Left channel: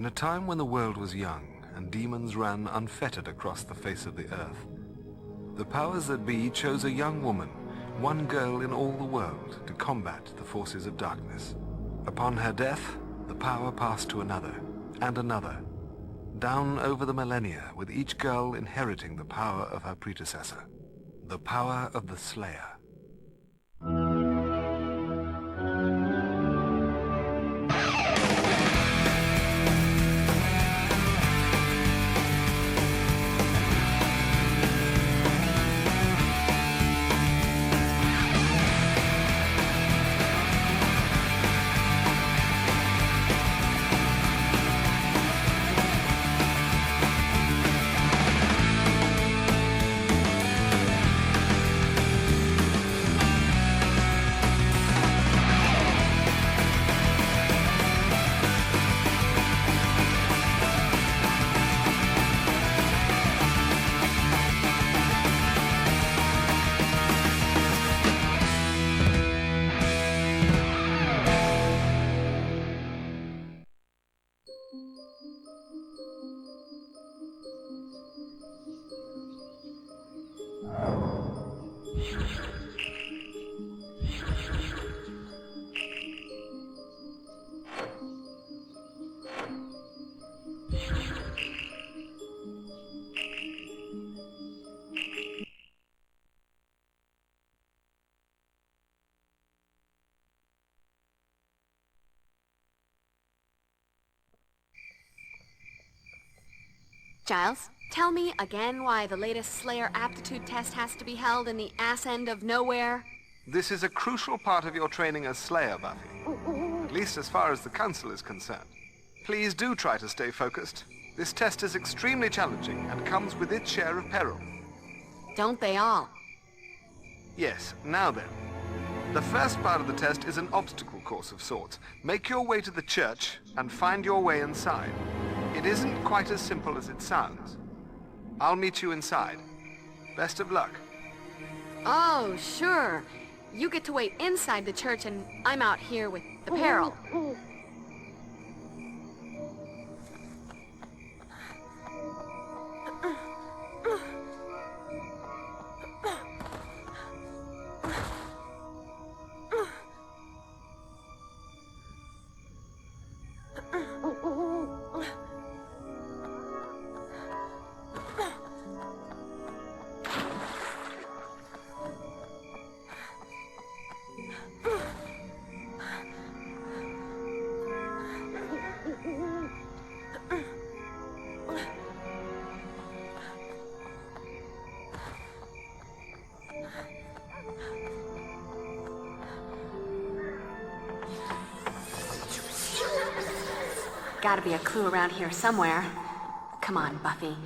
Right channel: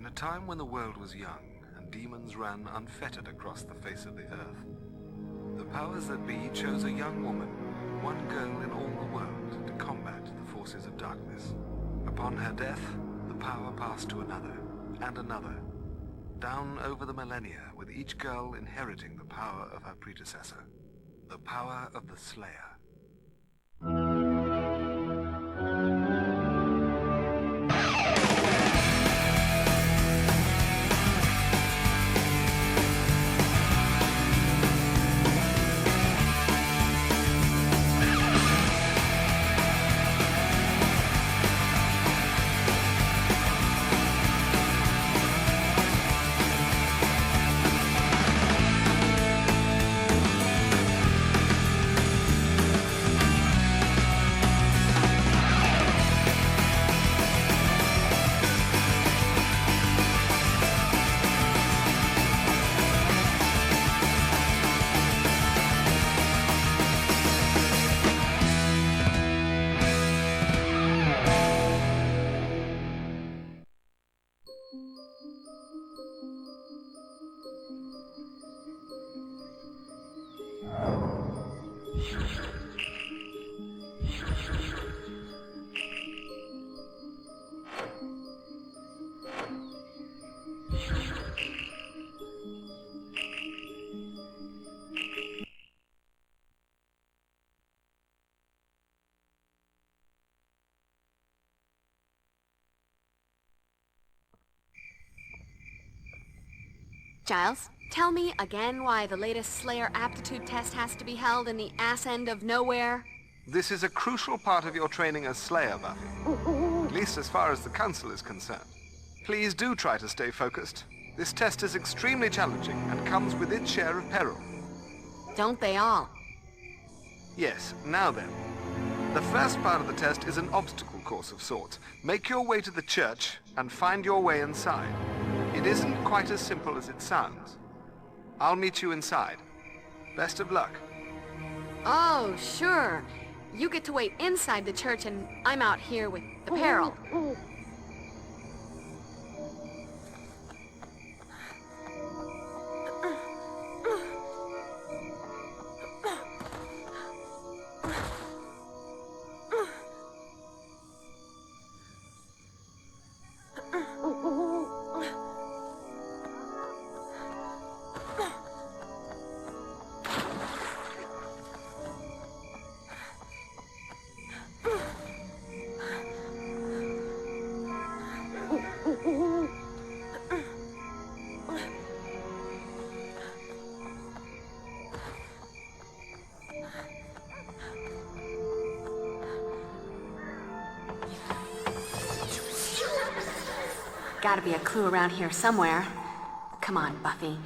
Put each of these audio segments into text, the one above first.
In a time when the world was young and demons ran unfettered across the face of the earth, the powers that be chose a young woman, one girl in all the world, to combat the forces of darkness. Upon her death, the power passed to another, and another, down over the millennia, with each girl inheriting the power of her predecessor, the power of the Slayer. Giles, tell me again why the latest Slayer aptitude test has to be held in the ass end of nowhere? This is a crucial part of your training as Slayer, Buffy. At least as far as the Council is concerned. Please do try to stay focused. This test is extremely challenging and comes with its share of peril. Don't they all? Yes, now then. The first part of the test is an obstacle course of sorts. Make your way to the church and find your way inside. It isn't quite as simple as it sounds. I'll meet you inside. Best of luck. Oh, sure. You get to wait inside the church and I'm out here with the peril. Gotta be a clue around here somewhere. Come on, Buffy.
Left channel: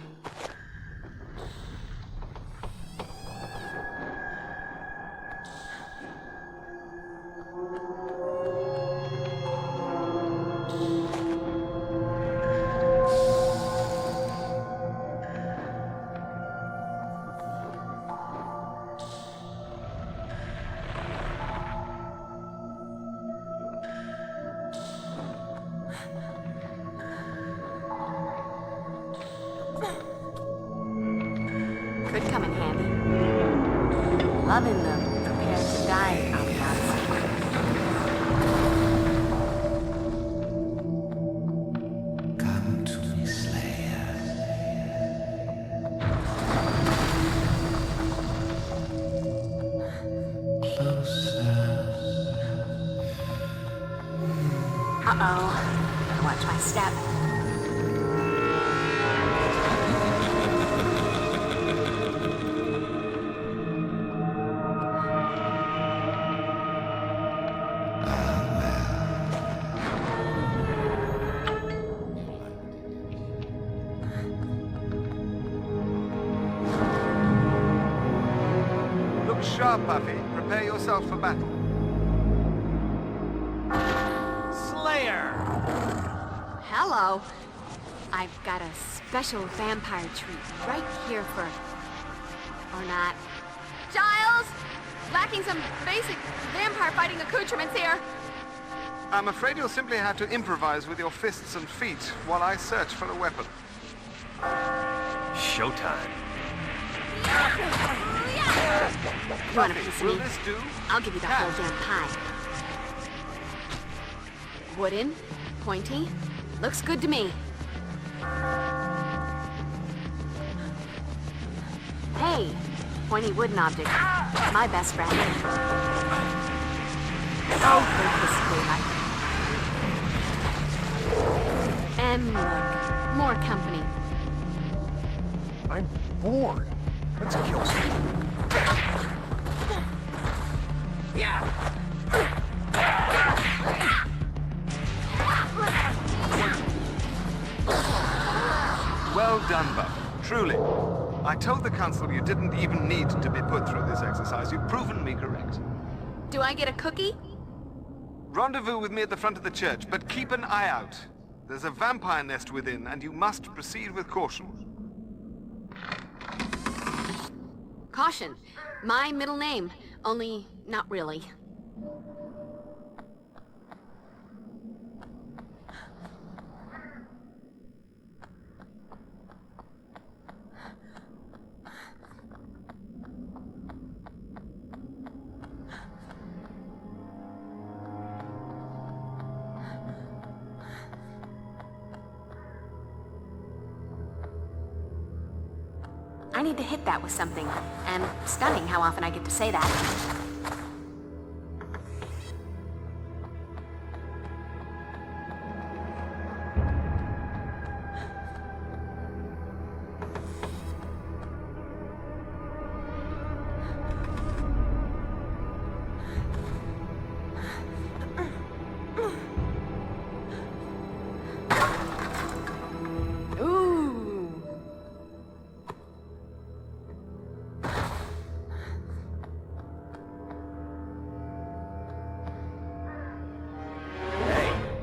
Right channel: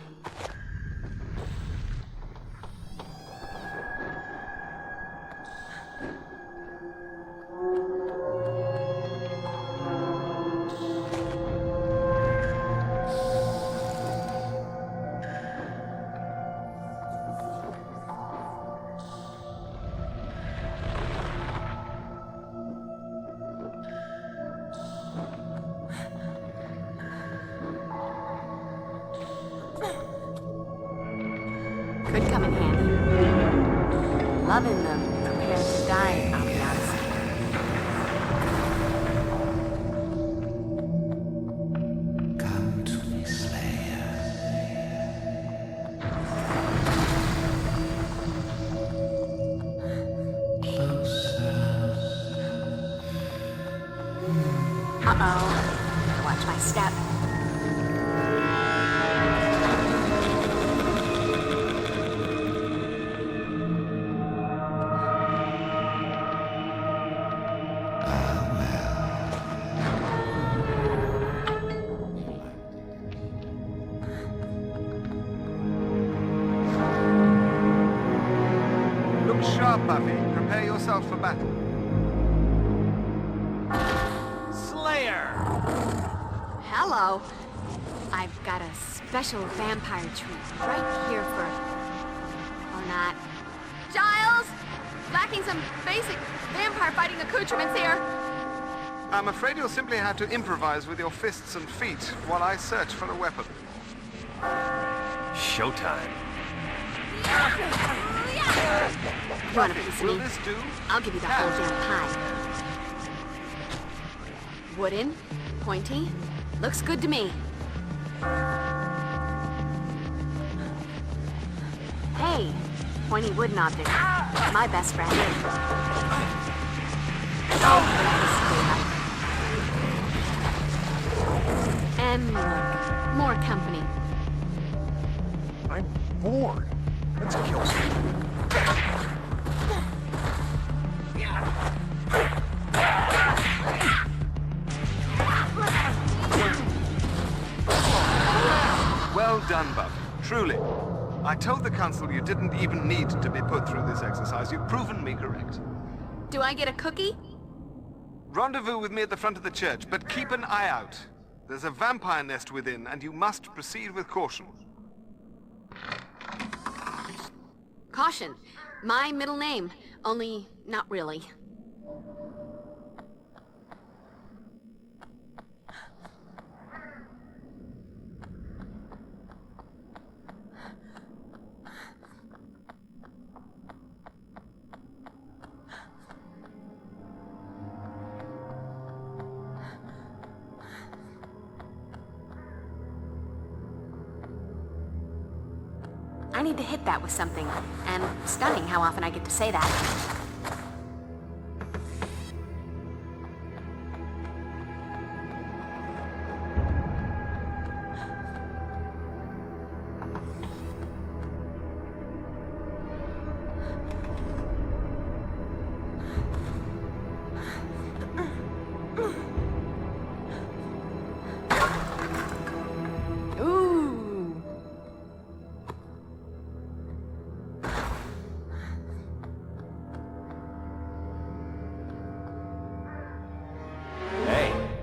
Could come in handy. Loving the prepared to die ambiance. Come to me, Slayer. Closer. Uh-oh. Better watch my step. Sharp, Buffy. Prepare yourself for battle. Slayer! Hello. I've got a special vampire treat right here for... or not. Giles! Lacking some basic vampire fighting accoutrements here. I'm afraid you'll simply have to improvise with your fists and feet while I search for a weapon. Showtime. You want a piece of Will me? this do? I'll give you the whole damn pie. Wooden, pointy, looks good to me. Hey, pointy wooden object. My best friend. Oh, goodness, and look, more company. I'm bored. Let's kill some. Well done, Buffy. Truly. I told the Council you didn't even need to be put through this exercise. You've proven me correct. Do I get a cookie? Rendezvous with me at the front of the church, but keep an eye out. There's a vampire nest within, and you must proceed with caution. Caution. My middle name. Only not really. I need to hit that with something. And stunning how often I get to say that.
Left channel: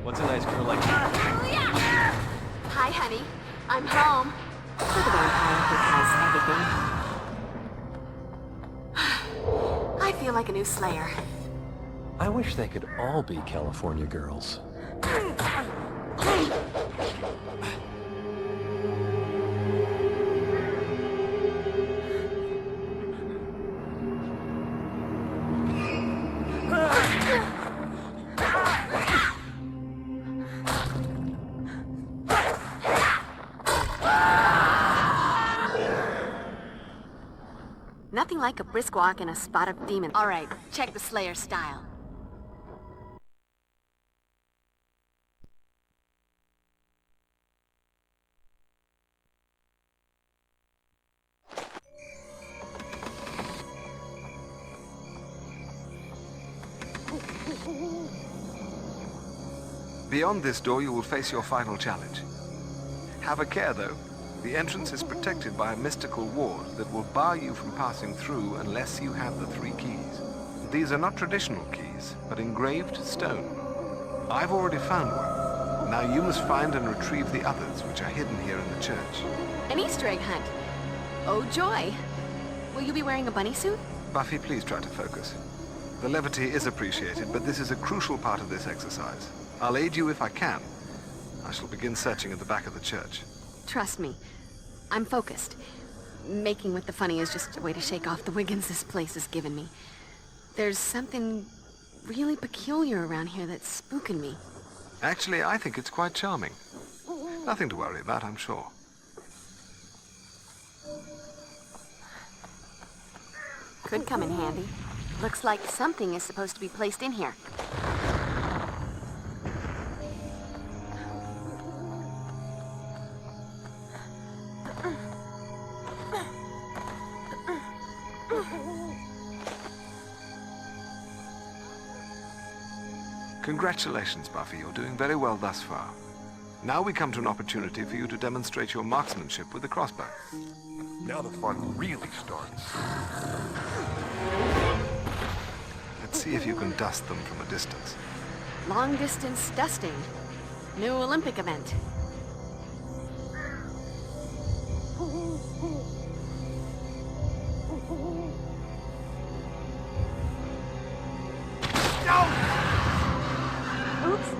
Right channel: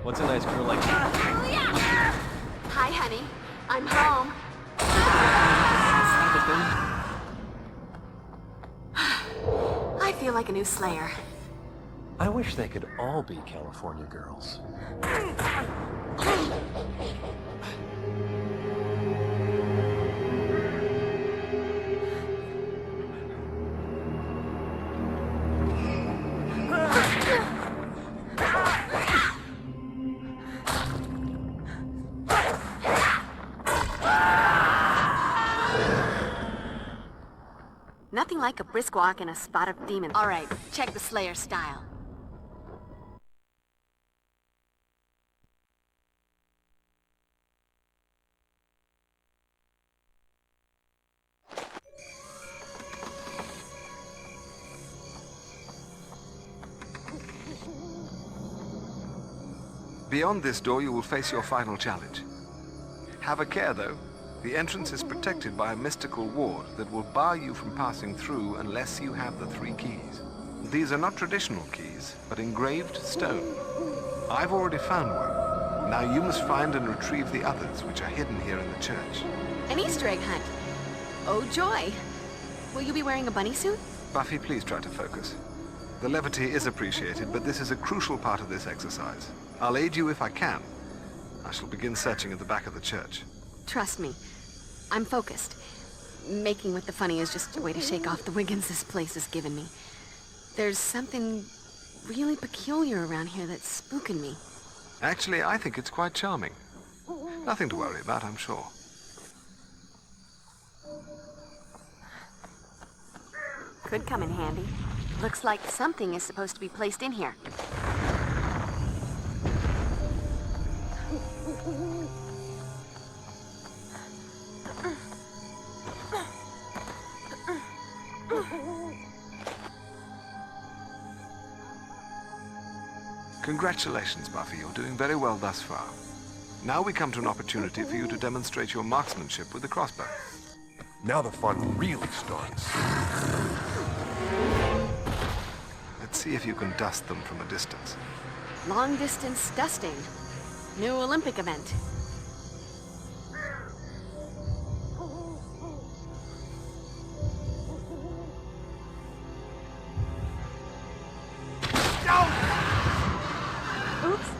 What's a nice girl like you? Hi, honey. I'm home. Look at everything. I feel like a new Slayer. I wish they could all be California girls. Nothing like a brisk walk and a spot of demons. All right, check the Slayer style. Beyond this door, you will face your final challenge. Have a care, though. The entrance is protected by a mystical ward that will bar you from passing through unless you have the 3 keys. These are not traditional keys, but engraved stone. I've already found one. Now you must find and retrieve the others, which are hidden here in the church. An Easter egg hunt. Oh, joy. Will you be wearing a bunny suit? Buffy, please try to focus. The levity is appreciated, but this is a crucial part of this exercise. I'll aid you if I can. I shall begin searching at the back of the church. Trust me. I'm focused. Making with the funny is just a way to shake off the Wiggins this place has given me. There's something really peculiar around here that's spooking me. Actually, I think it's quite charming. Nothing to worry about, I'm sure. Could come in handy. Looks like something is supposed to be placed in here. Congratulations, Buffy. You're doing very well thus far. Now we come to an opportunity for you to demonstrate your marksmanship with the crossbow. Now the fun really starts. Let's see if you can dust them from a distance. Long distance dusting. New Olympic event. Oops.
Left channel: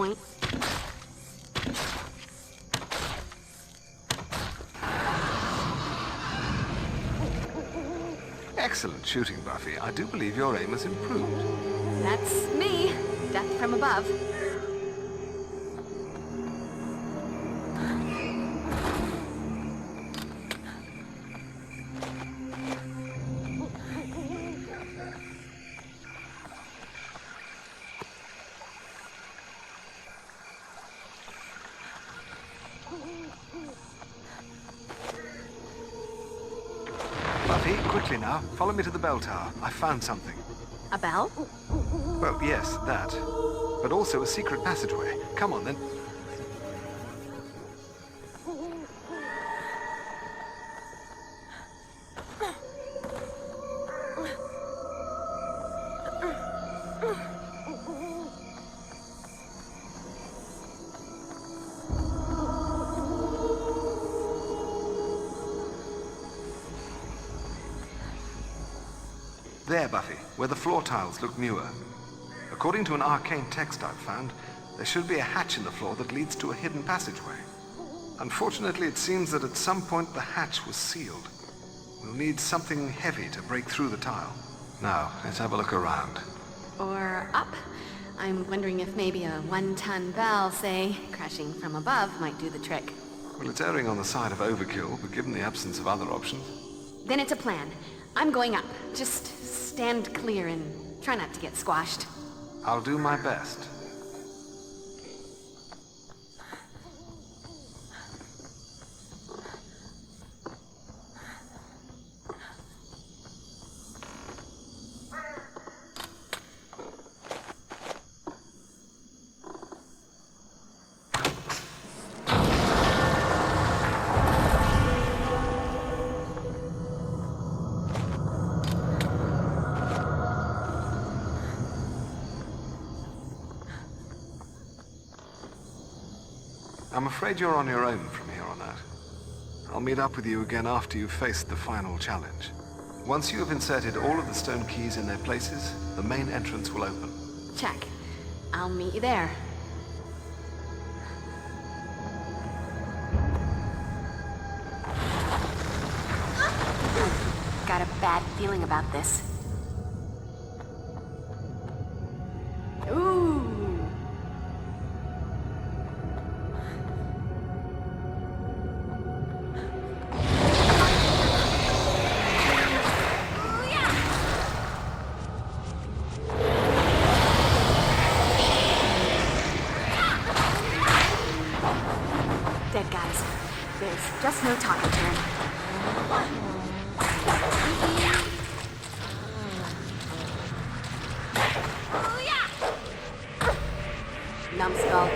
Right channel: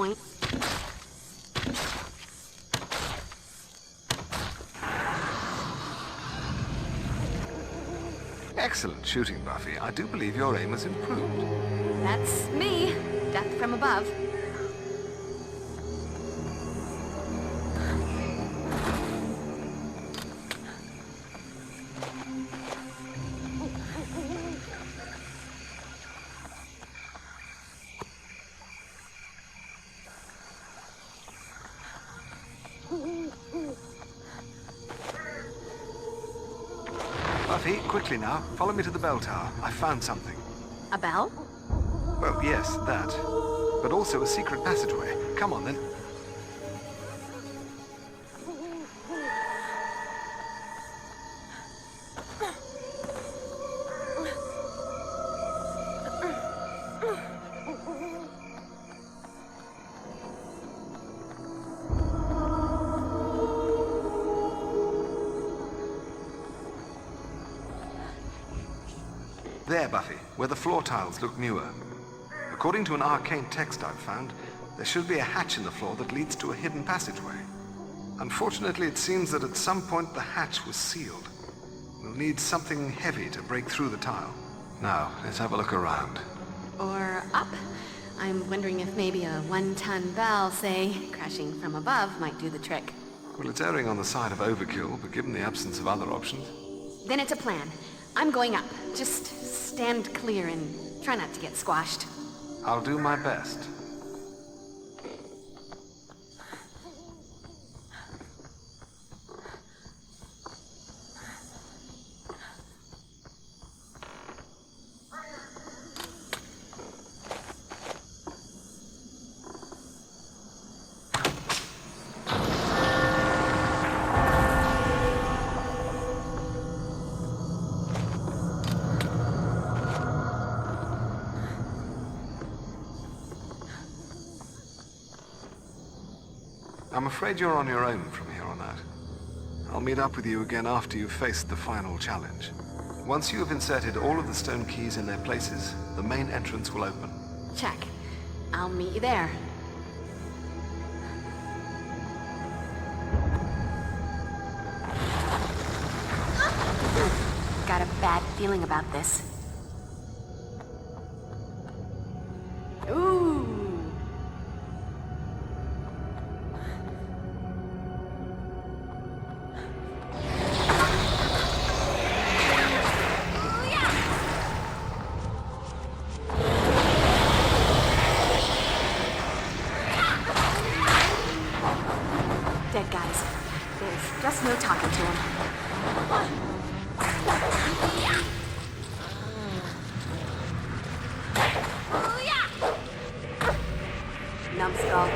point. Excellent shooting, Buffy. I do believe your aim has improved. That's me. Death from above. Buffy, quickly now. Follow me to the bell tower. I found something. A bell? Well, yes, that. But also a secret passageway. Come on, then. There, Buffy, where the floor tiles look newer. According to an arcane text I've found, there should be a hatch in the floor that leads to a hidden passageway. Unfortunately, it seems that at some point the hatch was sealed. We'll need something heavy to break through the tile. Now, let's have a look around. Or up? I'm wondering if maybe a 1-ton bell, say, crashing from above might do the trick. Well, it's erring on the side of overkill, but given the absence of other options... Then it's a plan. I'm going up. Just stand clear and try not to get squashed. I'll do my best. I'm afraid you're on your own from here on out. I'll meet up with you again after you've faced the final challenge. Once you have inserted all of the stone keys in their places, the main entrance will open. Check. I'll meet you there. Got a bad feeling about this. Ooh. Dead guys. There's just no talking to him. Numbskull.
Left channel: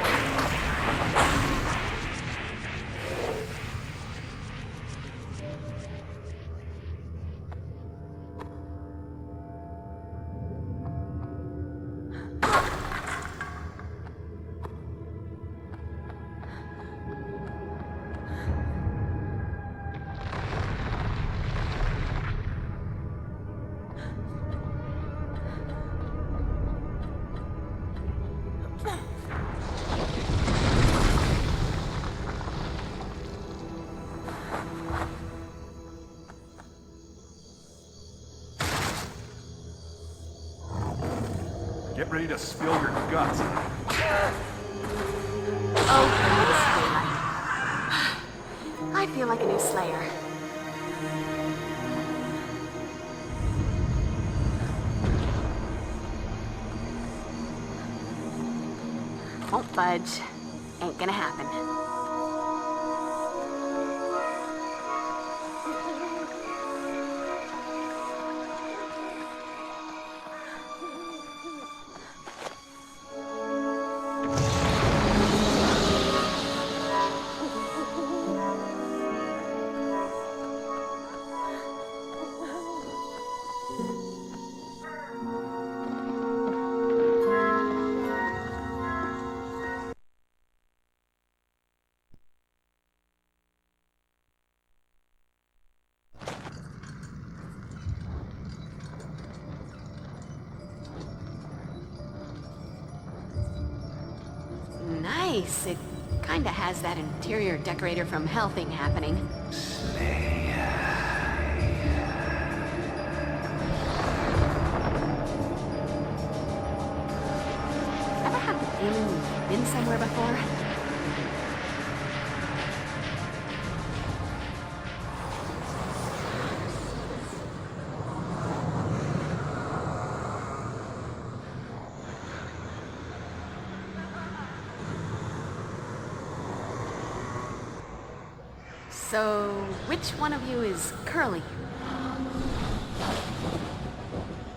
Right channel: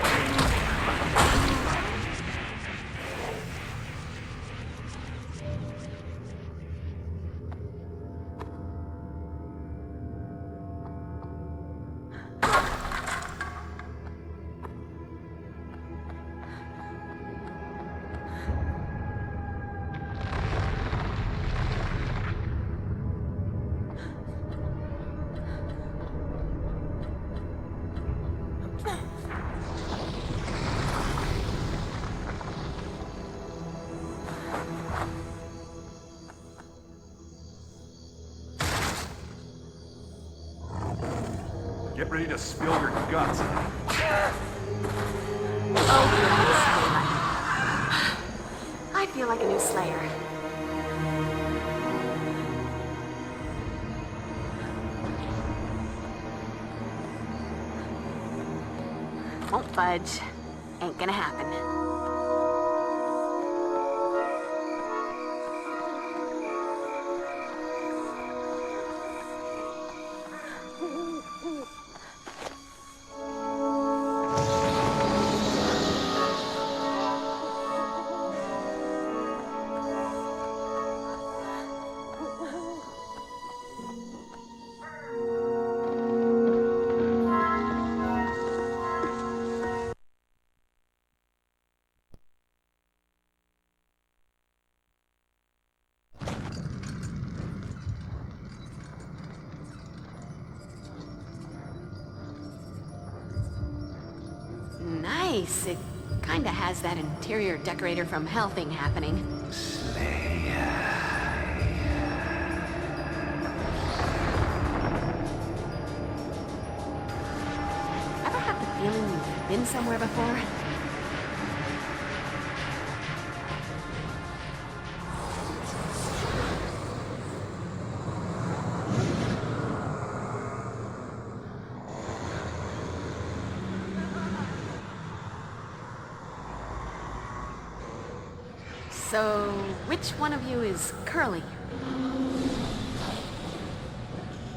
Get ready to spill your guts. Oh, goodness, daylight. I feel like a new Slayer. Won't budge. Ain't gonna happen. place, it kinda has that interior decorator from Hell thing happening. Ever had the feeling you've been somewhere before? So, which one of you is Curly?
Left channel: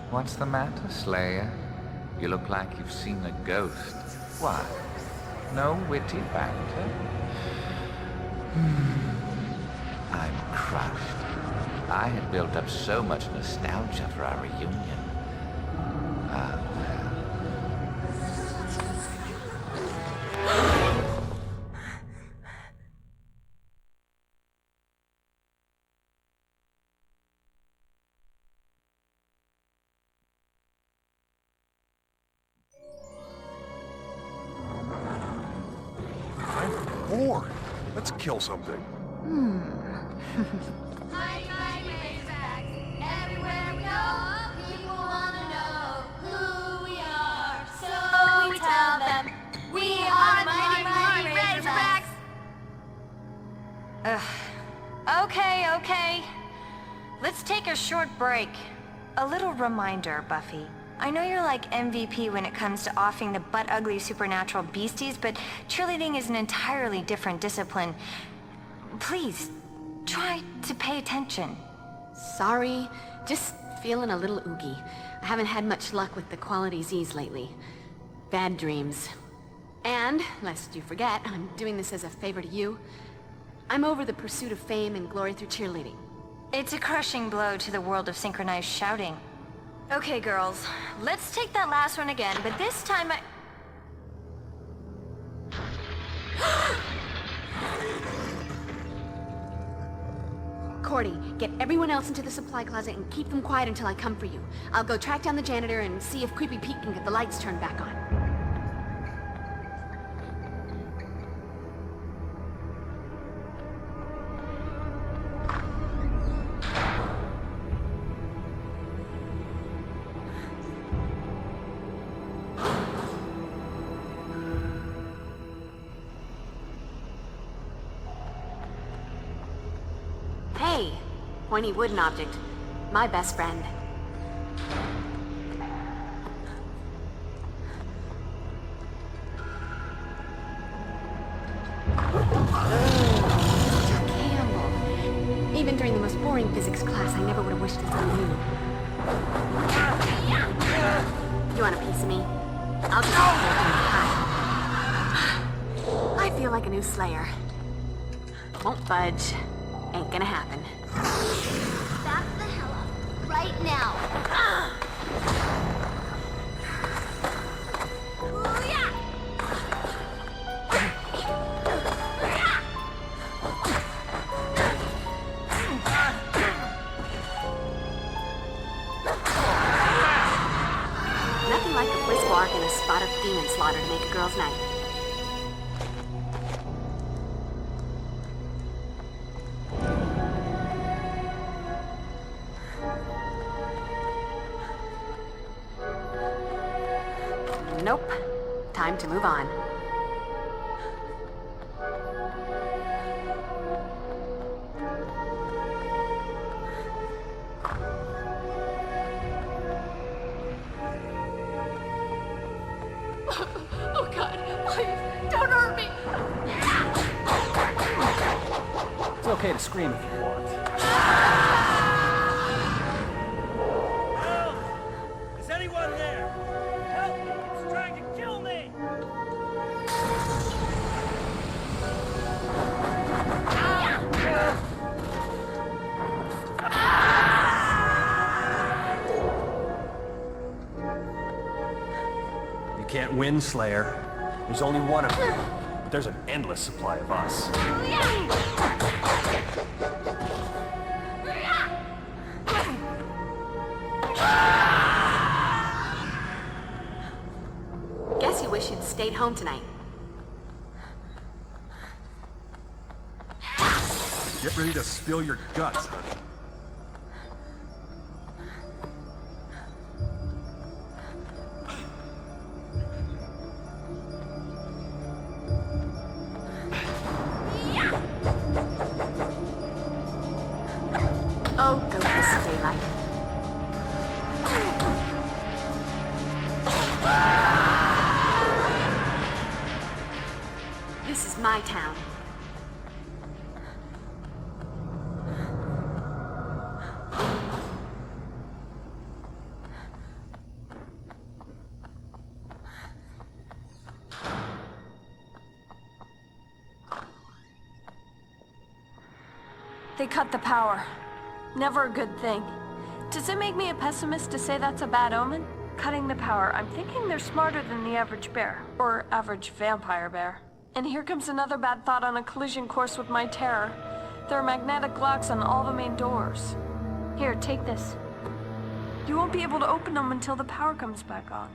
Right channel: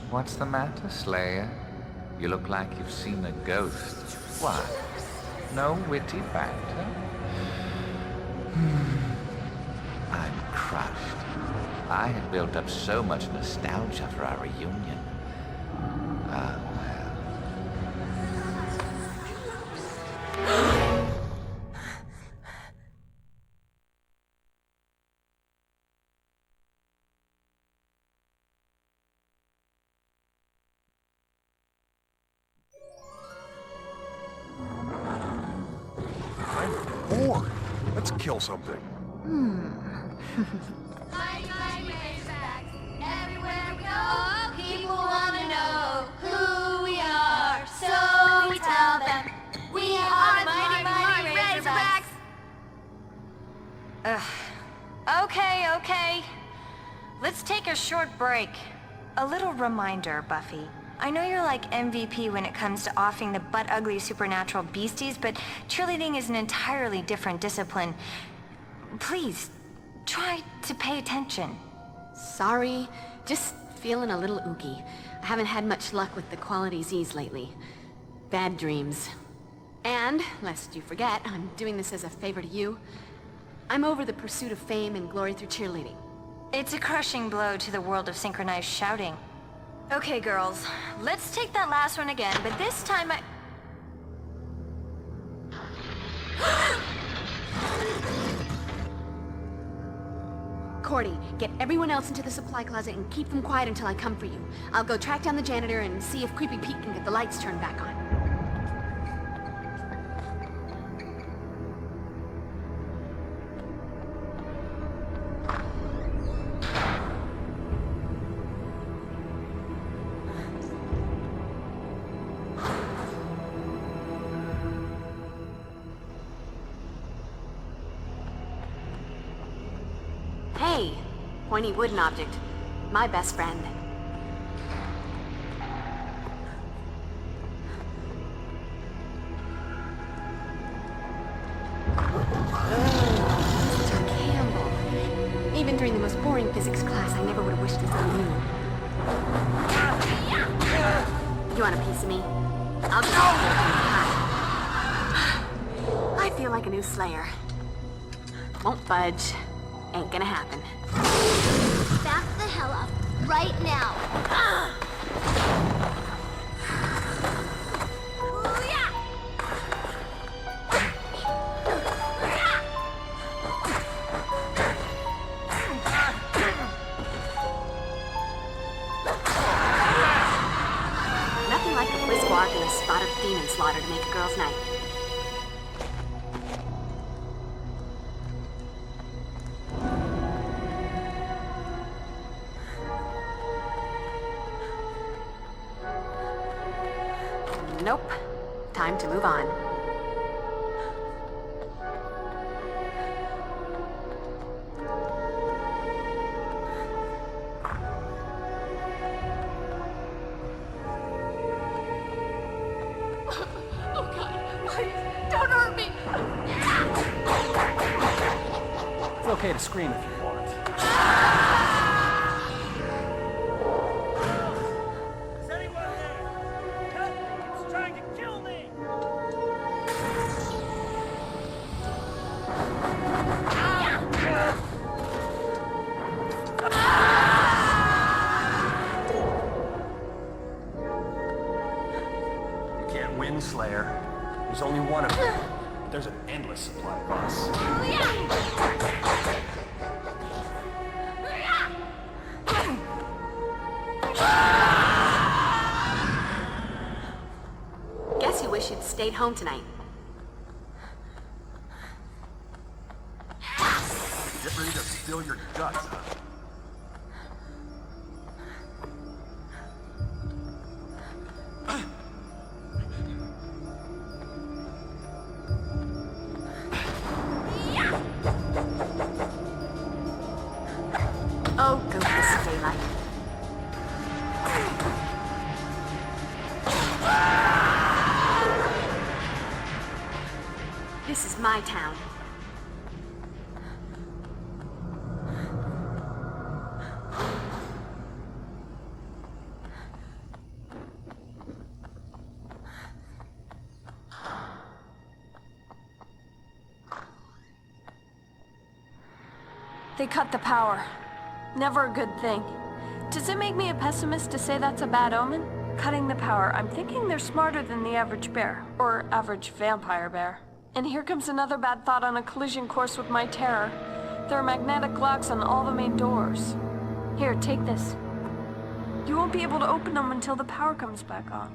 What's the matter, Slayer? You look like you've seen a ghost. What? No witty banter? I'm crushed. I had built up so much nostalgia for our reunion. Ah, I'm bored. Let's kill something. Everywhere we go, people wanna know who we are. So we tell them we are the Mighty Razorbacks. Okay. Let's take a short break. A little reminder, Buffy. I know you're like MVP when it comes to offing the butt-ugly supernatural beasties, but cheerleading is an entirely different discipline. Please, try to pay attention. Sorry, just feeling a little oogie. I haven't had much luck with the quality Z's lately. Bad dreams. And, lest you forget, I'm doing this as a favor to you. I'm over the pursuit of fame and glory through cheerleading. It's a crushing blow to the world of synchronized shouting. Okay, girls, let's take that last one again, but this time Cordy, get everyone else into the supply closet and keep them quiet until I come for you. I'll go track down the janitor and see if Creepy Pete can get the lights turned back on. Hey, pointy wooden object. My best friend. Mr. Campbell. Even during the most boring physics class, I never would have wished this on you. You want a piece of me? I'll just hold you high. I feel like a new Slayer. Won't budge. Ain't gonna happen. Back the hell up. Right now. Nothing like a brisk walk and a spot of demon slaughter to make a girl's night. Nope. Time to move on. Oh God, please, don't hurt me. It's okay to scream if you want. Is anyone there? Help me! It's trying to kill me! You can't win, Slayer. There's only one of you. But there's an endless supply of us. Guess you wish you'd stayed home tonight. to spill your guts, huh? Oh, goodness, daylight. This is my town. They cut the power. Never a good thing. Does it make me a pessimist to say that's a bad omen? Cutting the power, I'm thinking they're smarter than the average bear. Or average vampire bear. And here comes another bad thought on a collision course with my terror. There are magnetic locks on all the main doors. Here, take this. You won't be able to open them until the power comes back on.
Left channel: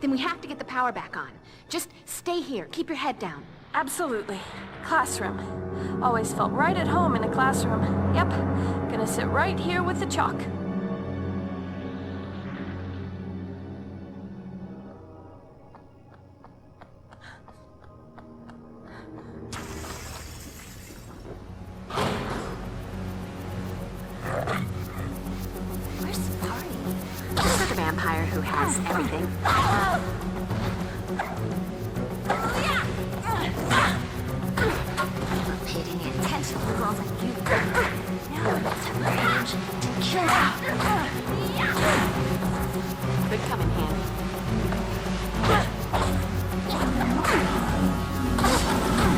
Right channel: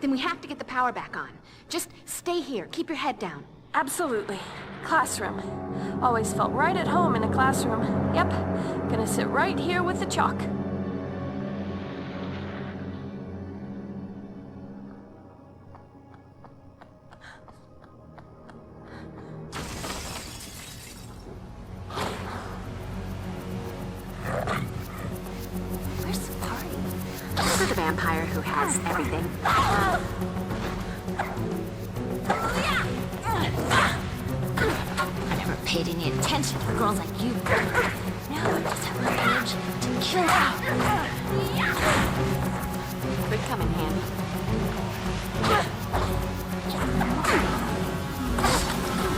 Then we have to get the power back on. Just stay here. Keep your head down. Absolutely. Classroom. Always felt right at home in a classroom. Yep. Gonna sit right here with the chalk. Where's the party? Look for the vampire who has everything. Paid any attention to girls like you. Now I just have my energy to kill them. Good coming, handy.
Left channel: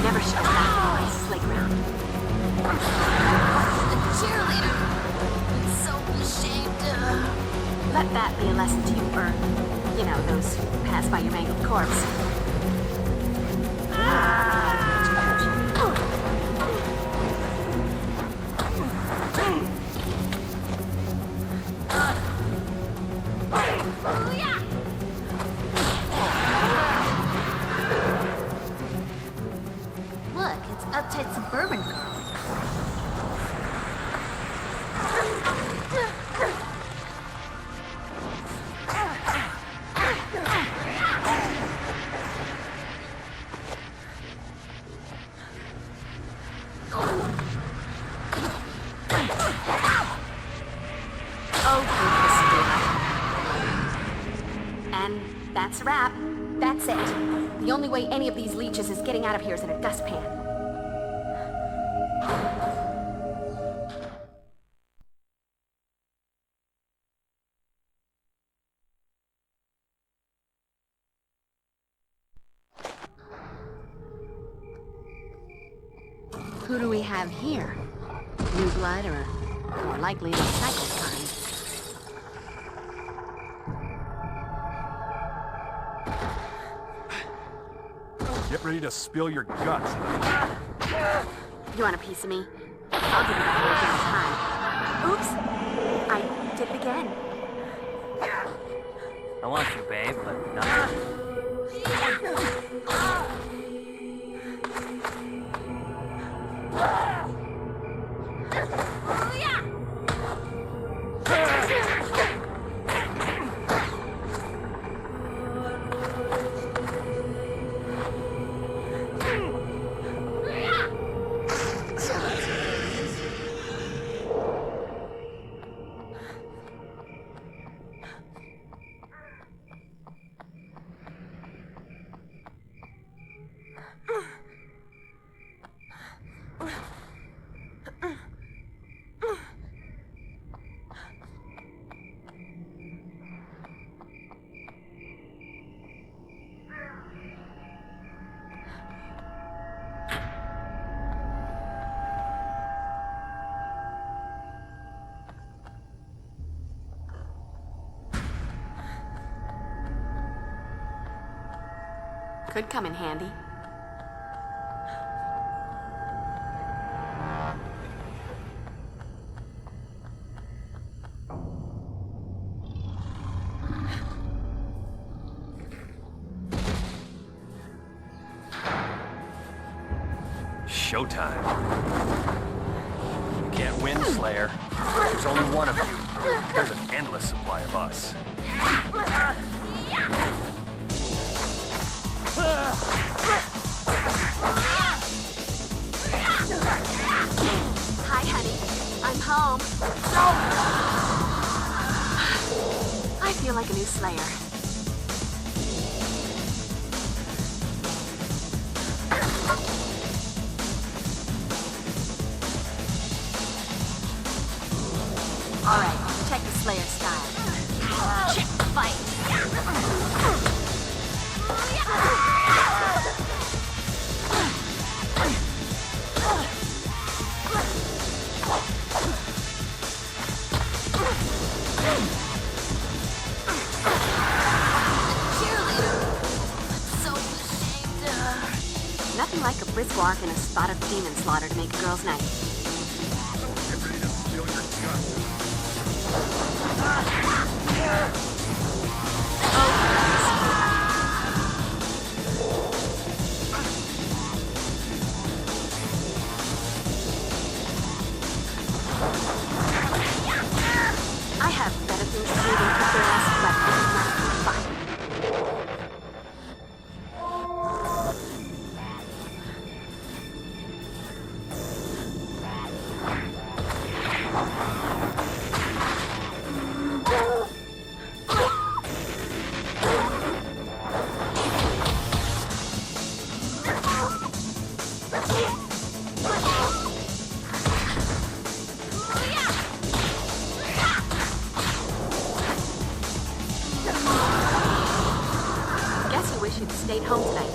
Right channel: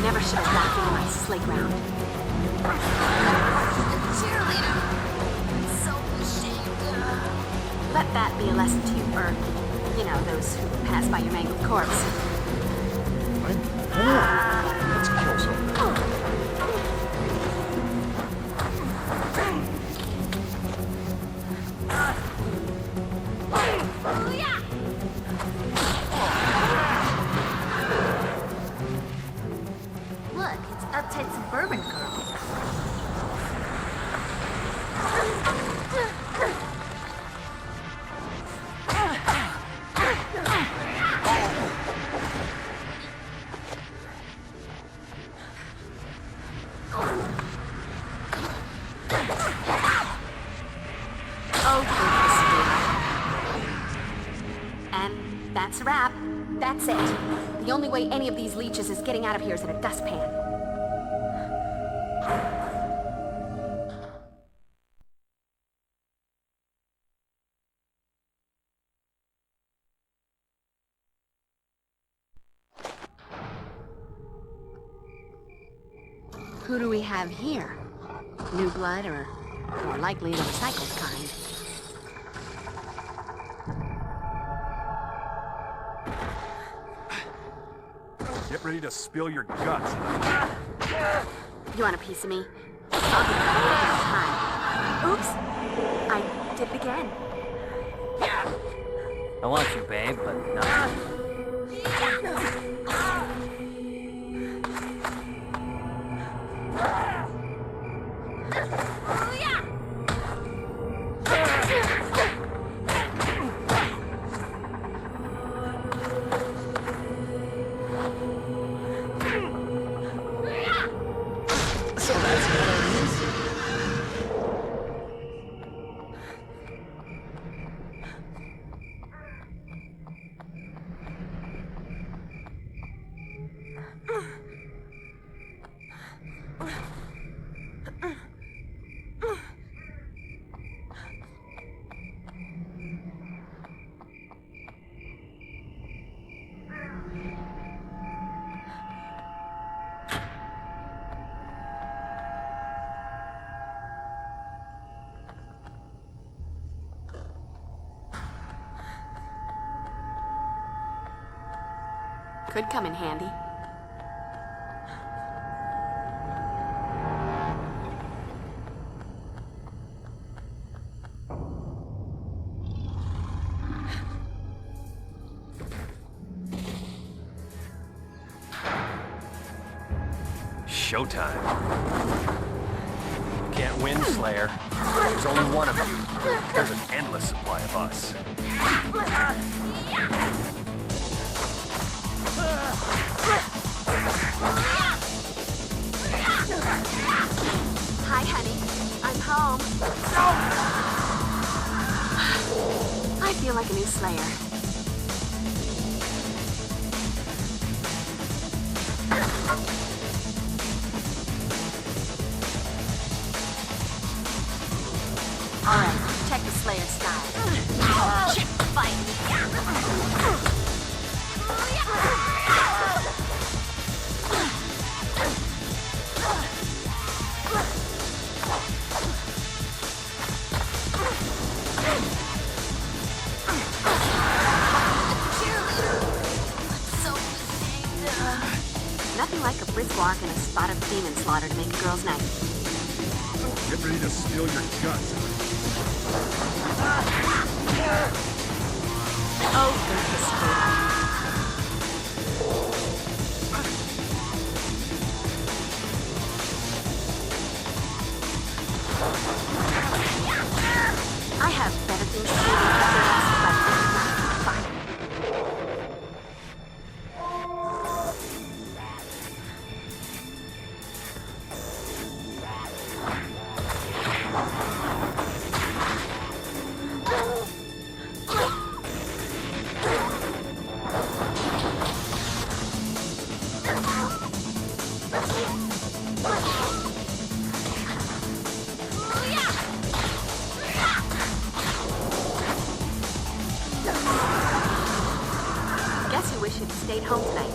Never should have left me on my playground. Cheerleader. I'm so ashamed. Let that be a lesson to you, or, you know, those who pass by your mangled corpse. Look, it's uptight suburban girls. And that's a wrap. That's it. The only way any of these leeches is getting out of here is in a dustpan. Who do we have here? New blood, or more likely the recycled kind? Get ready to spill your guts. You want a piece of me? I'll give it a whole damn time. Oops! I did it again. I want some, babe, but no. Could come in handy. Showtime. win, Slayer. There's only one of you. There's an endless supply of us. Hi, honey. I'm home. I feel like a new Slayer. All right, check the Slayer style. Check the fight. Nothing like a brisk walk and a spot of demon slaughter to make a girl's night. I have better things to do than kick your ass but fine. Guess you wish you'd stayed home tonight.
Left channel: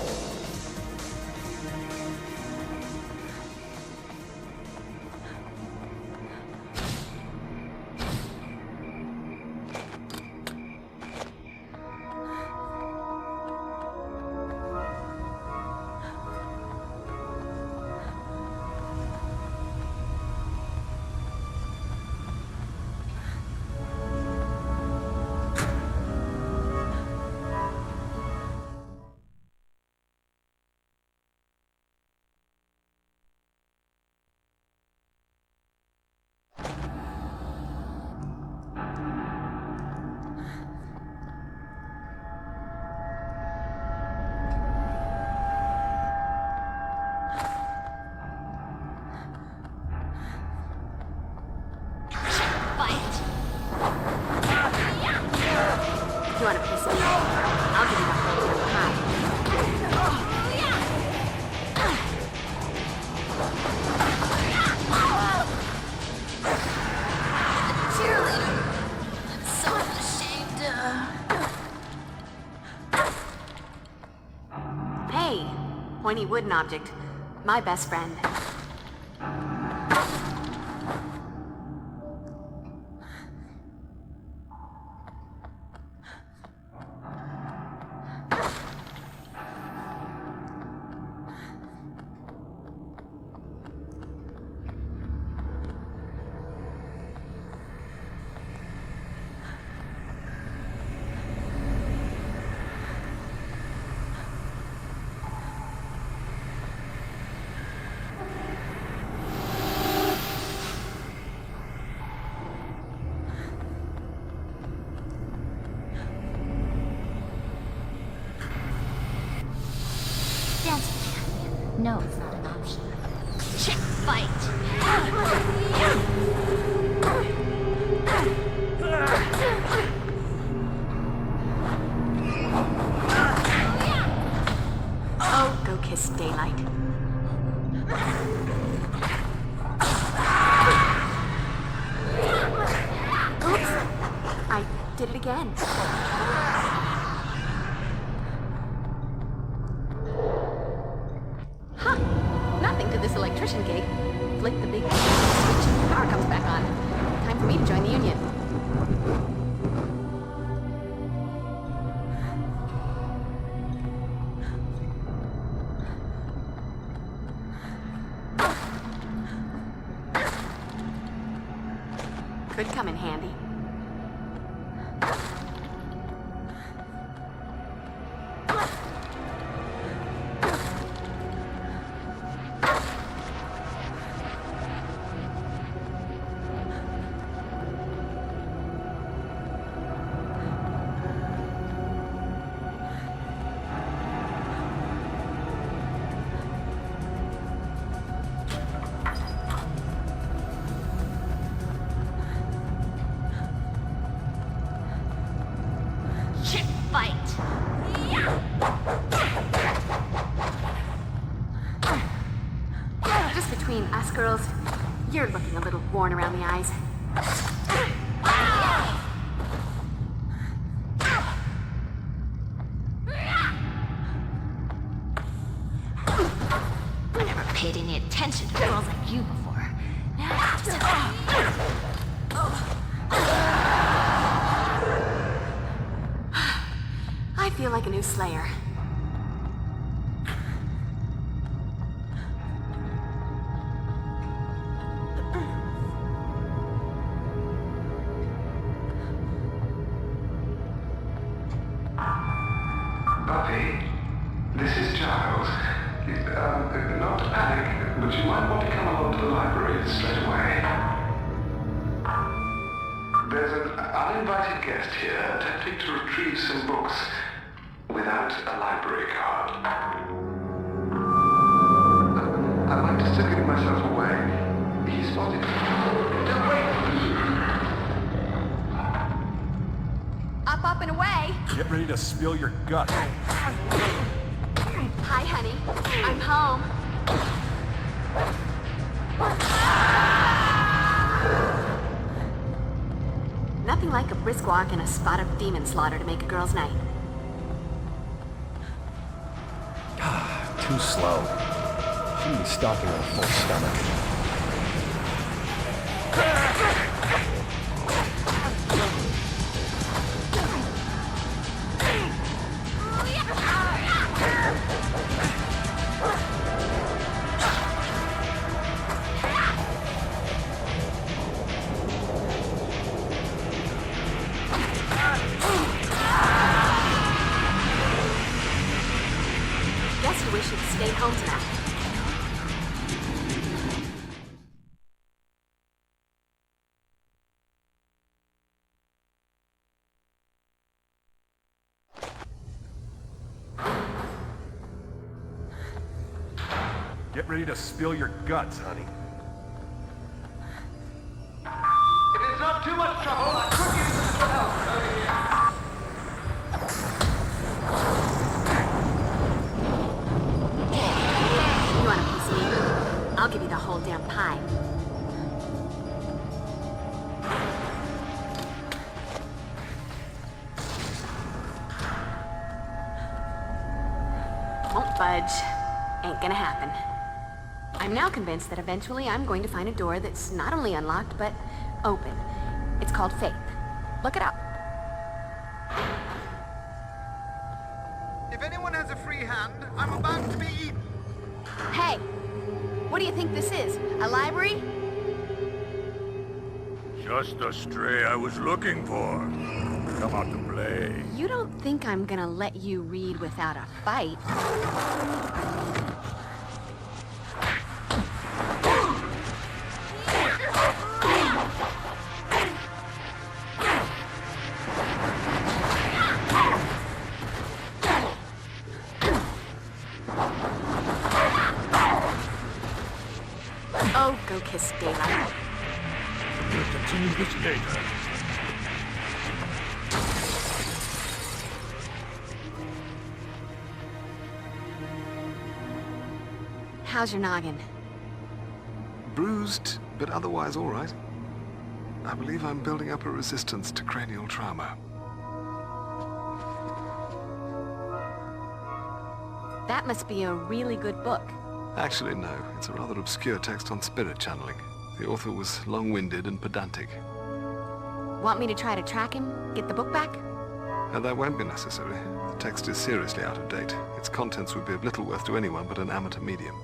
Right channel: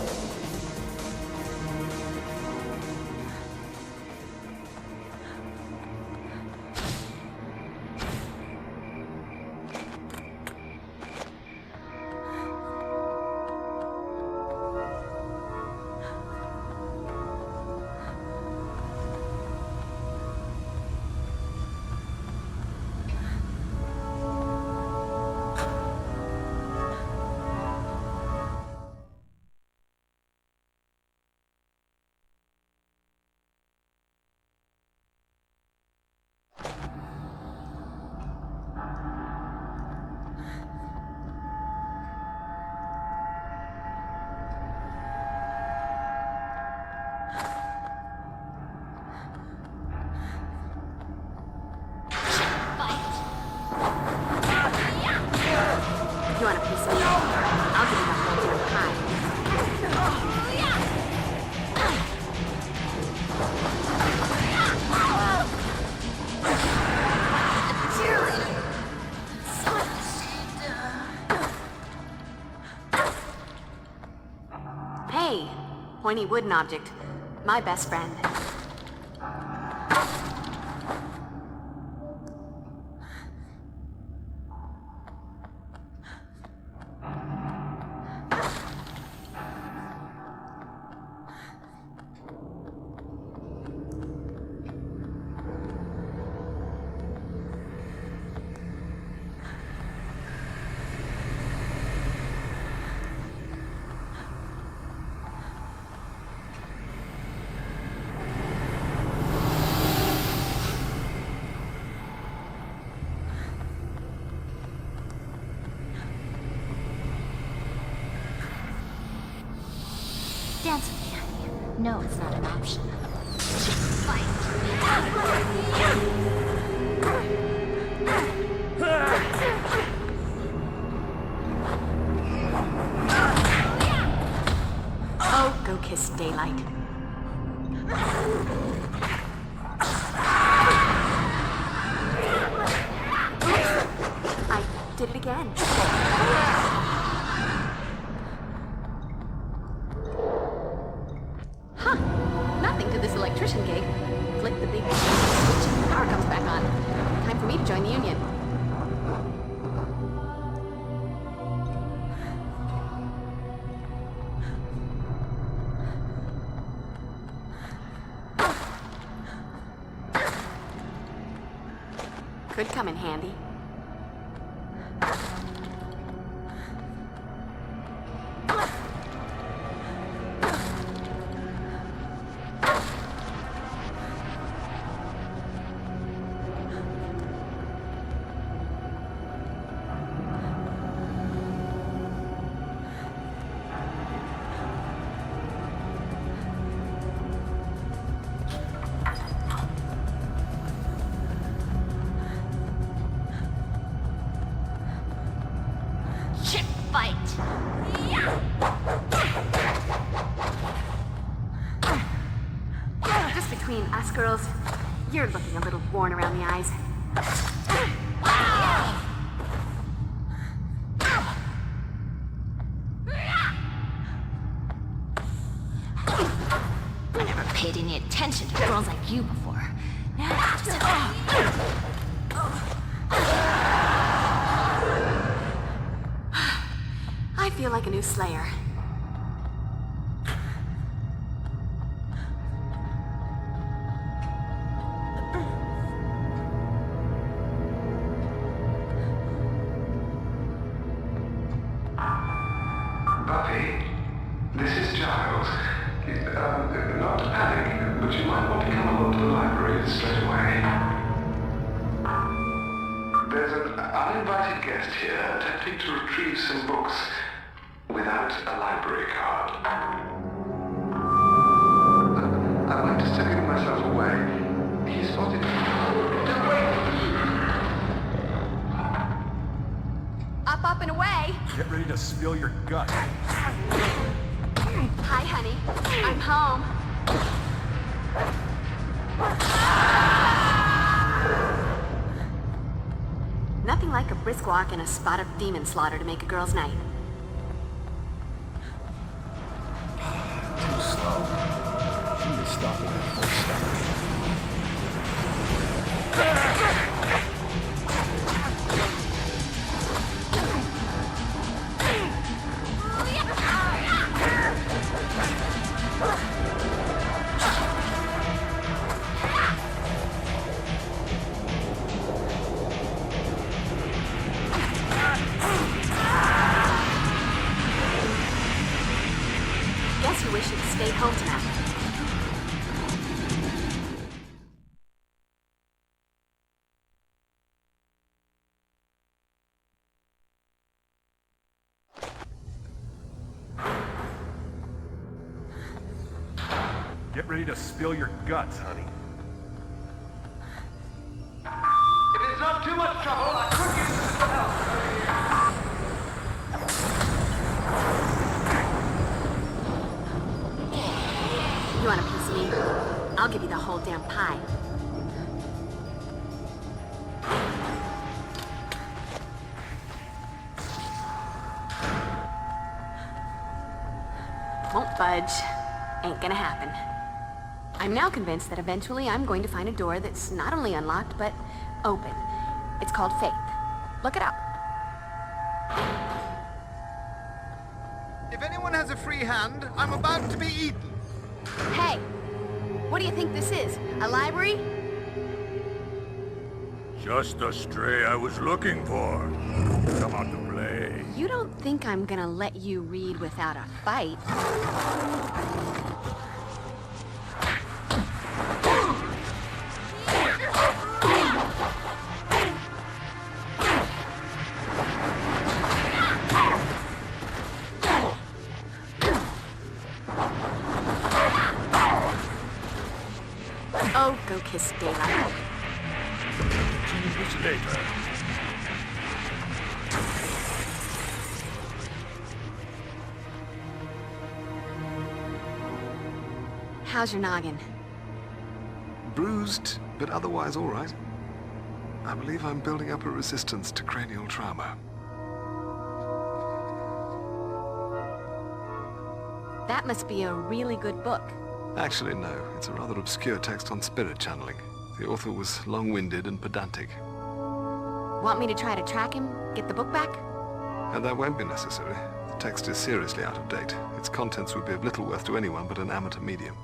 You want a piece of me? I'll give you the whole damn pie. Cheerleader. So ashamed. Hey, pointy wooden object. My best friend. Dance with me, honey. No, it's not an option. Check fight. Oh, go kiss daylight. Oops. I did it again. Huh. Nothing to this electrician gig. Flick the big switch and the power comes back on. Time for me to join the union. Could come in handy. girls. You're looking a little worn around the eyes. Never paid any attention to girls like you before. I feel like a new Slayer. Buffy, this is Giles. Not to panic, but you might want to come along to the library straight away. There's an uninvited guest here attempting to retrieve some books without a library card. I might just have given myself away. He spotted... Don't wait! Up and away. Get ready to spill your guts. Hi, honey. I'm home. Nothing like a brisk walk and a spot of demon slaughter to make a girl's night. Too slow. She was stopping at full stomach. Guess you wish you'd stayed home tonight. Get ready to spill your guts, honey. If it's not too much trouble, I could use a little help over here. You want a piece of me? I'll give you the whole damn pie. Won't budge. Ain't gonna happen. I'm now convinced that eventually I'm going to find a door that's not only unlocked, but open. It's called faith. Look it up. If anyone has a free hand, I'm about to be eaten. Hey, what do you think this is? A library? Just the stray I was looking for. Come out to play. You don't think I'm gonna let you read without a fight? Oh, go kiss daylight. How's your noggin? Bruised, but otherwise all right. I believe I'm building up a resistance to cranial trauma. That must be a really good book. Actually, no. It's a rather obscure text on spirit channeling. The author was long-winded and pedantic. Want me to try to track him? Get the book back? And that won't be necessary. The text is seriously out of date. Its contents would be of little worth to anyone but an amateur medium.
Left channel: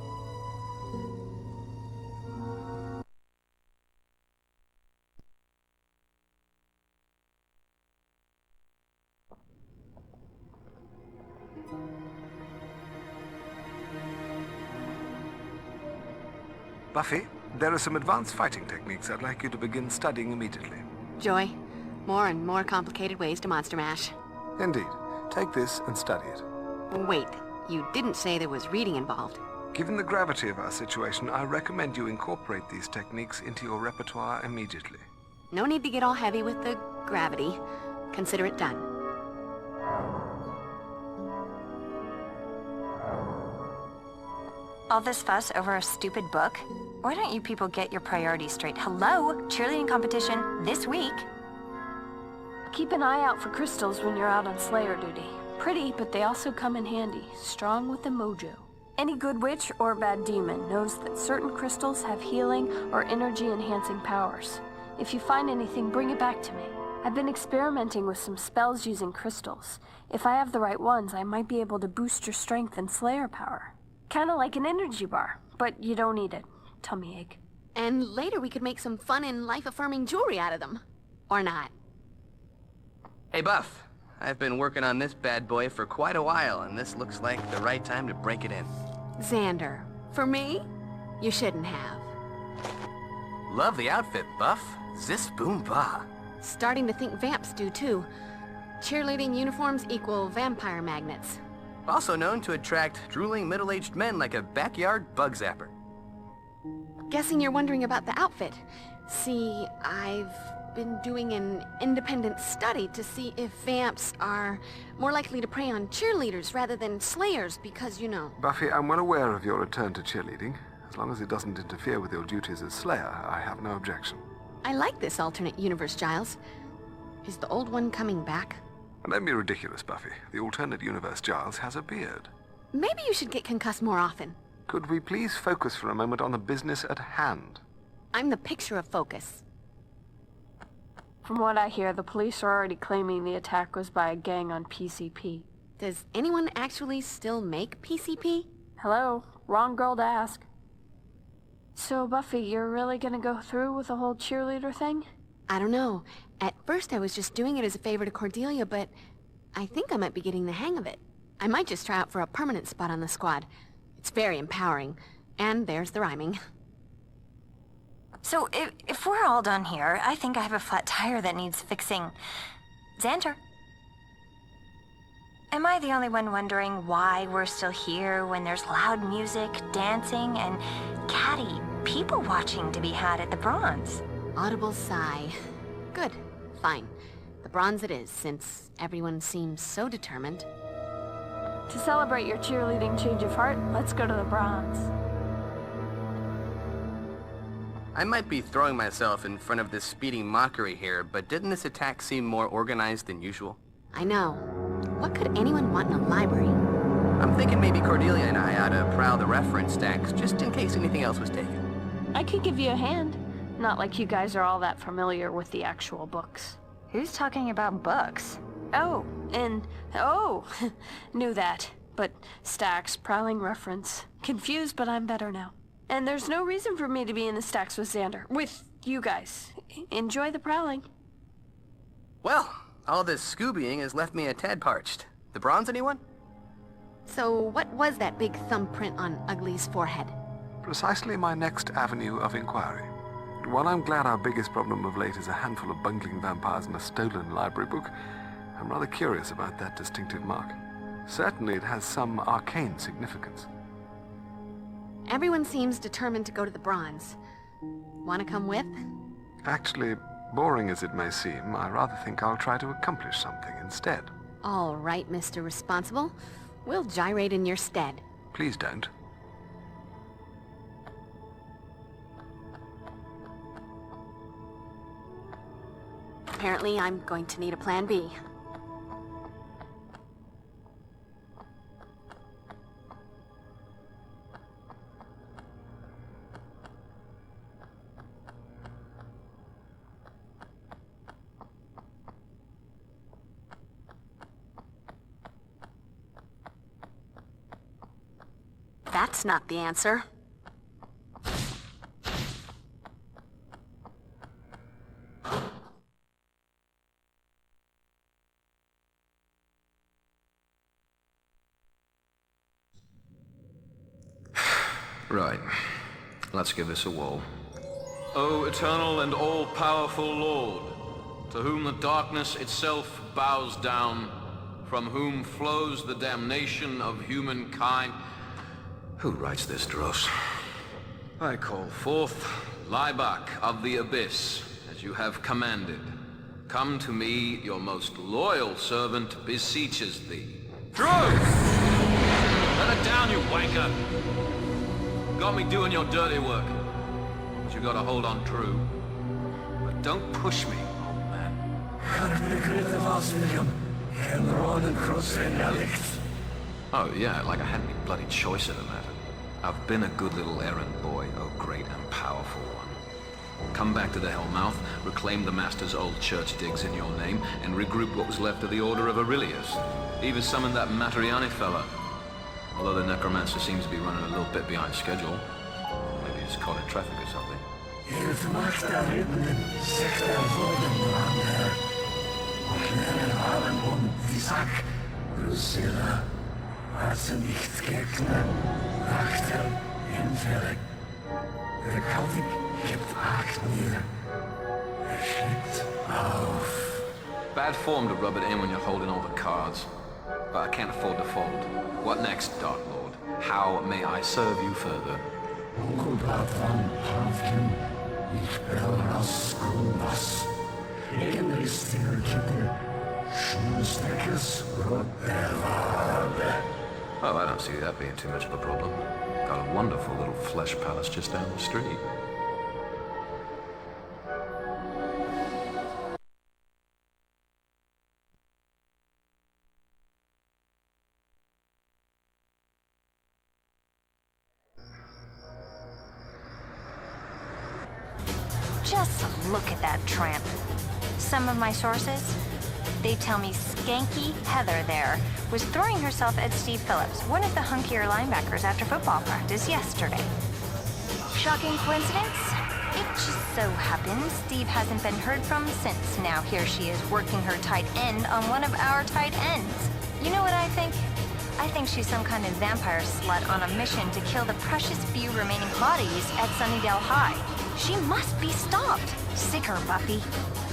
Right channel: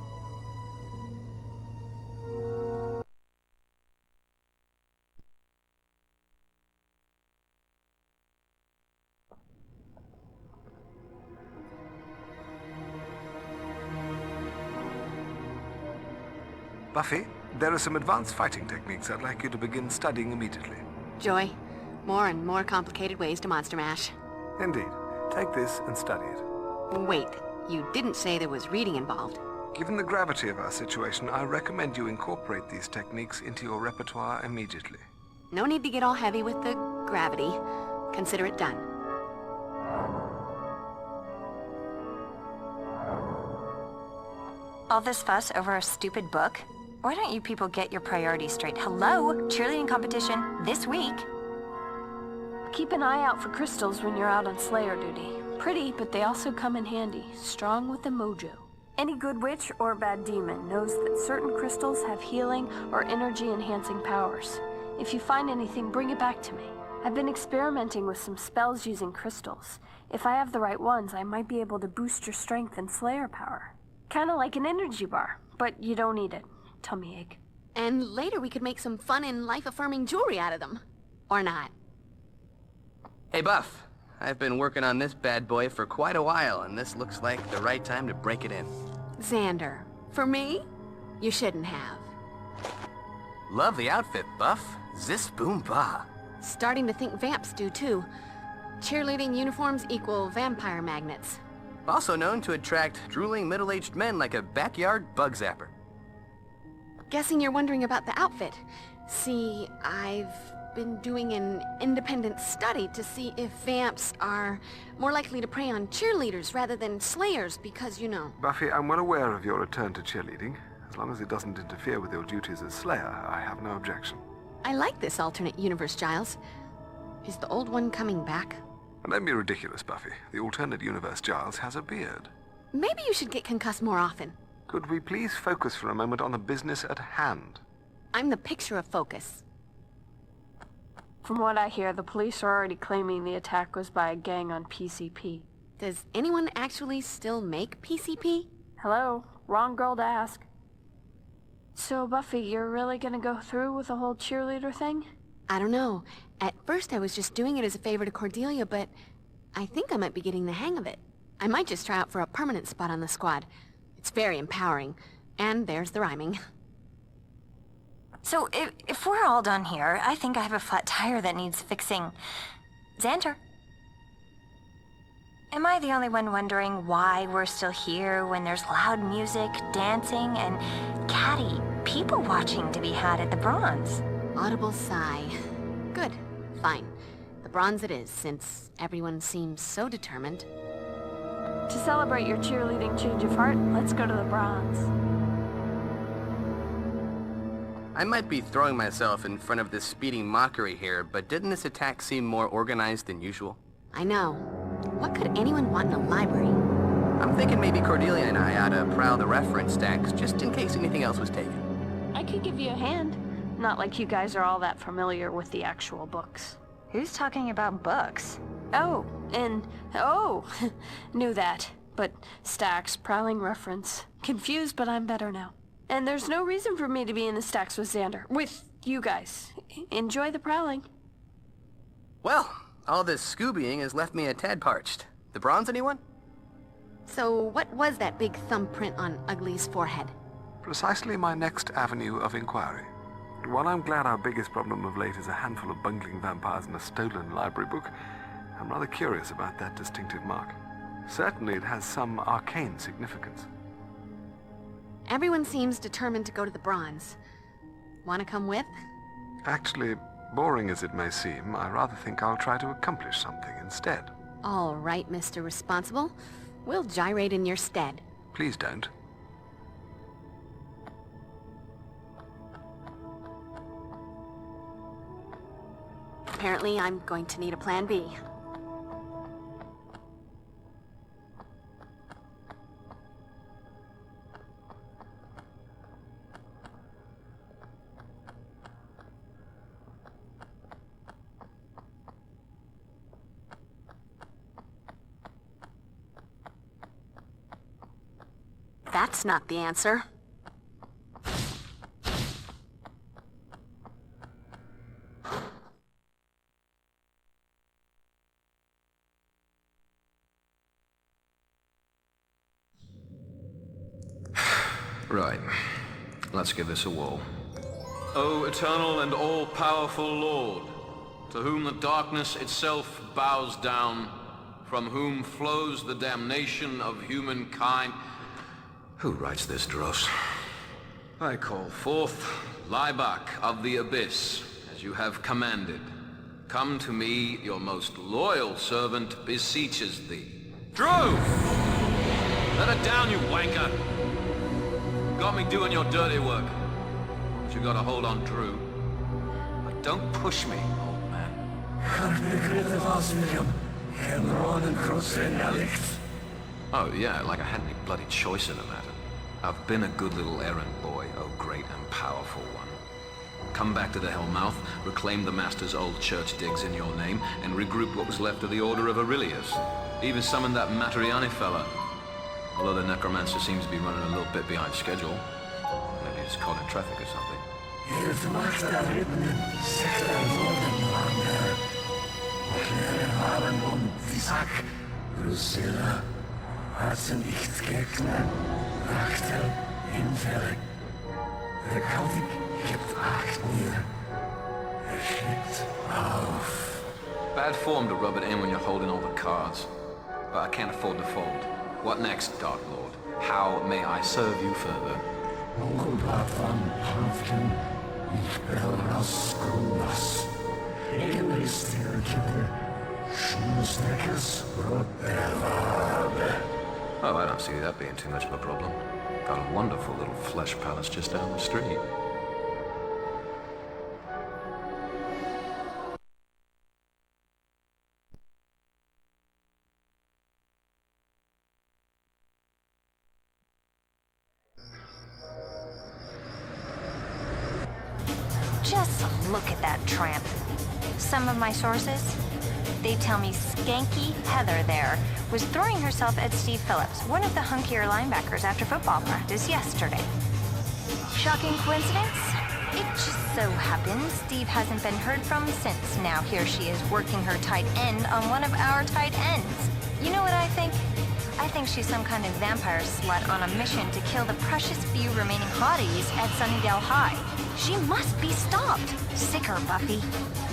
Buffy, there are some advanced fighting techniques I'd like you to begin studying immediately. Joy, more and more complicated ways to monster mash. Indeed. Take this and study it. Wait, you didn't say there was reading involved. Given the gravity of our situation, I recommend you incorporate these techniques into your repertoire immediately. No need to get all heavy with the gravity. Consider it done. All this fuss over a stupid book? Why don't you people get your priorities straight? Hello? Cheerleading competition this week. Keep an eye out for crystals when you're out on Slayer duty. Pretty, but they also come in handy. Strong with the mojo. Any good witch or bad demon knows that certain crystals have healing or energy-enhancing powers. If you find anything, bring it back to me. I've been experimenting with some spells using crystals. If I have the right ones, I might be able to boost your strength and Slayer power. Kinda like an energy bar, but you don't need it. Tummy ache. And later we could make some fun and life-affirming jewelry out of them. Or not. Hey, Buff. I've been working on this bad boy for quite a while, and this looks like the right time to break it in. Xander, for me? You shouldn't have. Love the outfit, Buff. Zis boom ba. Starting to think vamps do too. Cheerleading uniforms equal vampire magnets. Also known to attract drooling middle-aged men like a backyard bug zapper. Guessing you're wondering about the outfit. See, I've been doing an independent study to see if vamps are more likely to prey on cheerleaders rather than slayers because, you know. Buffy, I'm well aware of your return to cheerleading. As long as it doesn't interfere with your duties as Slayer, I have no objection. I like this alternate universe, Giles. Is the old one coming back? Don't be ridiculous, Buffy. The alternate universe Giles has a beard. Maybe you should get concussed more often. Could we please focus for a moment on the business at hand? I'm the picture of focus. From what I hear, the police are already claiming the attack was by a gang on PCP. Does anyone actually still make PCP? Hello? Wrong girl to ask. So, Buffy, you're really gonna go through with the whole cheerleader thing? I don't know. At first I was just doing it as a favor to Cordelia, but I think I might be getting the hang of it. I might just try out for a permanent spot on the squad. It's very empowering. And there's the rhyming. So, if we're all done here, I think I have a flat tire that needs fixing. Xander? Am I the only one wondering why we're still here when there's loud music, dancing, and catty people watching to be had at the Bronze? Audible sigh. Good. Fine. The Bronze it is, since everyone seems so determined. To celebrate your cheerleading change of heart, let's go to the Bronze. I might be throwing myself in front of this speeding mockery here, but didn't this attack seem more organized than usual? I know. What could anyone want in a library? I'm thinking maybe Cordelia and I ought to prowl the reference stacks, just in case anything else was taken. I could give you a hand. Not like you guys are all that familiar with the actual books. Who's talking about books? Oh, knew that. But stacks, prowling reference. Confused, but I'm better now. And there's no reason for me to be in the stacks with Xander. With you guys. Enjoy the prowling. Well, all this Scoobying has left me a tad parched. The Bronze, anyone? So what was that big thumbprint on Ugly's forehead? Precisely my next avenue of inquiry. While I'm glad our biggest problem of late is a handful of bungling vampires and a stolen library book, I'm rather curious about that distinctive mark. Certainly it has some arcane significance. Everyone seems determined to go to the Bronze. Want to come with? Actually, boring as it may seem, I rather think I'll try to accomplish something instead. All right, Mr. Responsible. We'll gyrate in your stead. Please don't. Apparently, I'm going to need a plan B. That's not the answer. Right. Let's give this a whirl. O eternal and all-powerful Lord, to whom the darkness itself bows down, from whom flows the damnation of humankind. Who writes this, Dross? I call forth Liebach of the Abyss, as you have commanded. Come to me, your most loyal servant beseeches thee. Truce! Let her down, you wanker! Got me doing your dirty work. you gotta hold on true. But don't push me, old man. Oh yeah, like I had any bloody choice in the matter. I've been a good little errand boy, oh great and powerful one. Come back to the Hellmouth, reclaim the Master's old church digs in your name, and regroup what was left of the Order of Aurelius. Even summon that Matriani fella. Although the Necromancer seems to be running a little bit behind schedule. Maybe he's caught in traffic or something. Drusilla, Hassen ich Gegner, Achtel, Infälle. Der Kaudig gibt Acht mir. Schickt auf. Bad form to rub it in when you're holding all the cards. But I can't afford to fold. What next, Dark Lord? How may I serve you further? Onkel Patron, Hanfken, ich belras Grundas. Regenristil Kittel, Schmusneckes, Rotterwabe. Oh, I don't see that being too much of a problem. Got a wonderful little flesh palace just down the street. Just look at that tramp. Some of my sources, they tell me Skanky Heather there was throwing herself at Steve Phillips, one of the hunkier linebackers after football practice yesterday. Shocking coincidence? It just so happens Steve hasn't been heard from since. Now here she is working her tight end on one of our tight ends. You know what I think? I think she's some kind of vampire slut on a mission to kill the precious few remaining hotties at Sunnydale High. She must be stopped. Sick her, Buffy.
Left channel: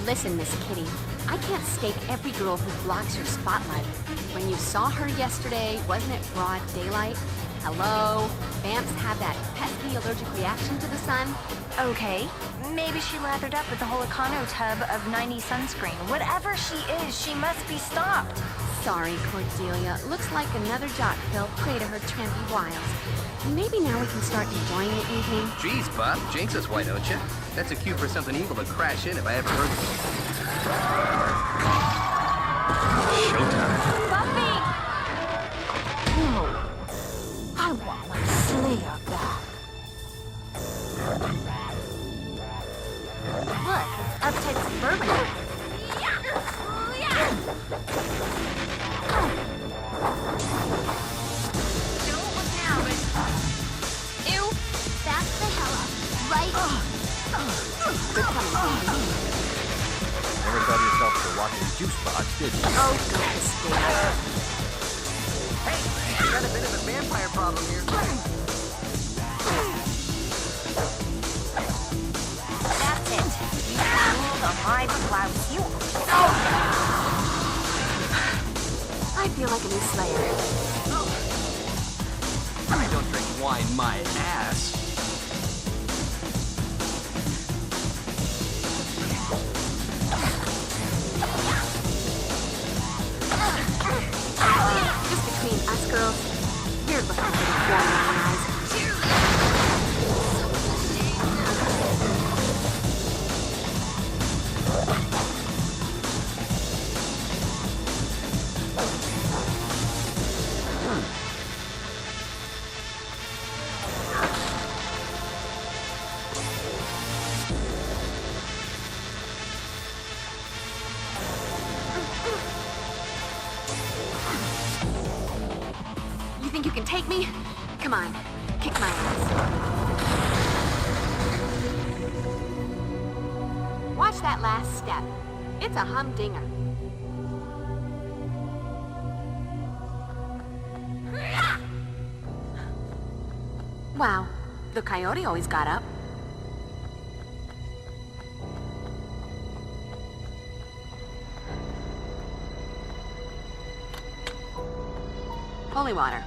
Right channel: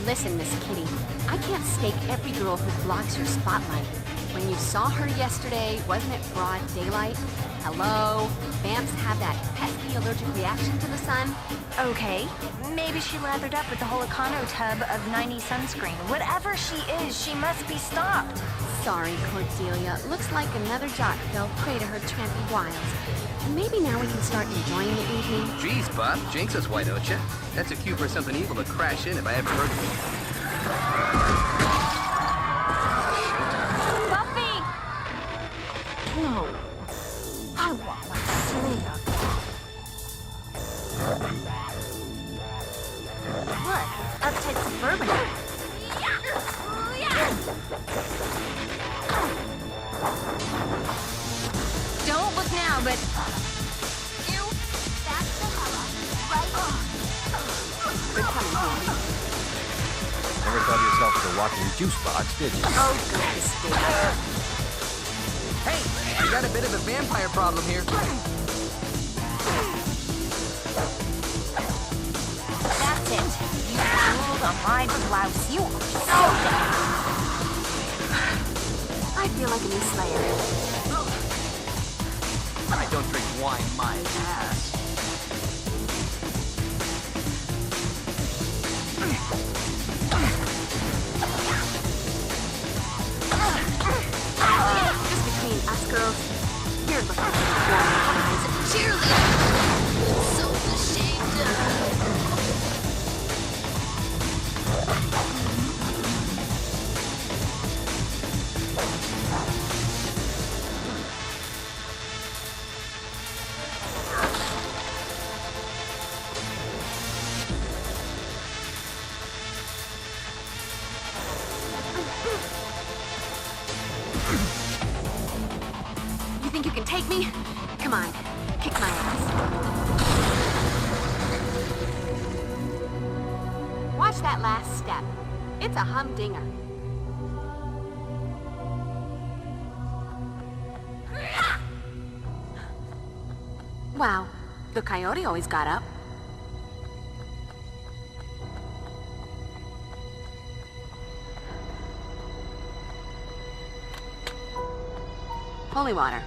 Listen, Miss Kitty, I can't stake every girl who blocks your spotlight. When you saw her yesterday, wasn't it broad daylight? Hello? Vamps have that pesky allergic reaction to the sun. Okay, maybe she lathered up with the whole Econo tub of 90 sunscreen. Whatever she is, she must be stopped. Sorry, Cordelia. Looks like another jock fell prey to her trampy wiles. Maybe now we can start enjoying the evening. Jeez, Buff, jinx us, why don't you? That's a cue for something evil to crash in if I ever heard of it. Showdown. Buffy! No. I want my Slayer back. Look, uptight suburban. Don't look now, but... Ew, that's the house. Right on. Good coming home. Never thought yourself to watching two spots, did you? Oh, God, Steve. Hey, got a bit of a vampire problem here. That's it. Hold on my blouse. I feel like a new Slayer. I don't drink wine in my ass. Just between us girls, you're looking pretty warm in my eyes. You think you can take me? Come on, kick my ass. Watch that last step. It's a humdinger. Wow, the coyote always got up. Holy water.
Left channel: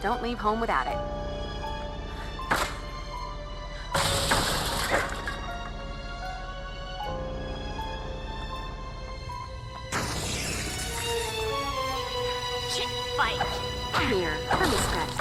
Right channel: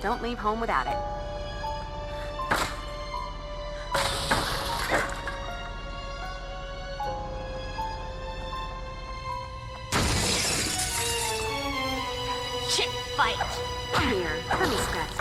Don't leave home without it. Shit, fight. Come here, let me scratch.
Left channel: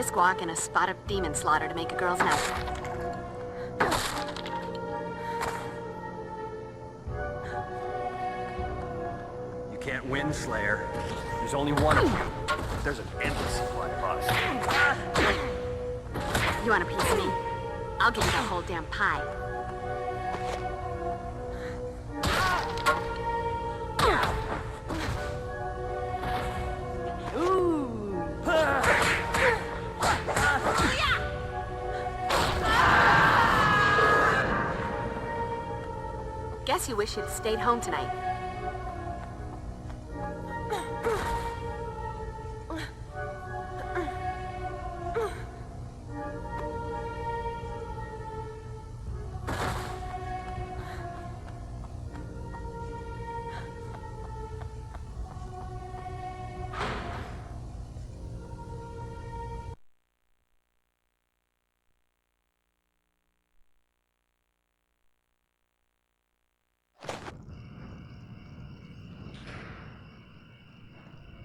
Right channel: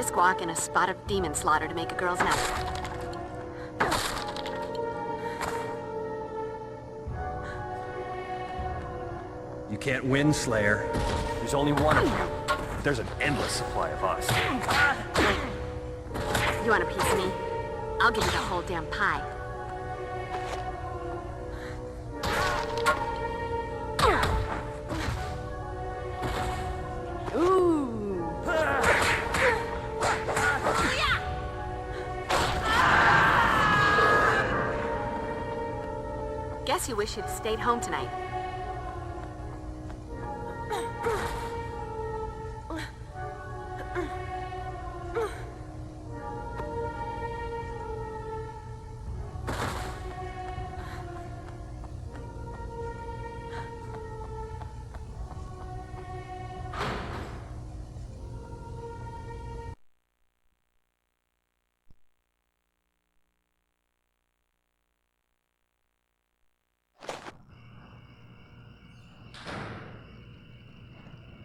brisk walk and a spot of demon slaughter to make a girl's night. You can't win, Slayer. There's only one of you. There's an endless supply of us. You want a piece of me? I'll give you the whole damn pie. Guess you wish you'd stayed home tonight.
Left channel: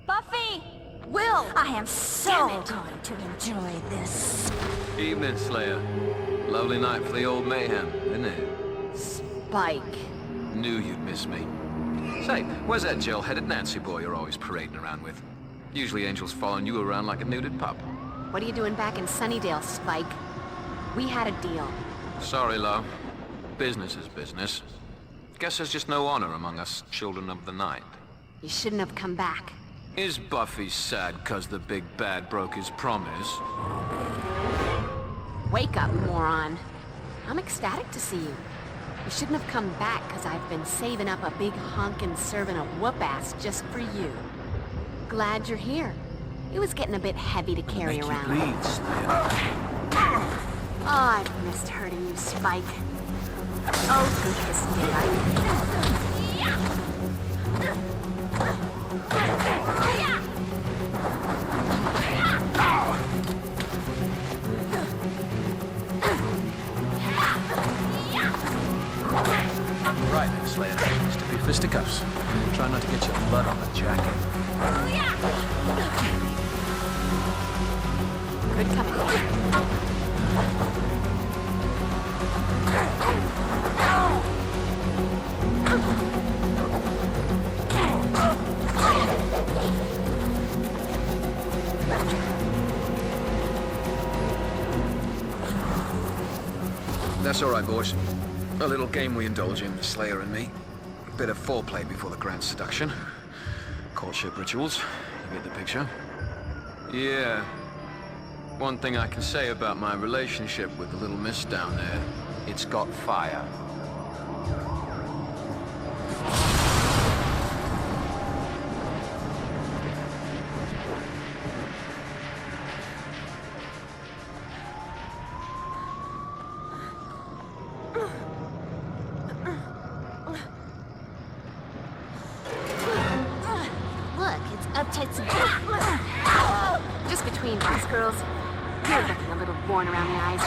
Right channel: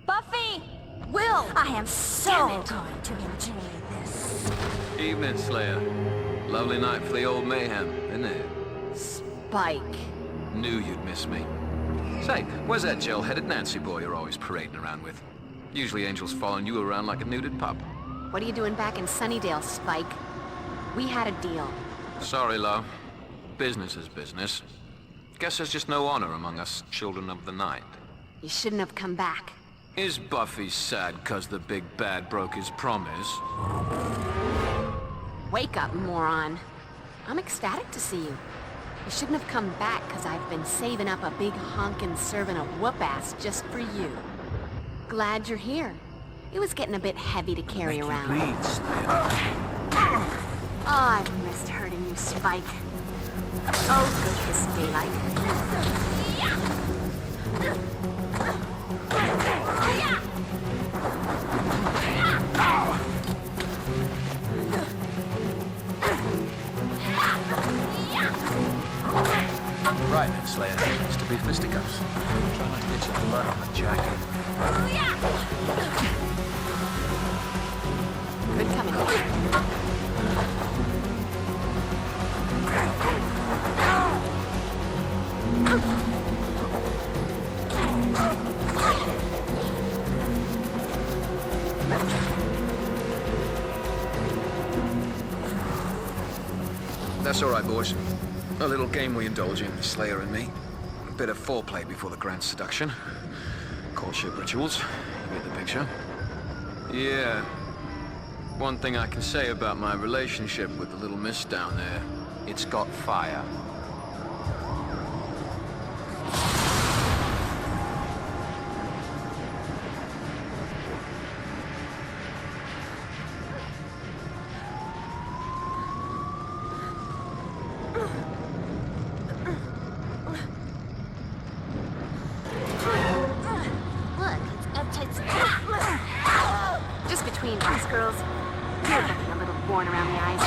Buffy! Will! I am so going to enjoy this. Evening, Slayer. Lovely night for the old mayhem, isn't it? Spike. Knew you'd miss me. Say, where's that gel-headed Nancy boy you're always parading around with? Usually Angel's following you around like a neutered pup. What are you doing back in Sunnydale, Spike? We had a deal. Sorry, love. Business is business. Guess there's just no honor among us children of the night. You shouldn't have come back. Is Buffy sad 'cause the big bad broke his promise? Wake up, moron. I'm ecstatic to see you. You shouldn't have come back 'cause I've been saving up a big honkin' serving of whoop-ass just for you. Glad you're here. It was getting a bit heavy to carry around. Please. Oh, I've missed hurting you, Spike. Oh, goodness me, Right, Slayer. Be fisticuffs. Try not to get your blood on the jacket. Good coming. That's all right, boys. A little game we indulge in, Slayer and me. A bit of foreplay before the grand seduction. Courtship rituals. You get the picture? Yeah. One thing I can say about my relationship with the little miss down there, it's got fire. Look, it's uptight. Just between us, girls. You're looking a little worn around the eyes.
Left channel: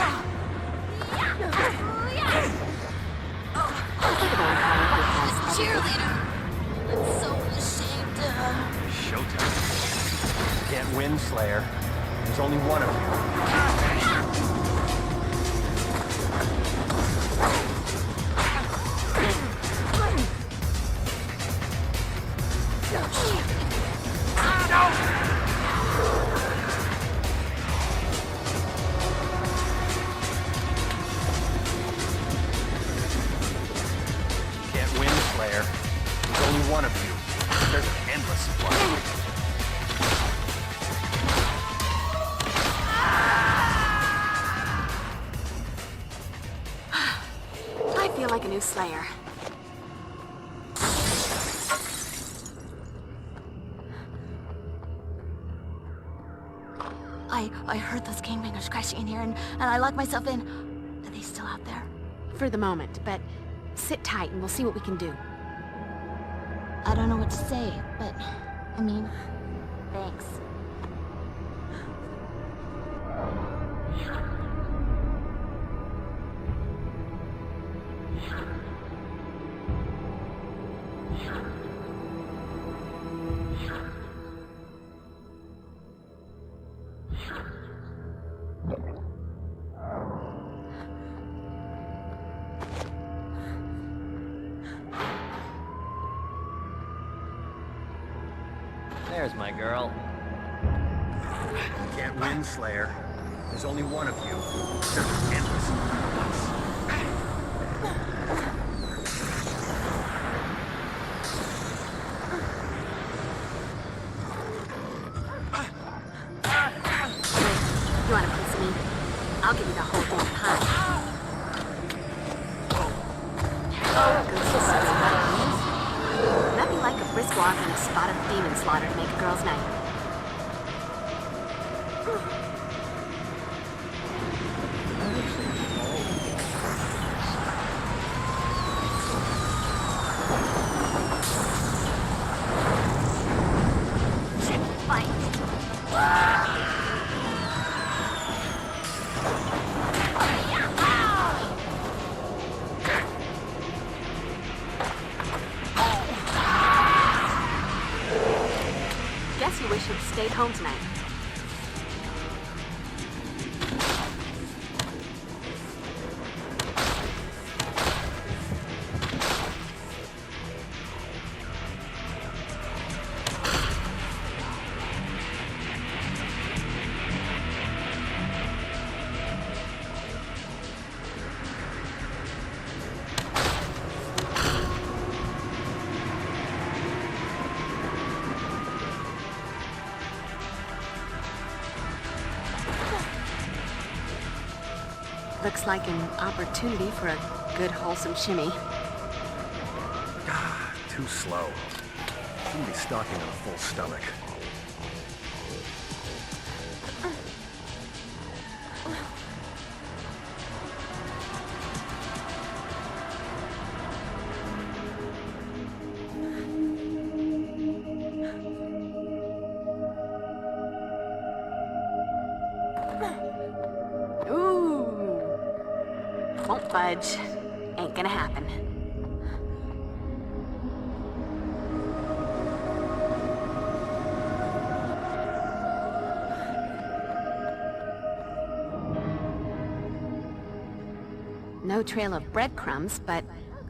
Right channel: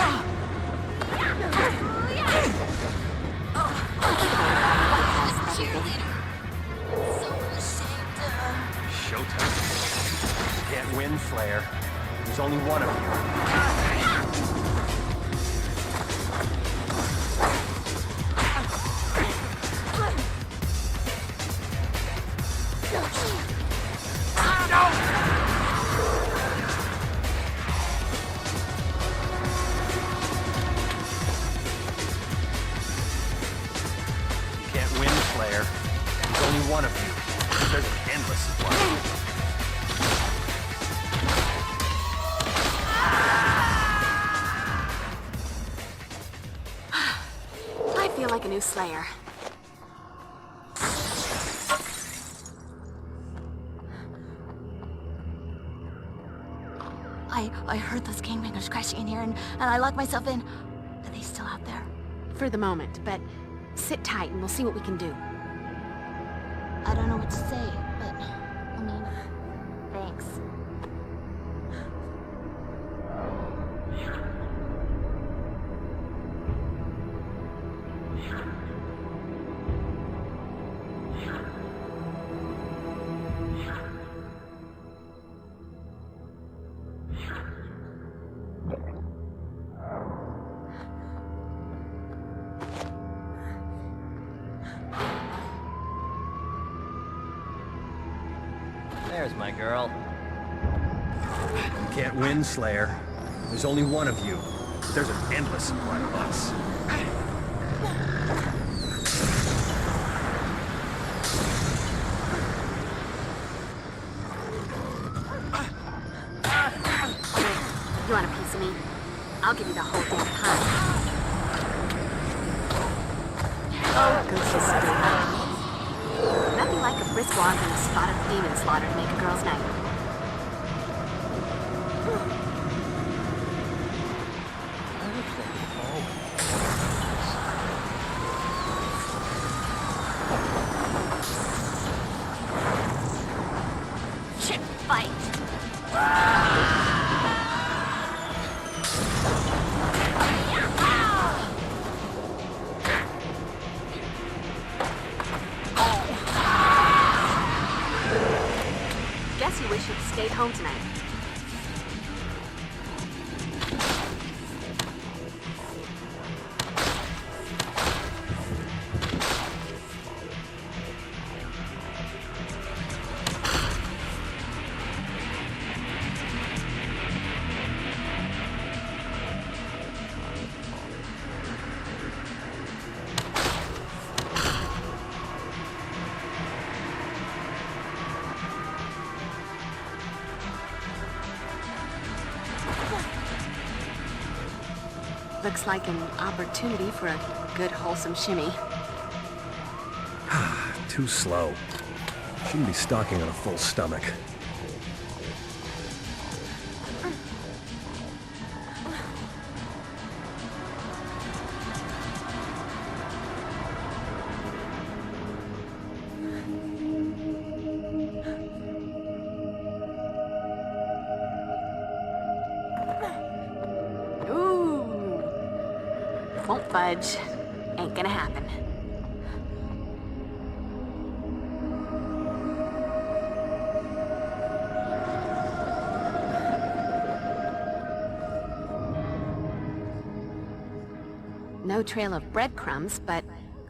Cheerleader. I'm so ashamed of her. Showtime. You can't win, Slayer. There's only one of you. One of you. There's an endless supply. I feel like a new Slayer. I heard those gangbangers crashing in here, and I locked myself in. Are they still out there? For the moment, but sit tight and we'll see what we can do. I don't know what to say, but I mean, thanks. There's my girl. You can't win, Slayer. There's only one of you. There's an endless one of us. You want a piece of me? I'll give you the whole damn pie. Goose is so good. Nothing like a brisk walk and a spot of demon slaughter to make a girl's night. I wish they could all be. Shit, fight. Guess you wish you'd stayed home tonight. Looks like an opportunity for a good, wholesome shimmy. Too slow. Shouldn't be stalking on a full stomach. Won't budge. Ain't gonna happen. No trail of breadcrumbs, but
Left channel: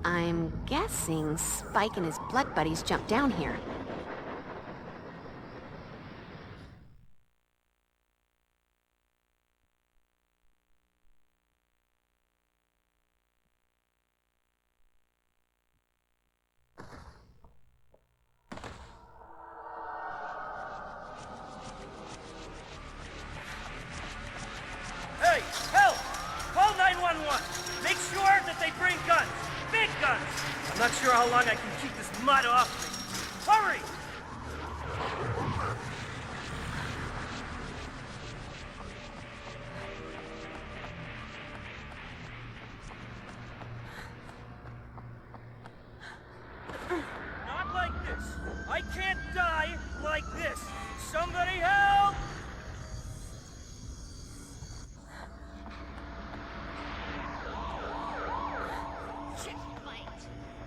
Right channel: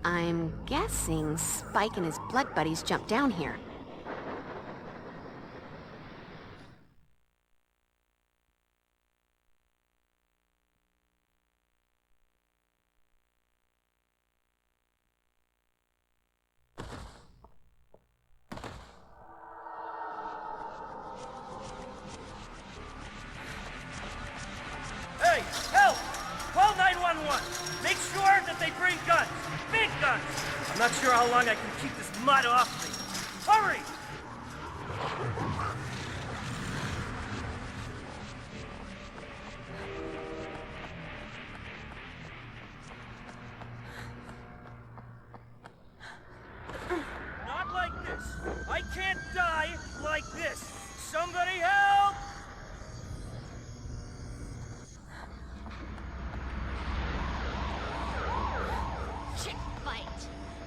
I'm guessing Spike and his blood buddies jumped down here. Hey, help! Call 911. Make sure that they bring guns. Big guns. I'm not sure how long I can keep this mud off me. Hurry! Not like this. I can't die like this. Somebody help!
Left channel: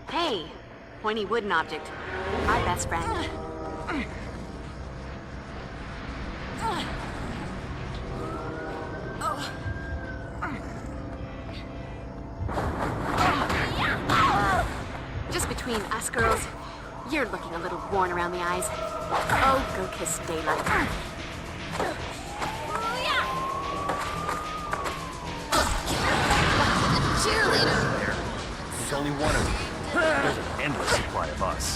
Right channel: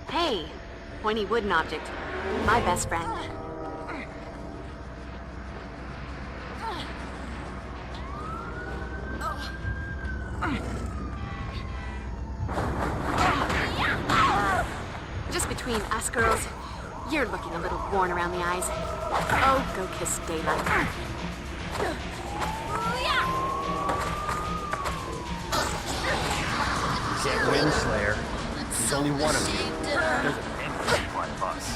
Hey, pointy wooden object. My best friend. Just between us girls, you're looking a little worn around the eyes. Oh, go kiss daylight. Slayer. There's only one of you. There's an endless one of us.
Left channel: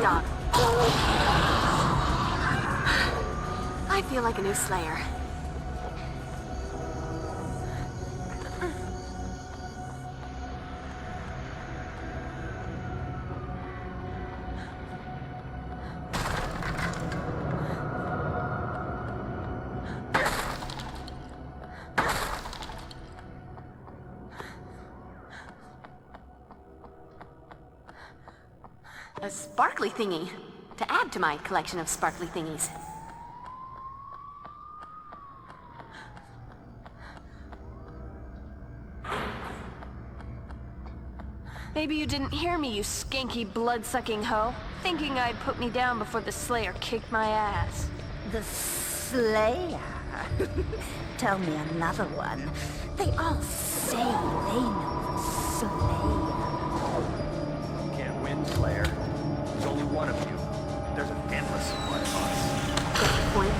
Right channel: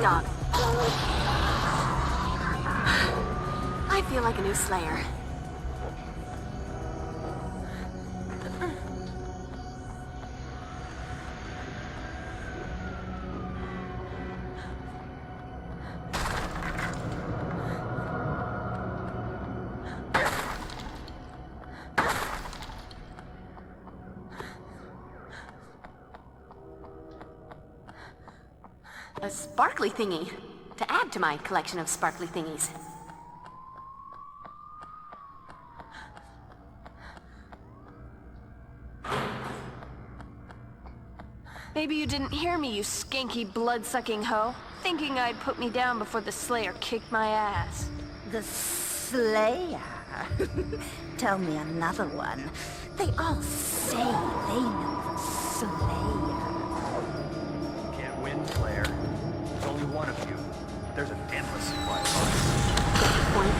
Dog. I feel like a new Slayer. A sparkly thingy. To add to my collection of sparkly thingies. Maybe you didn't hear me, you skanky blood-sucking hoe. Thinking I'd put me down before the Slayer kicked my ass. The Slayer? Tell me another one. They all say they know the Slayer. You can't win, Slayer. There's only one of you. There's an endless supply of us. Point.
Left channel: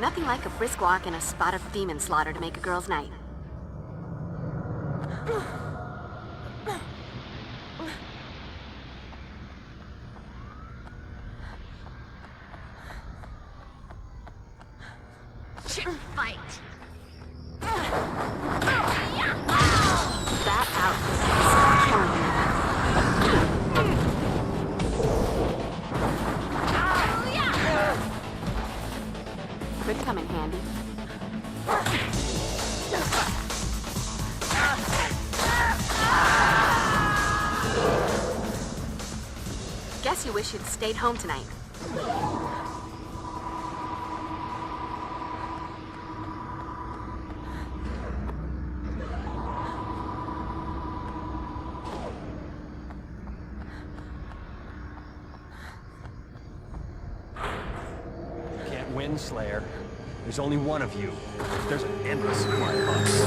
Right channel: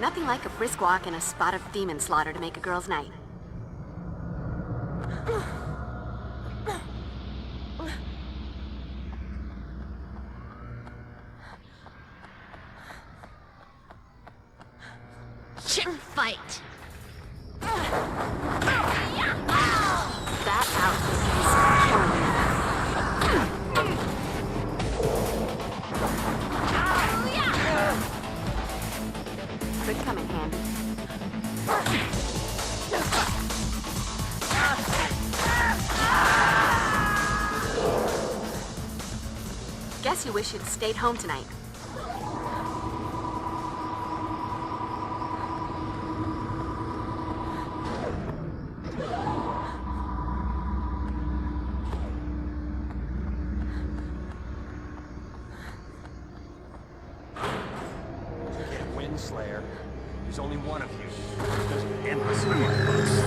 Nothing like a brisk walk and a spot of demon slaughter to make a girl's night. Chip fight! That out. Could come in handy. Guess you wish you'd stayed home tonight. Slayer. There's only one of you. There's an endless supply of us.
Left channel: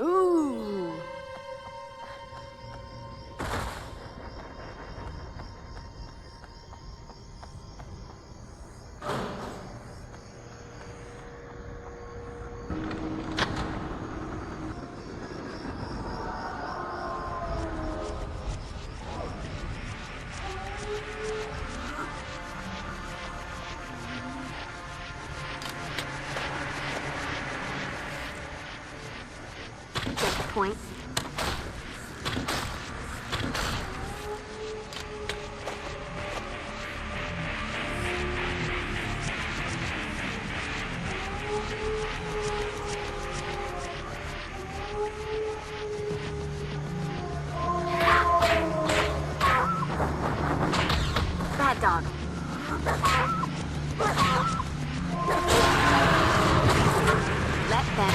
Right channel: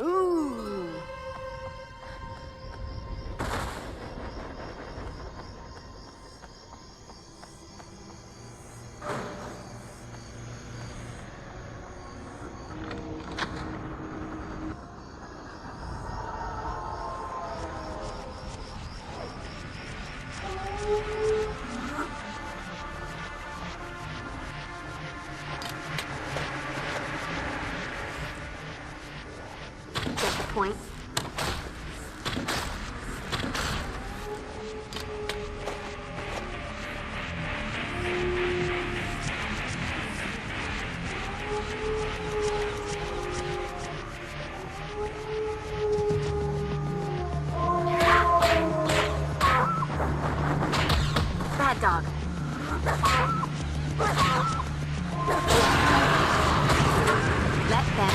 Ooh. Get the point. Bad dog. Let them.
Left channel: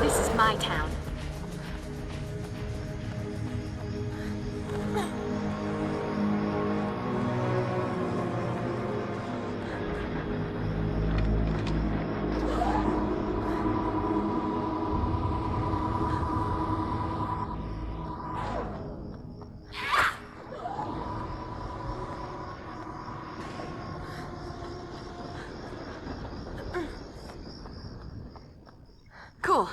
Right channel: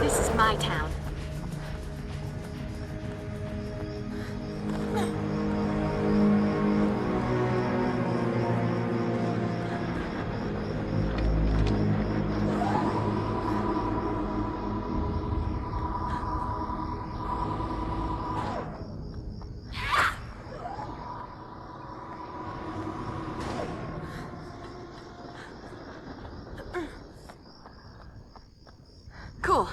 This is my town. Cool.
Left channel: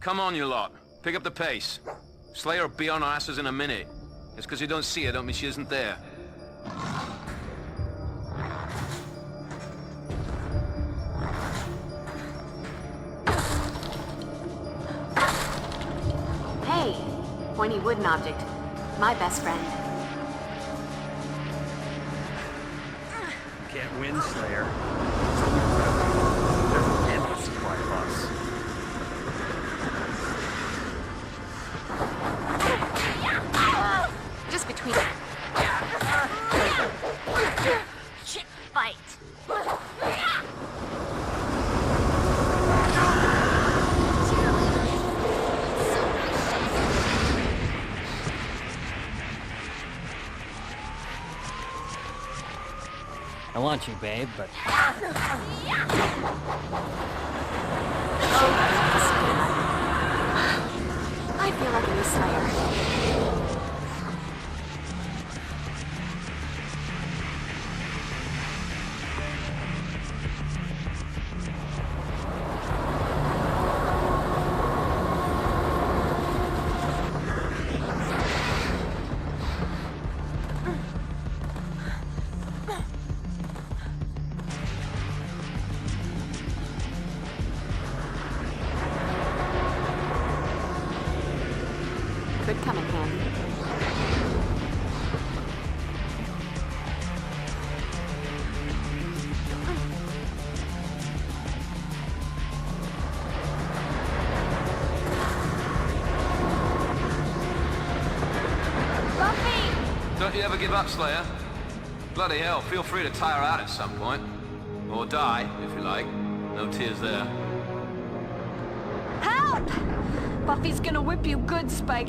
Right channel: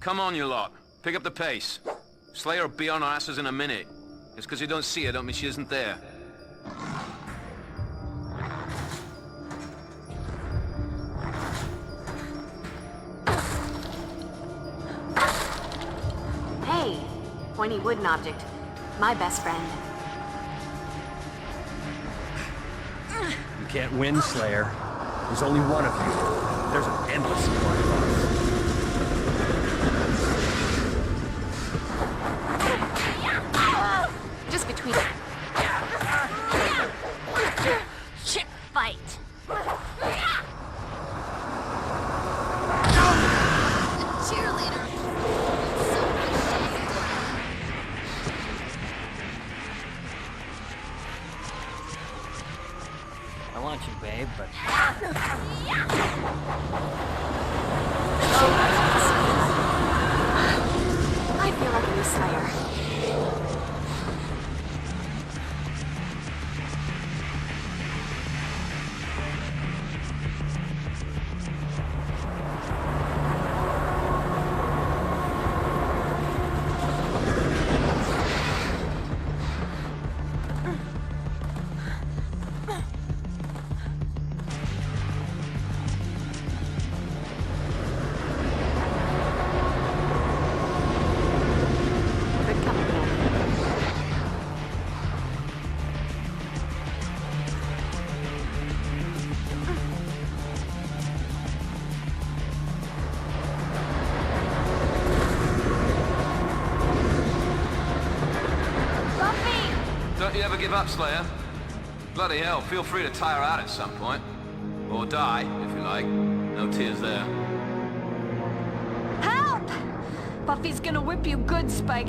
Come on, you lot. Pick up the pace. Slayer will be on our asses in a minute. Just because you don't see her don't mean she isn't there. Hey, pointy wooden object. My best friend. Can't win, Slayer. There's only one of you. There's an endless supply of us. Just between... Chick fight. I want you, babe, but... I feel like a new Slayer. Could come in handy. Buffy! Don't you ever give up, Slayer. Bloody hell, feel free to tire out at some point. Or die, if you like. No tears there. Help! Buffy's gonna whip you good, Spike.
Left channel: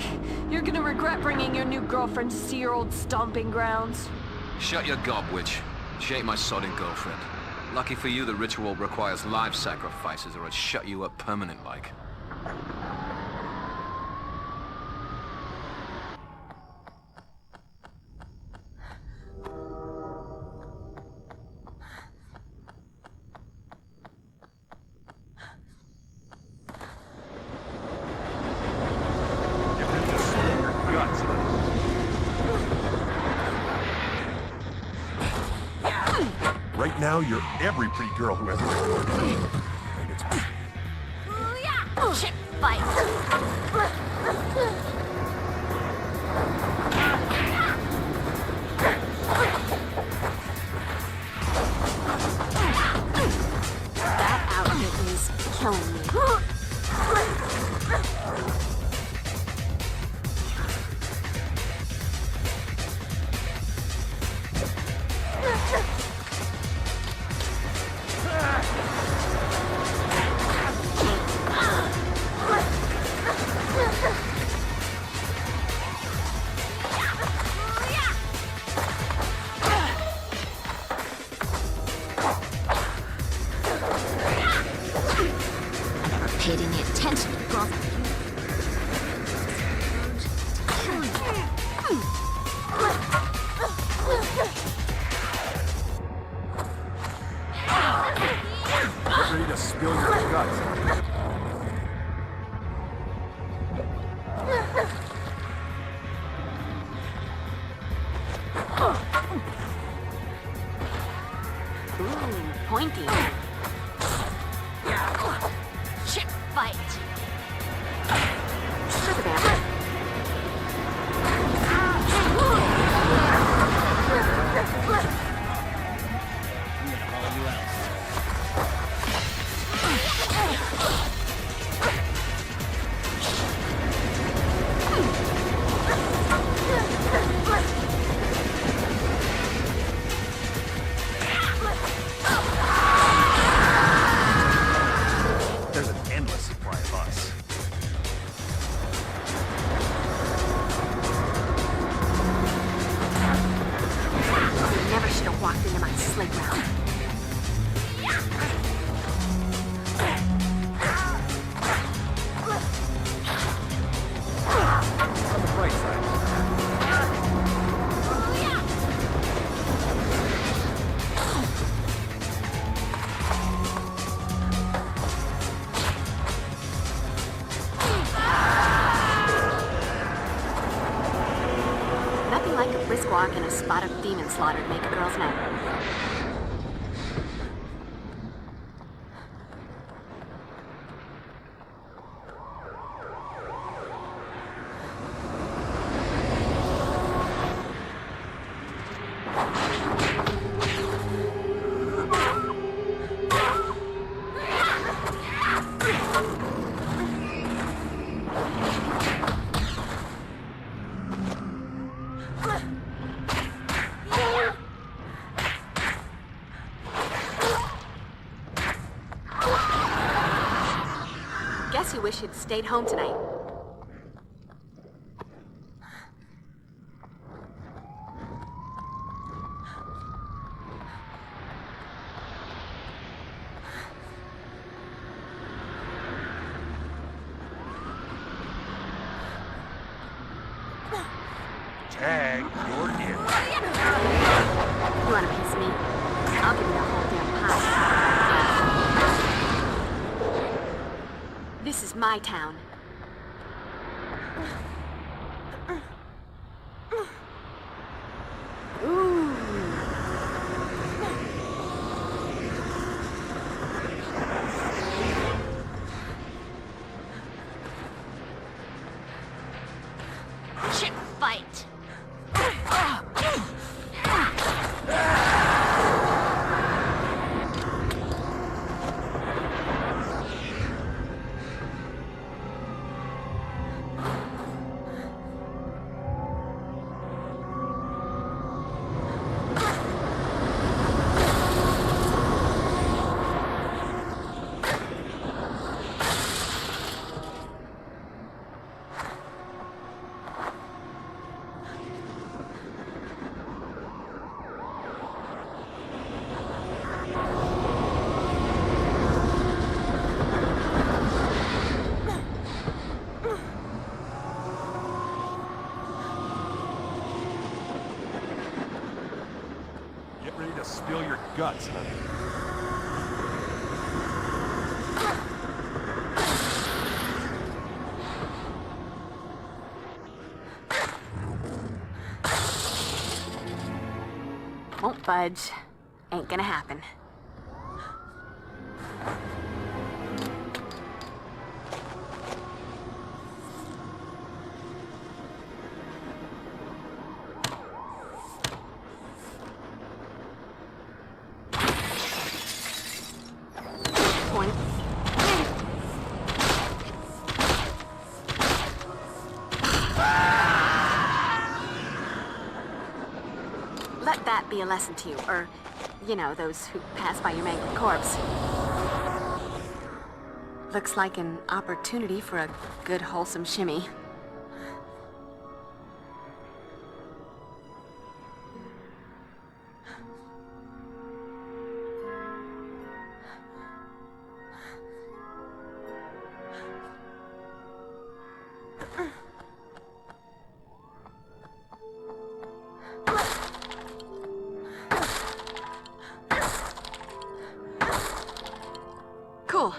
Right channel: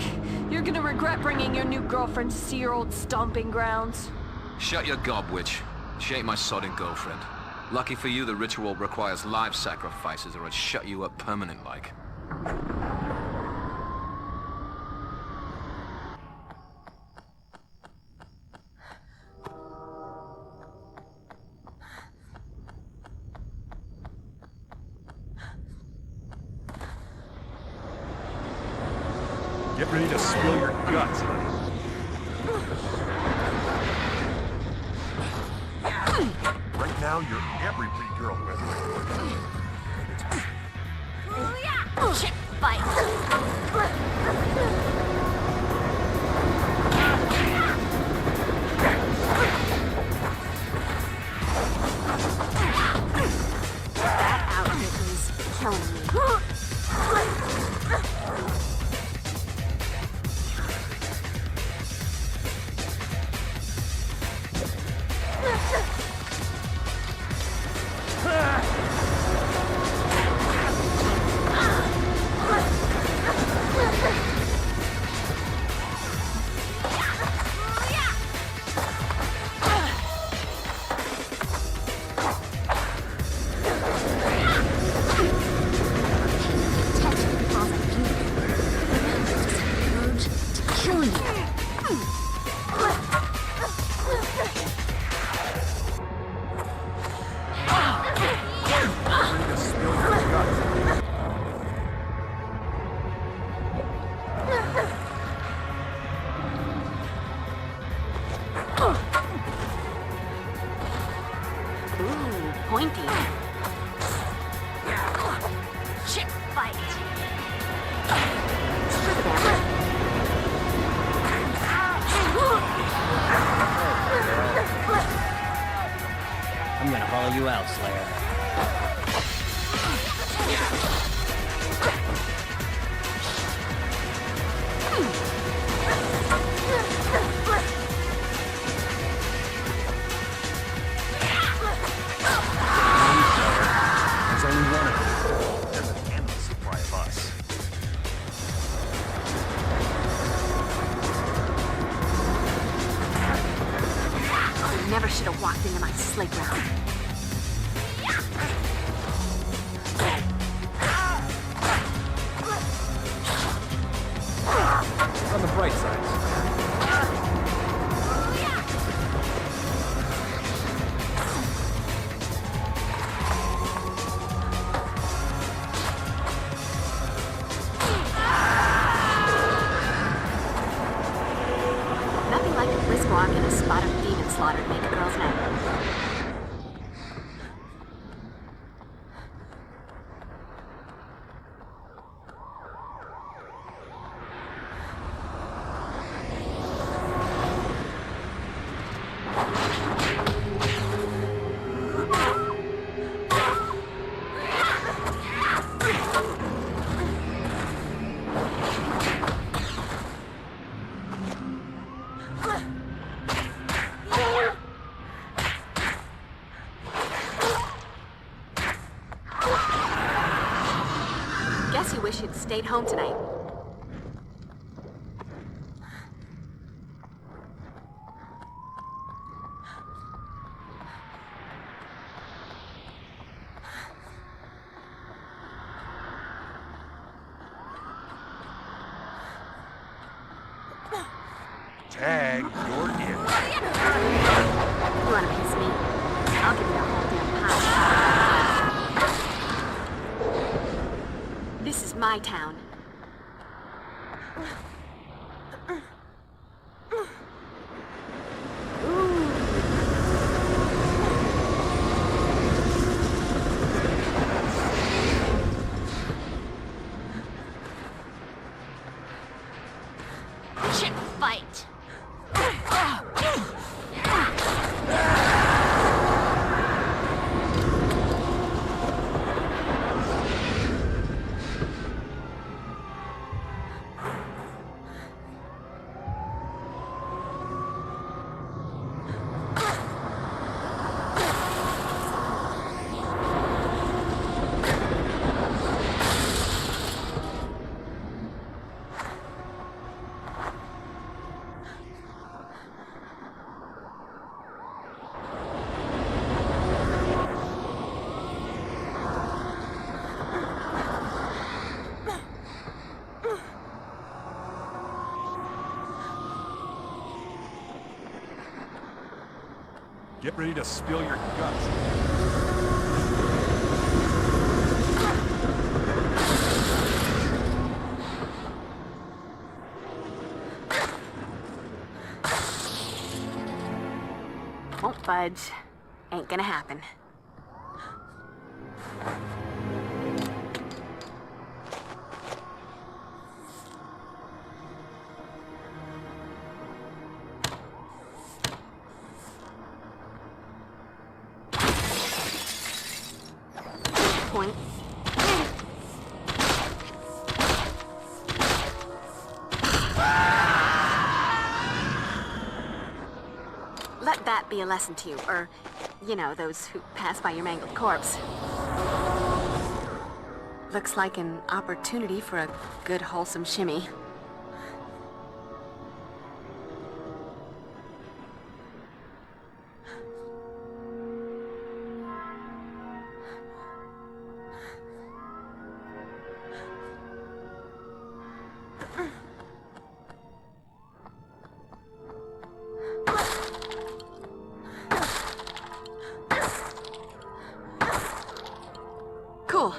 You're gonna regret bringing your new girlfriend to see your old stomping grounds. Shut your gob, witch. She ain't my sodding girlfriend. Lucky for you, the ritual requires live sacrifices, or I'd shut you up permanent-like. Get ready to spill your guts, buddy. Right now, you're every pretty girl who has Chick fight. That outfit is killing me. ready to spill your guts. Ooh, pointy. Chick fight. Strip them. I'm gonna haul you out, Slayer. There's an endless supply of us. I never should have walked into my sleigh ground. On the bright side. like a brisk walk and a spot of demon slaughter to make a girl's night. Guess you wish you'd stayed home tonight. Tag, you're in. You want a piece of me? I'll give you the whole damn pie. This is my town. Ooh. Chip fight. Get ready to spill your guts. Won't budge. Ain't gonna happen. Point. Let that be a lesson to you, or, you know, those who pass by your mangled corpse. Looks like an opportunity for a good, wholesome shimmy. Cool.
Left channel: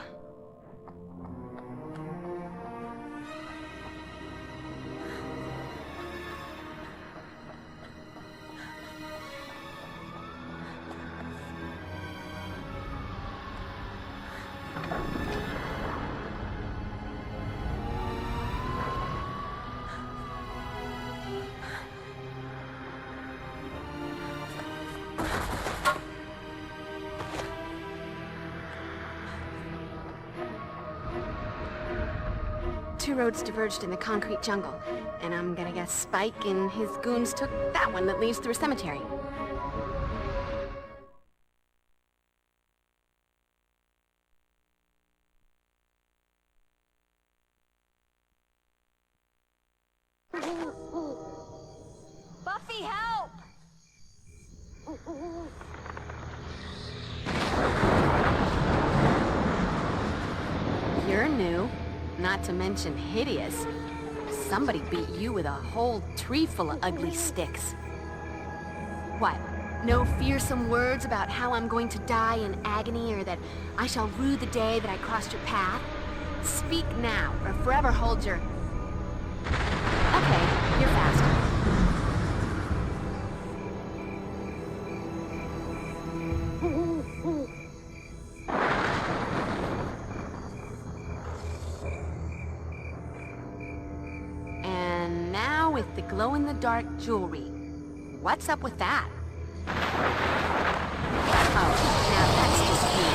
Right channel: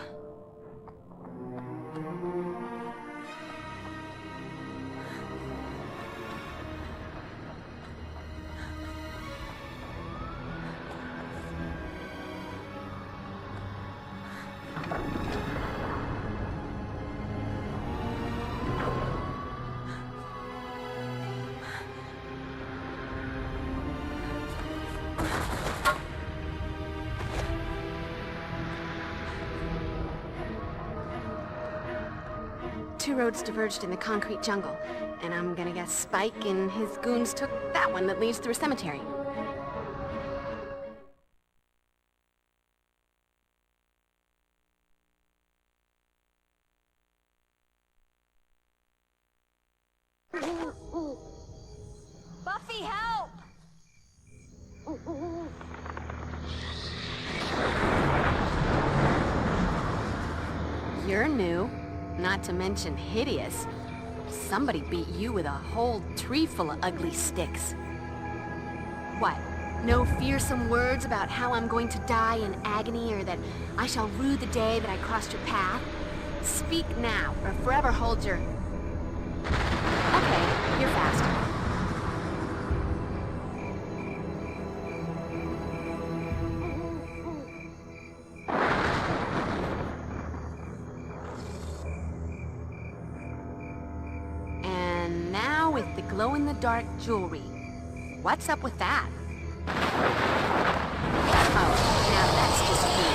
Two roads diverged in the concrete jungle, and I'm gonna guess Spike and his goons took that one that leads through a cemetery. Buffy, help! You're new, not to mention hideous. Somebody beat you with a whole tree full of ugly sticks. What? No fearsome words about how I'm going to die in agony or that I shall rue the day that I crossed your path? Speak now, or forever hold your... Okay, you're fast. glow-in-the-dark jewelry. What's up with that? Oh, now that's just weird.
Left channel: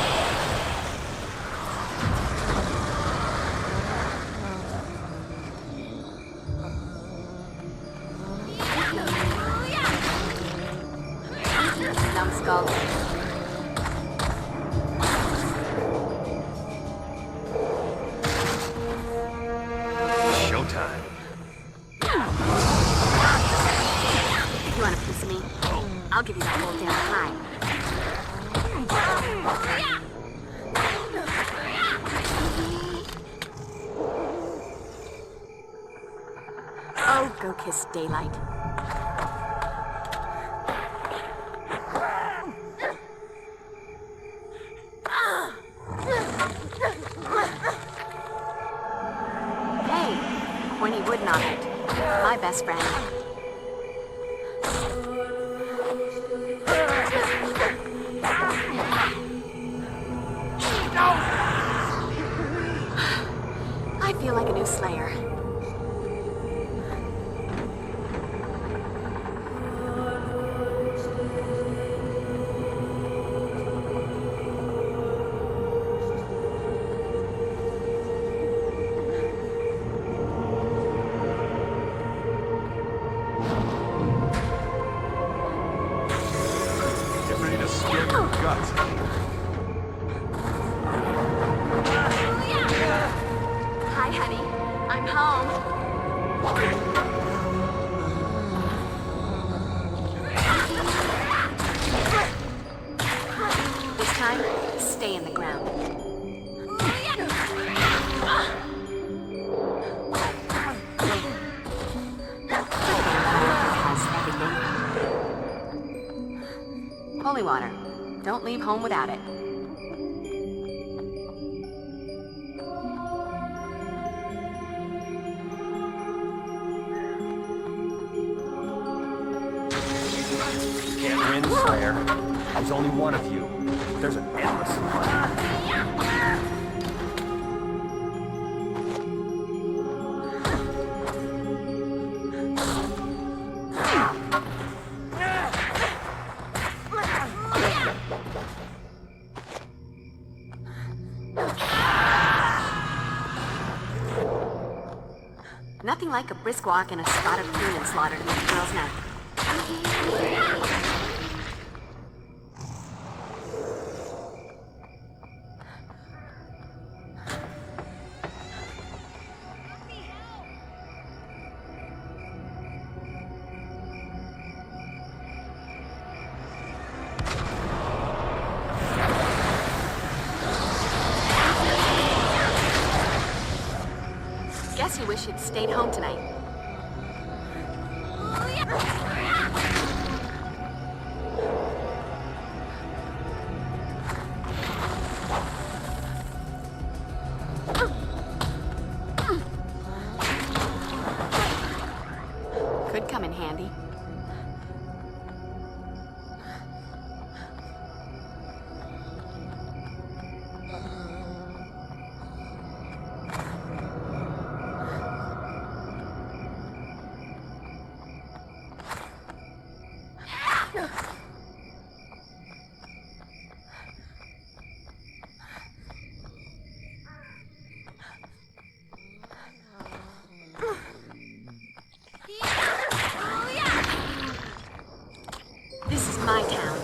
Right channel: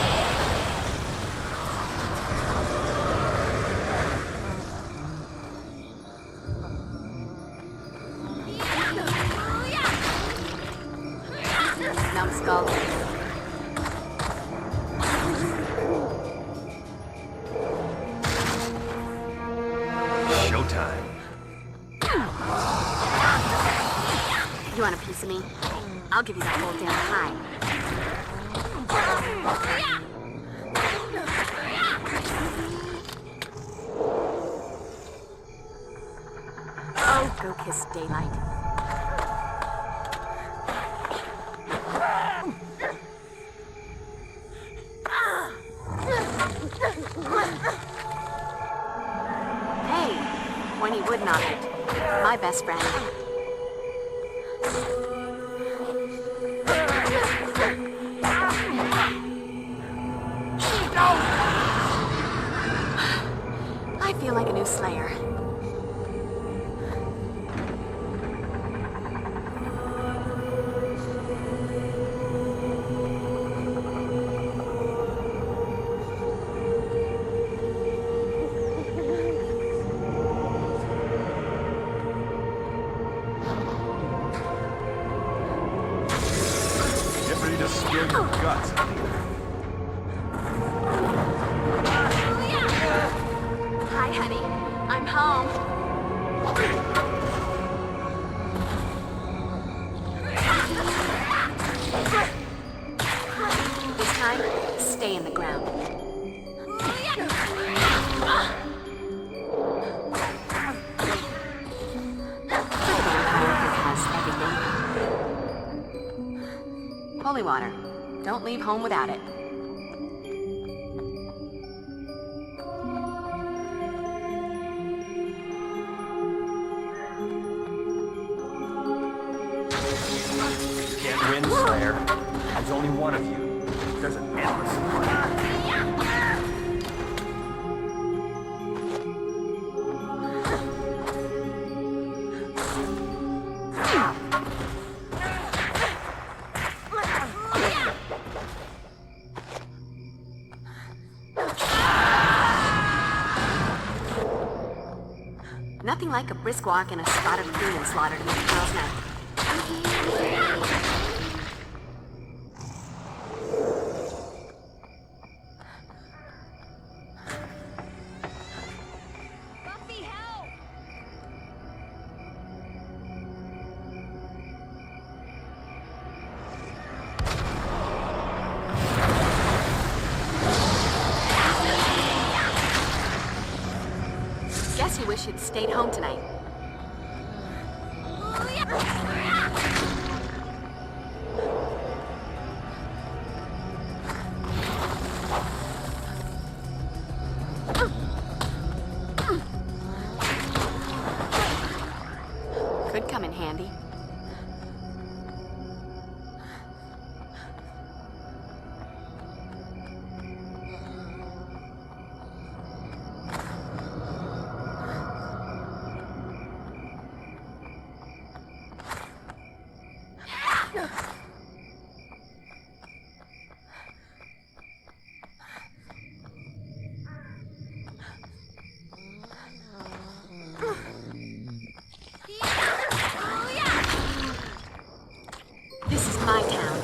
Numbskull. Showtime. You want a piece of me? I'll give you the whole damn pie. Oh, go kiss daylight. Hey, pointy wood nodded. My best friend. I feel like a new Slayer. Get ready to scare your guts. Hi, honey. I'm home. This time, stay in the ground. Holy water. Don't leave home without it. Can't win, Slayer. There's only one of you. There's an endless supply. Nothing like a brisk walk and a spot of green and slaughter to make a girl's night. Guess you wish you'd stayed home tonight. Could come in handy. This is my town.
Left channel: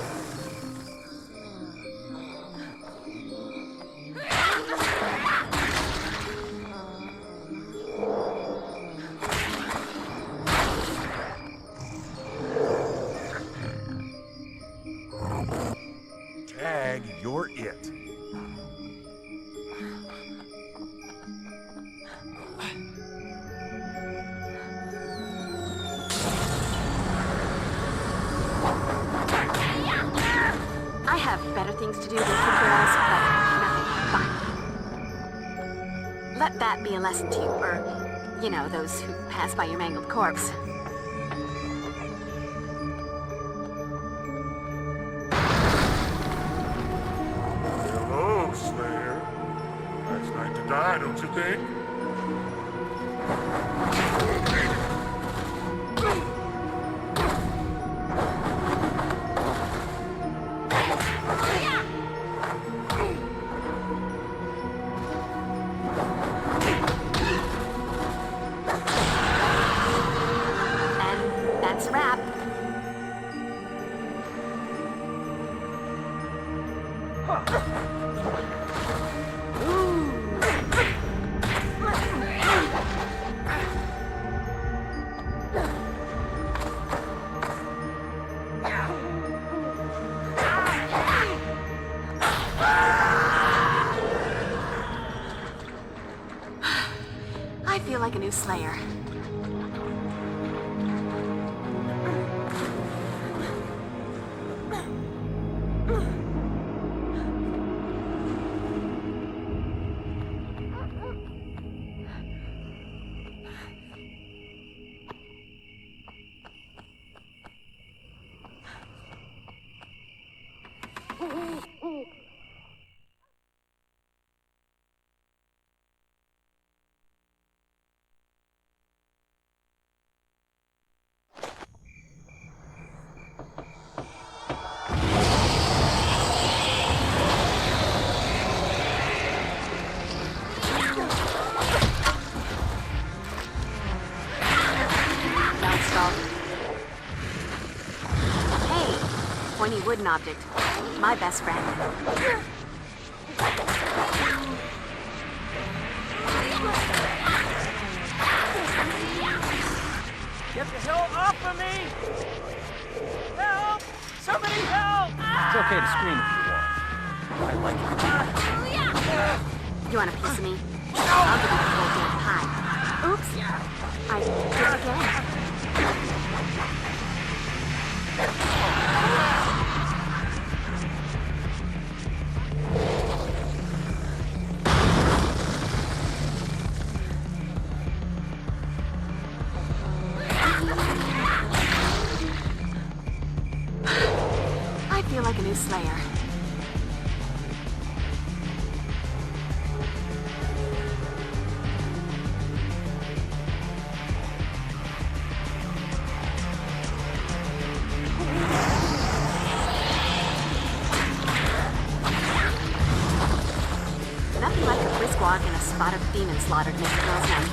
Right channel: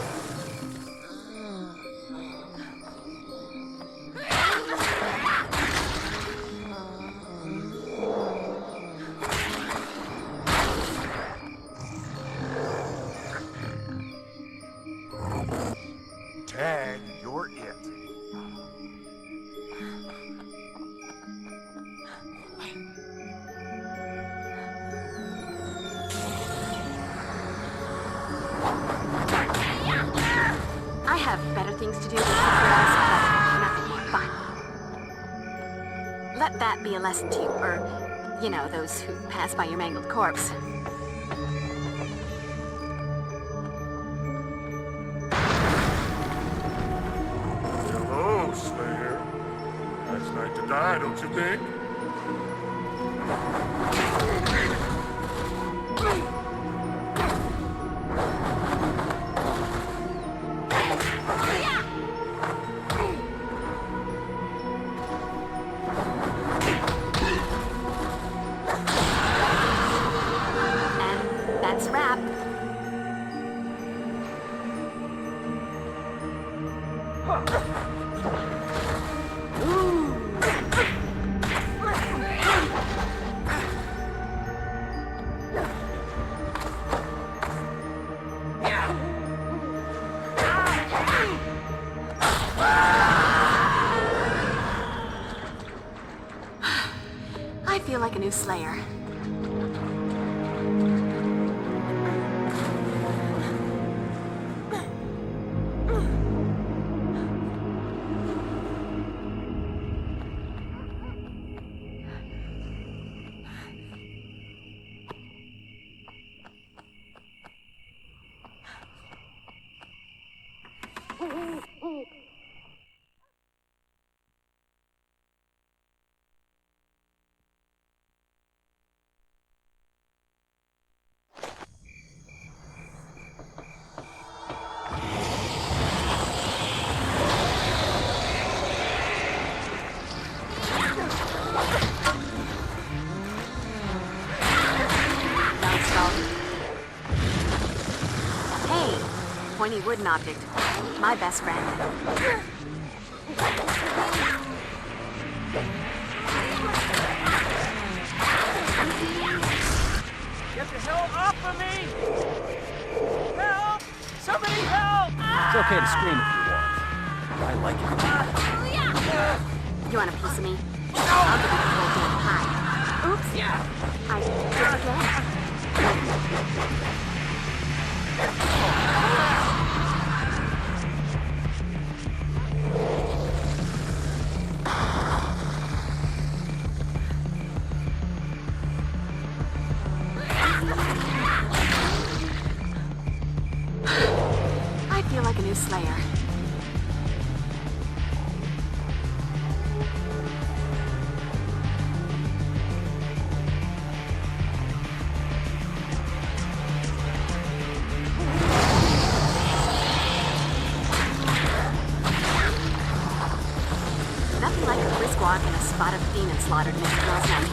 Tag, you're it. I have better things to do than kick your ass, but nothing more fun. Let that be a lesson to you, or, you know, those who pass by your mangled corpse. Hello, Slayer. Nice night to die, don't you think? trap. I feel like a new Slayer. Pointy wooden object. My best friend. Get the hell off of me! Help! Somebody help! It's okay to scream if you want. I like it. You want a piece of me? I'll give you the whole damn pie. Oops. I did it again. I feel like a new Slayer. Nothing like a brisk walk and a spot of demon slaughter to make girls happy.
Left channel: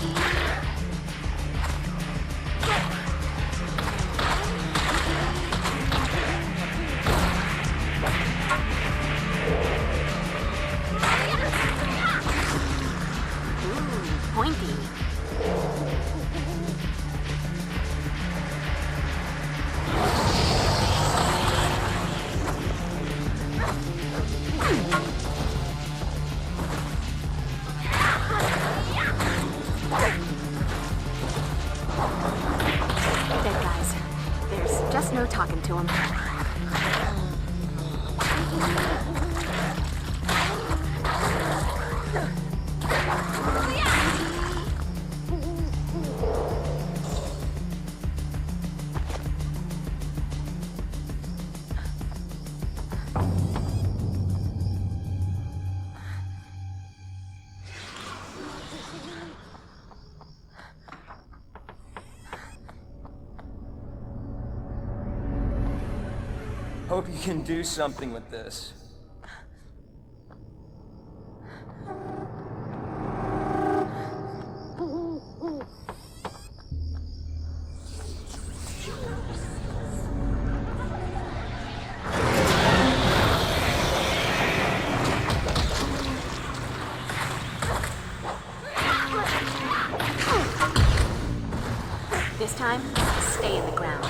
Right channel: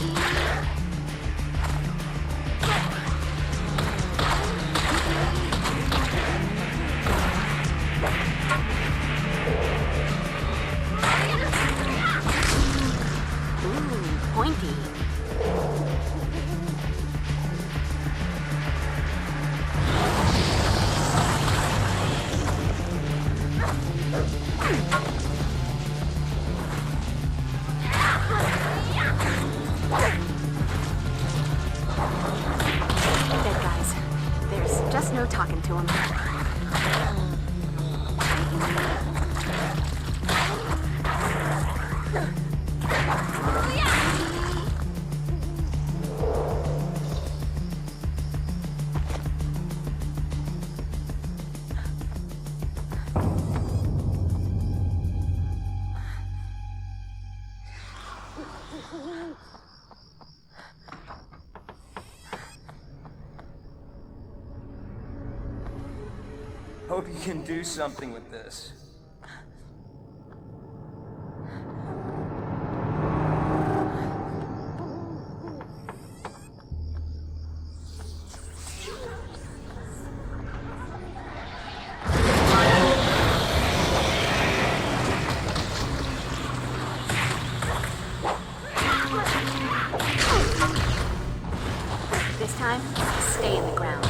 Pointy. Dead guys. There's just no talking to them. Hope you can do something with this. This time, stay in the ground.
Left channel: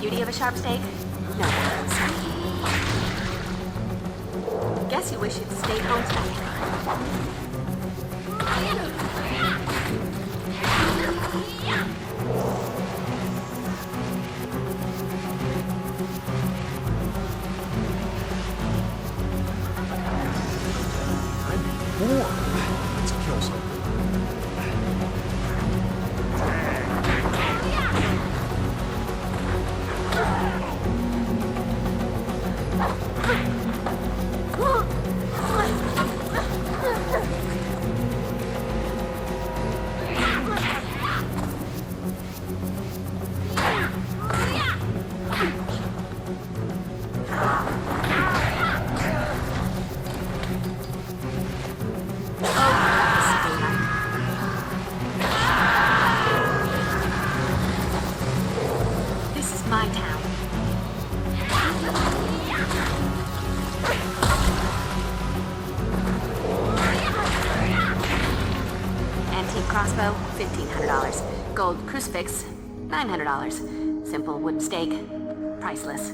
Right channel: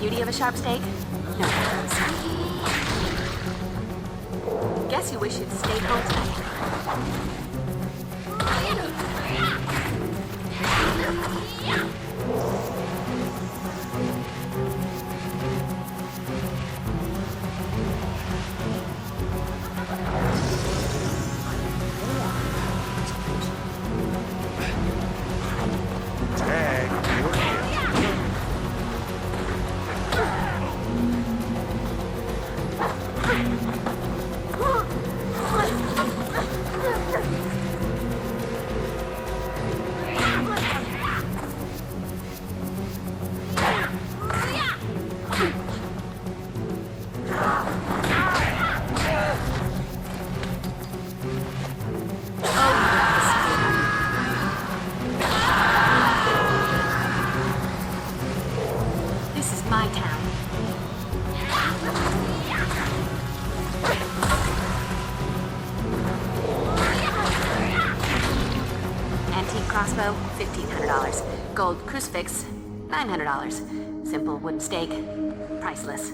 Beauty of a sharp steak? No. Guess you wish you'd stayed home tonight. This is my town. Antique crossbow, $1,500. Gold crucifix, $900. Simple wooden stake, priceless.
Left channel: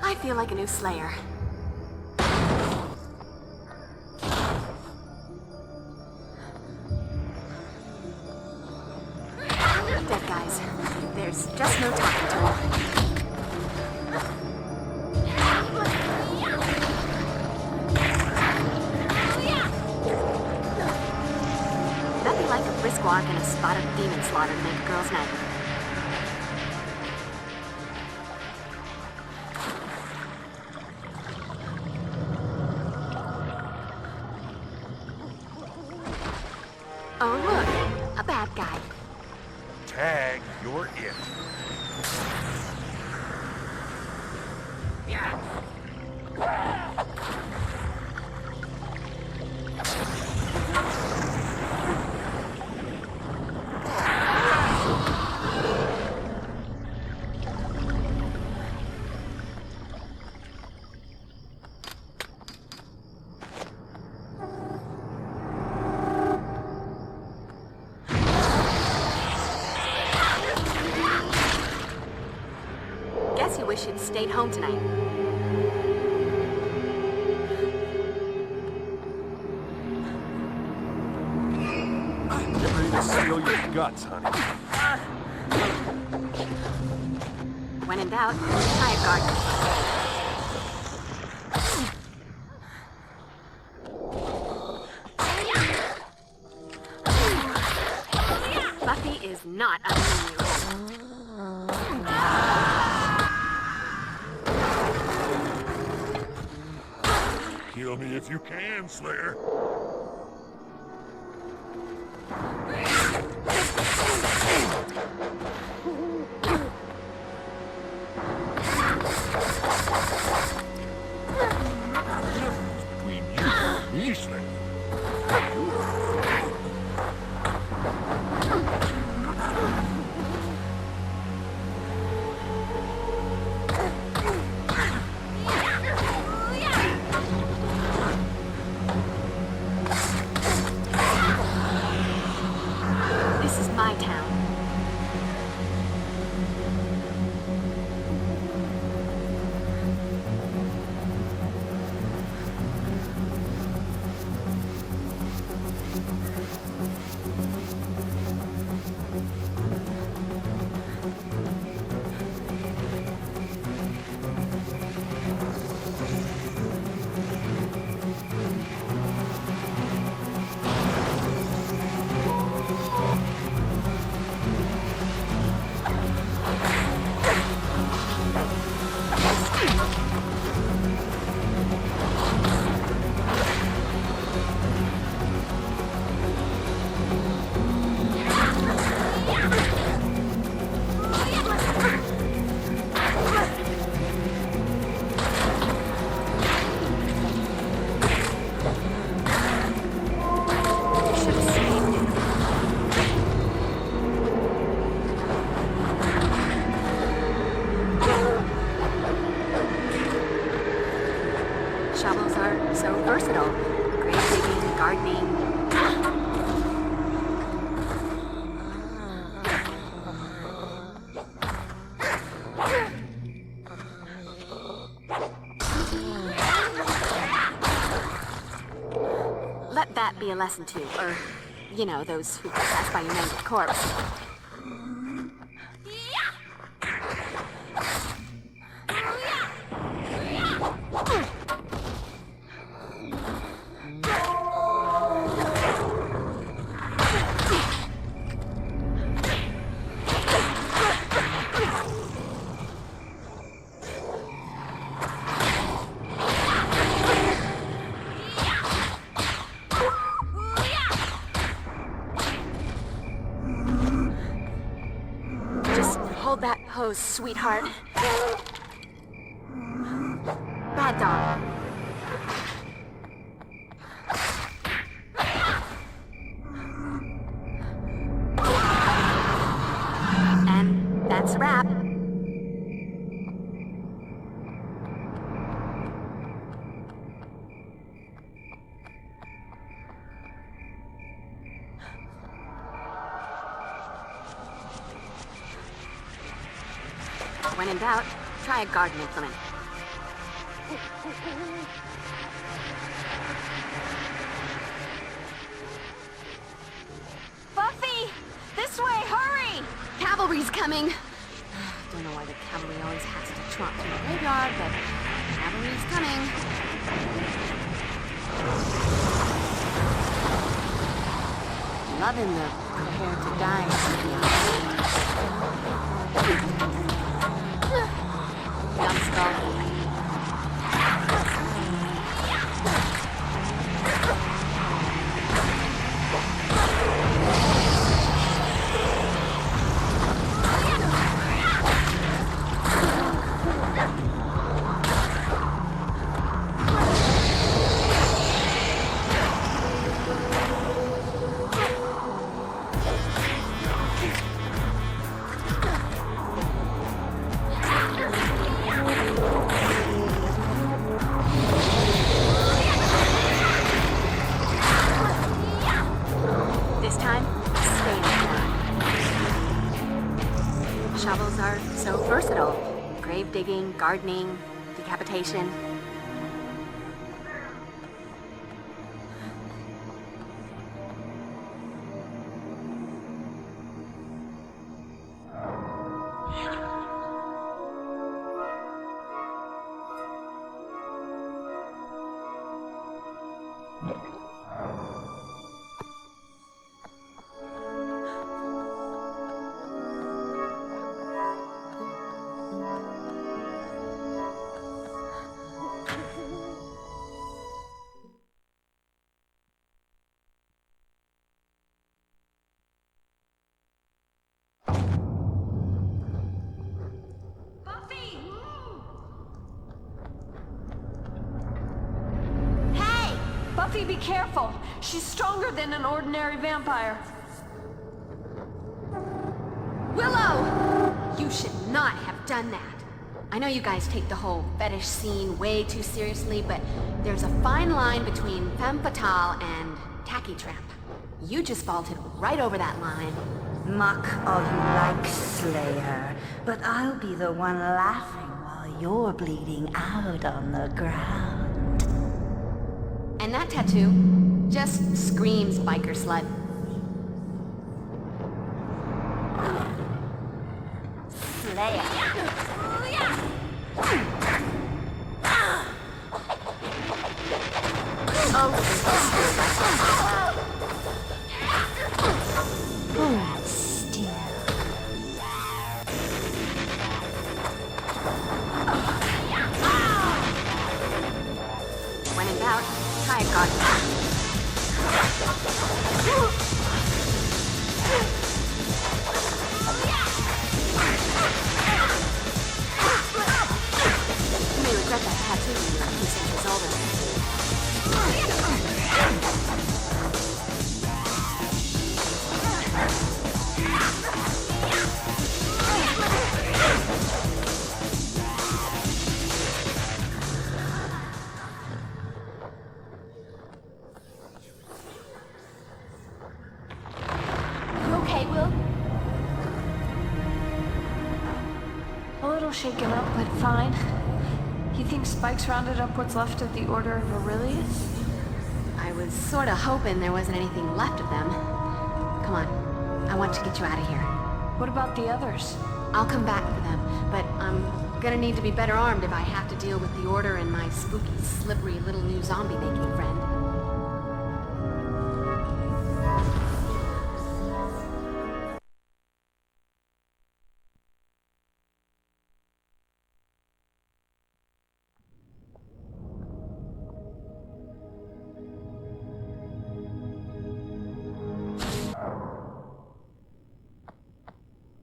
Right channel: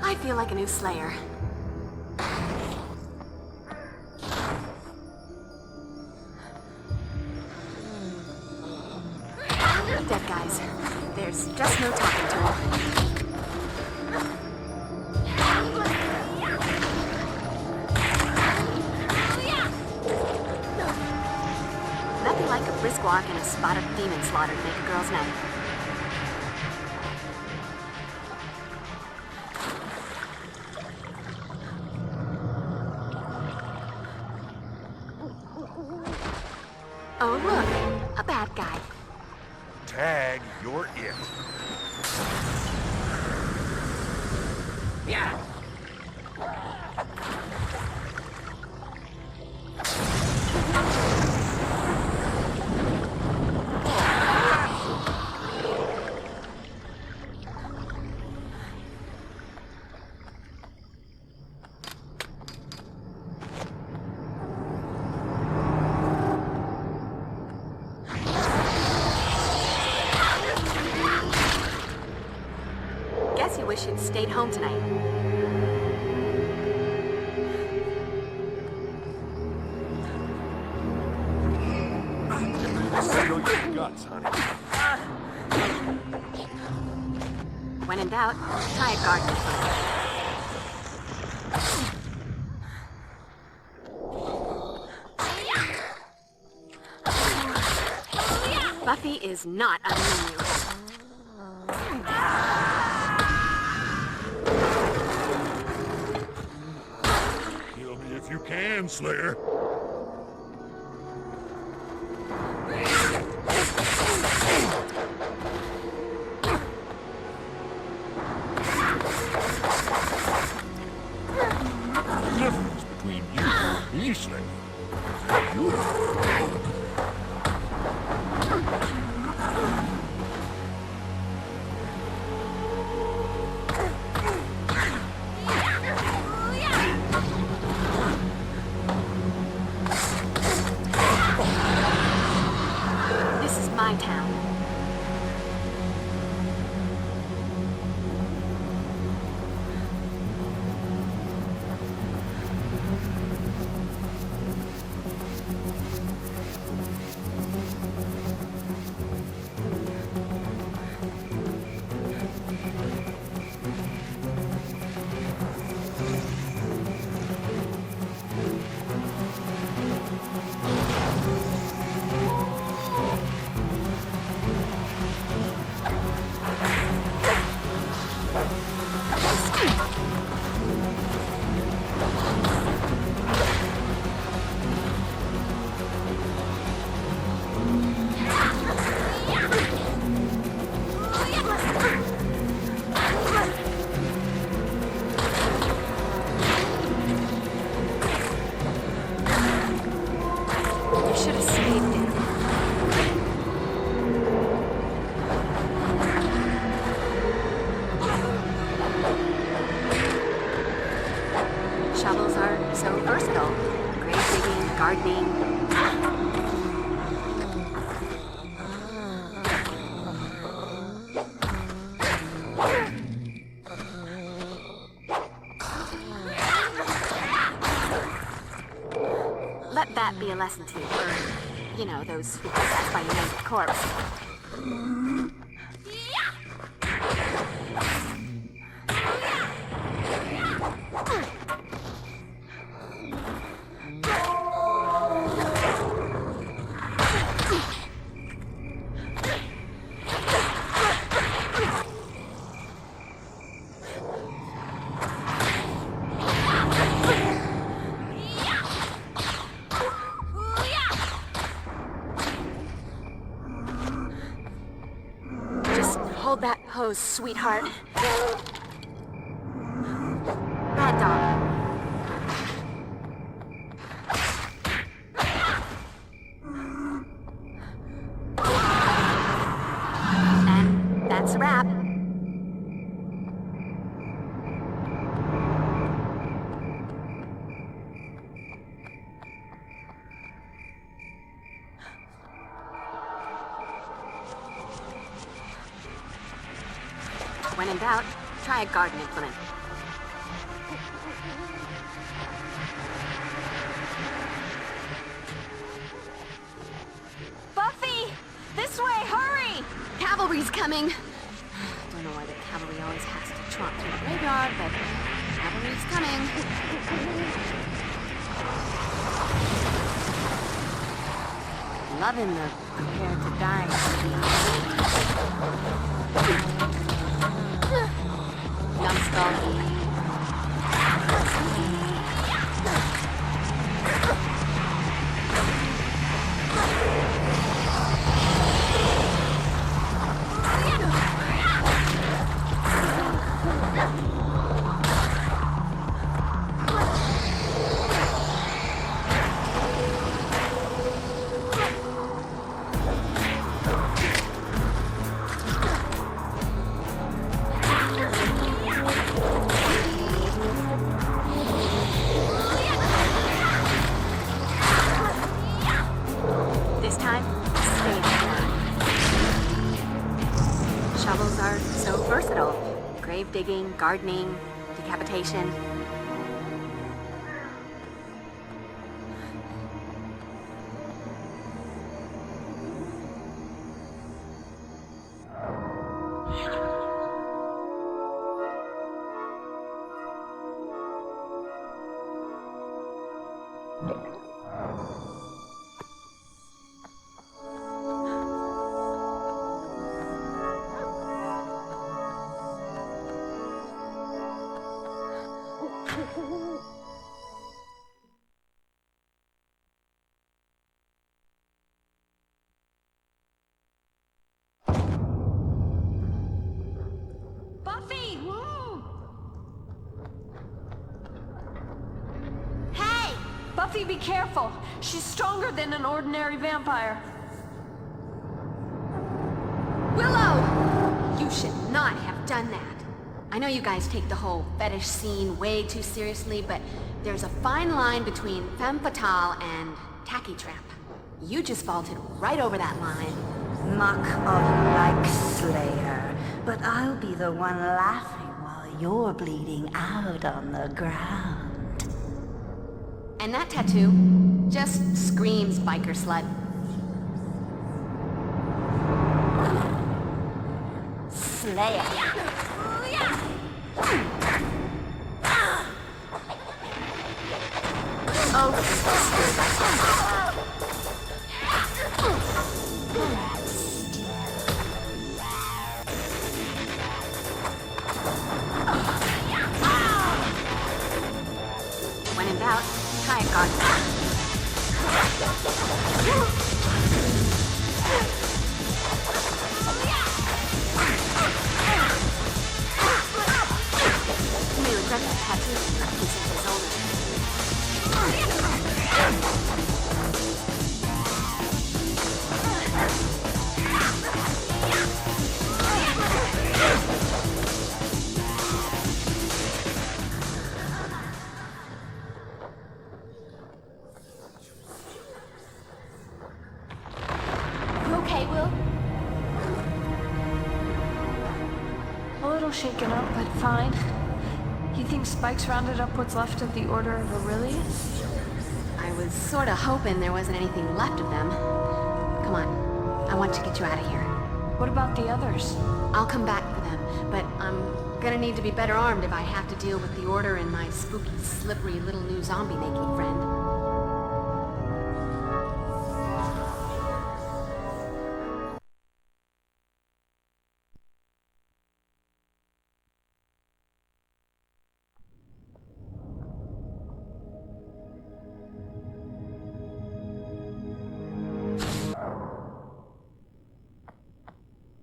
I feel like a new Slayer. Dead guys. There's just no talking to them. Nothing like a brisk walk and a spot of demon slaughter to make a girl's night. Oh, look. A bad guy. Tag, you're it. Yeah. Guess you wish you'd stayed home tonight. I'm ready to seal your guts, honey. When in doubt, try a garden. Buffy is not on the menu. Kill me if you can, Slayer. Between you and me, Slayer. This is my town. Shovels are so versatile. Grave digging, gardening. that be a lesson to, or, you know, those who pass by your mangled corpse. Hold that pose, sweetheart. Bad dog. And that's a wrap. When in doubt, try a garden implement. Buffy! This way, hurry! Cavalry's coming! Don't know why the cavalry always has to trot through the graveyard, but cavalry's coming. Loving the prepare to die. Numbskull. Shovels are so versatile. Grave digging, gardening, decapitation. Buffy, be careful. She's stronger than an ordinary vampire. Willow! You should not have done that. I know you guys take the whole fetish scene way too seriously, but there's a fine line between femme fatale and tacky trap. You just vaulted right over that line. Mock all you like, Slayer, but I'll be the one laughing while you're bleeding out on the ground. And that tattoo just screams biker slut. Slayer. When in doubt, try a garden. You may regret that tattoo when you're 15 years older. You okay, Will? A little shaken up, but fine. You think Spike's rounded up what's left of the Order of Aurelius? I was sorta hoping there wasn't anything left of them. Come on, I want to get you out of here. What about the others? I'll come back for them, but I'm gonna need to be better armed if I have to deal with the Order and my spooky, slippery little new zombie-making friend.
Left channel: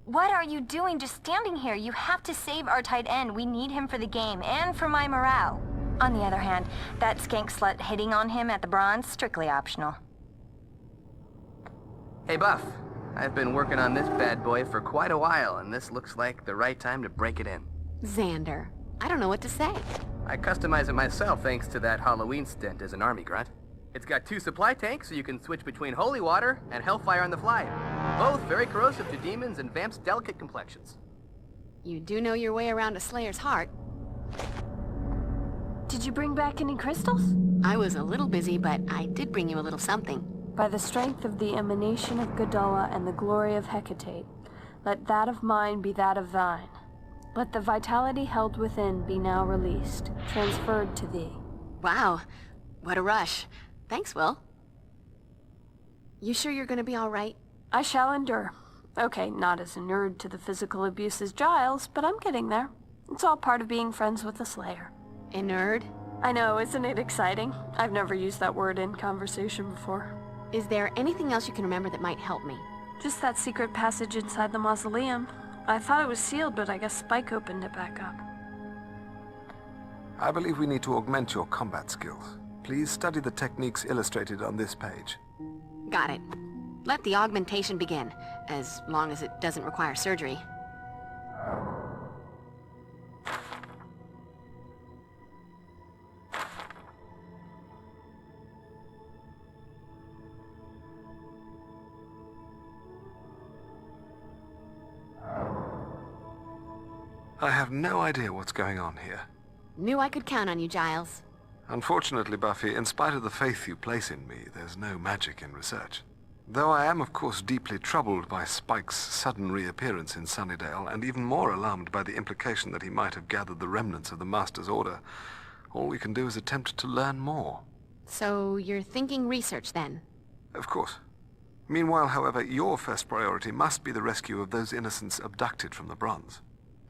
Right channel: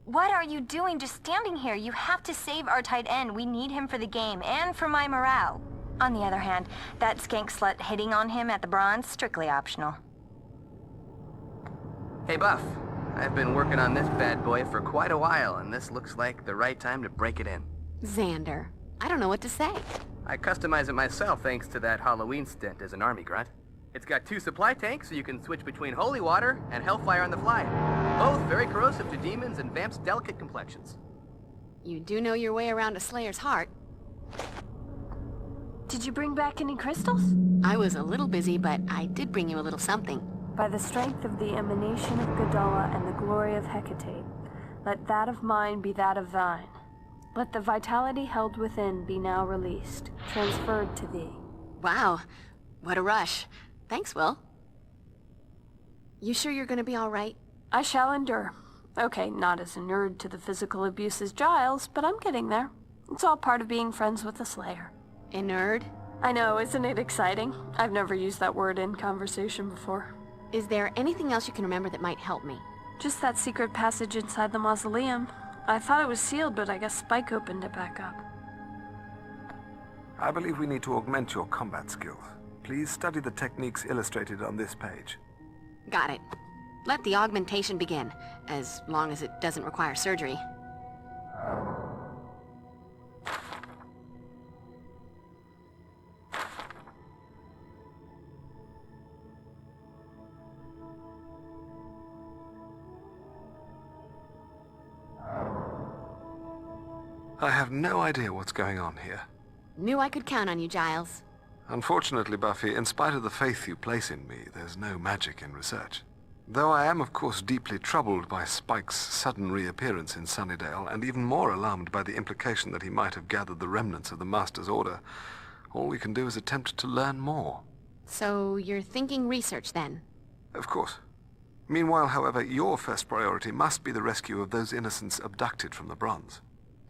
What are you doing just standing here? You have to save our tight end. We need him for the game and for my morale. On the other hand, that skank slut hitting on him at the bronze, strictly optional. Hey, Buff. I've been working on this bad boy for quite a while, and this looks like the right time to break it in. Xander, I don't know what to say. I customize it myself thanks to that Halloween stint as an army grunt. It's got 2 supply tanks, so you can switch between holy water and hellfire on the fly. Both very corrosive to demons and vamps' delicate complexions. You do know your way around a Slayer's heart. Did you bring back any crystals? I was a little busy, but I did bring you a little something. By the strength of the emanation of Godala and the glory of Hecate, let that of mine be that of thine. Let the vitality held within be now released, transferred to thee. Wow, what a rush. Thanks, Will. You sure you're gonna be all right? I shall endure. Okay, not as inured to the physical abuse as Giles, but I'm getting there. It's all part of being friends with the Slayer. Inured? I know, isn't it exciting? I've never used that word in conversation before. Is there anything else you can remember that might help me? Just that secret passage inside the mausoleum. I thought it was sealed, but I guess Spike opened it back up. I believe we need to augment your combat skills. Please study the techniques illustrated on this page. Got it. Let the augmentation begin, as long as it doesn't require surgery. I have no idea what's going on here. Knew I could count on you, Giles. Unfortunately, Buffy, in spite of the faith you place in me, there's no magic in research. Though I am, of course, deeply troubled by Spike's sudden reappearance in Sunnydale, and even more alarmed by the implication that he might have gathered the remnants of the Master's order, all we can do is attempt to learn more. So you're thinking research, then? Of course. Meanwhile, however, your first priority must be the rescue of those innocents abducted from the Bronze.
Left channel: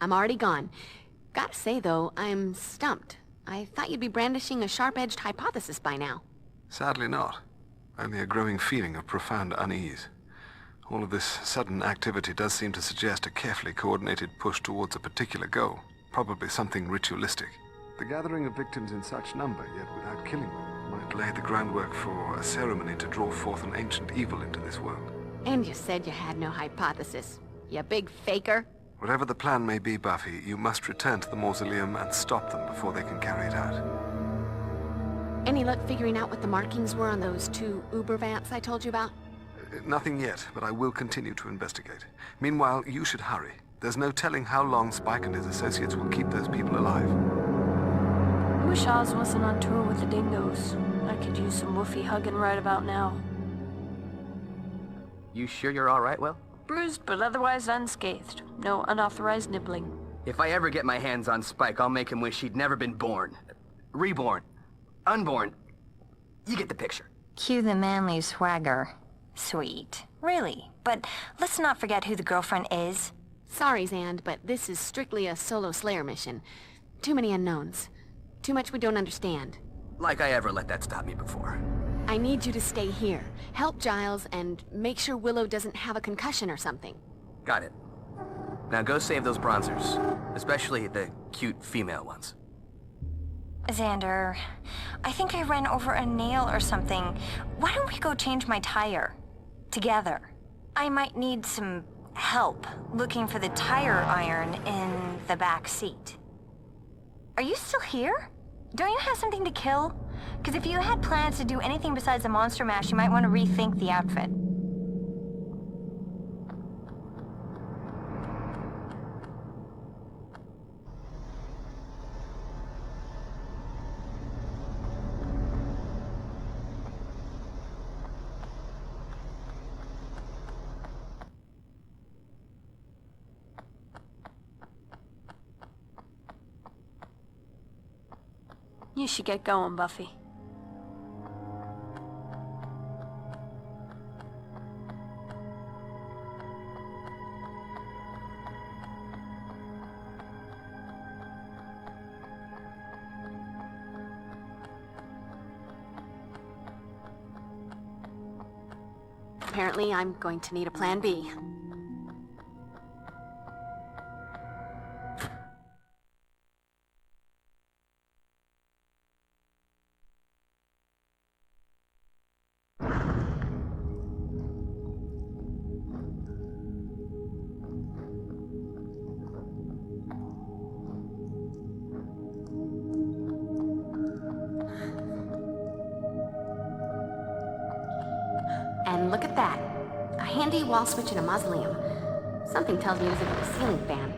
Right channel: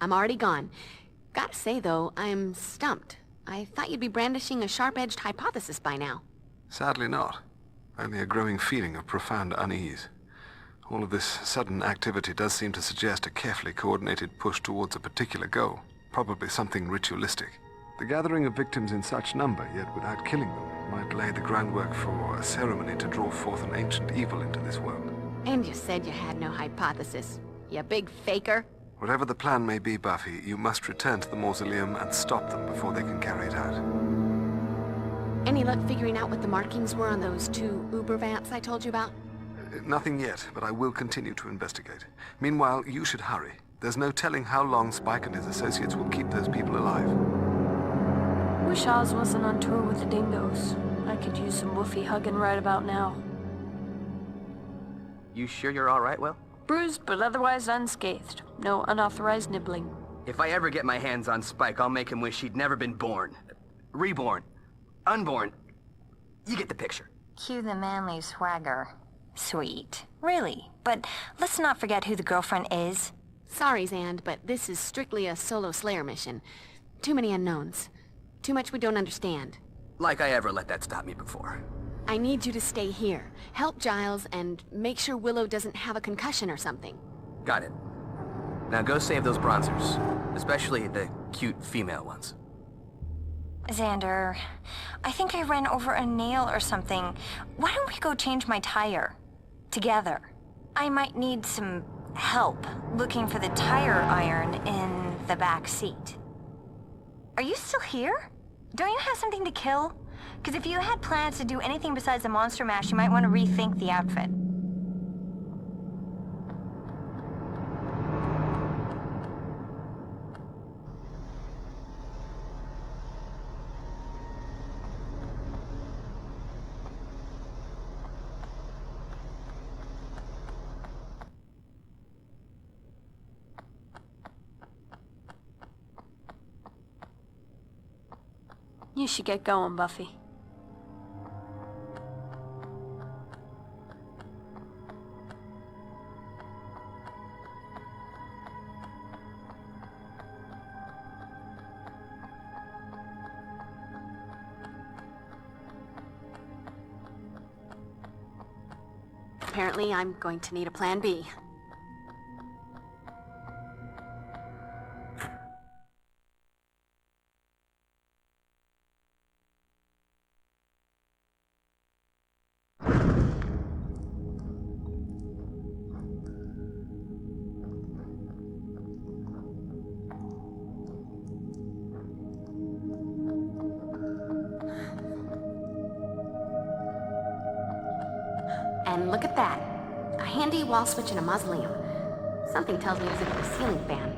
I'm already gone. Gotta say, though, I'm stumped. I thought you'd be brandishing a sharp-edged hypothesis by now. Sadly not. Only a growing feeling of profound unease. All of this sudden activity does seem to suggest a carefully coordinated push towards a particular goal, probably something ritualistic. The gathering of victims in such number, yet without killing them, might lay the groundwork for a ceremony to draw forth an ancient evil into this world. And you said you had no hypothesis. You big faker. Whatever the plan may be, Buffy, you must return to the mausoleum and stop them before they can carry it out. Any luck figuring out what the markings were on those 2 Uber vamps I told you about? Nothing yet, but I will continue to investigate. Meanwhile, you should hurry. There's no telling how long Spike and his associates will keep those people alive. I wish Oz wasn't on tour with the dingoes. I could use some woofy hugging right about now. You sure you're all right, Will? Bruised, but otherwise unscathed. No unauthorized nibbling. If I ever get my hands on Spike, I'll make him wish he'd never been born. Reborn. Unborn. You get the picture. Cue the manly swagger. Sweet. Really. But let's not forget who the girlfriend is. Sorry, Xand, but this is strictly a solo Slayer mission. Too many unknowns. Too much we don't understand. Like I ever let that stop me before. I need you to stay here. Help Giles, and make sure Willow doesn't have a concussion or something. Got it. Now go save those bronzers. Especially the cute female ones. Xander, I think I ran over a nail or something. Why don't we go change my tire? Together. I might need some help looking for the tire iron in the back seat. Are you still here? Don't you have something to kill? Because if you had plans to do anything besides the monster mash, you might want to rethink the outfit. You should get going, Buffy. Apparently, I'm going to need a plan B. And look at that. A handy wall switch in a mausoleum. Something tells me it was a ceiling fan.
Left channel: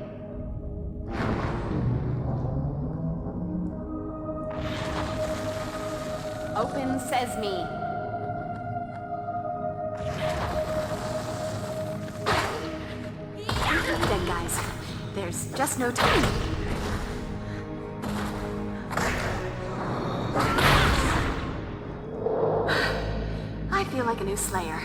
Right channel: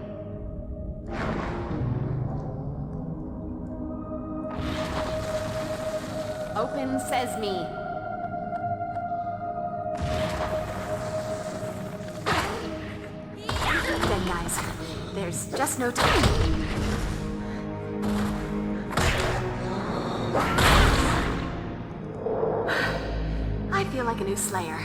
Open sesame. Dead guys. There's just no time. I feel like a new Slayer.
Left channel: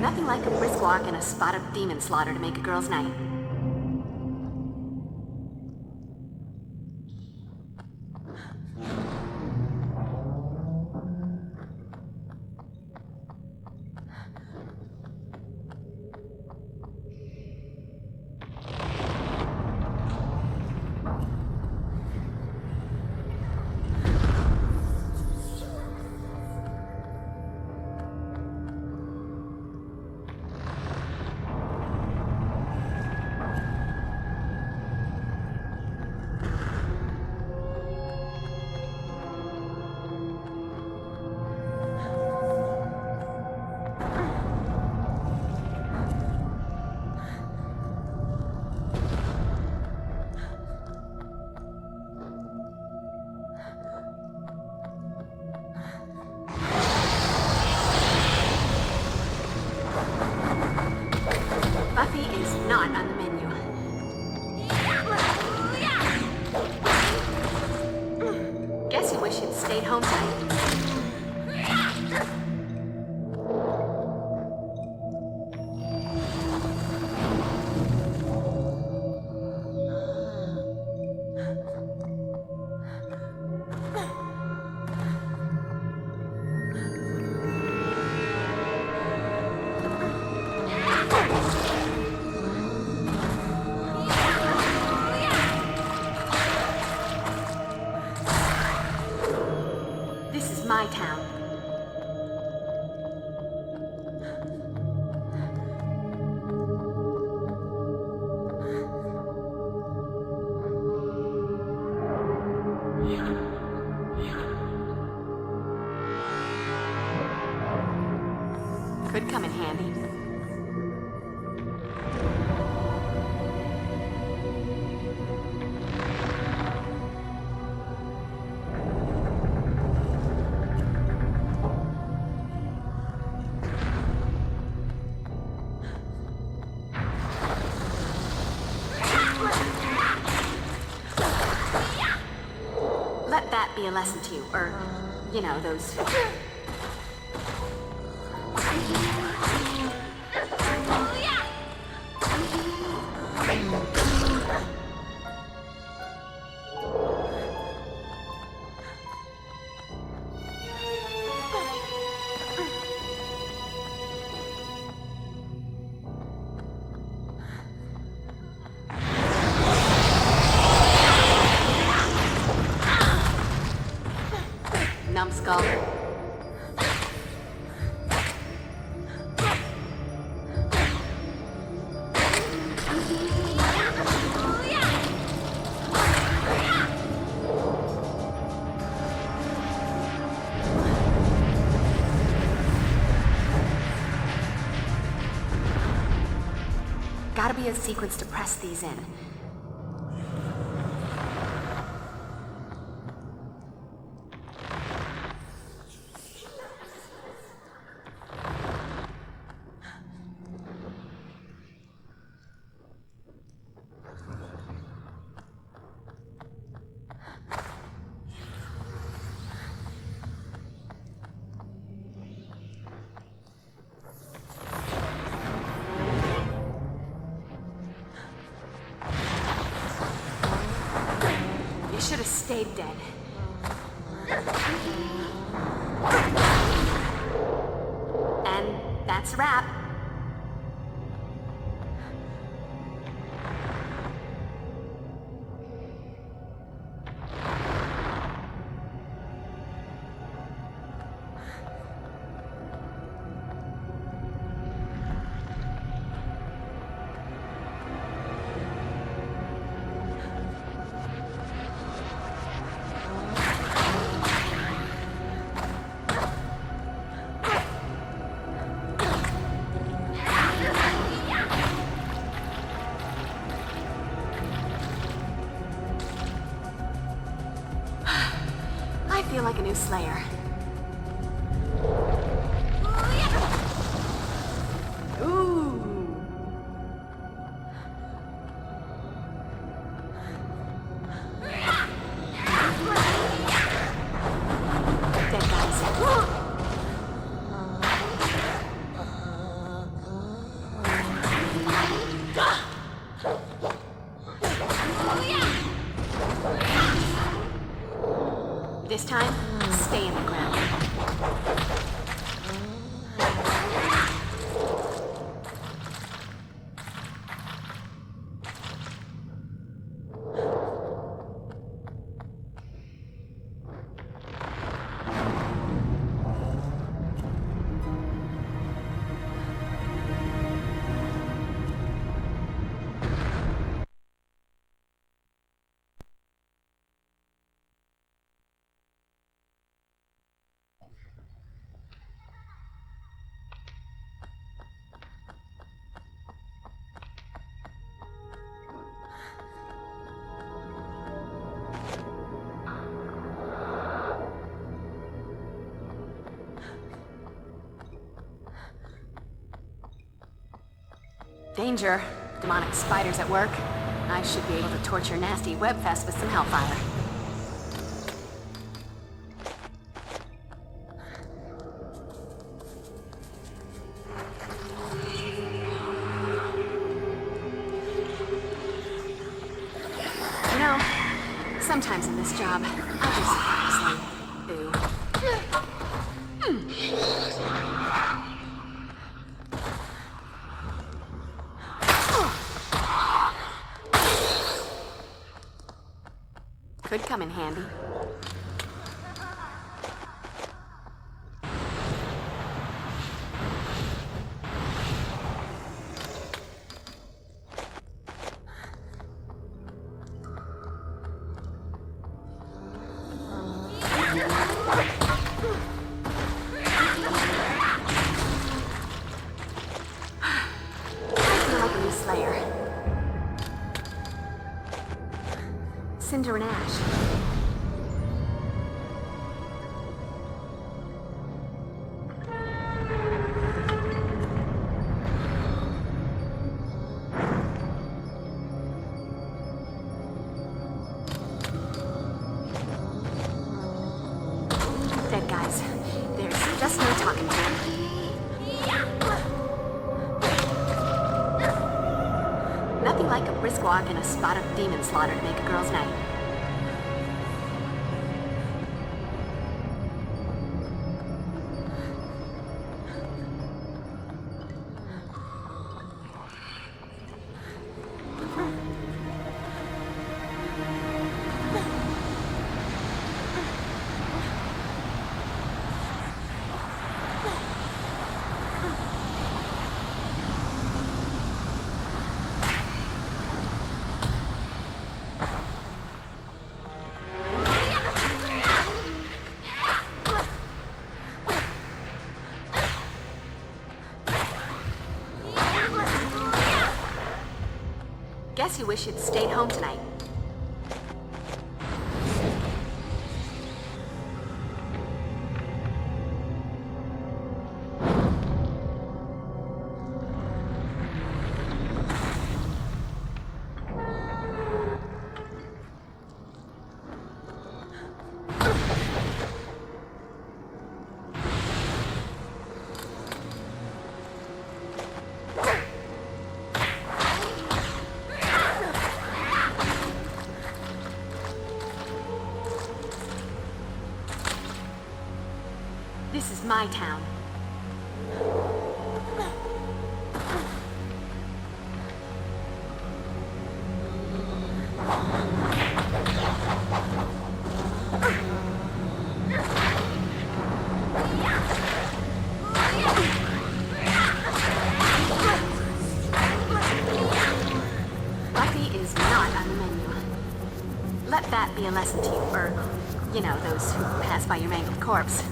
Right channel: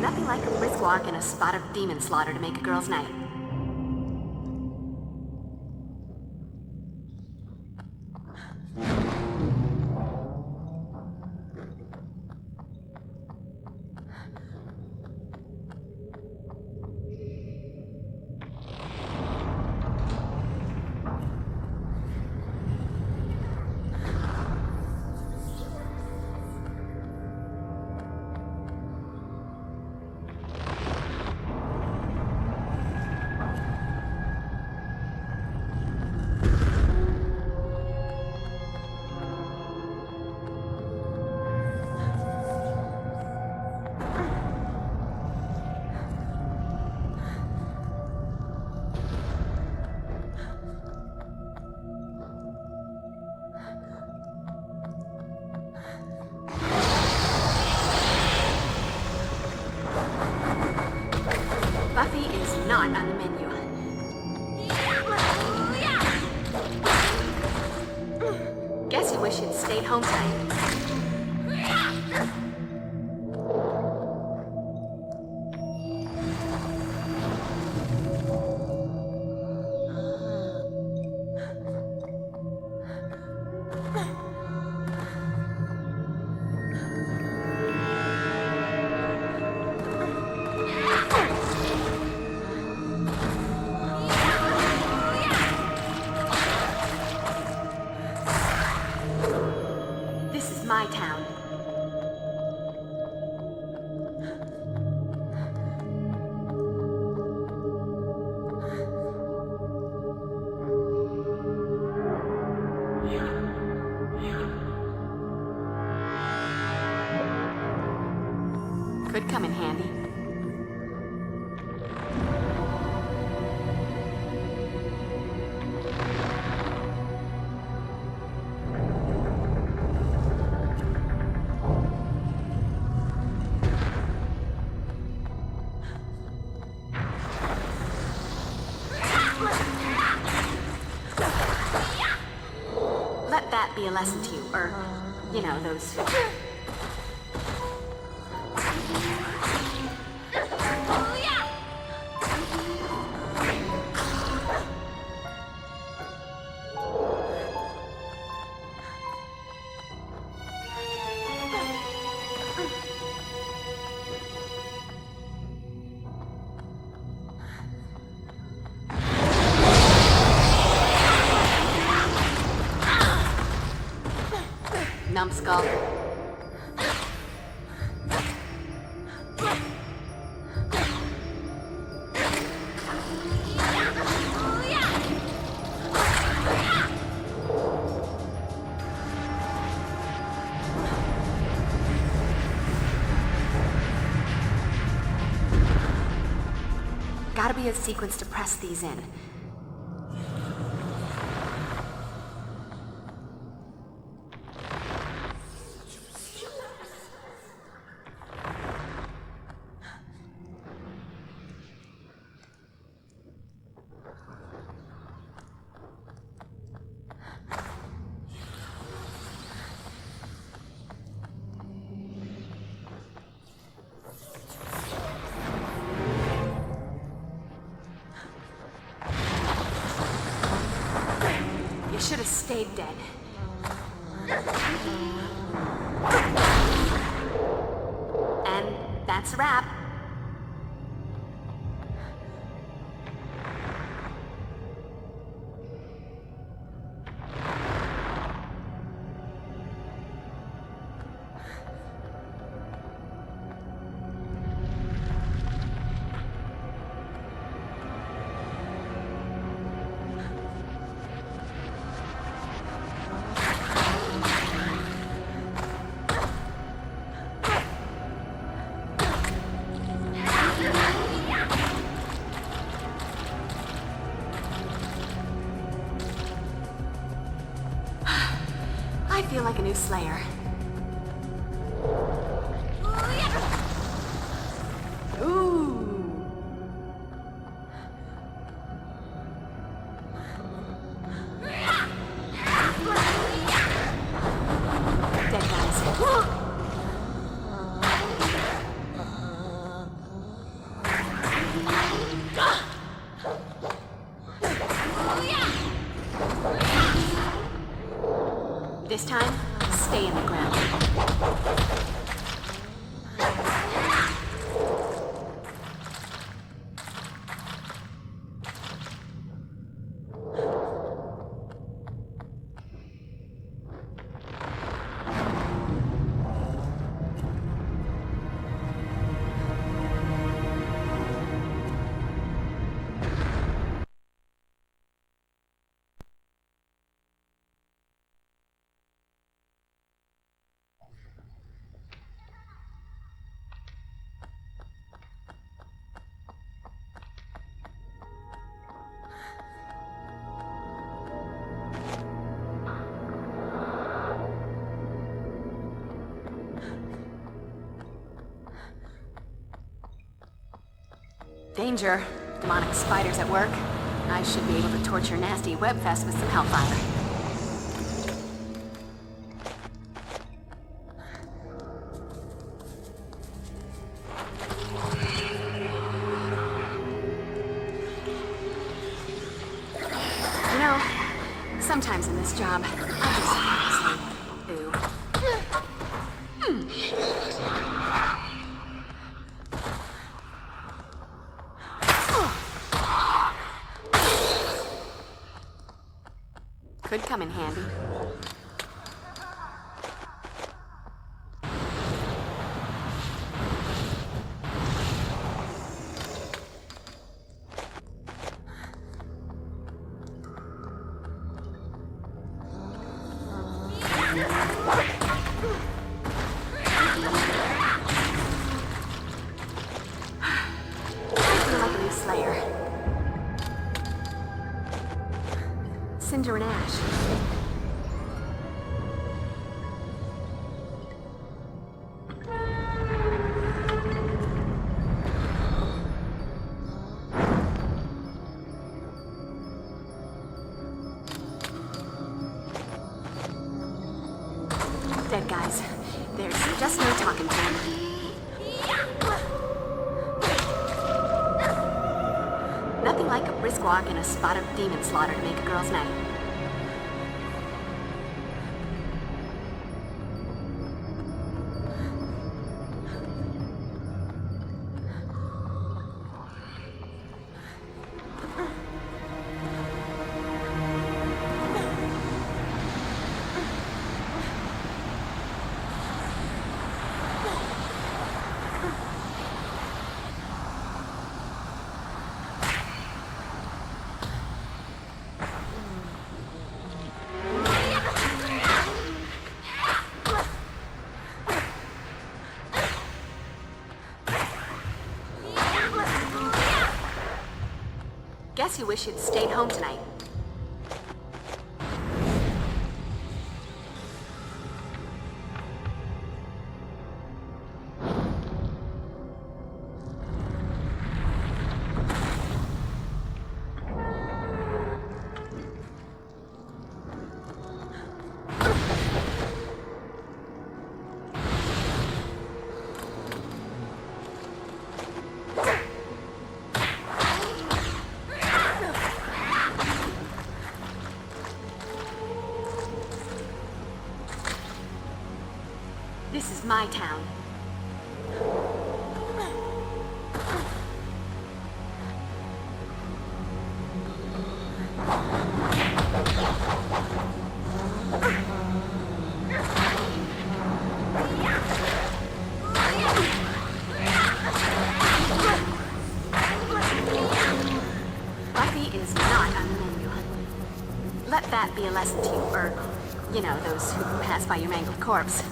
Nothing like a brisk walk and a spot of demon slaughter to make a girl's night. Buffy is not on the menu. Guess you wish you'd stayed home tonight. This is my town. Could come in handy. Let that be a lesson to you, or, you know, those who... Numbskull. gotta be a sequence to press these in. Should have stayed dead. And that's a wrap. I feel like a new Slayer. Ooh. Dead guys. This time, stay in the ground. Danger. Demonic spiders at work. I should be able to torture nasty webfest with some hellfire. You know, sometimes in this job, I just ooh. Could come in handy. Cinder and ash. Dead guys. There's just no talking to them. Nothing like a brisk walk and a spot of demon slaughter to make a girl's night. Guess you wish you'd stayed home tonight. This is my town. Buffy is not on the menu. Let that be a lesson to you, or, you know, those who pass by your mangled corpse.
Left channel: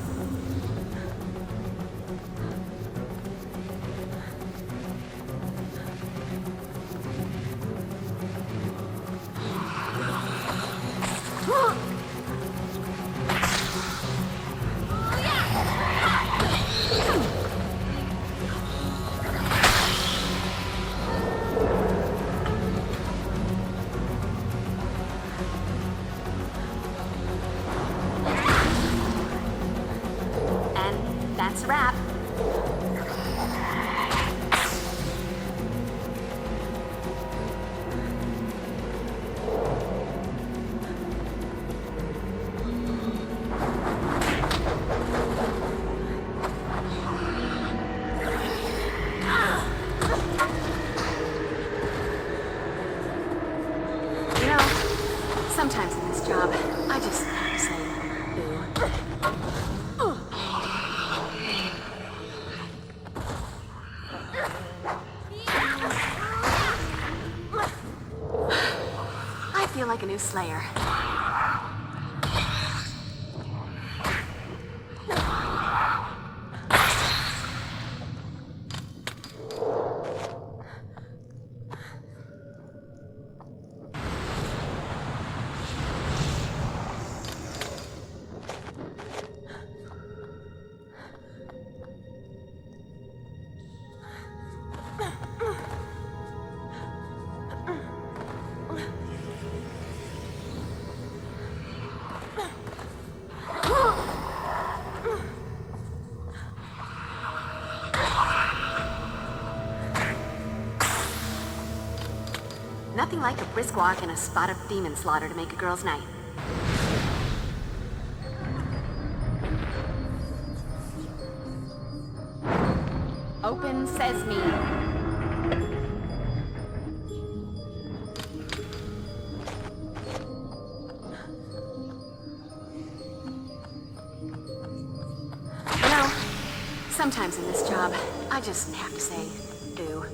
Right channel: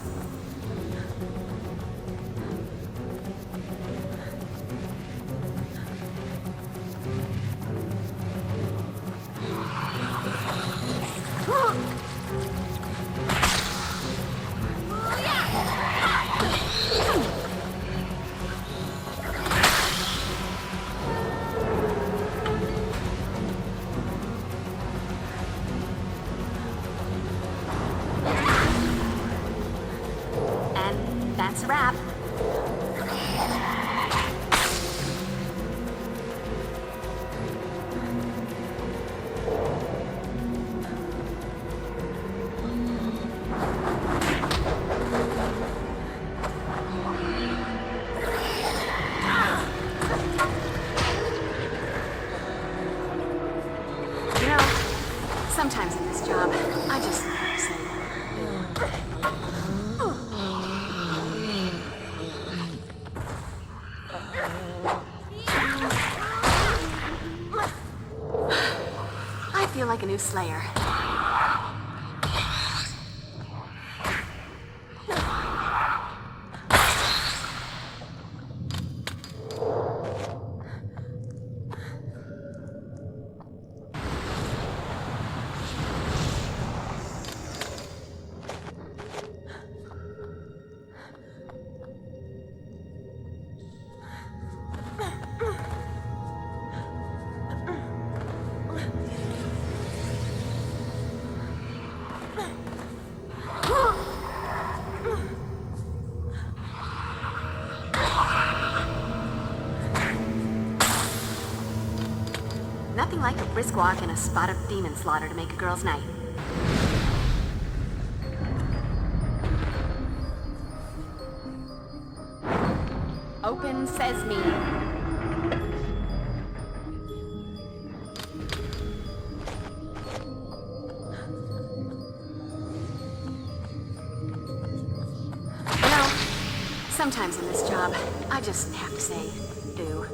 That's a wrap. You know, sometimes in this job, I just have to say, I feel like a new Slayer. Nothing like a brisk walk and a spot of demon slaughter to make a girl's night. Open sesame. You know, sometimes in this job, I just have to say, boo.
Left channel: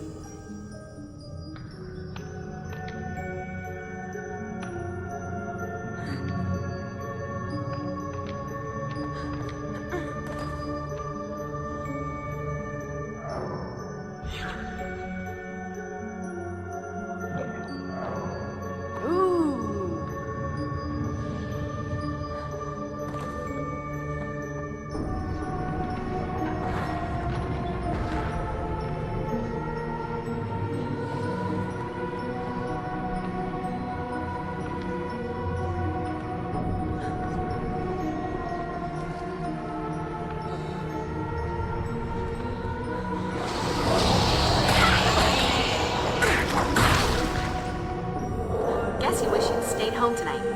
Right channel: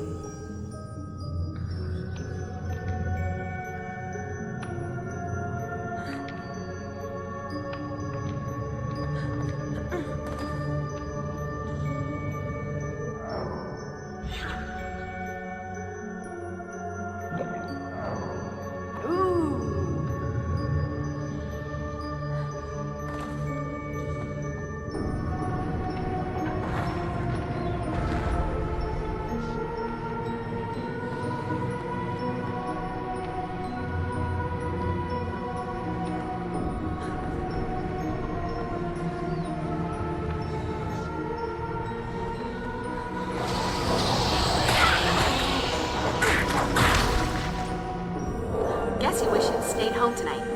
Guess you wish you'd stayed home tonight.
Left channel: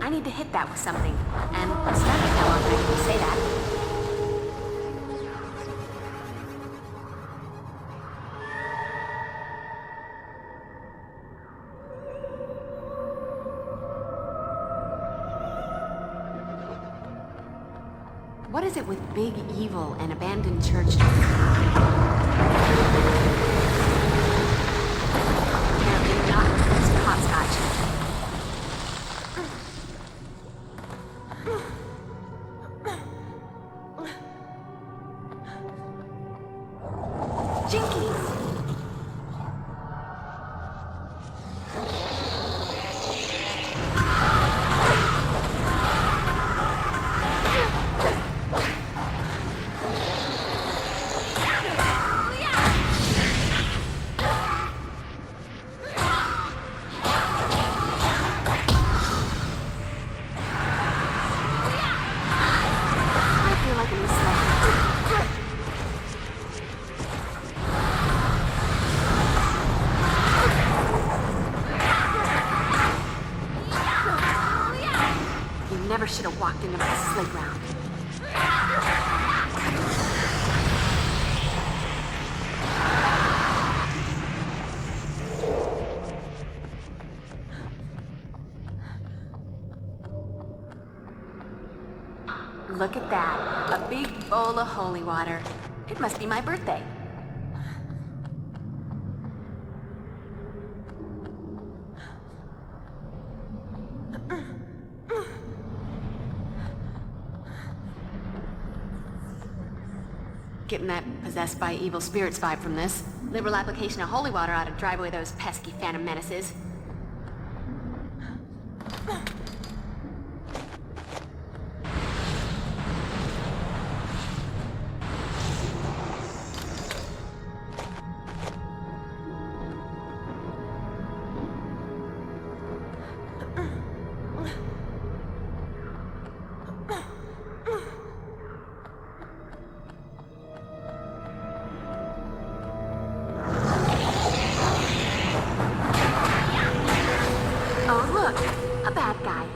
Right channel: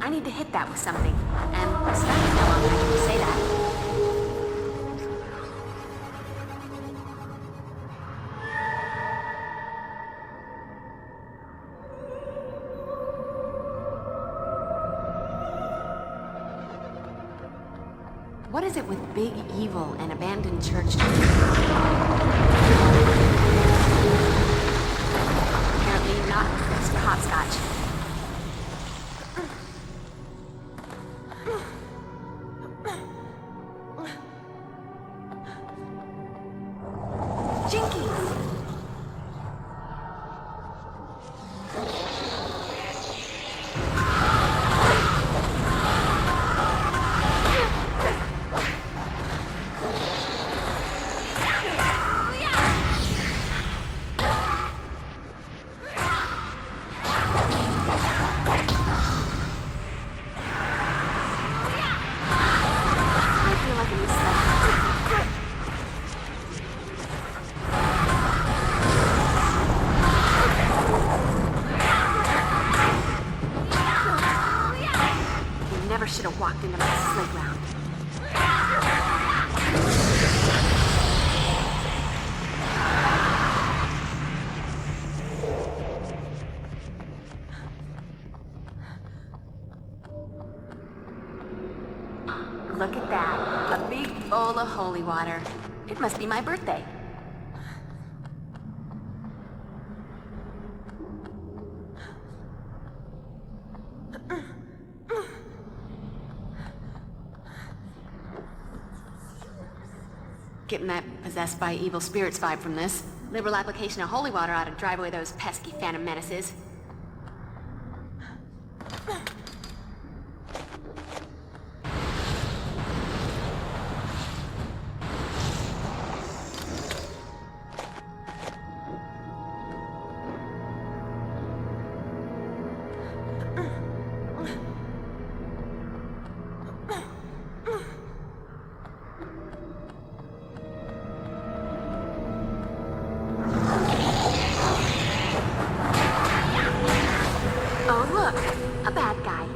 I need to hit that with something, and I'm stunning how often I can say that. What is it with big evil and abandoned churches? Apparently not hopscotch. Jinkies! Never should have walked into my playground. Look at that. A big bowl of holy water. It must be my birthday. Getting that possessed by evil spirits vibe from this. Liberal application of holy water ought to drive away those pesky phantom menaces. Oh, look! A bad guy.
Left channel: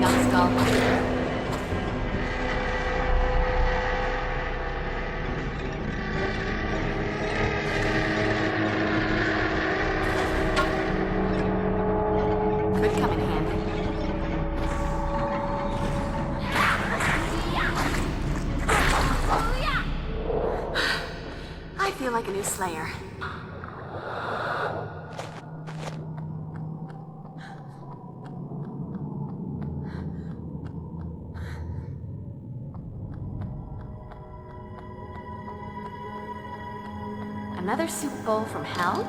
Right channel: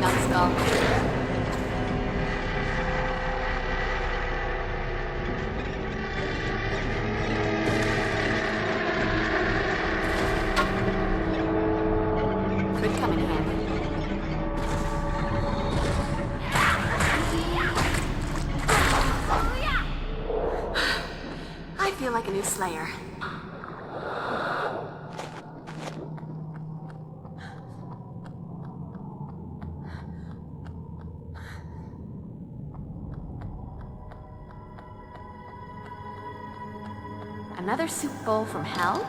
Numbskull. Could come in handy. I feel like a new Slayer. Another soup bowl from hell?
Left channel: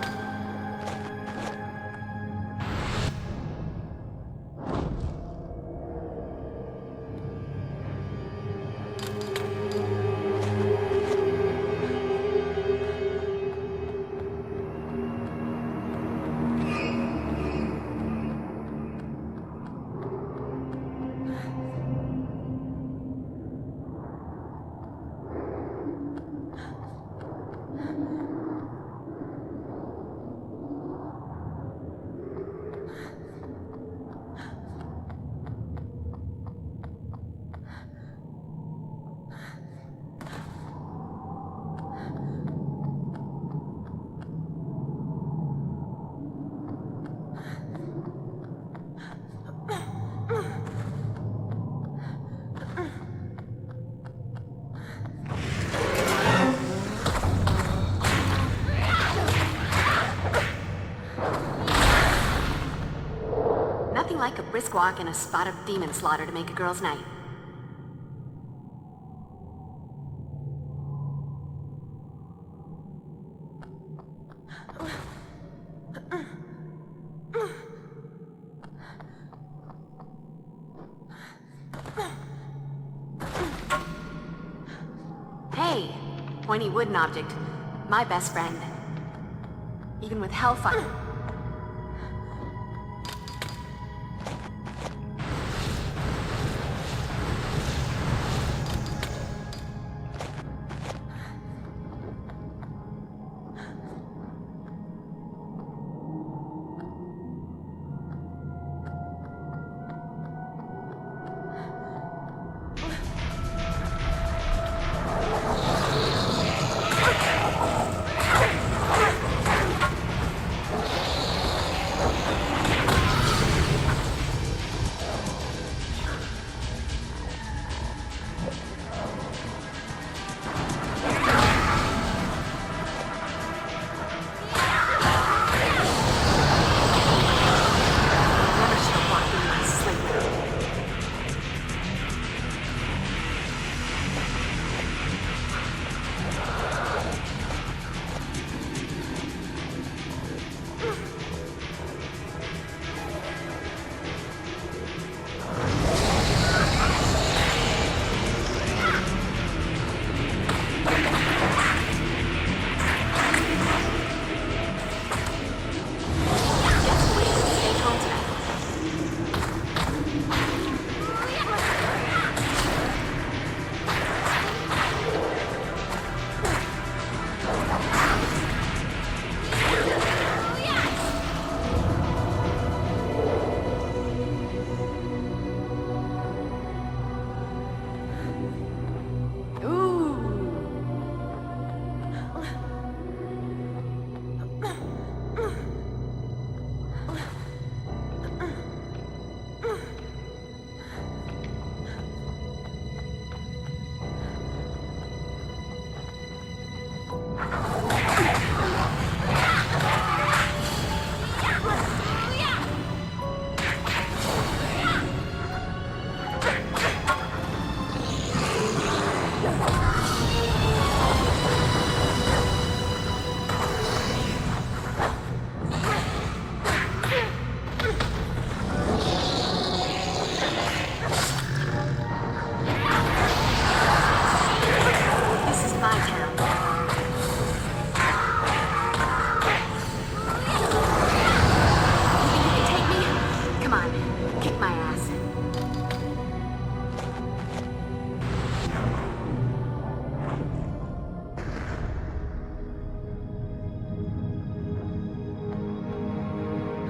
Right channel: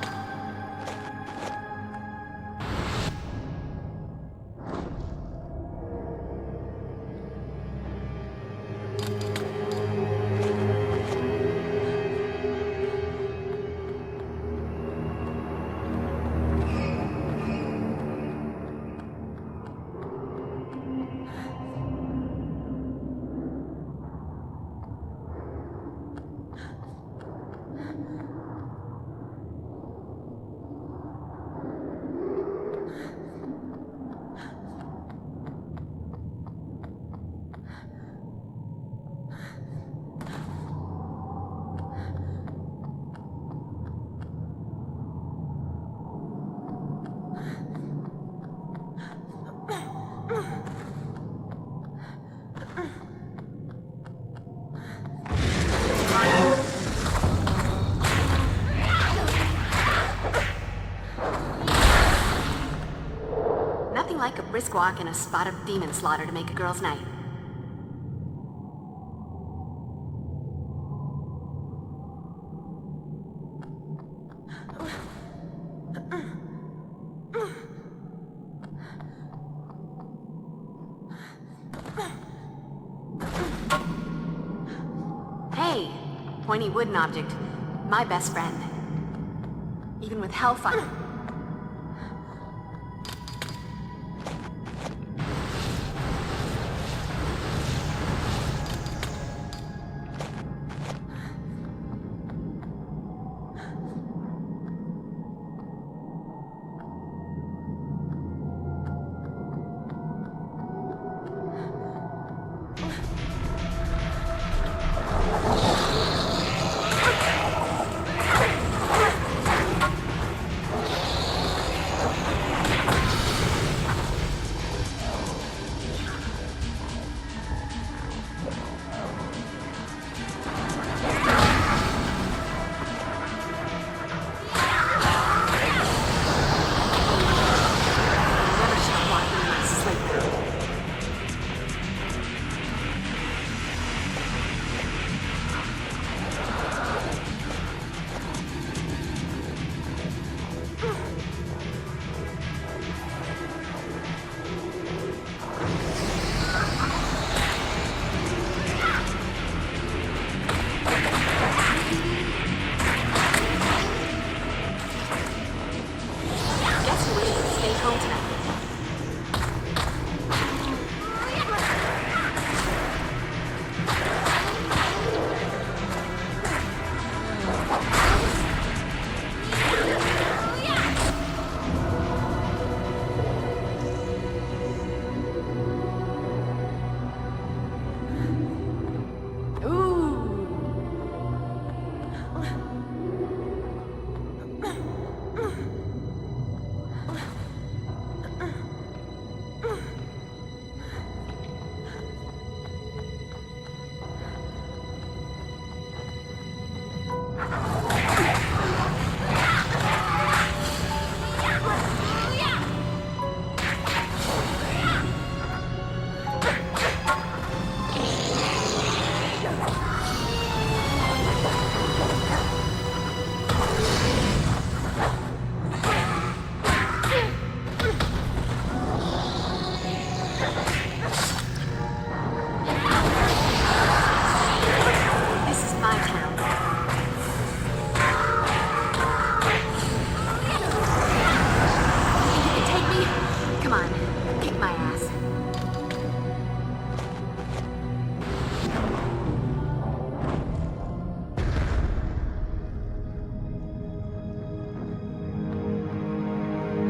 brisk walk and a spot of demon slaughter to make a girl's night. Hey, pointy wooden object. My best friend. Even with hellfire.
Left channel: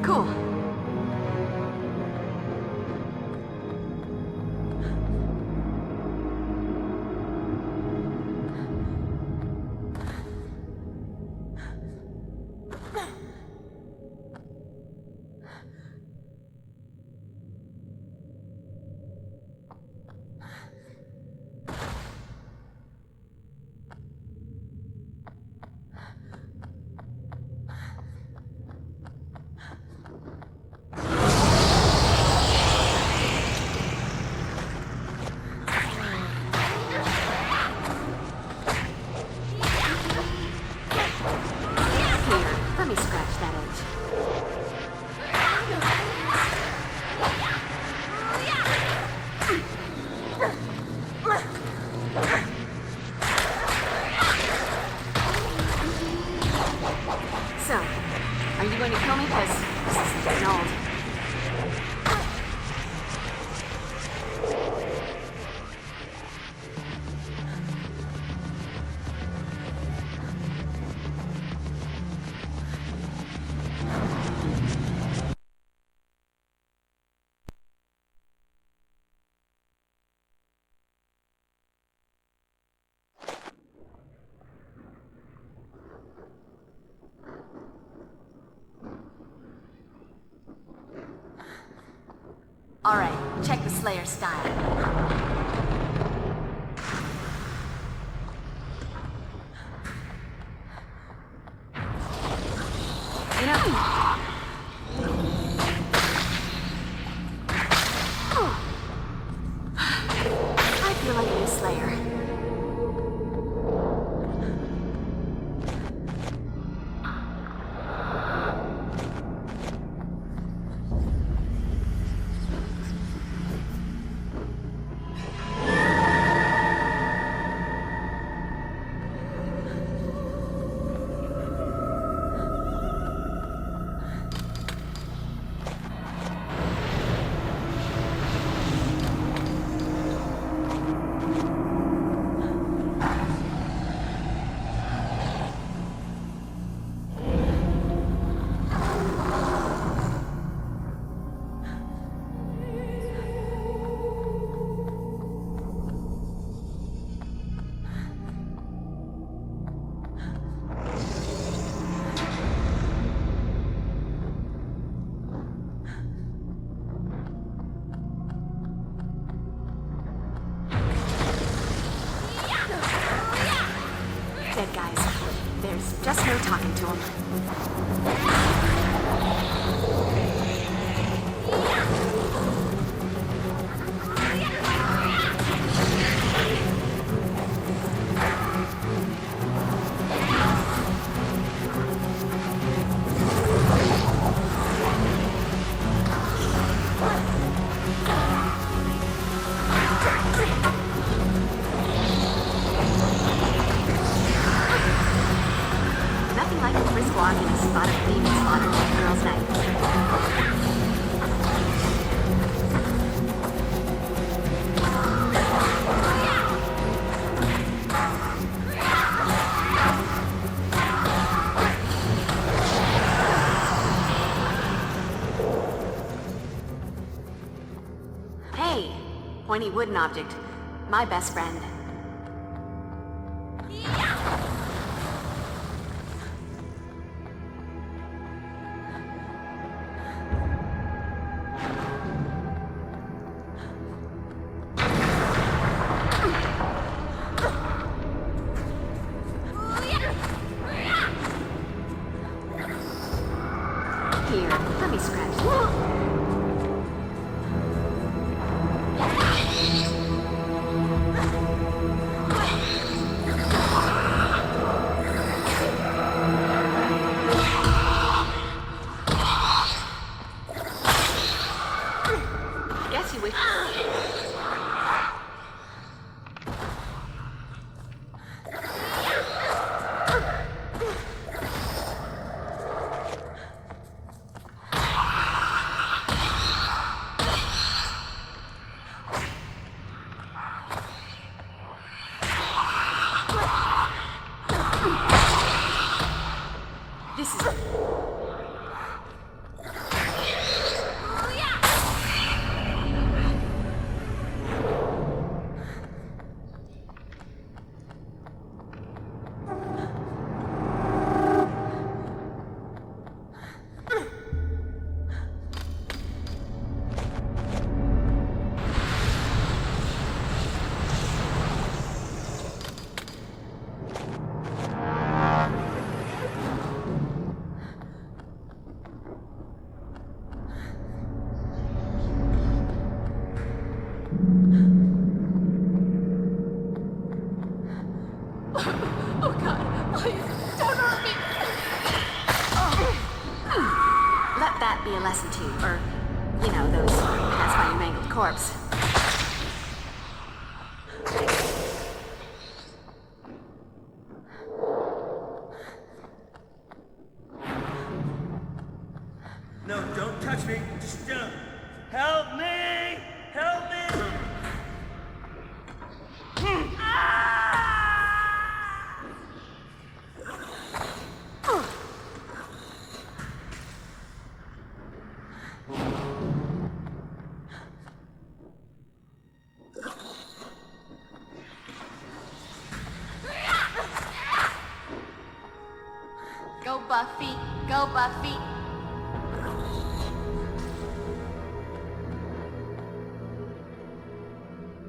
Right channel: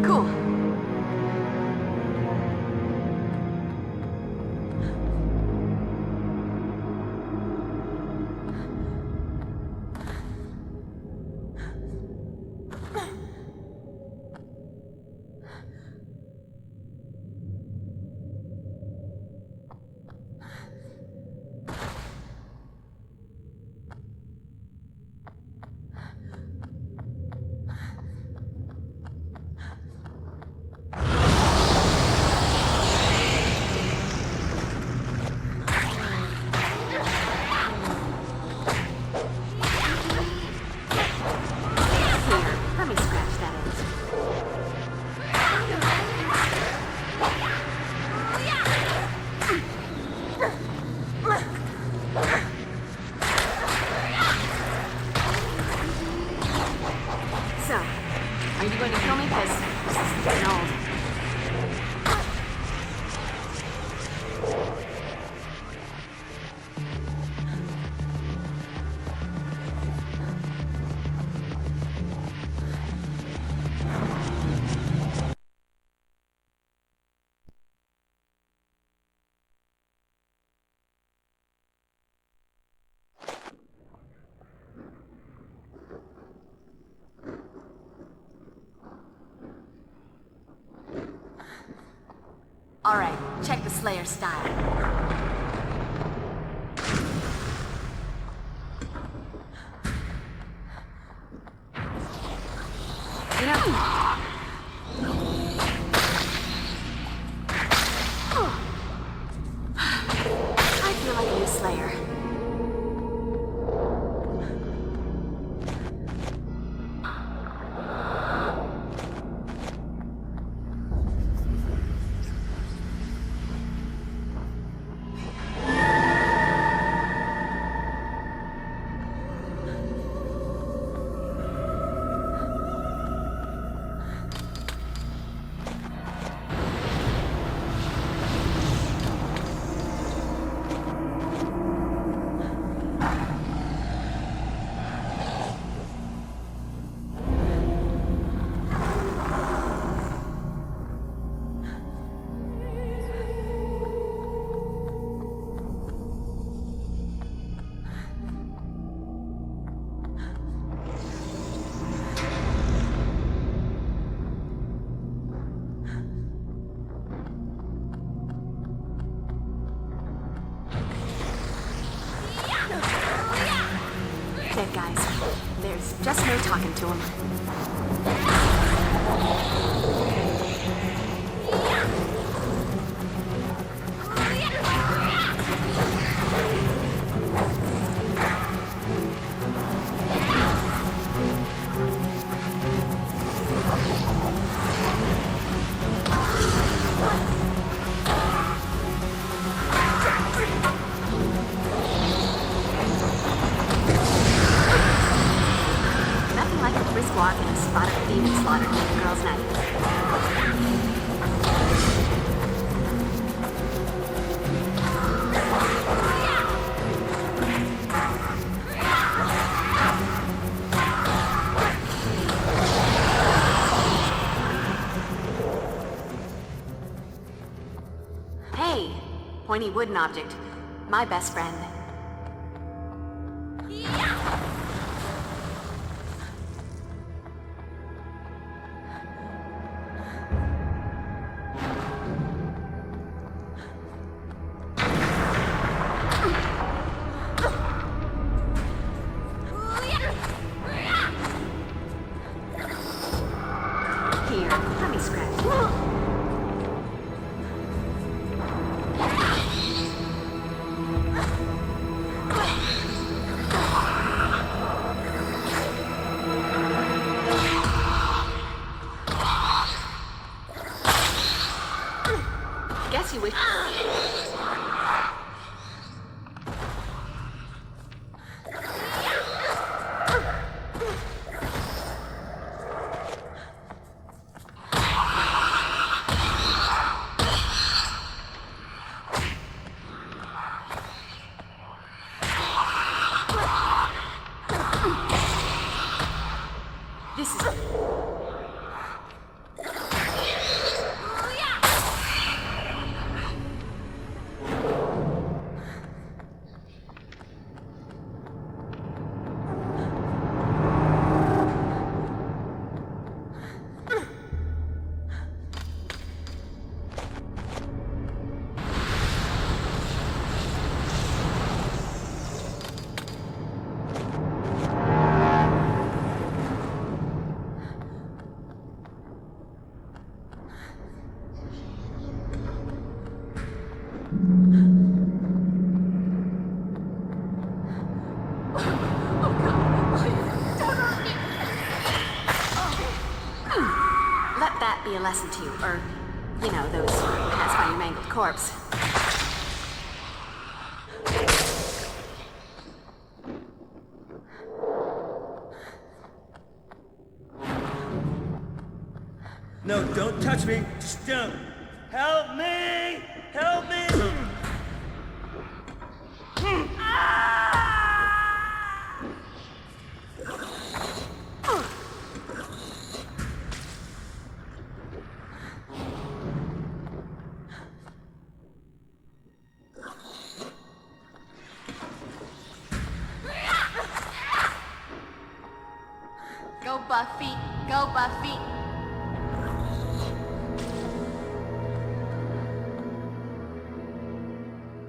Cool. All right, check the Slayer style. You know... said, guys, there's just no talking to him. Nothing like a free squad in a spot of being slaughtered on a girl's night. Hey, pointy wooden object. My best friend. Here, let me scratch you. Guess you wish. This is. Let that be a lesson to you, or, you know, those who pass by your mangled corpse. No, don't touch me. Just don't. Help me! Help me! Go Buffy! Go Buffy!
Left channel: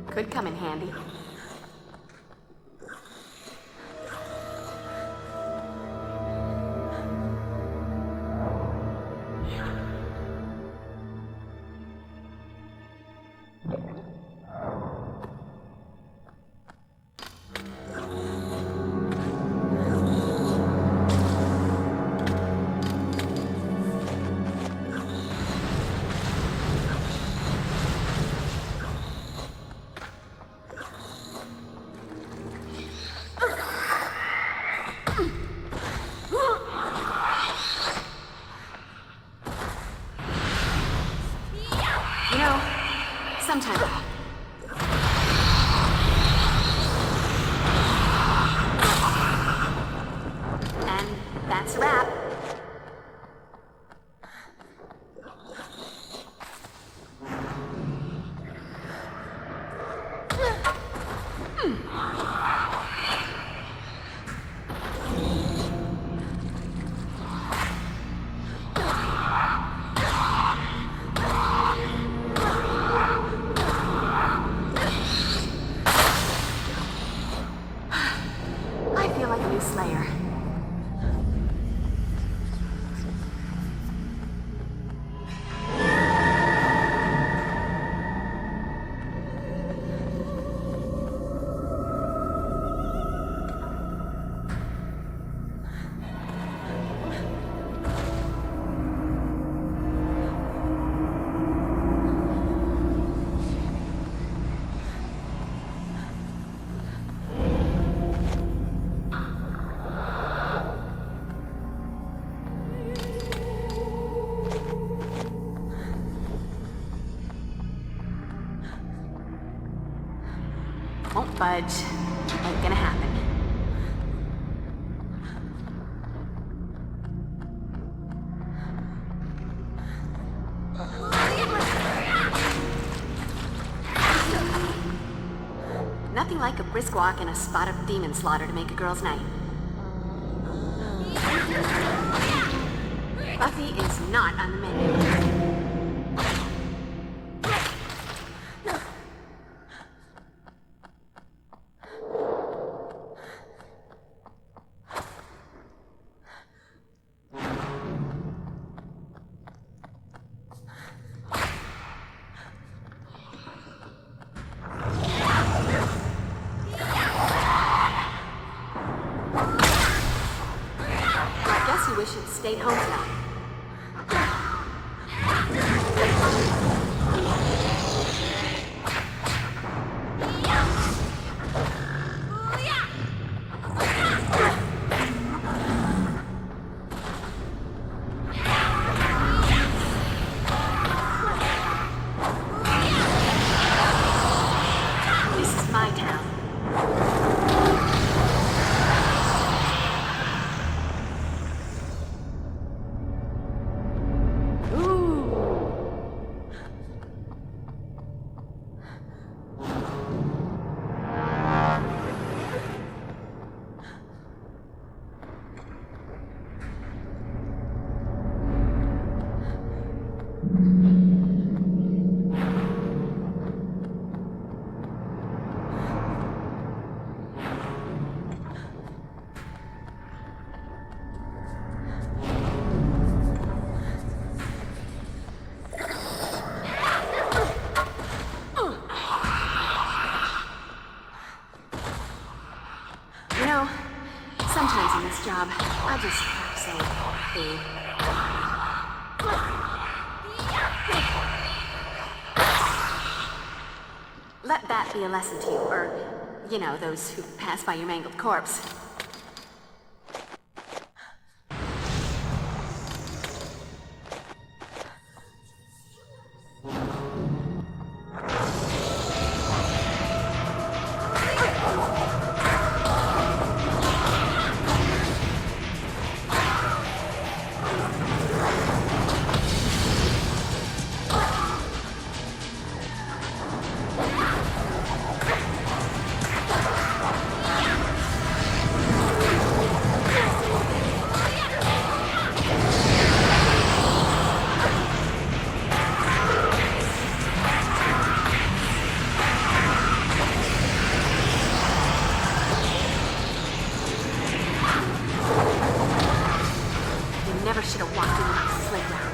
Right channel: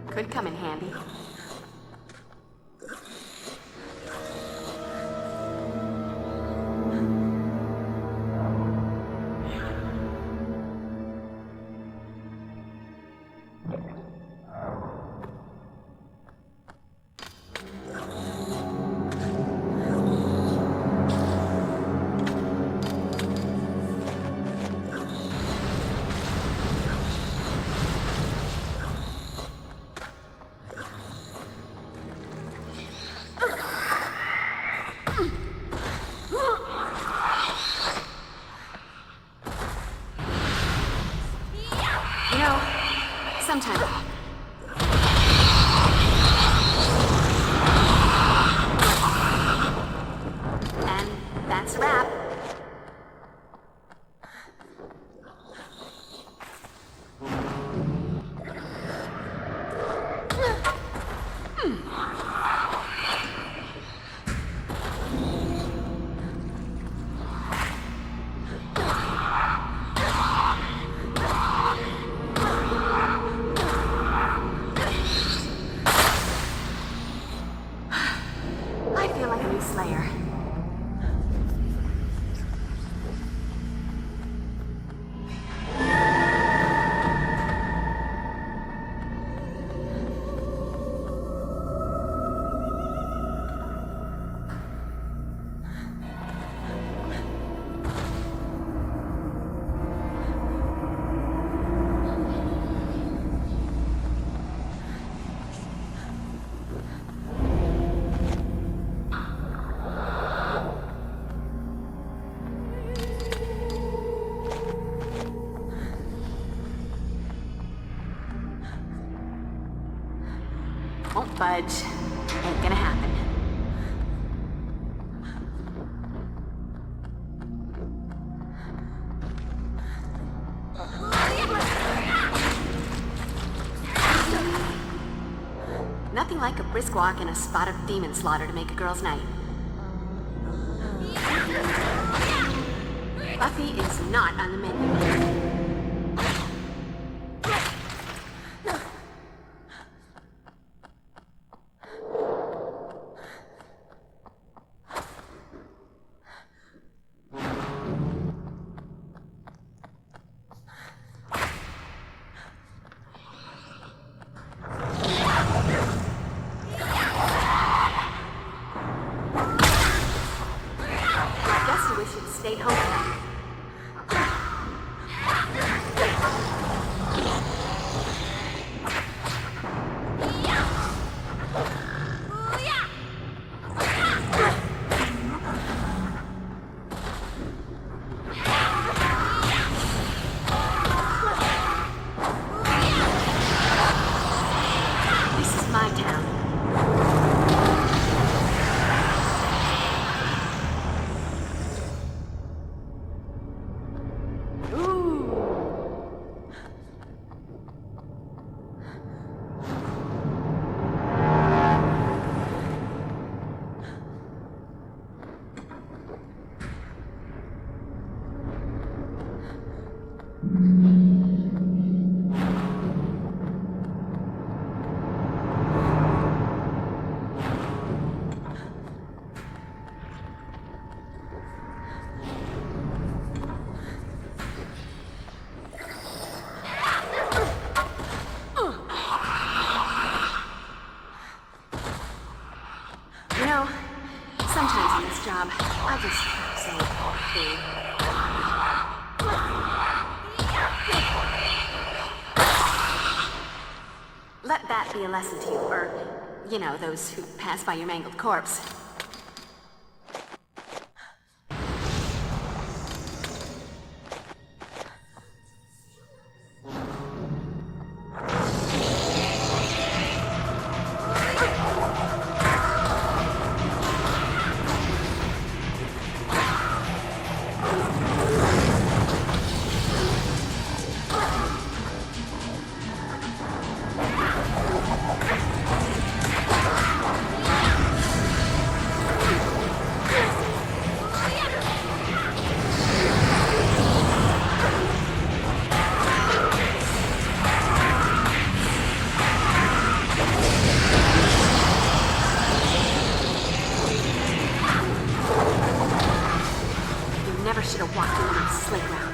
Could come in handy. You know, sometimes. And that's a wrap. Won't budge. Ain't gonna happen. Nothing like a brisk walk and a spot of demon slaughter to make a girl's night. Buffy is not on the menu. Stayed home tonight. This is my town. Sometimes in this job, I just have to say, let that be a lesson to you, or, you know, those who pass by your mangled corpse. Should have walked into the sled ground.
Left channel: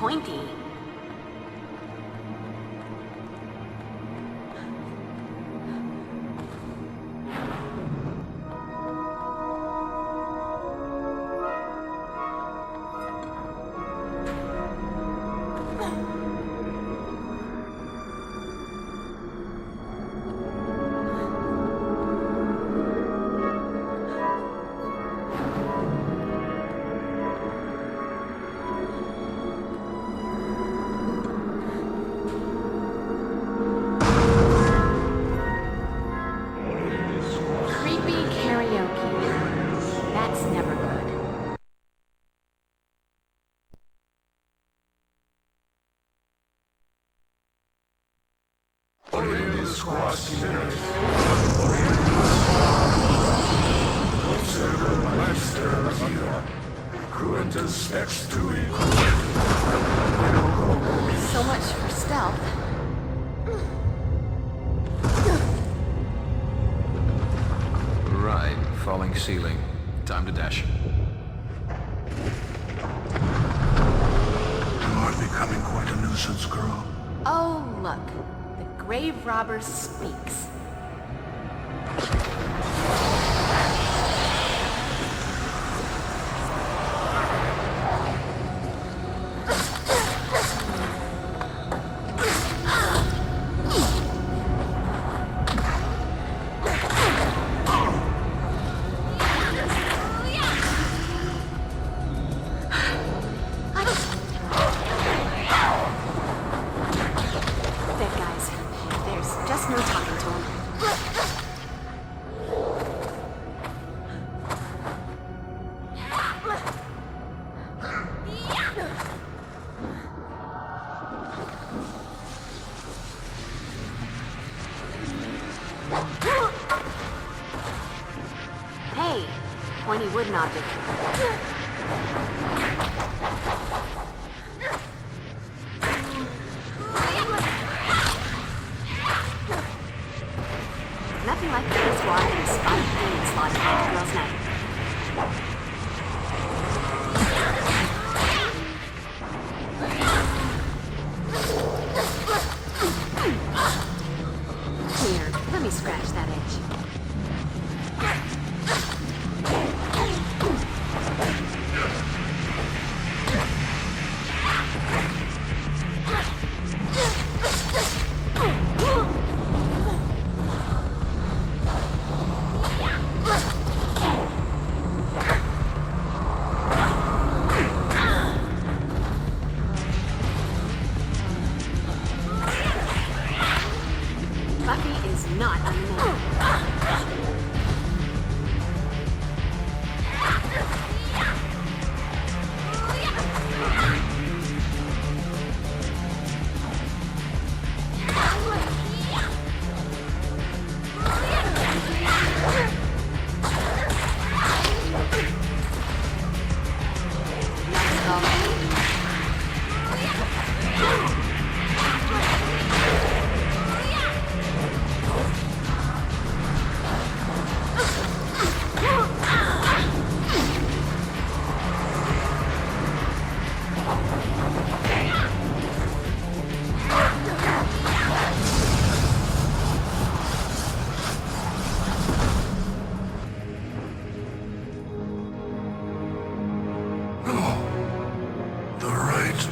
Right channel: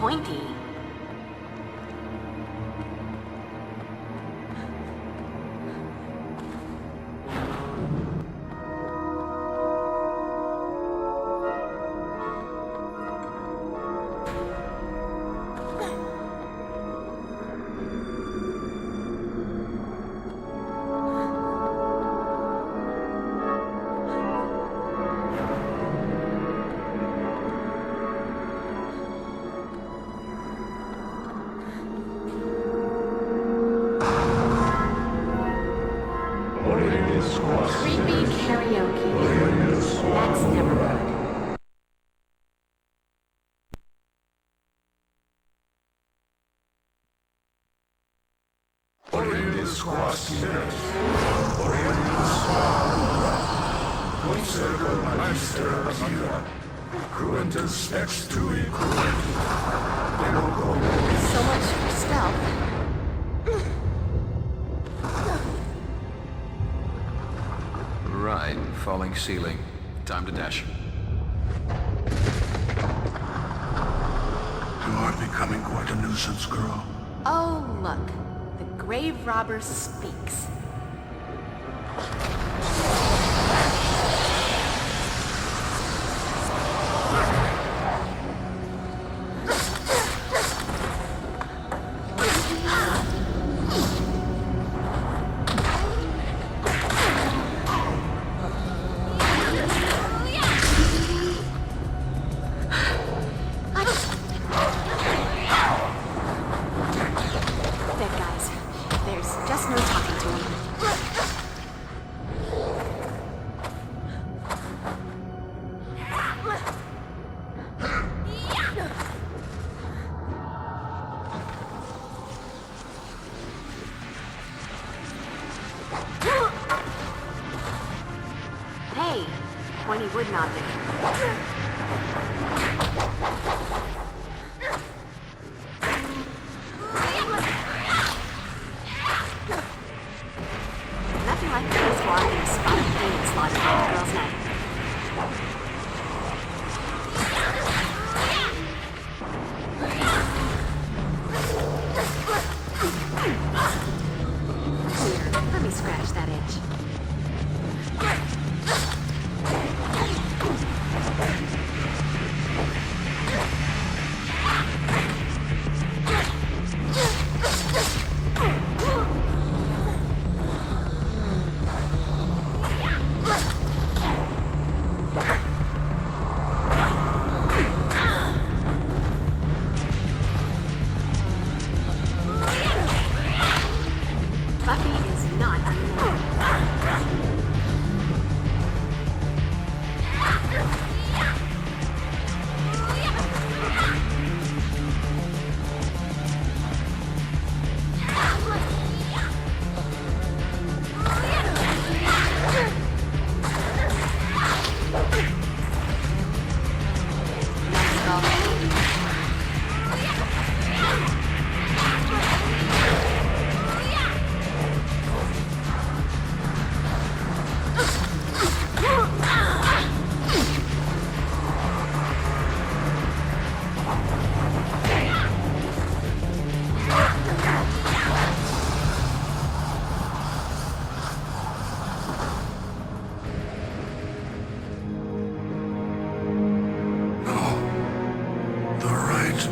Pointy. That's never good. So much for stealth. Right, falling ceiling. Time to dash. You are becoming quite a nuisance, girl. Oh, look. The grave robber speaks. Pointy wooden object. Nothing like the first water and spotted demons lost in a girl's night. Here, let me scratch that itch. Buffy is not unnamed.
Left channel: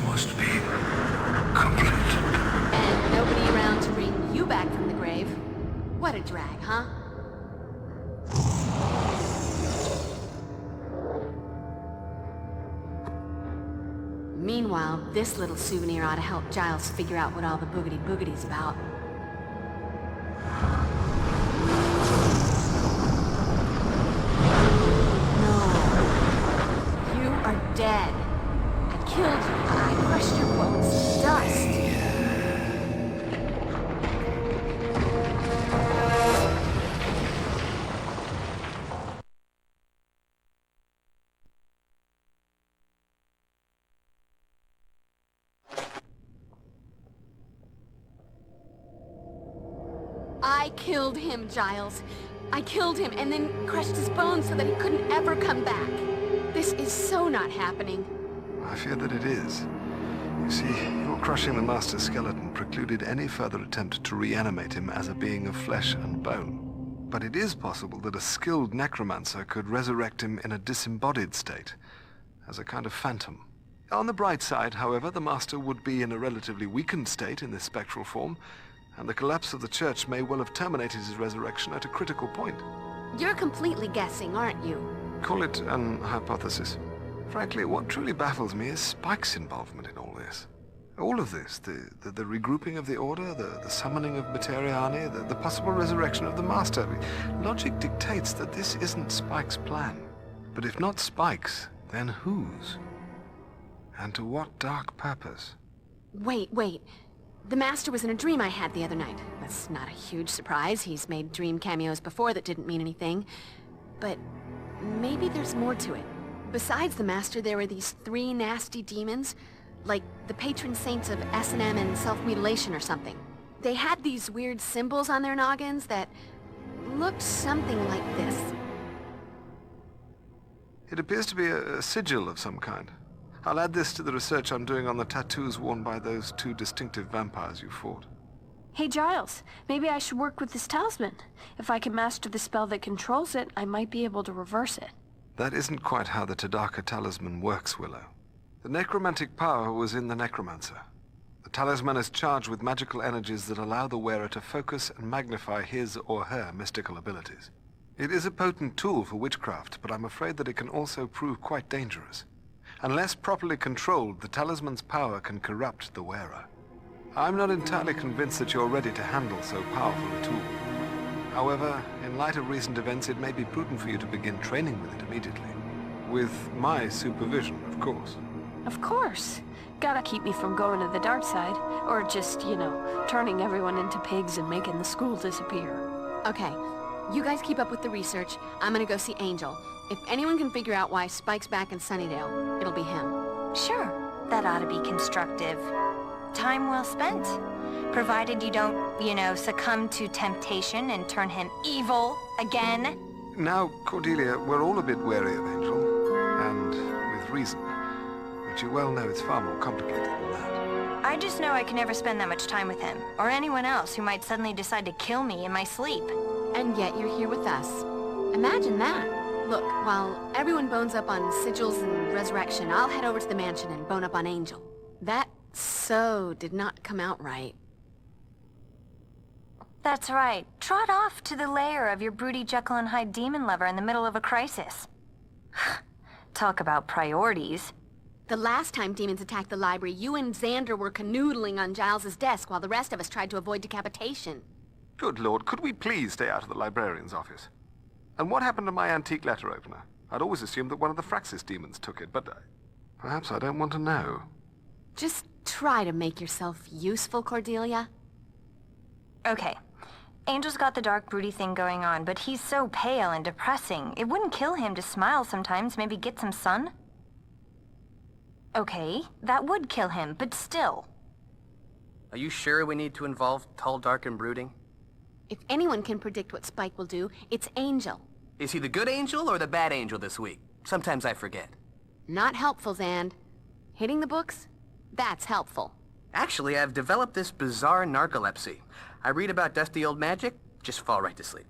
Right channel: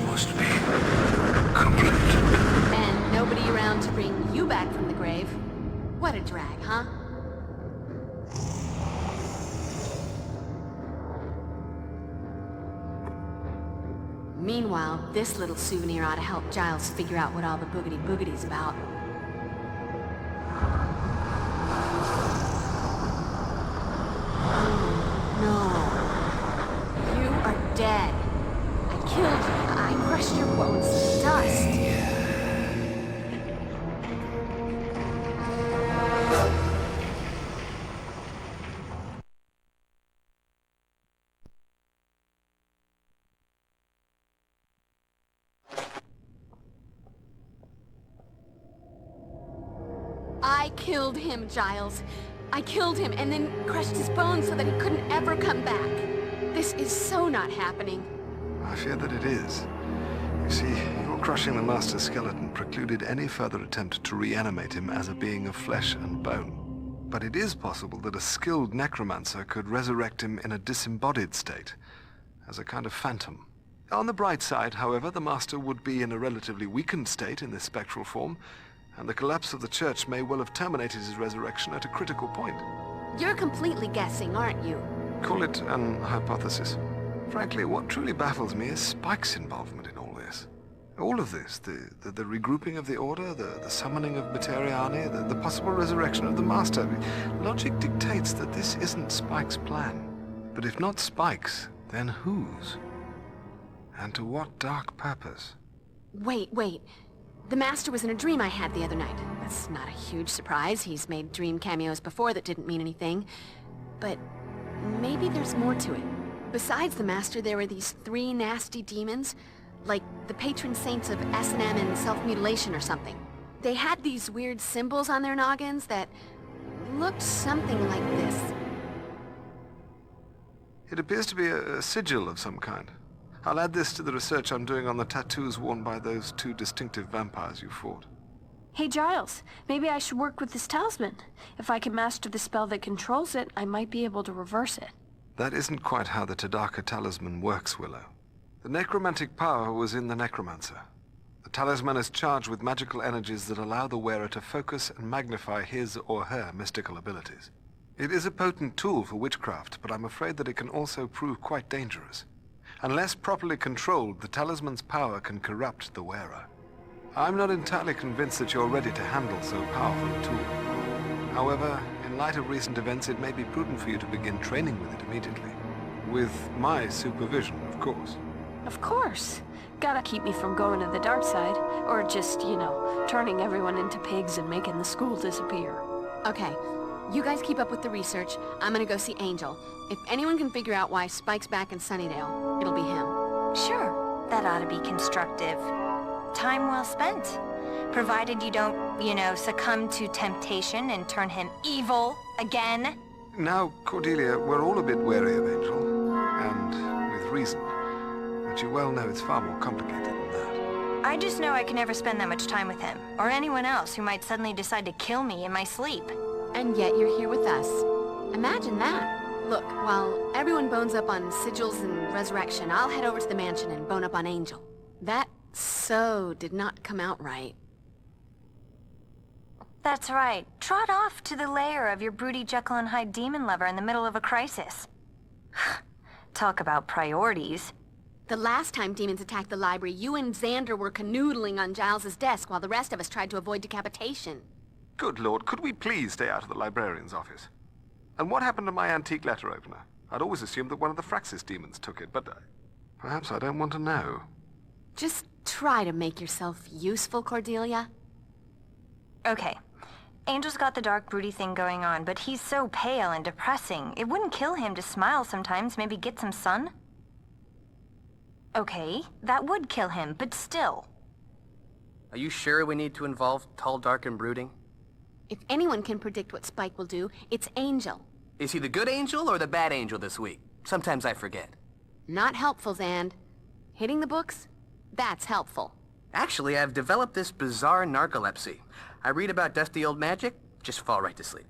Must be complete. And nobody around to bring you back from the grave. What a drag, huh? Meanwhile, this little souvenir ought to help Giles figure out what all the boogity-boogity's about. No. You are dead. I killed you. I crushed your bones to dust. I killed him, Giles. I killed him and then crushed his bones so that he couldn't ever come back. This is so not happening. I fear that it is. You see, your crushing the Master's skeleton precluded any further attempt to reanimate him as a being of flesh and bone. But it is possible that a skilled necromancer could resurrect him in a disembodied state, as a kind of phantom. On the bright side, however, the Master would be in a relatively weakened state in this spectral form, and the collapse of the Church may well have terminated his resurrection at a critical point. You're completely guessing, aren't you? Call it an hypothesis. Frankly, what truly baffles me is Spike's involvement in all this. All of this, the regrouping of the Order, the summoning of Materiani, the possible resurrection of the Master. Logic dictates that this isn't Spike's plan. But if not Spike's, then whose? And to what dark purpose? Wait. The Master was in a dream I had the other night. That's not a huge surprise. He's made dream cameos before that didn't mean anything. But maybe there's more to it. Besides the Master, there were these 3 nasty demons, like the patron saints of S&M and self-mutilation or something. They had these weird symbols on their noggins that looked something like this. It appears to be a sigil of some kind. I'll add this to the research I'm doing on the tattoos worn by those 2 distinctive vampires you fought. Hey Giles, maybe I should work with this talisman. If I can master the spell that controls it, I might be able to reverse it. That isn't quite how the Tadaka talisman works, Willow. The necromantic power was in the necromancer. The talisman is charged with magical energies that allow the wearer to focus and magnify his or her mystical abilities. It is a potent tool for witchcraft, but I'm afraid that it can also prove quite dangerous. Unless properly controlled, the talisman's power can corrupt the wearer. I'm not entirely convinced that you're ready to handle so powerful a tool. However, in light of recent events, it may be prudent for you to begin training with it immediately. With my supervision, of course. Of course. Gotta keep me from going to the dark side, or just, turning everyone into pigs and making the school disappear. Okay, you guys keep up with the research. I'm gonna go see Angel. If anyone can figure out why Spike's back in Sunnydale, it'll be him. Sure, that ought to be constructive. Time well spent. Provided you don't, succumb to temptation and turn him evil again. Now, Cordelia, we're all a bit wary of Angel, and with reason. But you well know it's far more complicated than that. I just know I can never spend that much time with him, or anyone else who might suddenly decide to kill me in my sleep. And yet you're here with us. Imagine that. Look, while everyone bones up on sigils and resurrection, I'll head over to the mansion and bone up on Angel. That so did not come out right. That's right. Trot off to the lair of your broody Jekyll and Hyde demon lover in the middle of a crisis. Talk about priorities. The last time demons attacked the library, you and Xander were canoodling on Giles's desk while the rest of us tried to avoid decapitation. Good Lord, could we please stay out of the librarian's office? And what happened to my antique letter opener? I'd always assumed that one of the Fraxis demons took it, but perhaps I don't want to know. Just try to make yourself useful, Cordelia. Okay. Angel's got the dark broody thing going on, but he's so pale and depressing. It wouldn't kill him to smile sometimes, maybe get some sun? Okay, that would kill him, but still. Are you sure we need to involve tall, dark, and brooding? If anyone can predict what Spike will do, it's Angel. Is he the good angel or the bad angel this week? Sometimes I forget. Not helpful, Xand. Hitting the books? That's helpful. Actually, I've developed this bizarre narcolepsy. I read about dusty old magic, just fall right to sleep.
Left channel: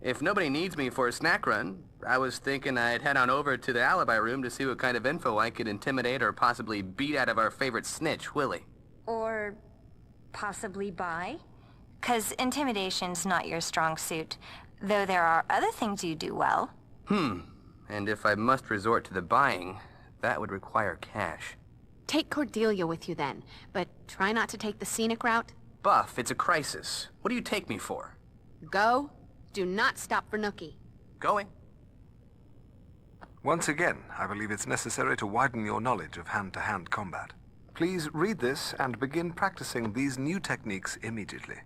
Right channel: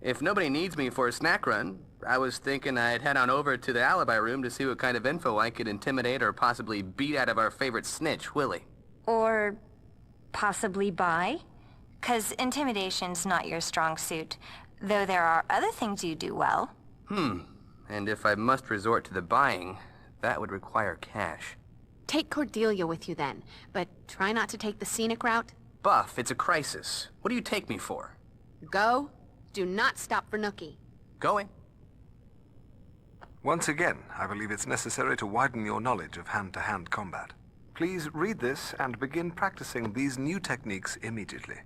If nobody needs me for a snack run, I was thinking I'd head on over to the alibi room to see what kind of info I could intimidate or possibly beat out of our favorite snitch, Willie. Or possibly buy? 'Cause intimidation's not your strong suit, though there are other things you do well. And if I must resort to the buying, that would require cash. Take Cordelia with you then, but try not to take the scenic route. Buff, it's a crisis. What do you take me for? Go. Do not stop for Nookie. Going. Once again, I believe it's necessary to widen your knowledge of hand-to-hand combat. Please read this and begin practicing these new techniques immediately.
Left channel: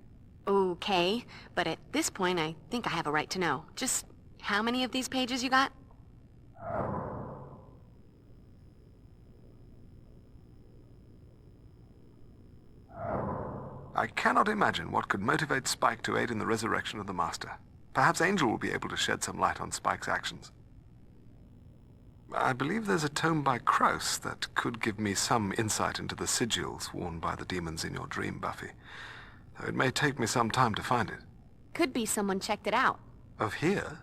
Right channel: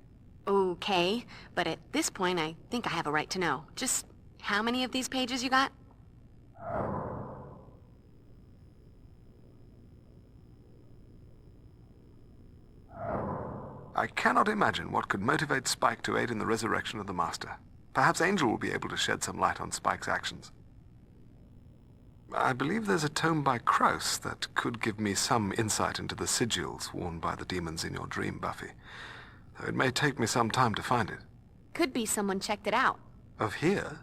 Okay, but at this point I think I have a right to know. Just how many of these pages you got? I cannot imagine what could motivate Spike to aid in the resurrection of the Master. Perhaps Angel will be able to shed some light on Spike's actions. I believe there's a tome by Krauss that could give me some insight into the sigils worn by the demons in your dream, Buffy. Though it may take me some time to find it. Could be someone checked it out. Of here?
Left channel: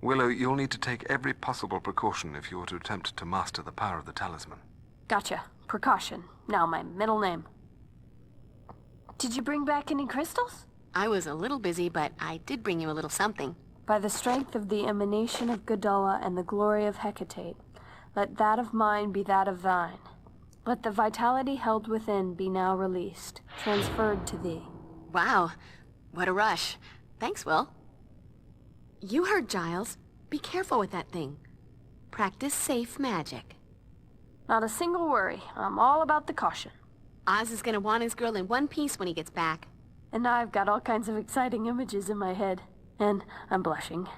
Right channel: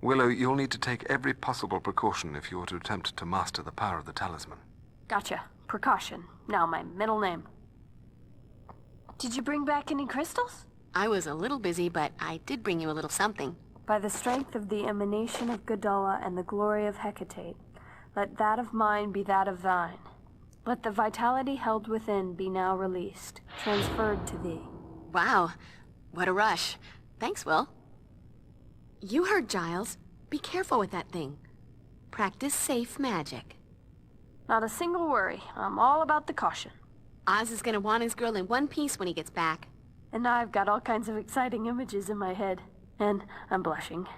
Willow, you'll need to take every possible precaution if you are to attempt to master the power of the Talisman. Gotcha. Precaution. Now my middle name. Did you bring back any crystals? I was a little busy, but I did bring you a little something. By the strength of the emanation of Gadala and the glory of Hecate, let that of mine be that of thine. Let the vitality held within be now released, transferred to thee. Wow, what a rush. Thanks, Will. You heard Giles. Be careful with that thing. Practice safe magic. Not a single worry. I'm all about the caution. Oz is gonna want his girl in one piece when he gets back. And now I've got all kinds of exciting images in my head. And I'm blushing.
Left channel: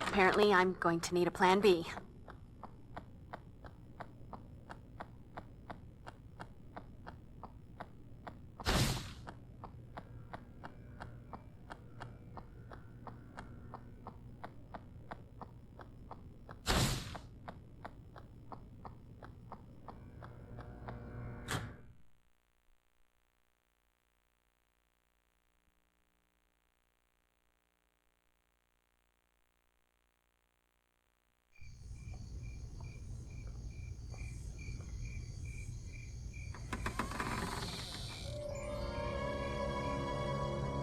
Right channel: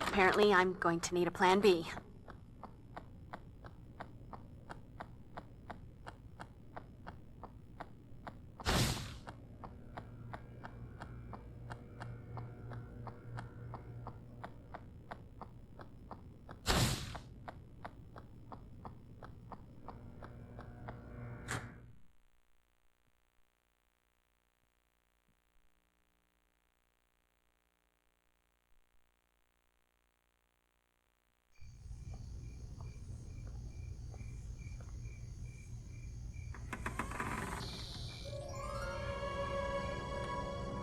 Apparently, I'm going to need a plan B.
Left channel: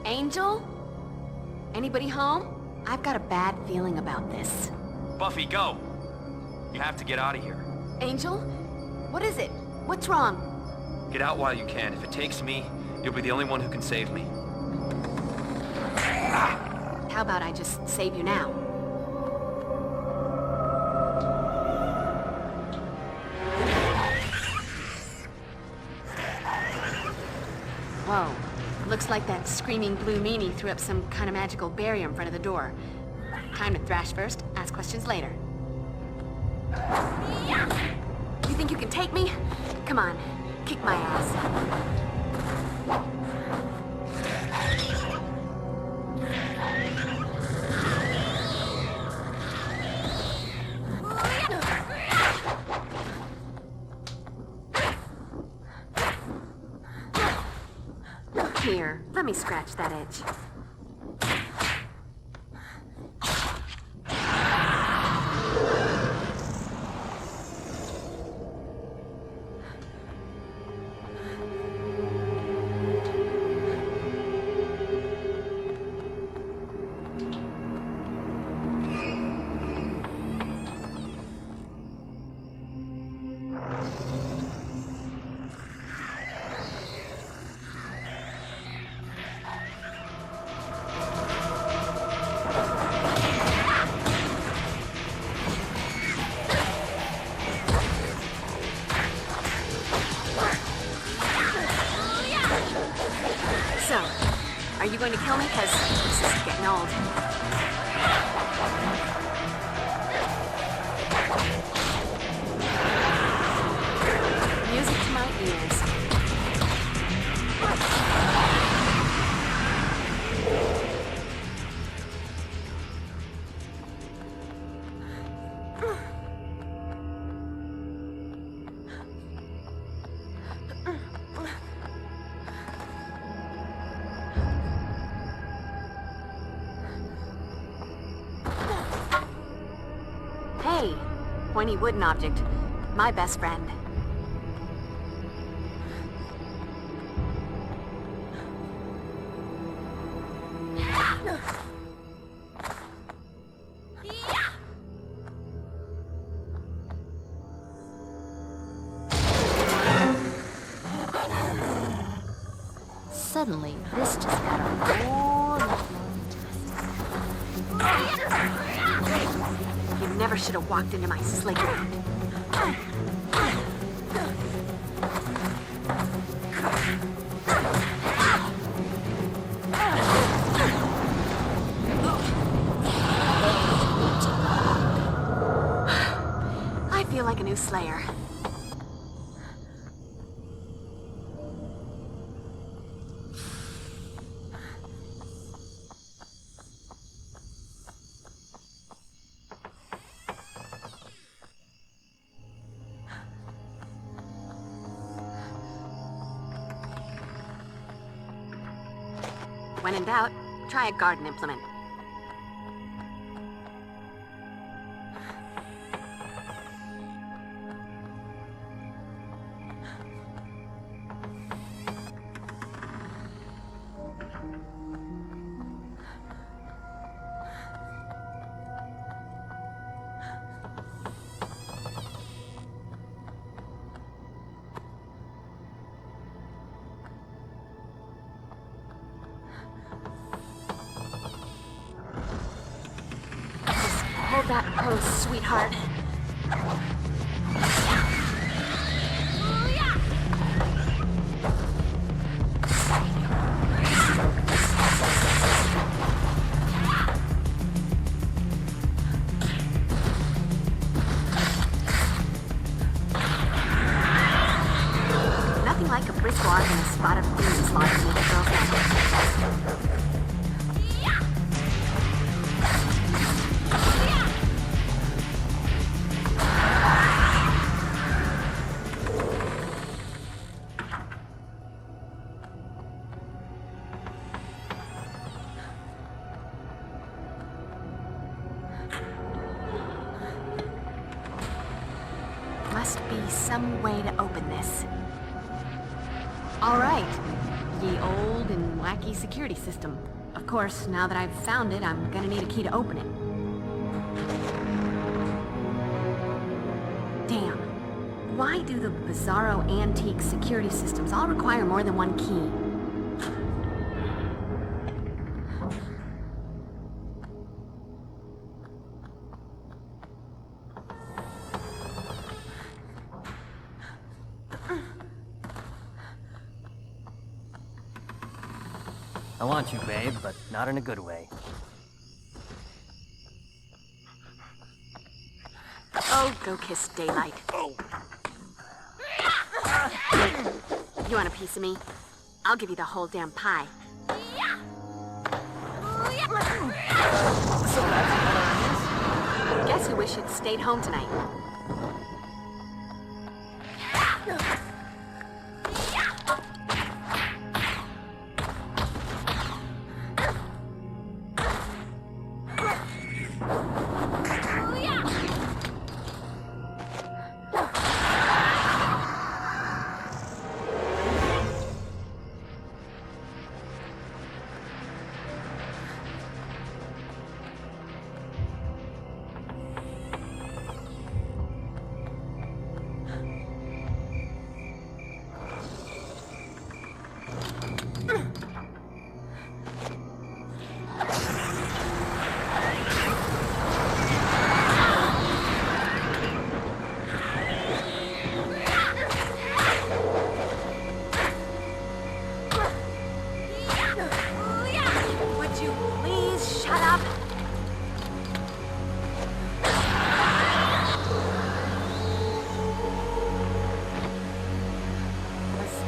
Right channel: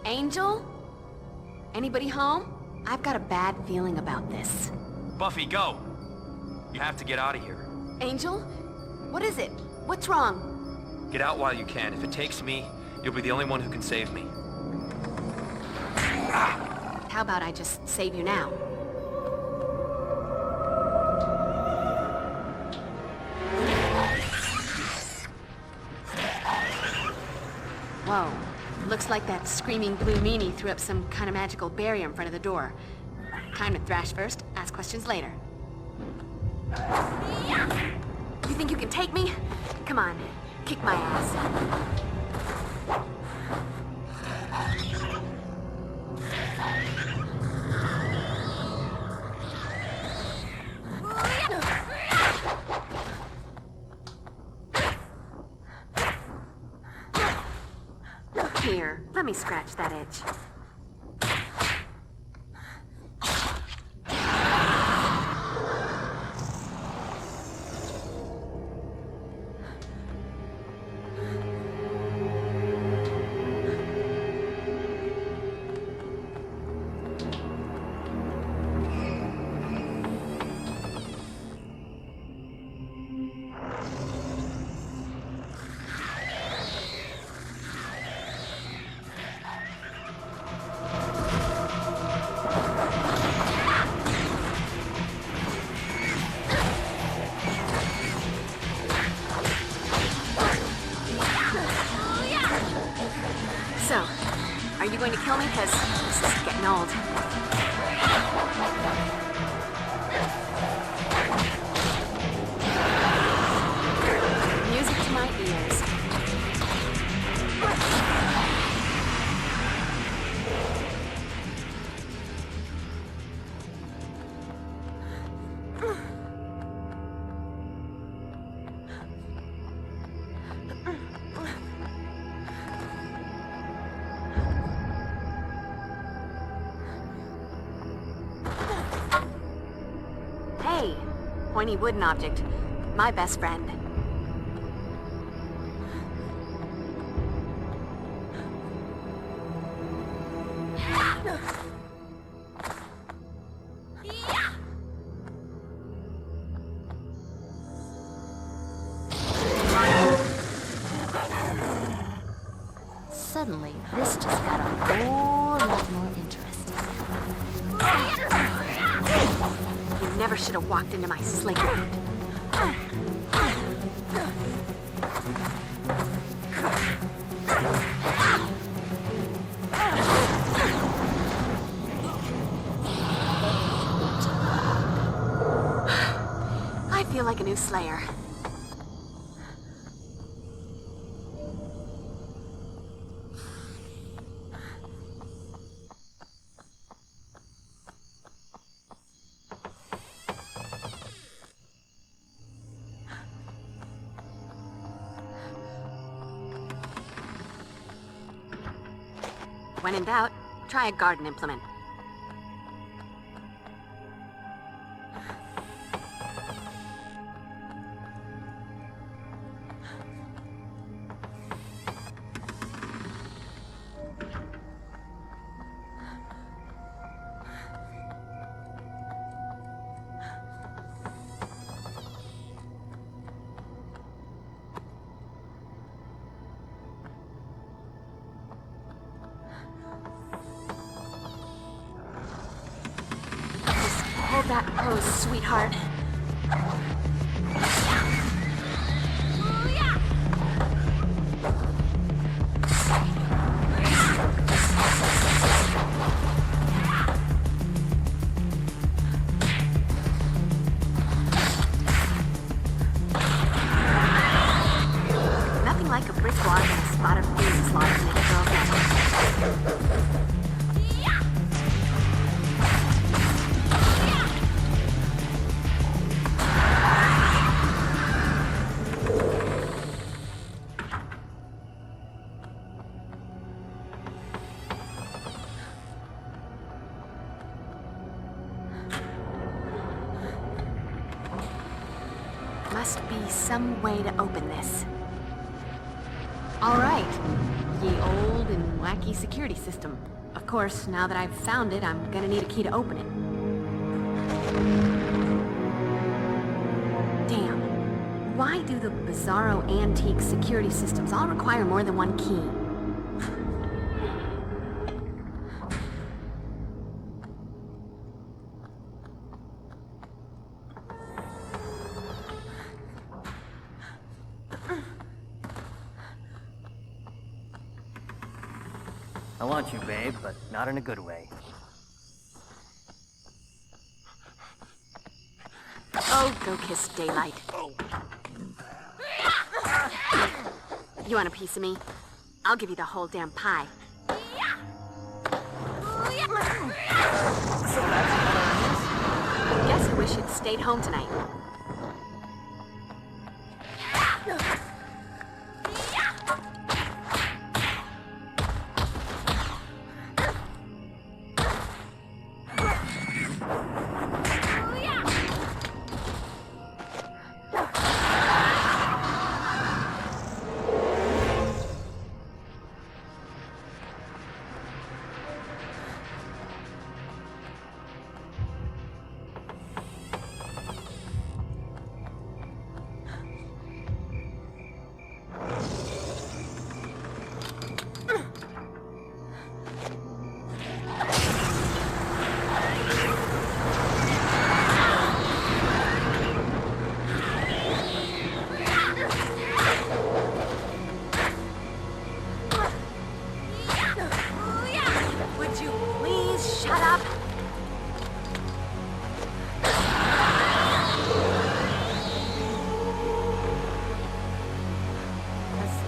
Angel? Anybody home? I've got a bad feeling about this. Buffy, go! You have to get out of here. Angel? What is it? What's wrong? Get out while you can. If it takes me, you'll be the only one who can save me. How about I just save you now? Whoa. Looks like that screaming blue meanie threw up some kind of magical barrier in front of the door. Time to thrash first, ask questions later. You think you can take me? Come on, kick my ass. Here, let me scratch that itch. So, are you going to kill me? Because this is getting old. Music to my ears. Hey, pointy wooden object. My best friend. Suddenly, this just got more interesting. You never should have walked into my playground. I feel like a new Slayer. When in doubt, try a garden implement. Hold that pose, sweetheart. Nothing like a brisk walk and a spot of demon slaughter to make a girl happy. Must be some way to open this. All right, Ye old and wacky security system. Of course, now that I've found it, I'm gonna need a key to open it. Damn. Why do the bizarro antique security systems all require more than one key? I want you, babe, but not in a good way. Oh, go kiss daylight. You want a piece of me? I'll give you the whole damn pie. Guess you wish you'd stayed home tonight.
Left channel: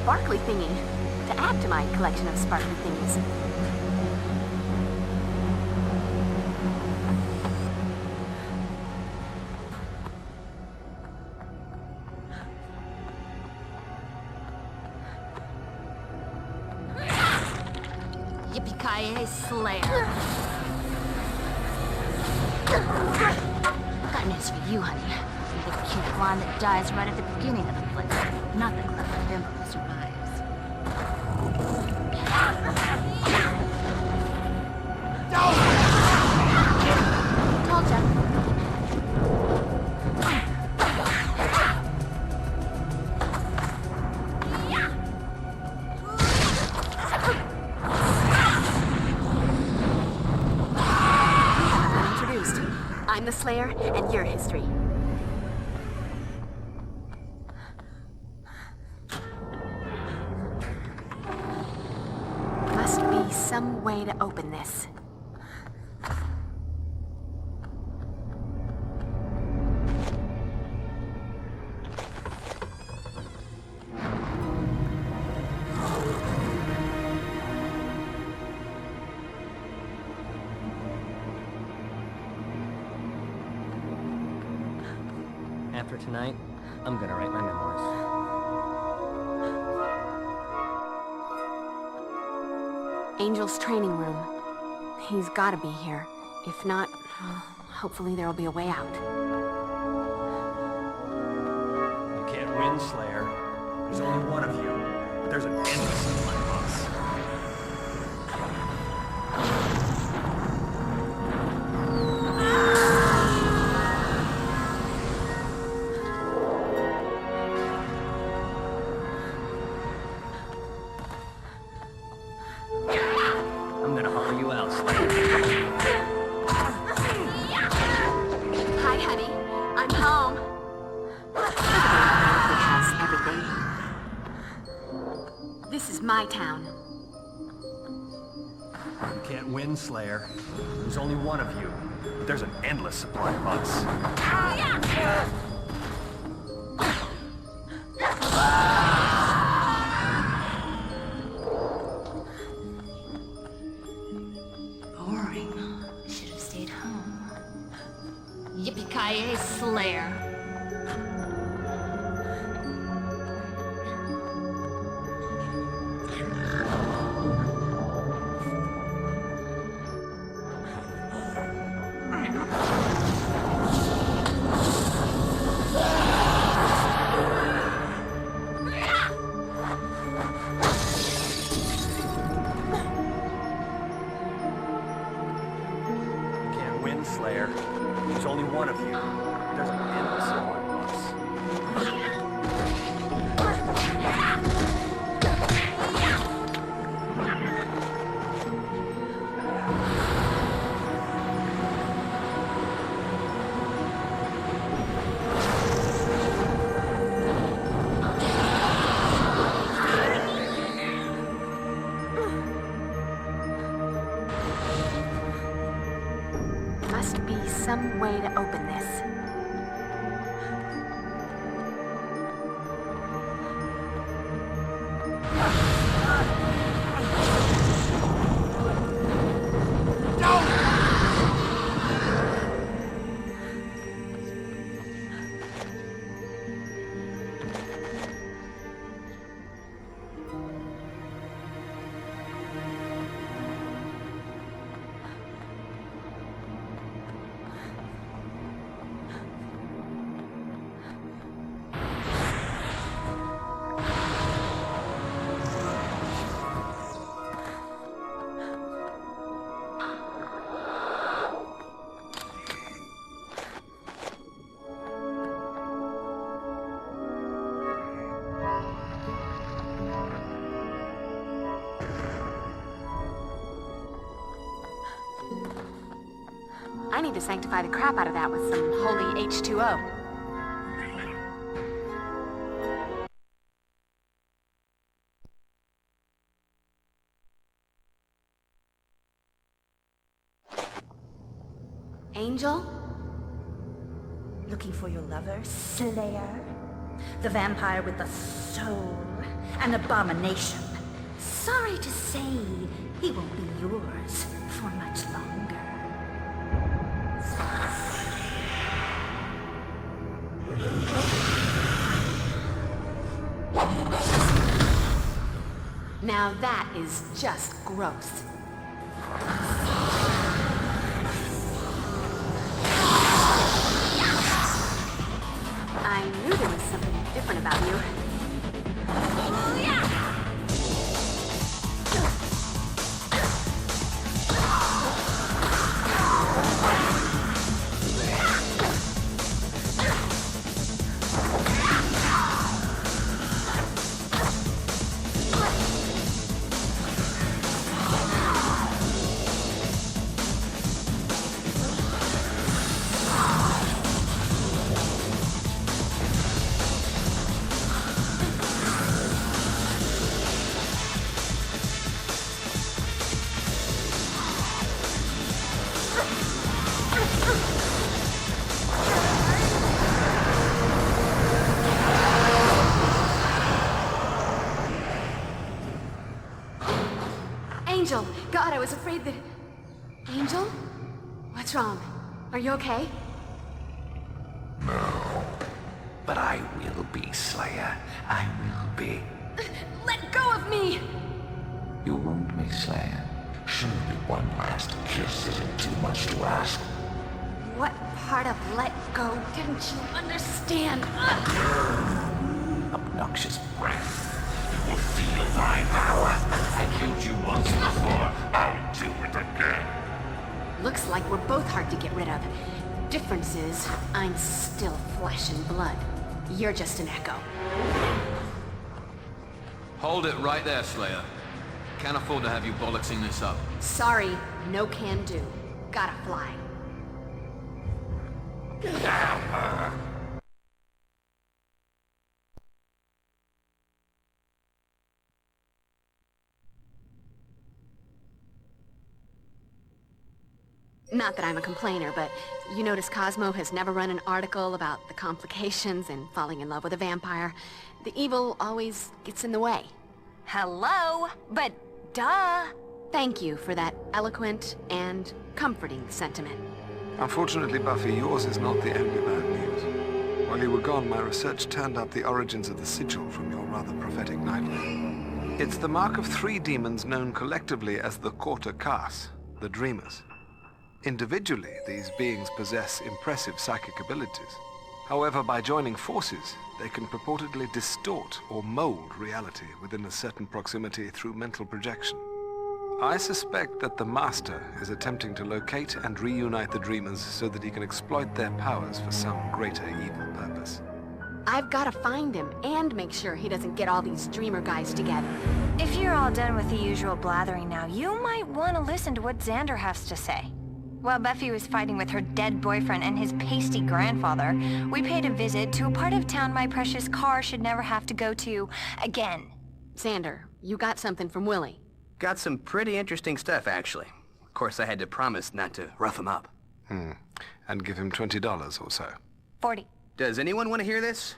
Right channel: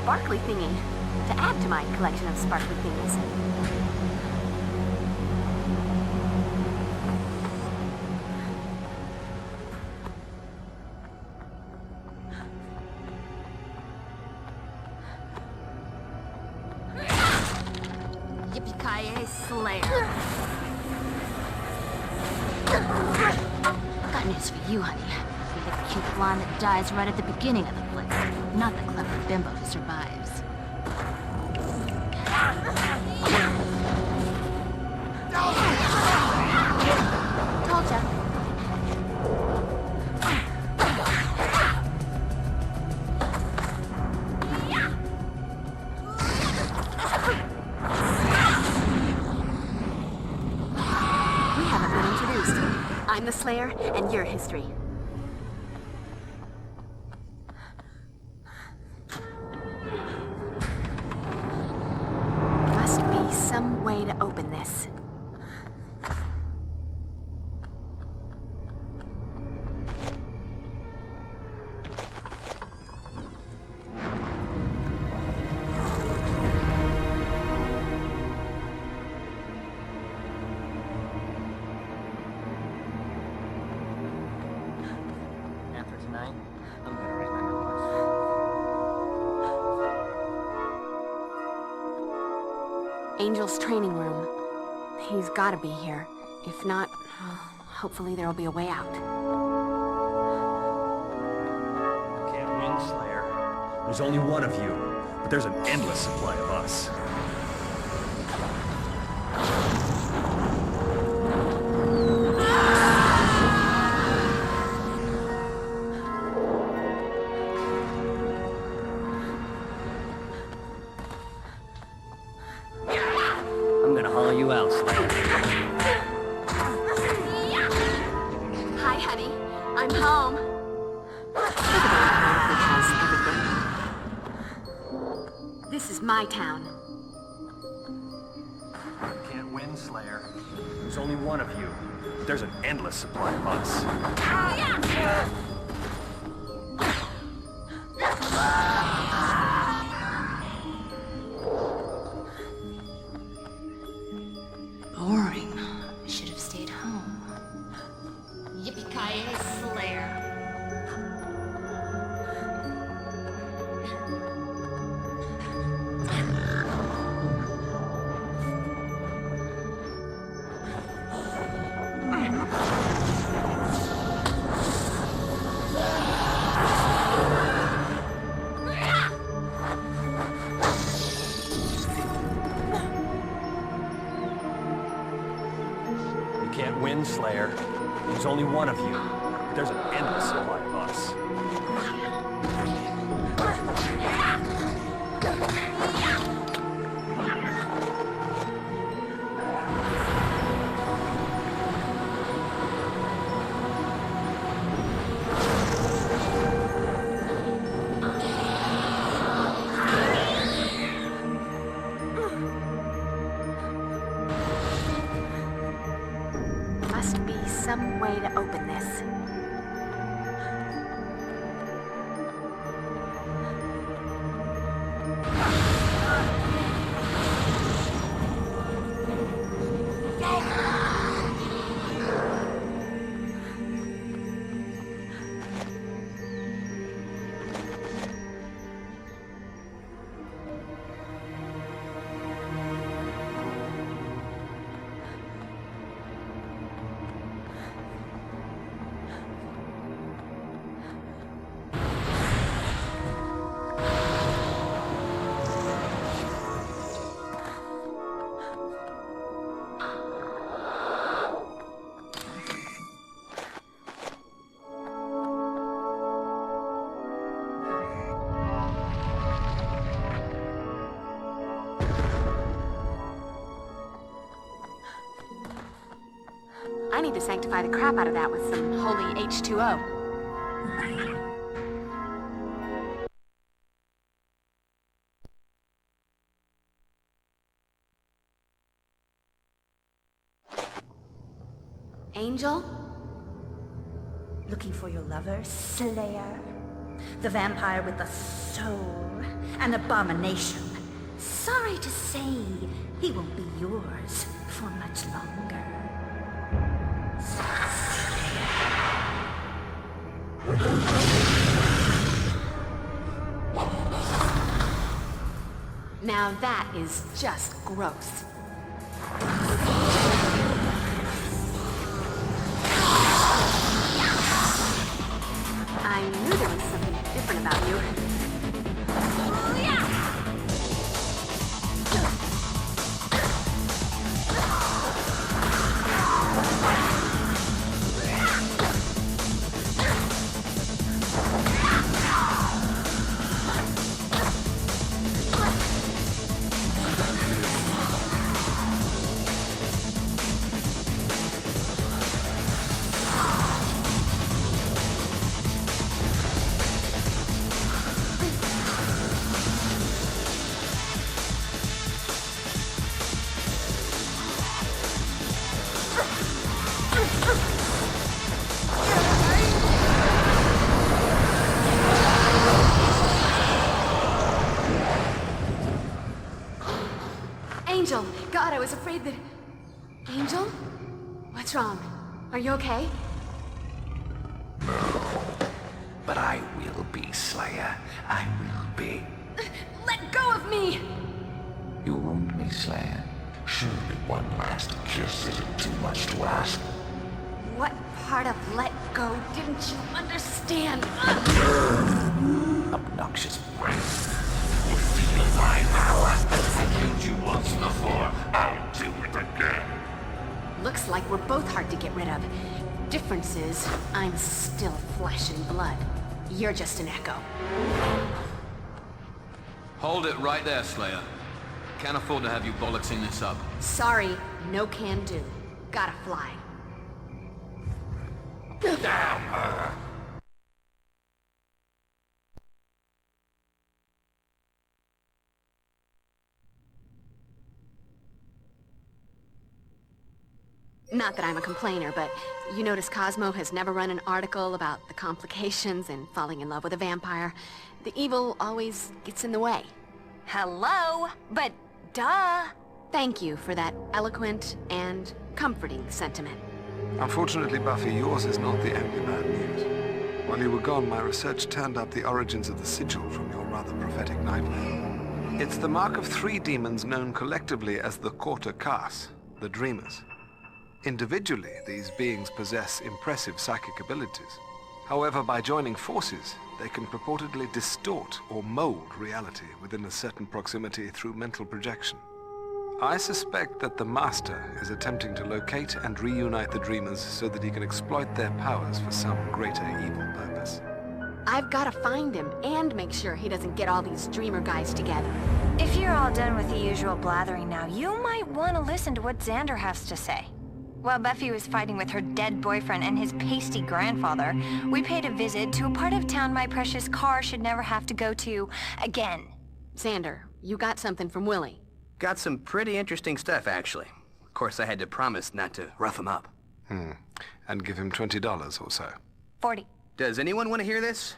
Sparkly thingy to add to my collection of sparkly things. Yippee-ki-yay, Slayer. Got news for you, honey. You're the cute blonde that dies right at the beginning of the play, not the clever bimbo who survives. Told ya. We haven't been introduced. I'm the Slayer, and you're history. Must be some way to open this. After tonight, I'm gonna write my memoirs. Angel's training room. He's gotta be here. If not, hopefully there'll be a way out. You can't win, Slayer. There's only one of you, but there's an endless supply of us. I'm gonna haul you out, Slayer. Hi, honey. I'm home. He has everything. This is my town. You can't win, Slayer. There's only one of you, but there's an endless supply of us. Boring. Should have stayed home. Yippee-ki-yay, Slayer. Slayer. There's only one of you. There's an endless among us. Must be some way to open this. I need to sanctify the crap out of that with some holy H2O. Angel? Looking for your lover, Slayer? The vampire with the soul, an abomination. Sorry to say, he won't be yours for much longer. Now that is just gross. I knew there was something different about you. Angel! God, I was afraid that... Angel? What's wrong? Are you okay? No. But I will be, Slayer. I will be. Let go of me! You won't be, Slayer. Surely one last kiss isn't too much to ask. What part of let go didn't you understand? Obnoxious breath. You feel my power. I killed you once before. I'll do it again. Looks like we're both hard to get rid of. Difference is, I'm still flesh and blood. You're just an echo. Hold it right there, Slayer. Can't afford to have you bollocksing this up. Sorry, no can do. Gotta fly. Not that I'm a complainer, but you notice Cosmo has never run an article about the complications in falling in love with a vampire. The evil always gets in the way. Hello? But duh! Thank you for that eloquent and comforting sentiment. Unfortunately, Buffy, yours is not the only bad news. While you were gone, my research turned up the origins of the sigil from your rather prophetic nightmare. It's the mark of 3 demons known collectively as the Quarter Cas, the Dreamers. Individually, these beings possess impressive psychic abilities. However, by joining forces, they can purportedly distort or mold reality within a certain proximity through mental projection. I suspect that the Master is attempting to locate and reunite the Dreamers so that he can exploit their powers for some greater evil purpose. I've got to find him and make sure he doesn't get all these Dreamer guys together. If you're all done with the usual blathering now, you might want to listen to what Xander has to say. While Buffy was fighting with her dead boyfriend and his pasty grandfather, we paid a visit to a part of town my precious car should never have to go to again. Xander, you got something from Willie. Got some pretty interesting stuff, actually. Of course, I had to promise not to rough him up. And give him $20 or so. 40. Does anyone want to hear this?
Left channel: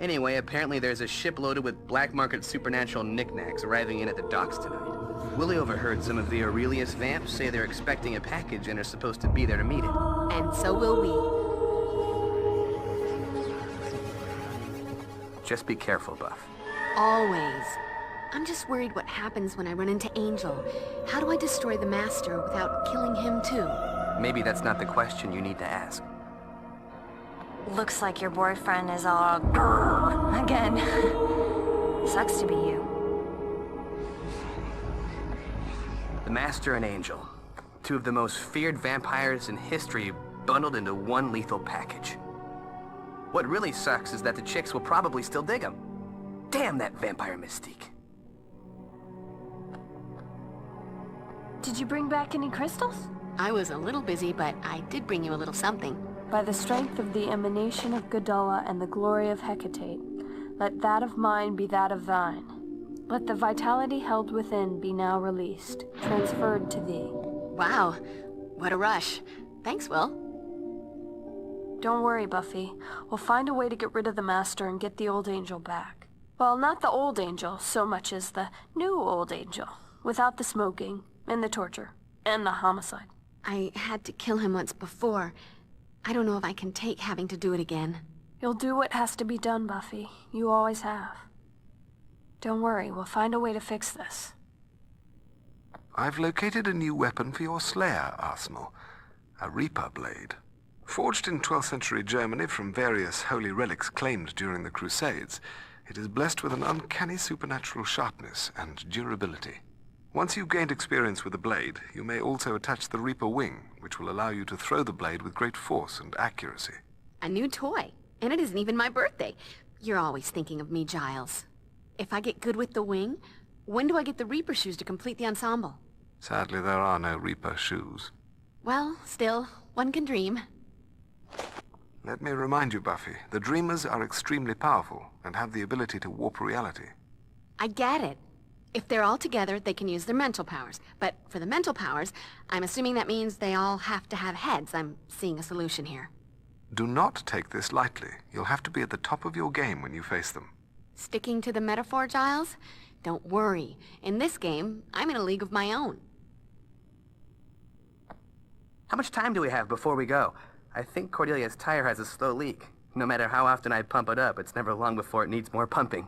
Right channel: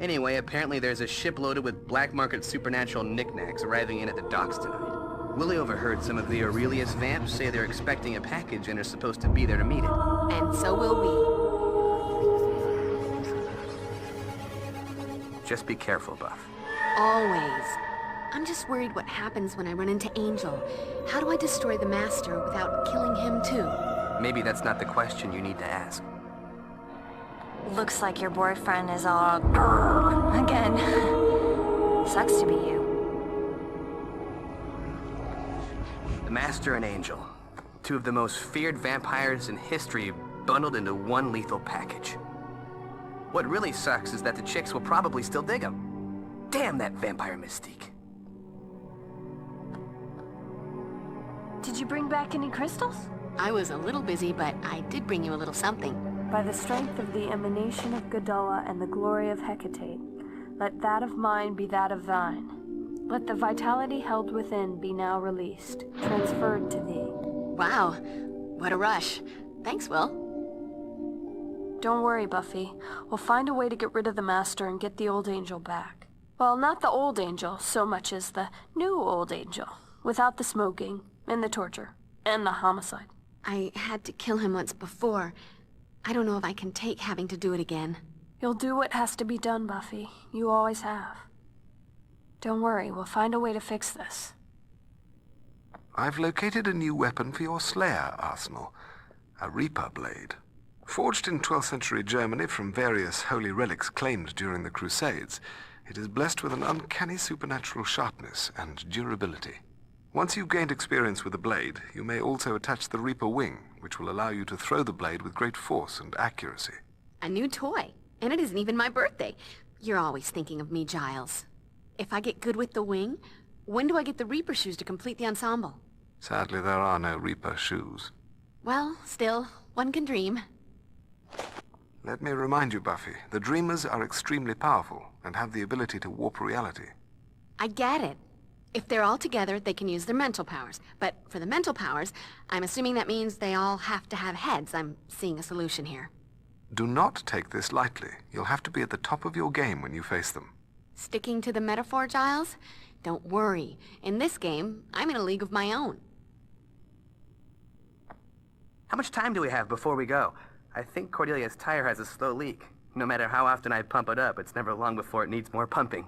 Anyway, apparently there's a ship loaded with black market supernatural knickknacks arriving in at the docks tonight. Willie overheard some of the Aurelius vamps say they're expecting a package and are supposed to be there to meet it. And so will we. Just be careful, Buff. Always. I'm just worried what happens when I run into Angel. How do I destroy the Master without killing him too? Maybe that's not the question you need to ask. Looks like your boyfriend is all again. Sucks to be you. The Master and Angel. Two of the most feared vampires in history bundled into one lethal package. What really sucks is that the chicks will probably still dig them. Damn that vampire mystique. Did you bring back any crystals? I was a little busy, but I did bring you a little something. By the strength of the emanation of Gudulla and the glory of Hecate, let that of mine be that of thine. Let the vitality held within be now released, transferred to thee. Wow, what a rush. Thanks, Will. Don't worry, Buffy. We'll find a way to get rid of the Master and get the old Angel back. Well, not the old Angel so much as the new old Angel, without the smoking, and the torture, and the homicide. I had to kill him once before. I don't know if I can take having to do it again. You'll do what has to be done, Buffy. You always have. Don't worry, we'll find a way to fix this. I've located a new weapon for your Slayer arsenal. A Reaper blade. Forged in 12th century Germany from various holy relics claimed during the Crusades, it is blessed with an uncanny supernatural sharpness and durability. Once you've gained experience with the blade, you may also attach the Reaper wing, which will allow you to throw the blade with great force and accuracy. A new toy, and it isn't even my birthday. You're always thinking of me, Giles. If I get good with the wing, when do I get the Reaper shoes to complete the ensemble? Sadly, there are no Reaper shoes. Well, still, one can dream. Let me remind you, Buffy, the Dreamers are extremely powerful and have the ability to warp reality. I get it. If they're all together, they can use their mental powers. But for the mental powers, I'm assuming that means they all have to have heads. I'm seeing a solution here. Do not take this lightly. You'll have to be at the top of your game when you face them. Sticking to the metaphor, Giles? Don't worry. In this game, I'm in a league of my own. How much time do we have before we go? I think Cordelia's tire has a slow leak. No matter how often I pump it up, it's never long before it needs more pumping.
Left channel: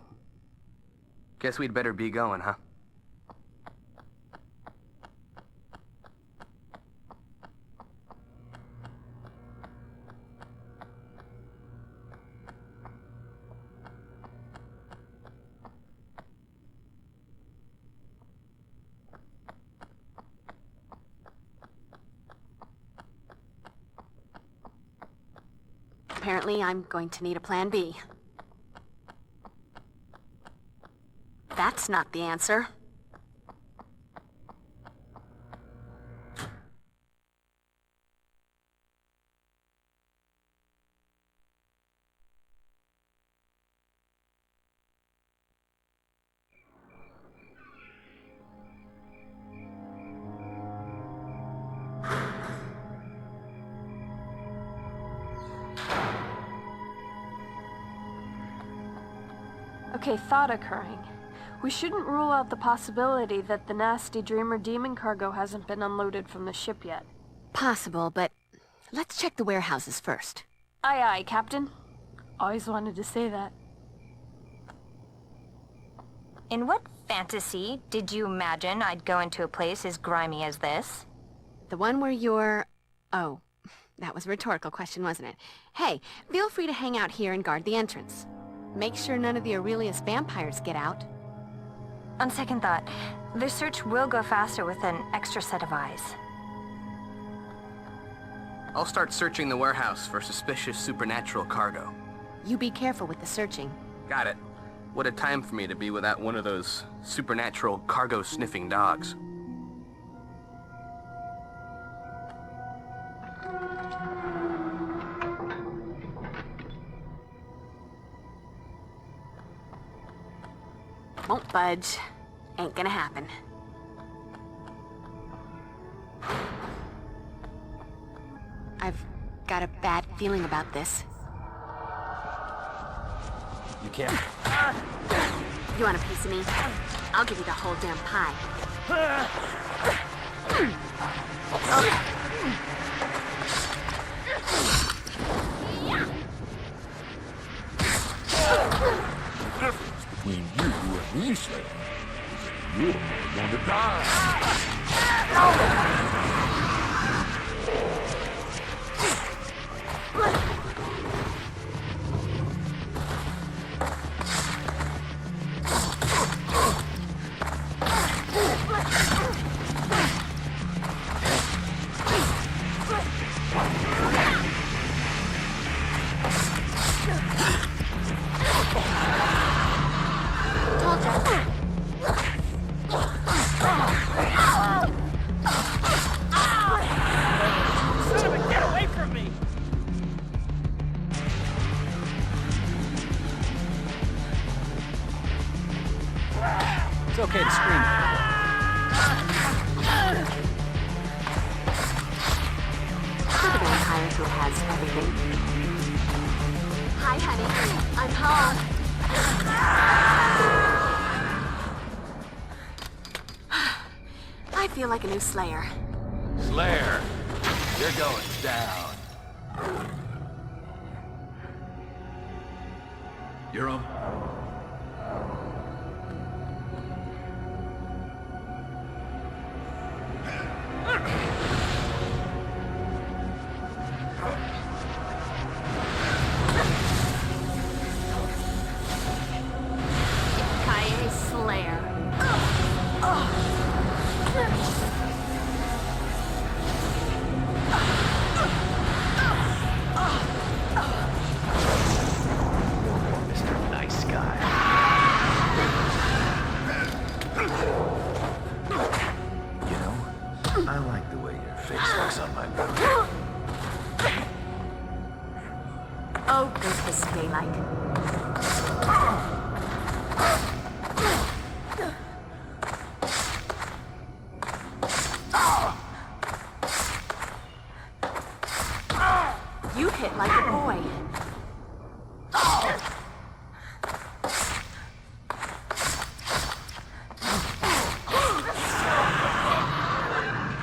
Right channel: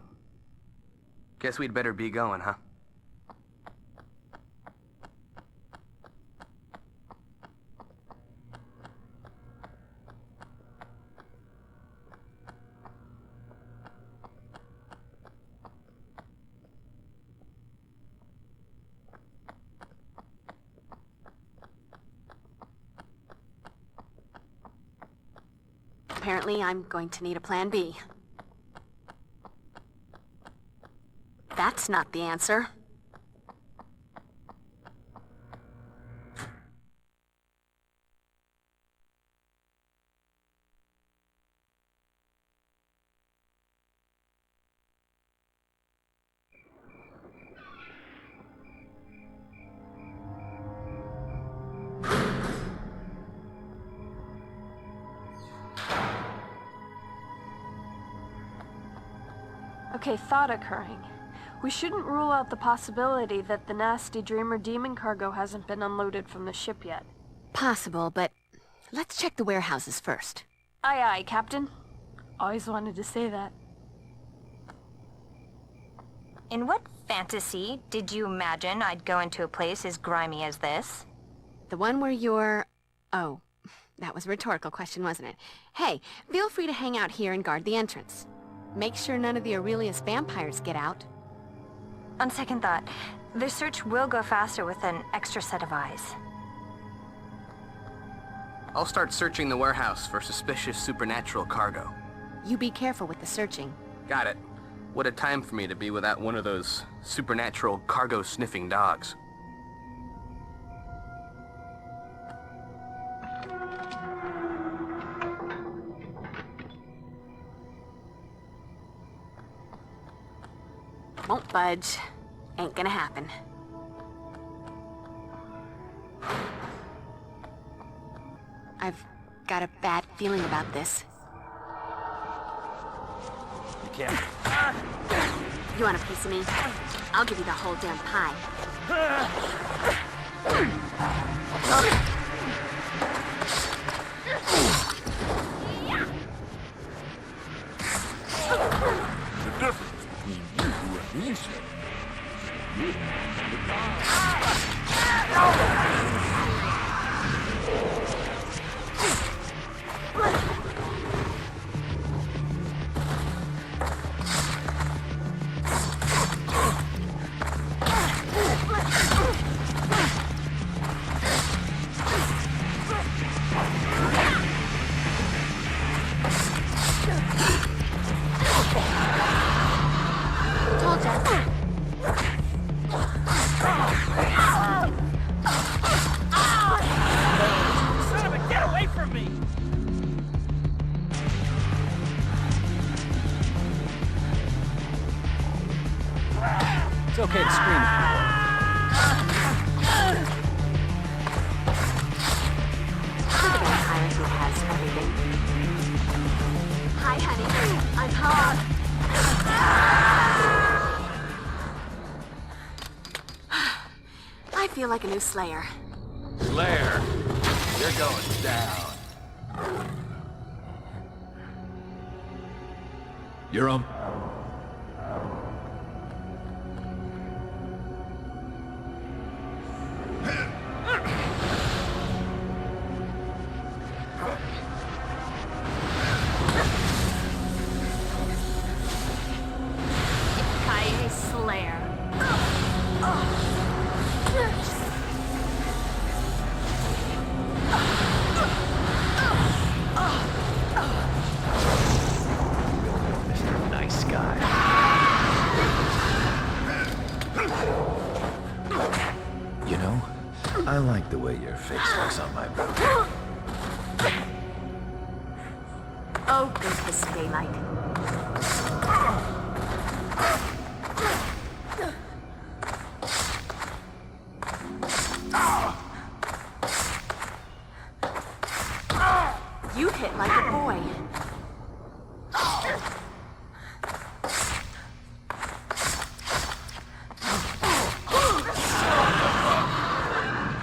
Guess we'd better be going, huh? Apparently, I'm going to need a plan B. That's not the answer. Okay, thought occurring. We shouldn't rule out the possibility that the nasty Dreamer demon cargo hasn't been unloaded from the ship yet. Possible, but let's check the warehouses first. Aye, aye, Captain. Always wanted to say that. In what fantasy did you imagine I'd go into a place as grimy as this? The one where you're... Oh, that was a rhetorical question, wasn't it? Hey, feel free to hang out here and guard the entrance. Make sure none of the Aurelius vampires get out. On second thought, the search will go faster with an extra set of eyes. I'll start searching the warehouse for suspicious supernatural cargo. You be careful with the searching. Got it. What a time for me to be without one of those supernatural cargo-sniffing dogs. Won't budge. Ain't gonna happen. I've got a bad feeling about this. You can't... You want a piece of me? I'll give you the whole damn pie. It's okay to scream. For the vampire who has everything. Hi, honey. I'm home. I feel like a new Slayer. Lair, you're going down. You're up. Slayer. Mr. Nice Guy. You know, I like the way your face looks on my back. Oh, go kiss daylight. You hit like a boy.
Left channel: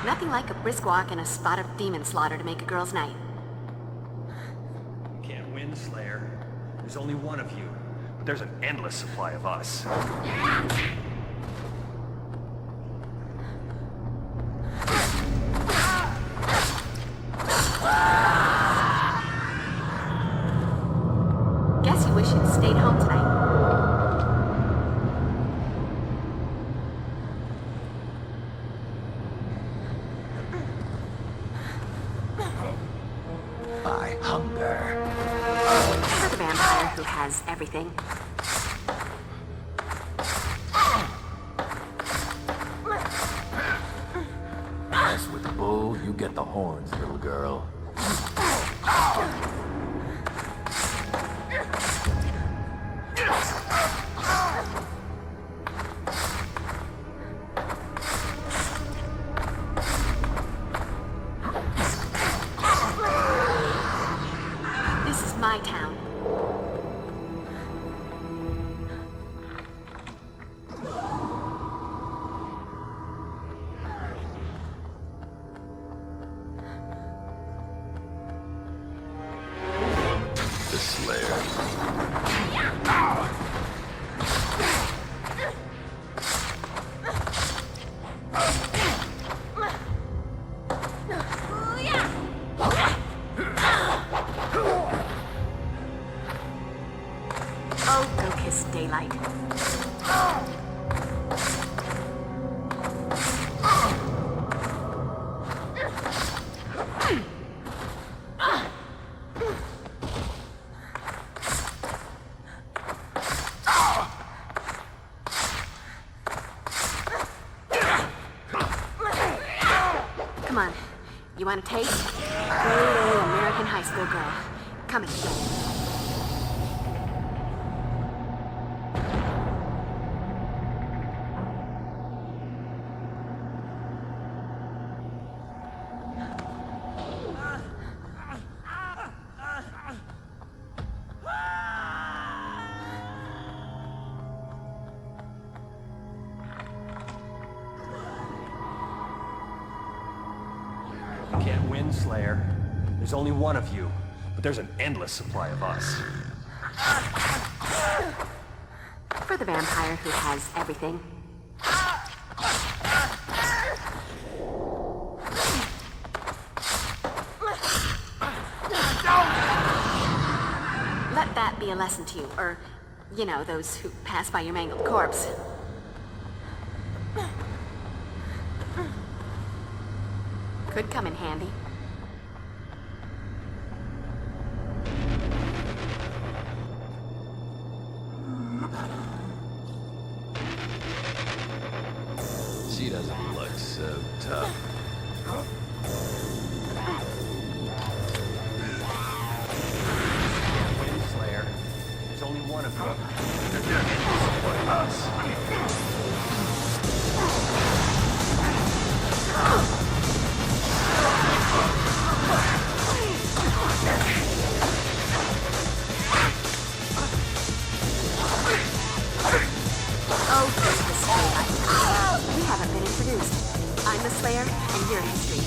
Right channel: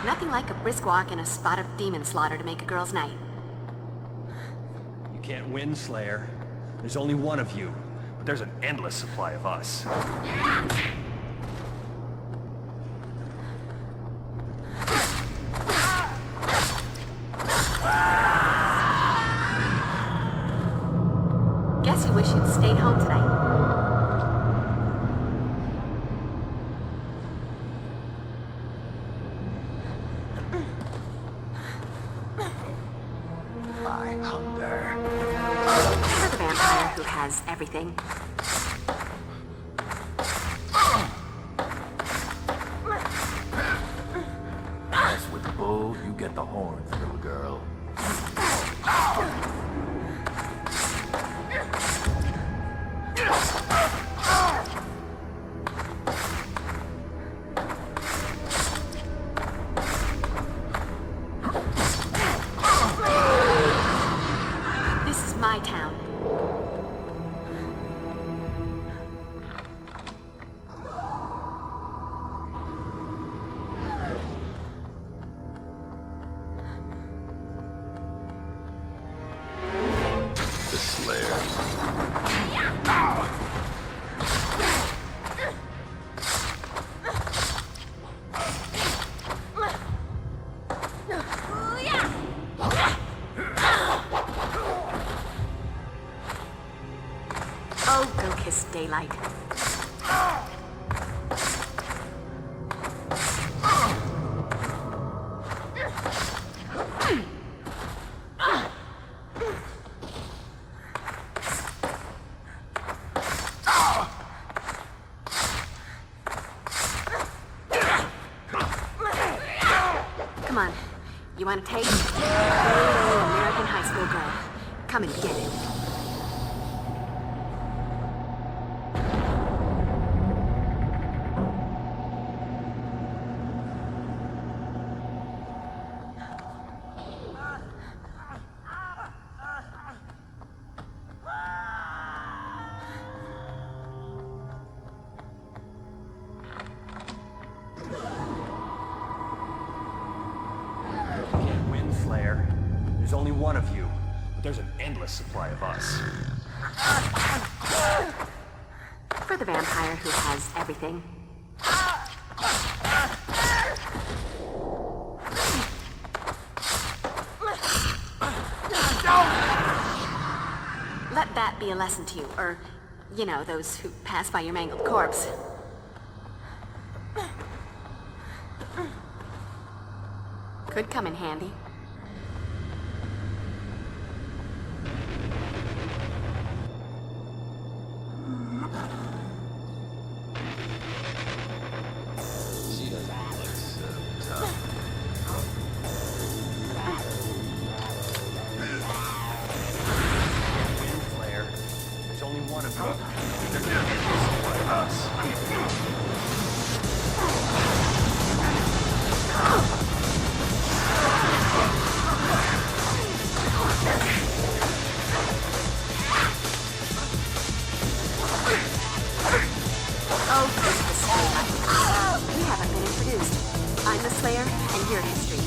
Nothing like a brisk walk and a spot of demon slaughter to make a girl's night. You can't win, Slayer. There's only one of you. But there's an endless supply of us. Guess you wish you'd stayed home tonight. My hunger. For the vampire who has everything. Mess with the bull, you get the horns, little girl. This is my town. The Slayer. Oh, go kiss daylight. Come on. You want a taste? Grade A American high school girl. Come and get it. Slayer. There's only one of you, but there's an endless supply of us. For the vampire who has everything. Let that be a lesson to you, or, you know, those who pass by your mangled corpse. Could come in handy. She doesn't look so tough. Slayer. There's only one of you. You haven't been introduced. I'm the Slayer, and you're history.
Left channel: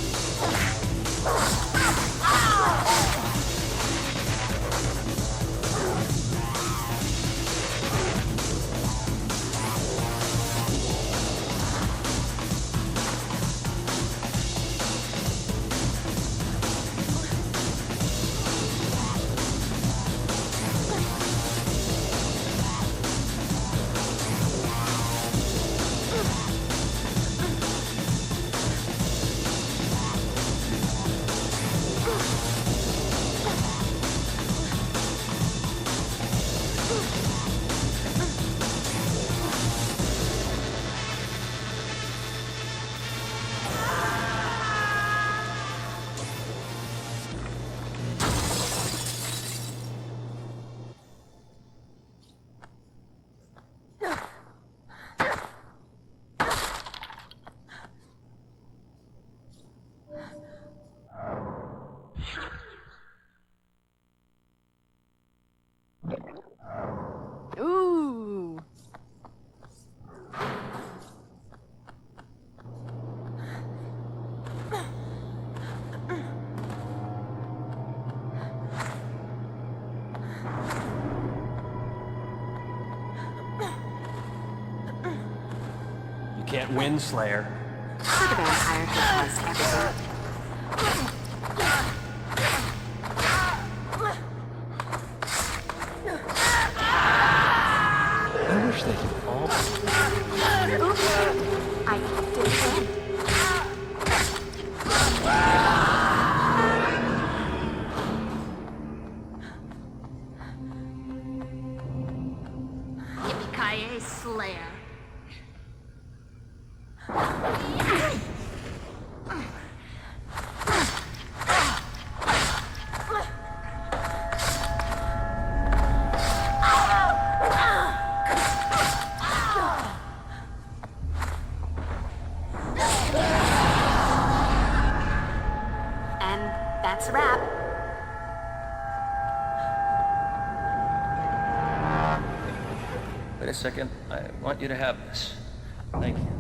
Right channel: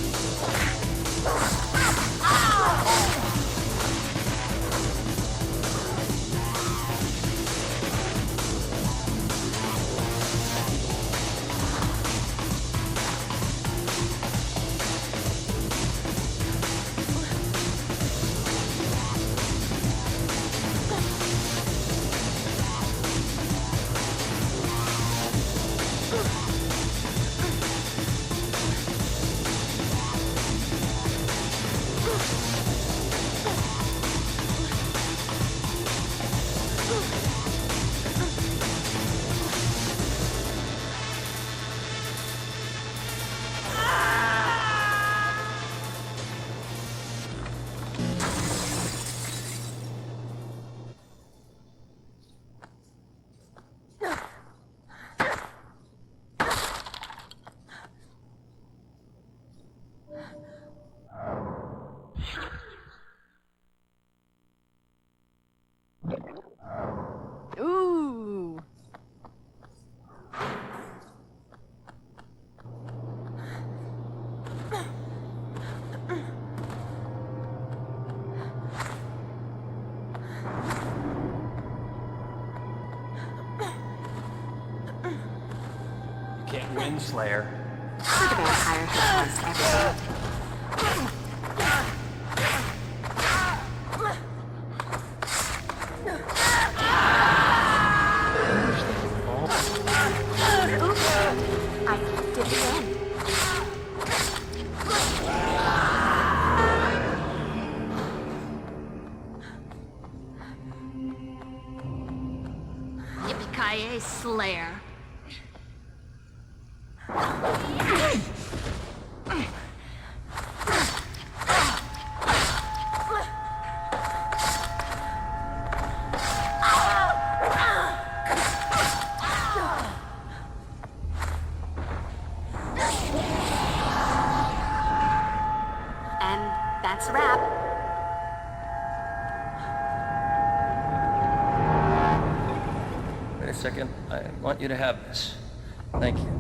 Ooh. You can't win, Slayer. For the vampire who has everything. I did it again. Yippee-ki-yay, Slayer. That's a wrap. Wait a second. I want you to have this. Thank you.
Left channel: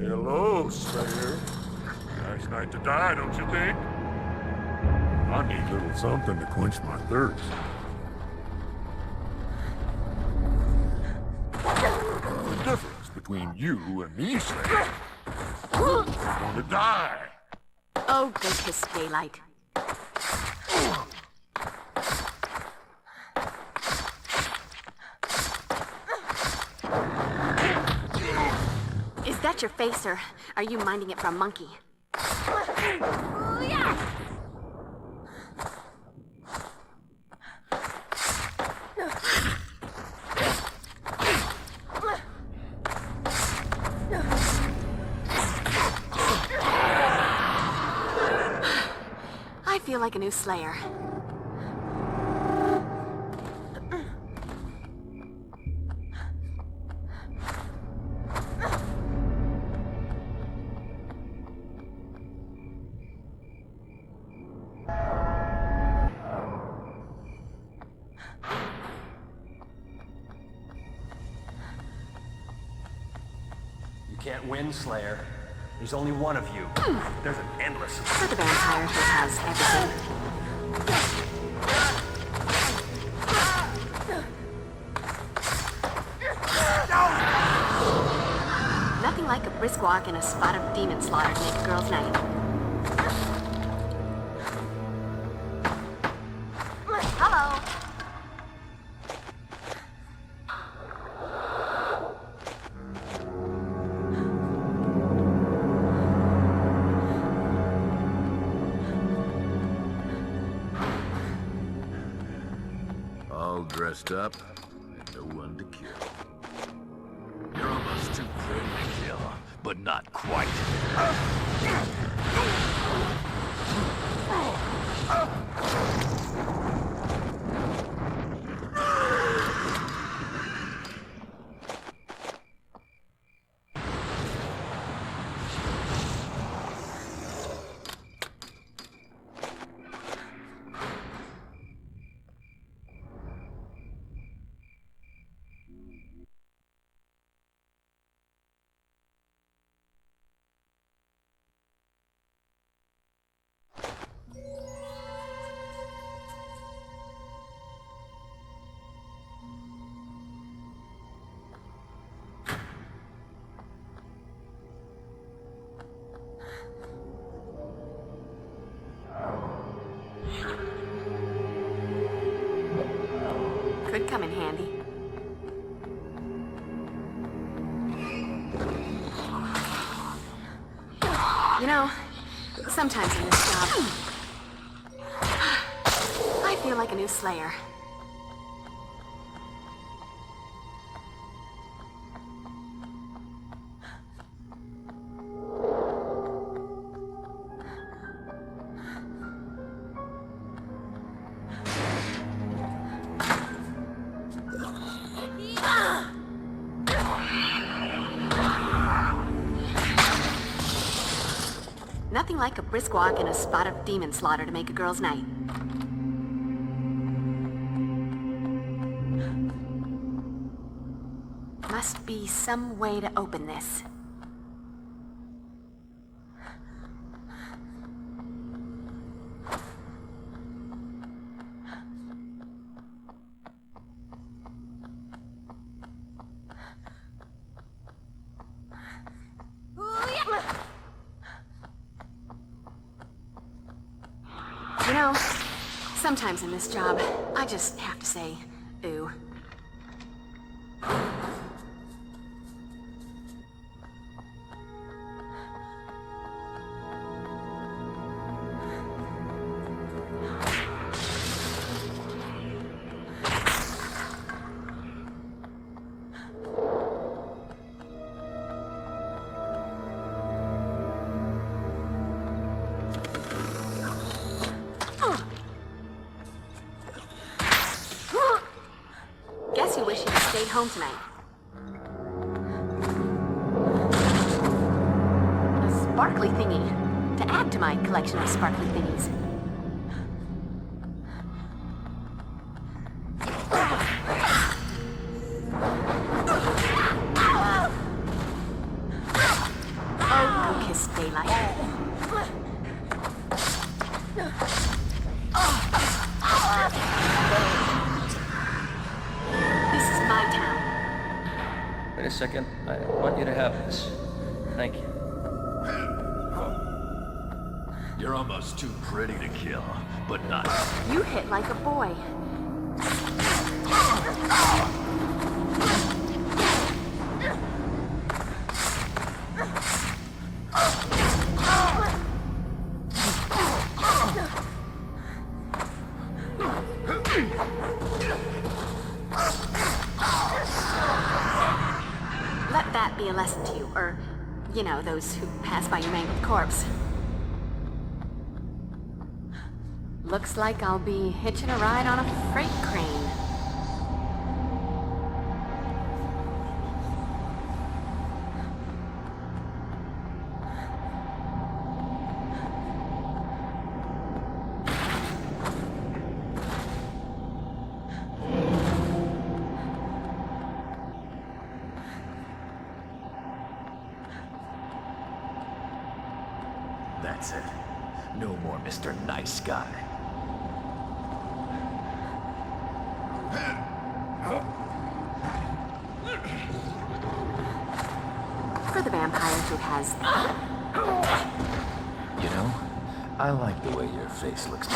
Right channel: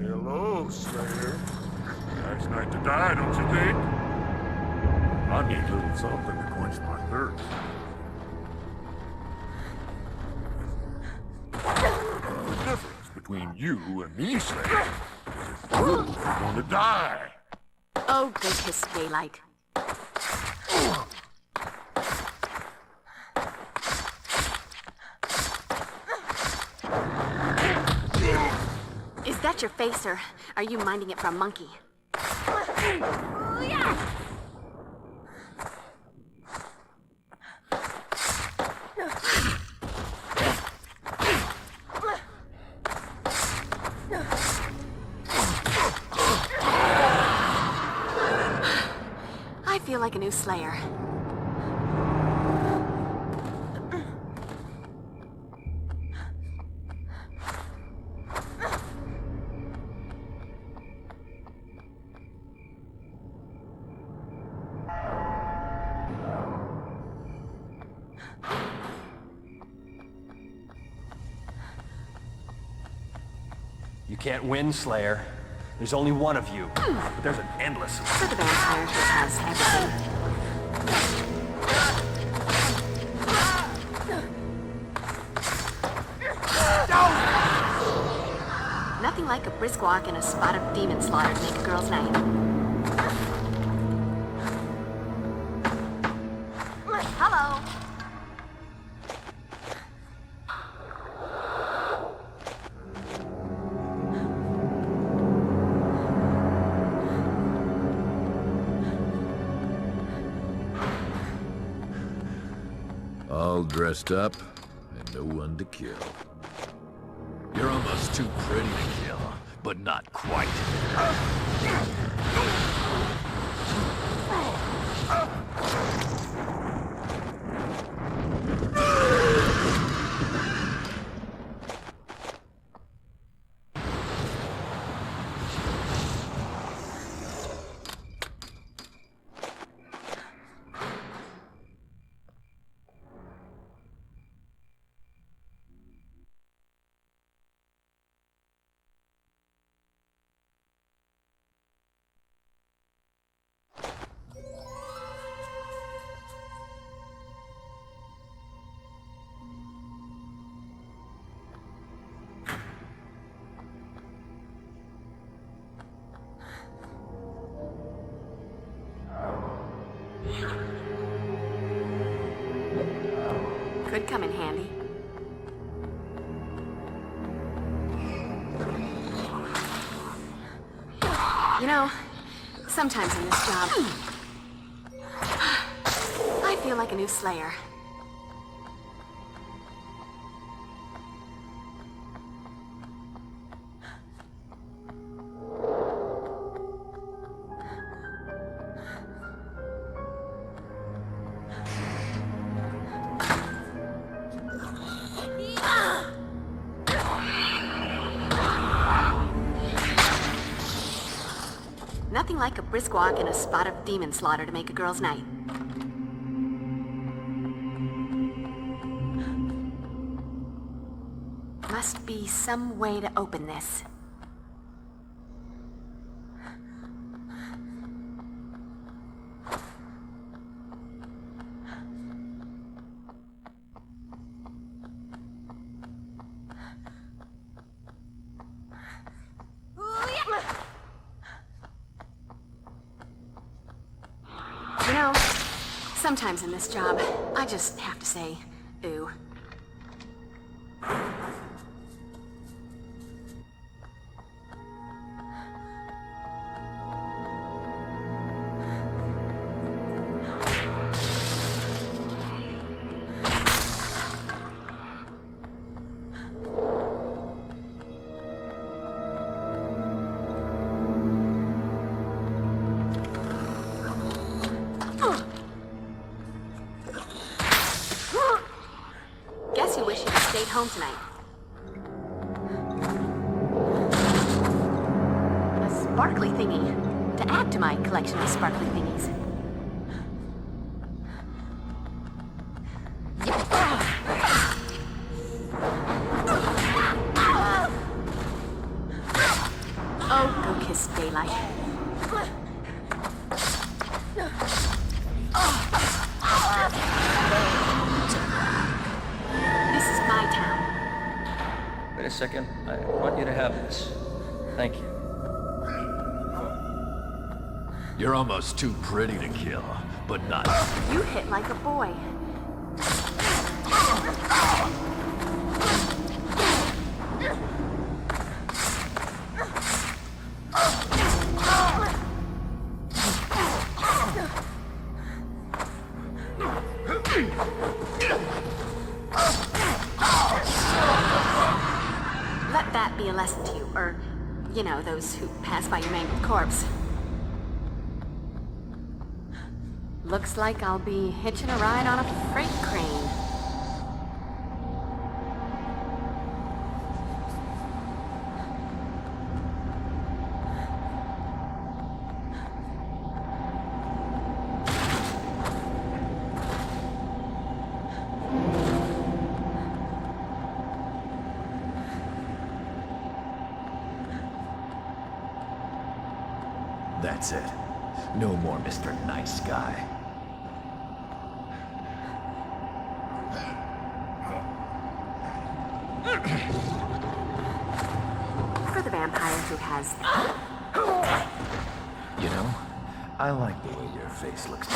Hello, Slayer. Nice night to die, don't you think? I need a little something to quench my thirst. The difference between you and me, Slayer, you're going to die. Oh, good kiss, daylight. Is that your face, or are you minding it for a monkey? feel like a new Slayer. You can't win, Slayer. There's only one of you. But there's an endless... For the vampire who has everything. Nothing like a brisk walk in a spot of demon slaughter to make a girl's night. Hello. All dressed up, and no one to kill. You're almost too pretty to kill, but not quite. Could come in handy. You know, sometimes in this job, I feel like a new Slayer. Nothing like a brisk walk in a spot of demon slaughter to make a girl's night. Must be some way to open this. You know, sometimes in this job, I just have to say, ooh. Guess you wish you'd stayed home tonight. A sparkly thingy. To add to my collection of sparkly thingies. Oh, go kiss daylight. Wait a second. I want you to have this. Thank you. You're almost too pretty to kill, but not. You hit like a boy. Let that be a lesson to you, or, you know, those who pass by your mangled corpse. Looks like I'll be hitching a ride on a freight crane. That's it. No more Mr. Nice Guy. For the vampire who has... You know, I like the way your face looks.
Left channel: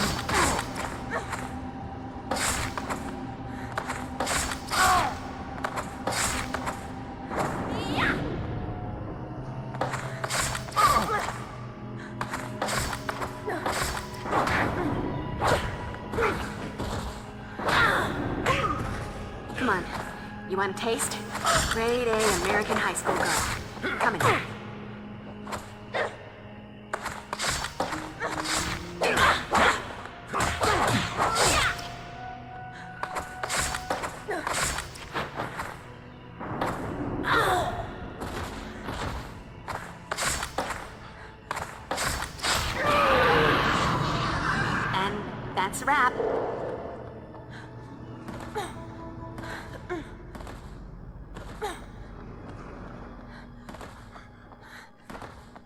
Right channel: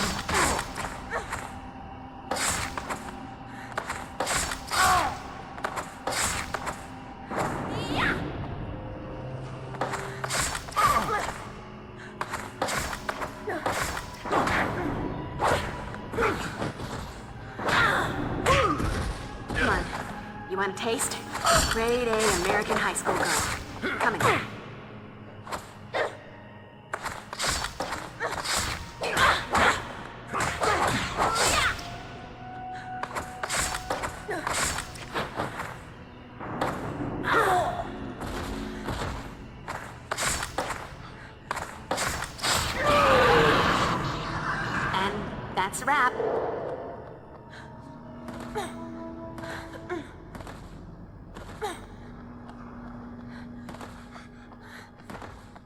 Come on. You want a taste? Grade A American high school girl. Coming. And that's a wrap.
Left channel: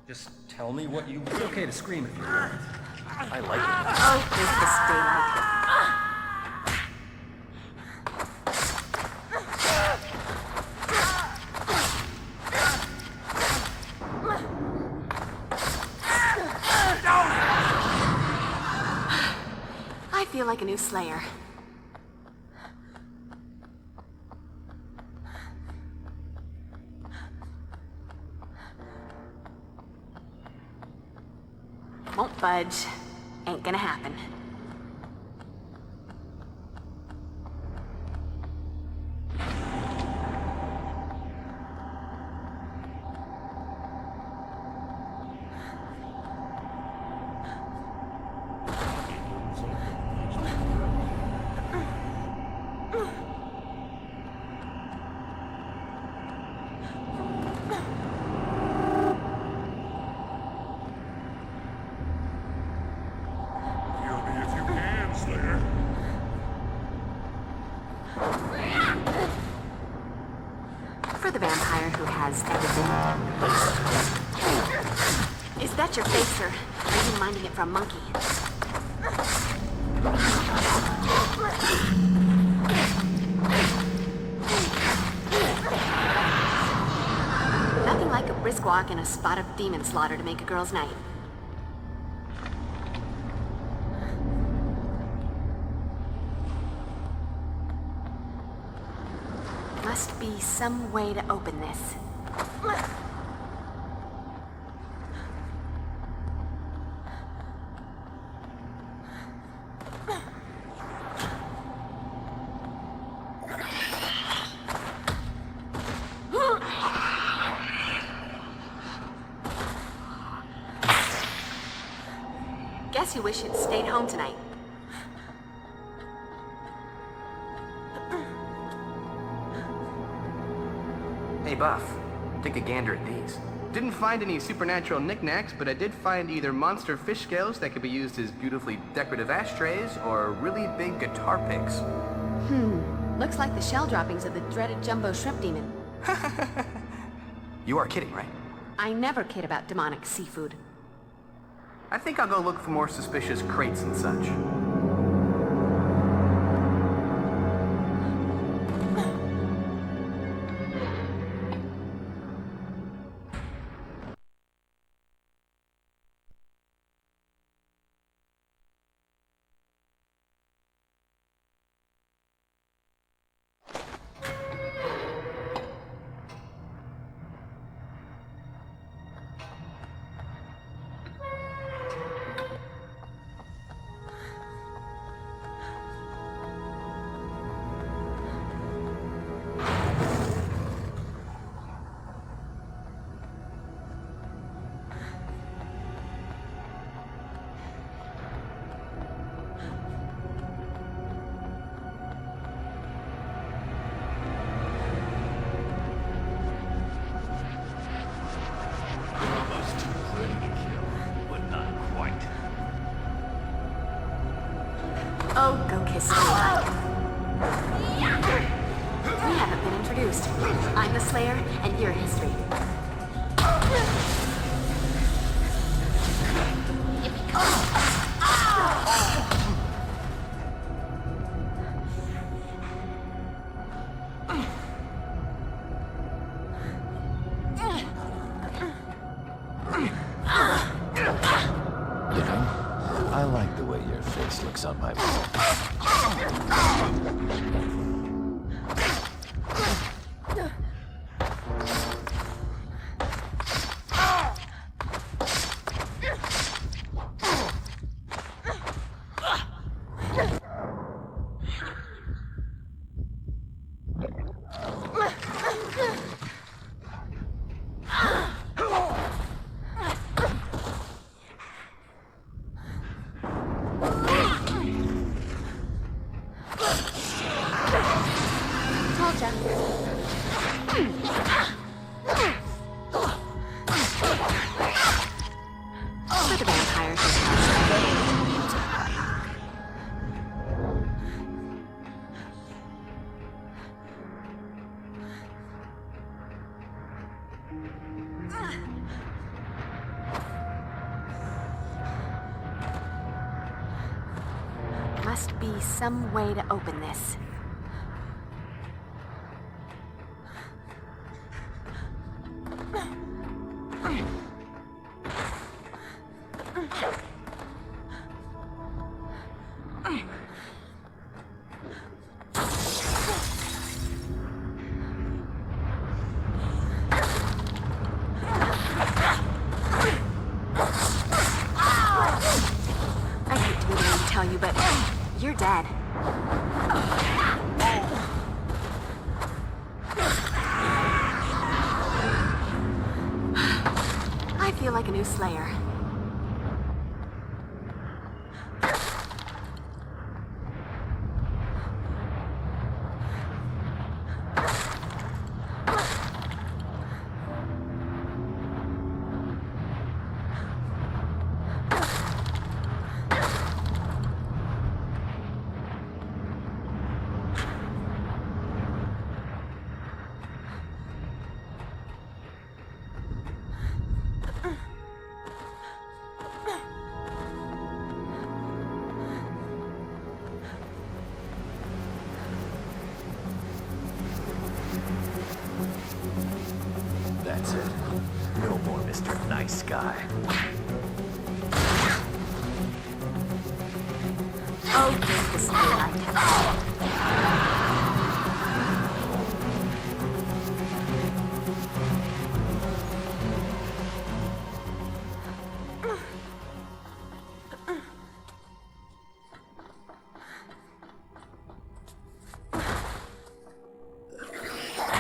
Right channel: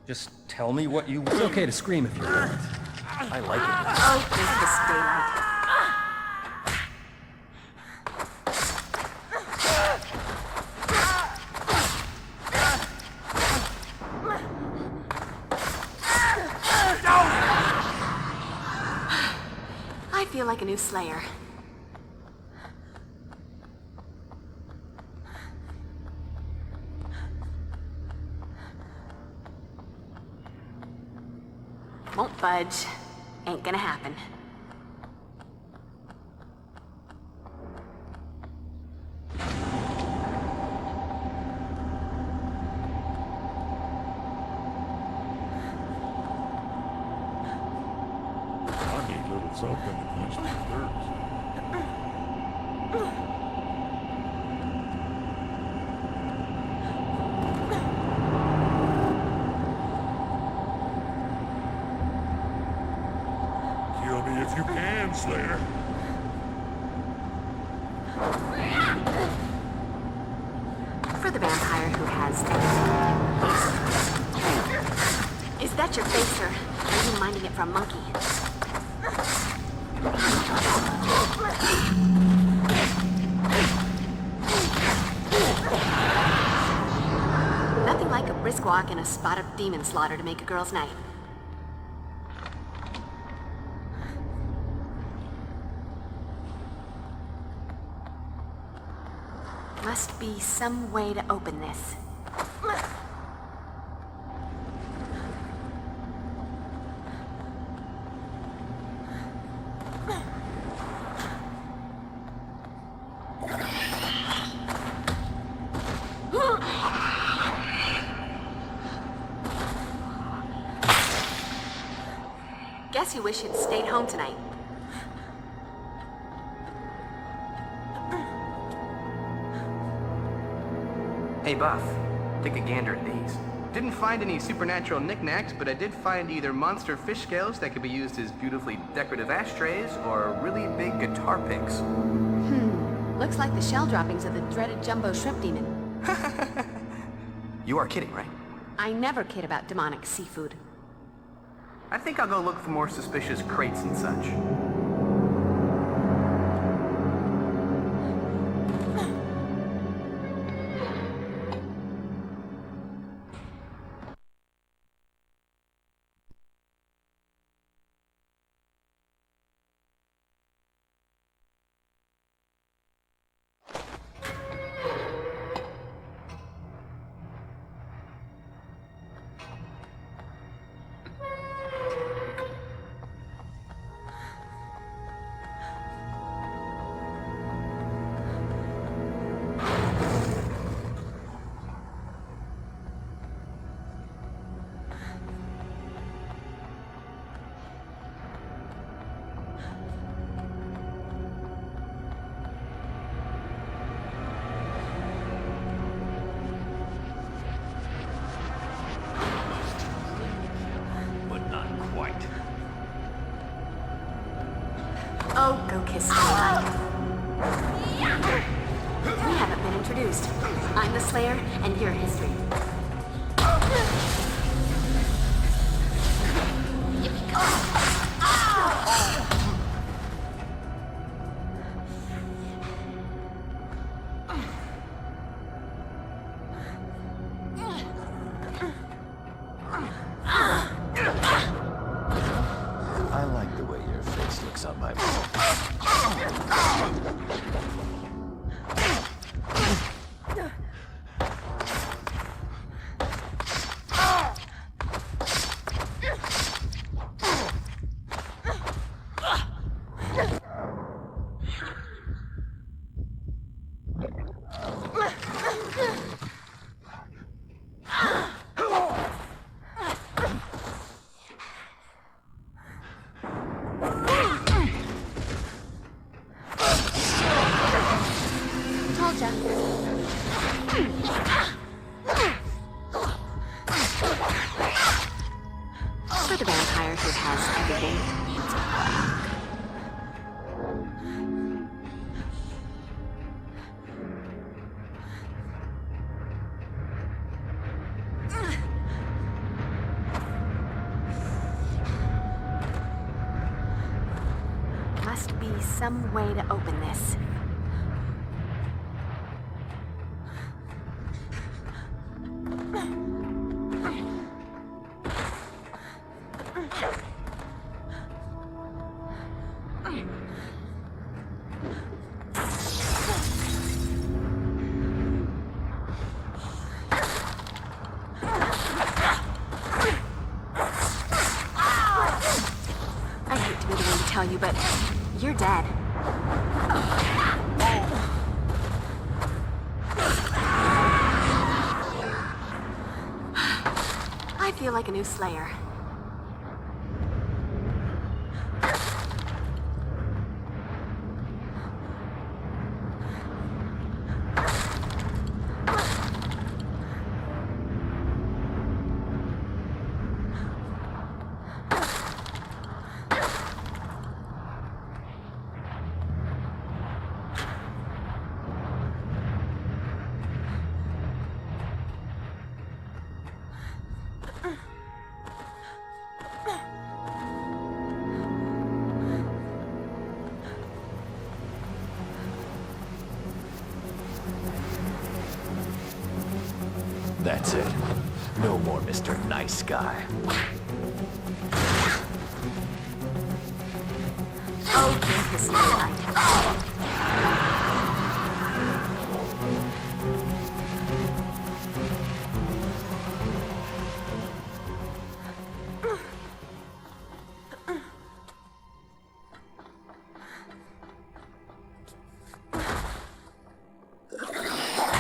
Just tell me what you... It's okay to scream if you want. I like it. Oh, Christmas daylight. I feel like a new Slayer. Won't budge. Ain't gonna happen. Kill me if you can, Slayer. For the vampire who has everything. Is that your face, or are you minding it for a monkey? Nothing like a brisk walk and a spot of demon slaughter to make a girl's night. Must be some way to open this. Guess you wish you'd stayed home tonight. Hey, Buff. Take a gander at these. Didn't find any supernatural knickknacks, but I did find either monster fish scales that could be used as beautifully decorative ashtrays or really big guitar picks. Looks like the shell droppings of the dreaded jumbo shrimp demon. You are kidding, right? I never kid about demonic seafood. I think I'll go look for more suspicious crates and such. Oh, go kiss me. We haven't been introduced. I'm the Slayer, and you're history. I like the way your face looks on my wall. For the vampires whose house I gave. Must be some way to open this. I hate to be the one to tell you, but you're dead. I feel like a new Slayer. That's it. No more Mr. Nice Guy. Oh, drink the secret light.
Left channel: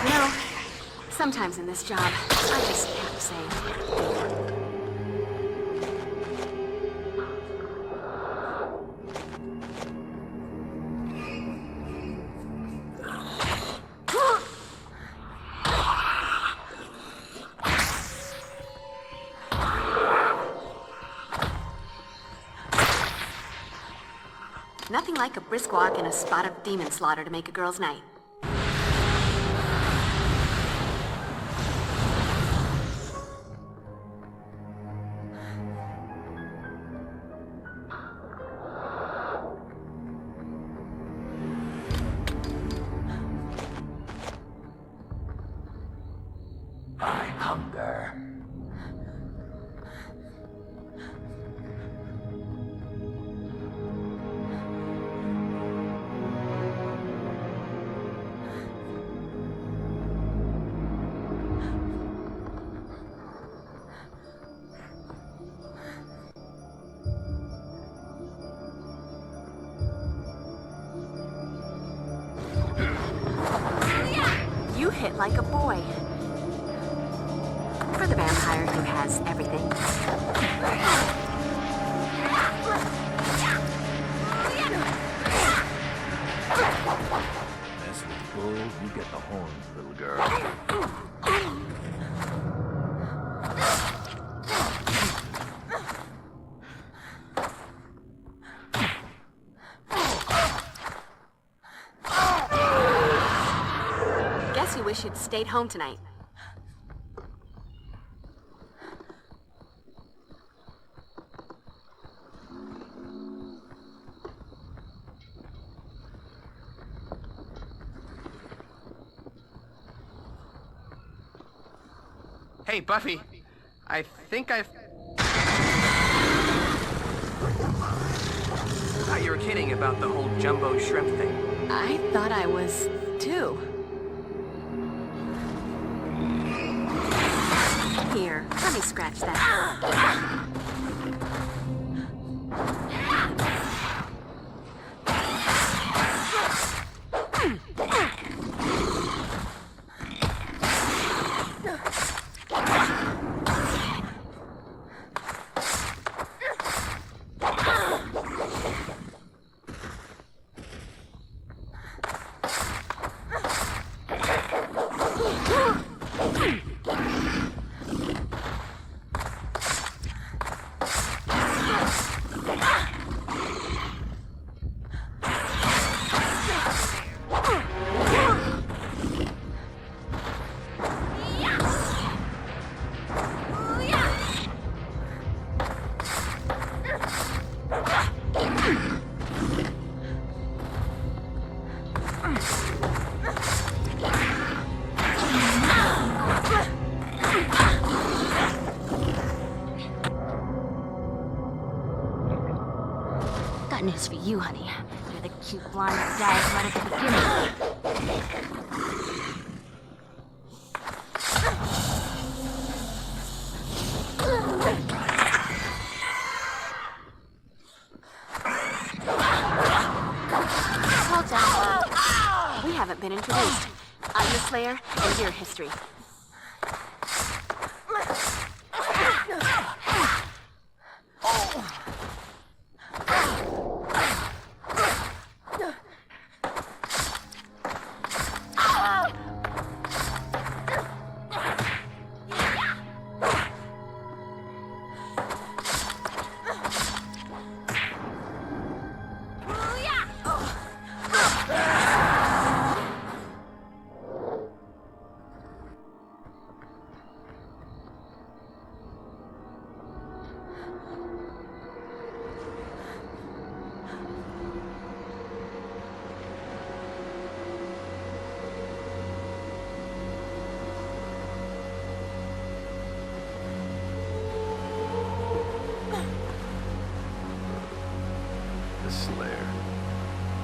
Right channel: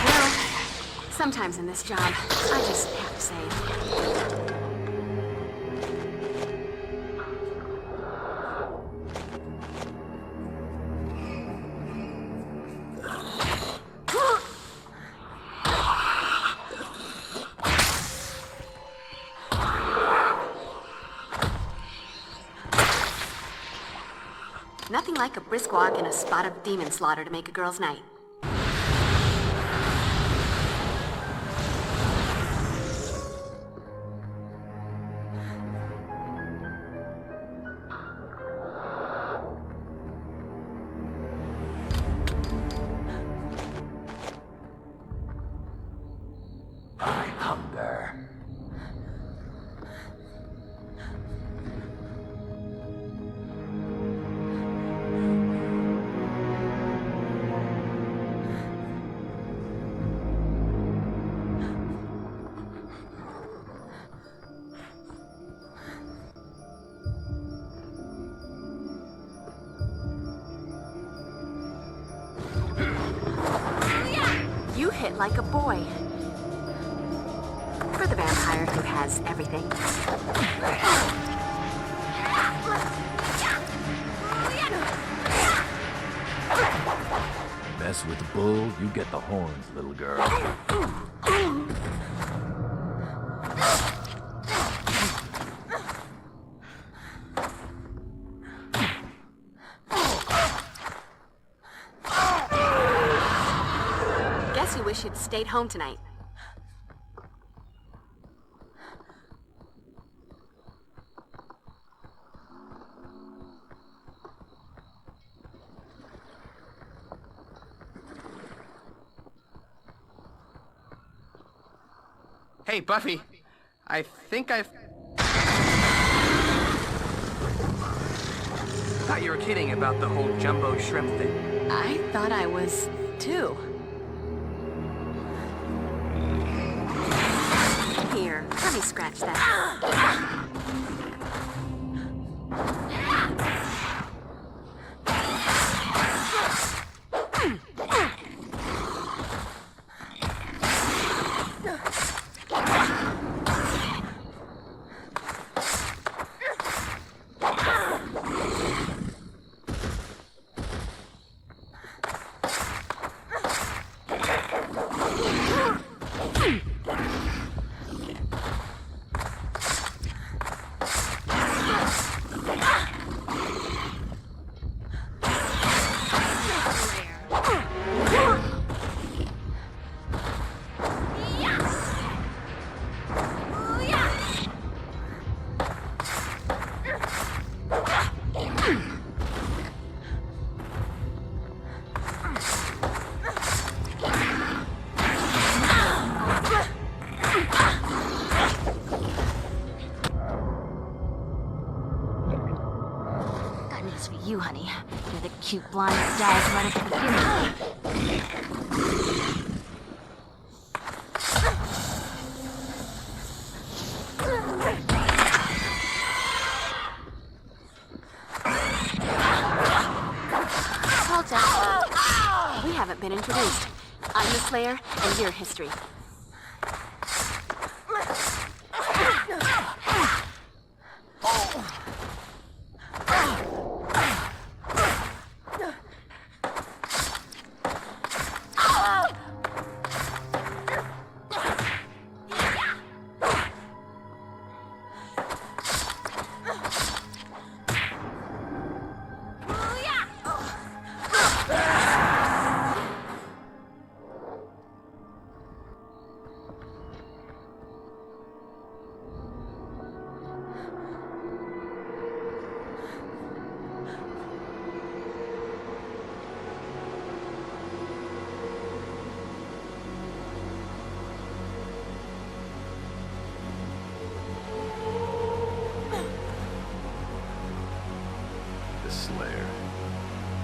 You know, sometimes in this job, I just have to say, nothing like a brisk walk and a spot of demon slaughter to make a girl's night. I hunger. You hit like a boy. For the vampire who has everything. Mess with the bull, you get the horns, little girl. wish you'd stayed home tonight. Hey, Buffy. I think I thought you were kidding about the whole jumbo shrimp thing. I thought I was, too. Here, let me scratch that. News for you, honey. You're the cute blonde that dies right at the beginning. Hold on. We haven't been introduced. I'm the Slayer, and you're history. Slayer.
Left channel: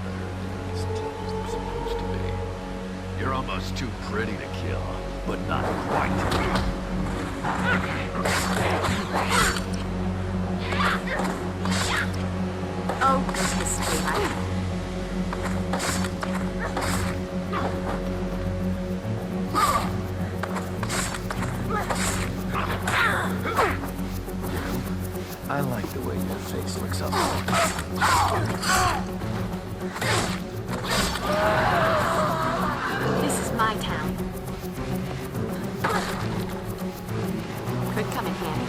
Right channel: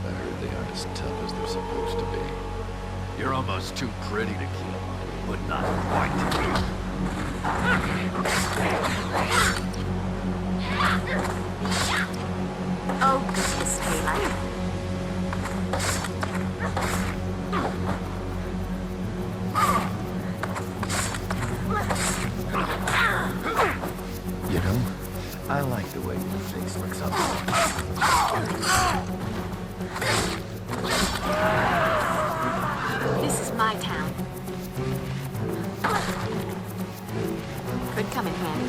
They are as tough as they're supposed to be. You're almost too pretty to kill, but not quite. Oh, goodness, sweetheart. I like the way your face looks up. This is my town. Could come in handy.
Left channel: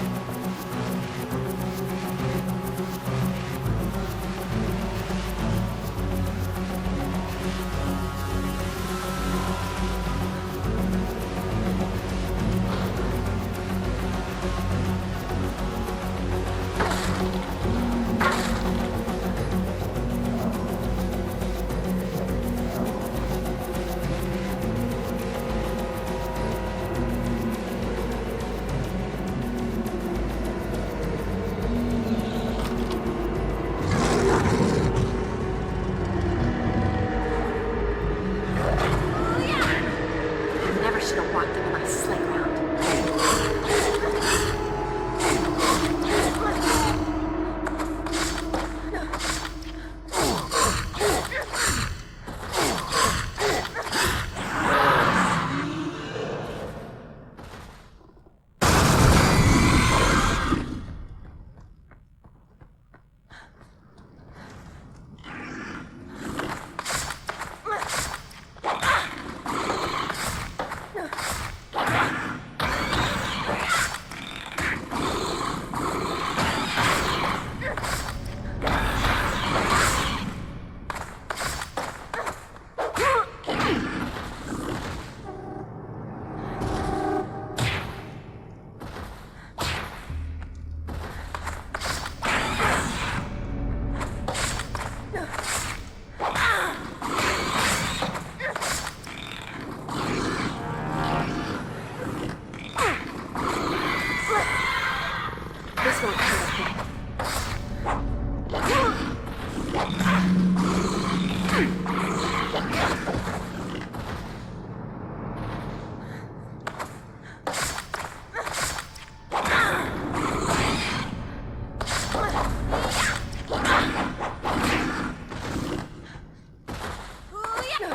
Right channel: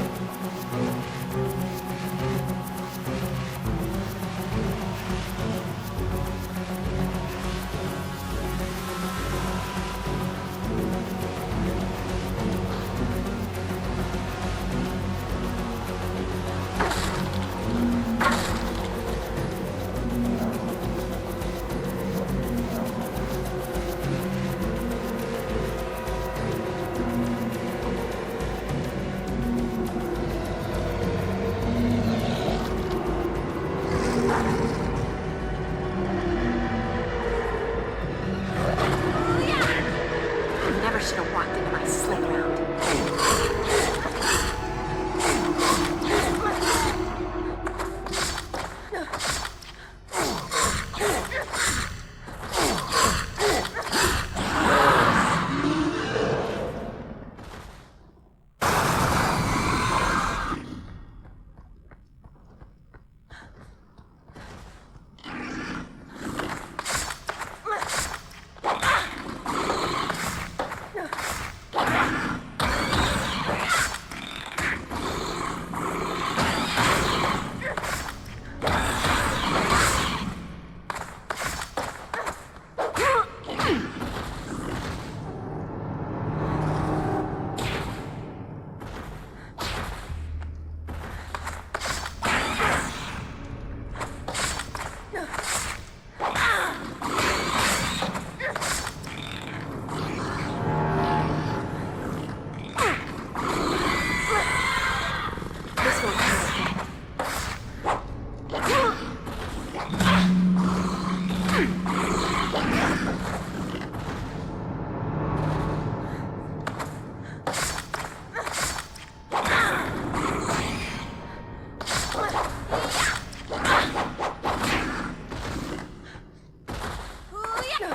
Let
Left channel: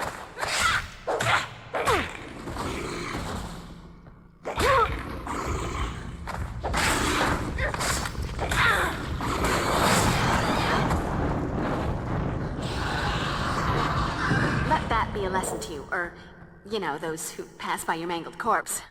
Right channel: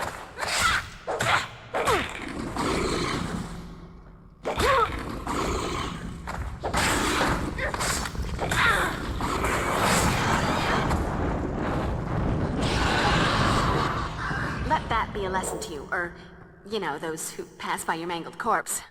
that be a lesson to you, or, you know, those who pass by your mangled corpse.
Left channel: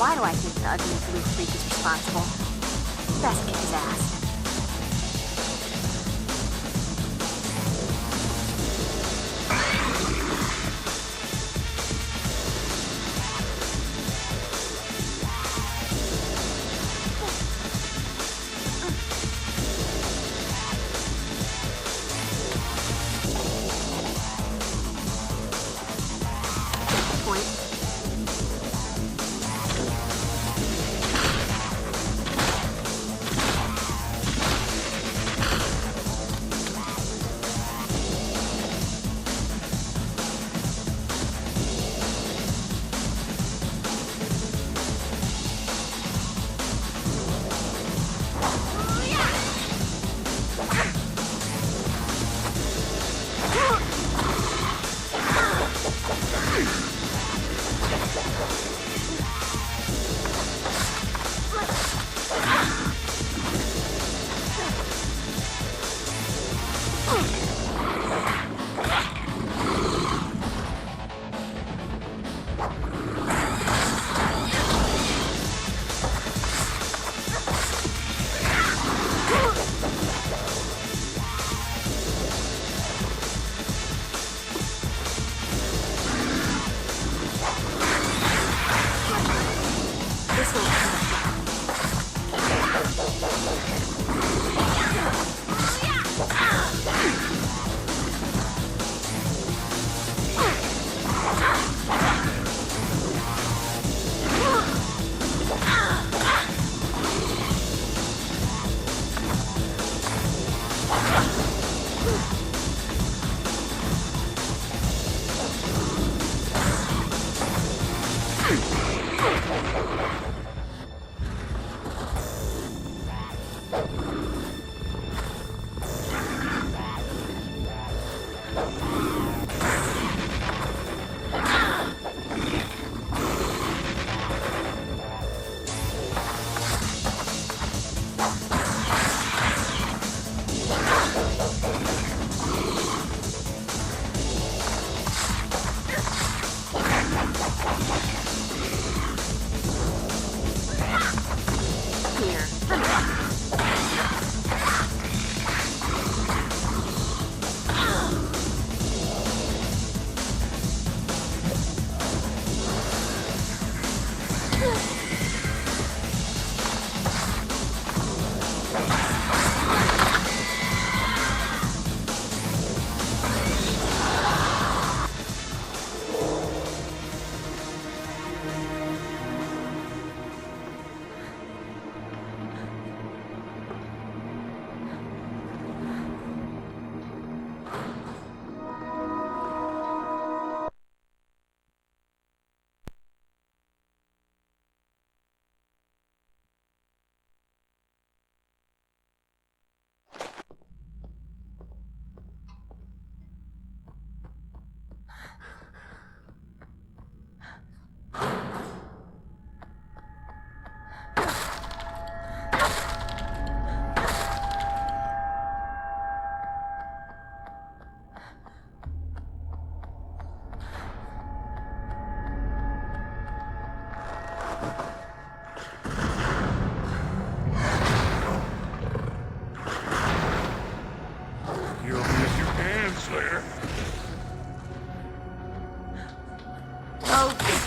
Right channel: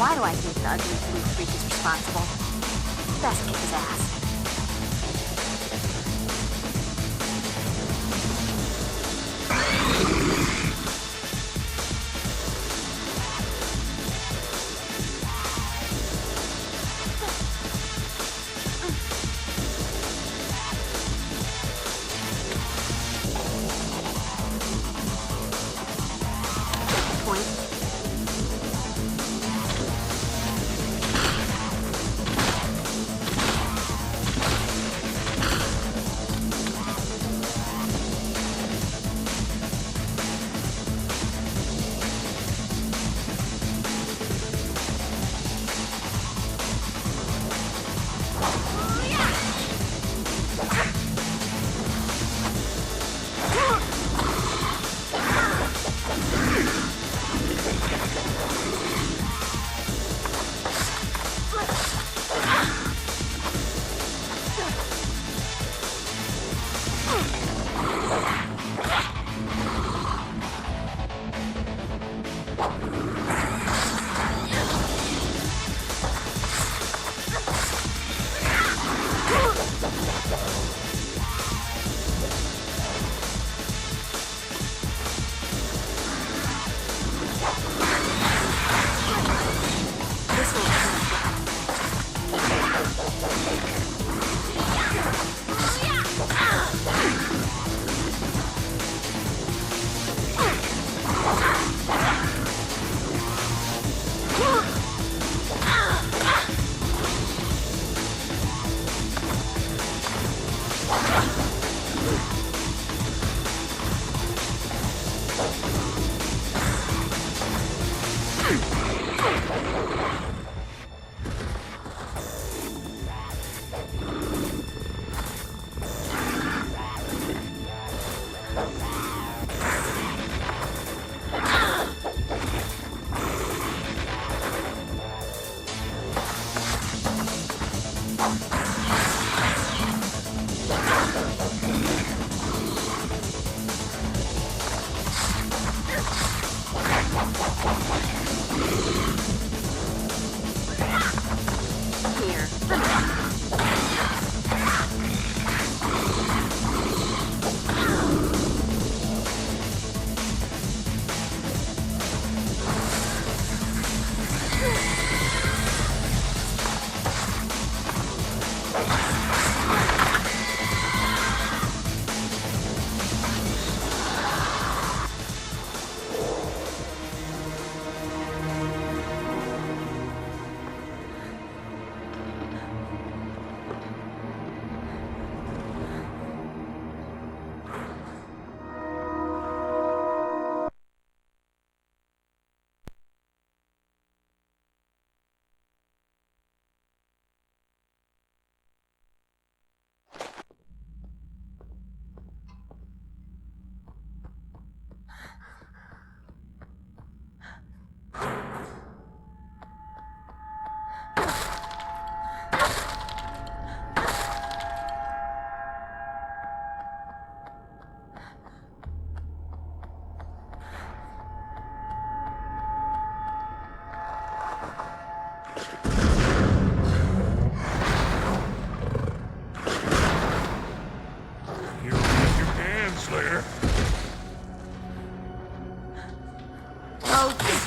Why do I think the ugly blue freak is responsible? Best kick his ass.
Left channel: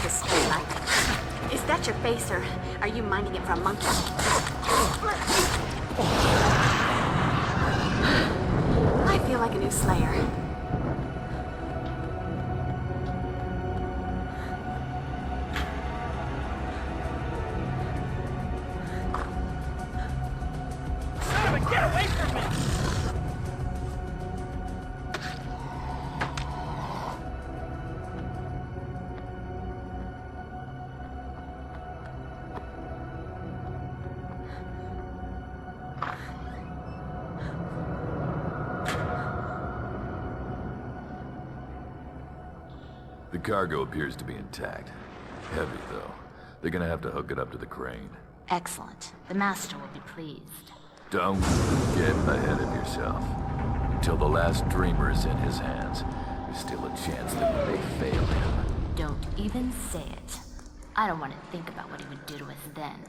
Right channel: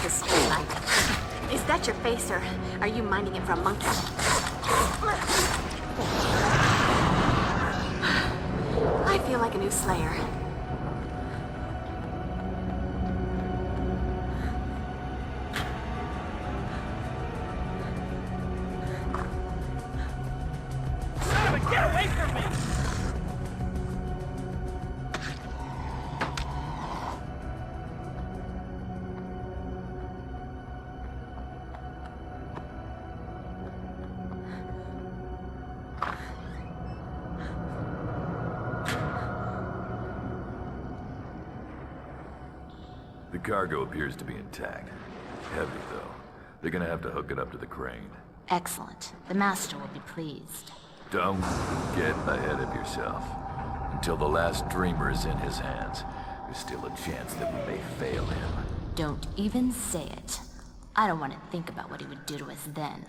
this daylight. Is that your face, or are you minding it for a monkey? I feel like a new Slayer. Son of a, get away from me! The cargo appears to be intact. Heavy, though. They're gonna have to hook it up to the crane. Excellent. The Master will be pleased. Don't get ahead of yourself. Until the last dreamer is in his hands, there's still a chance that we may fail him. Don't even say it. I don't want to think about what he would do to us then.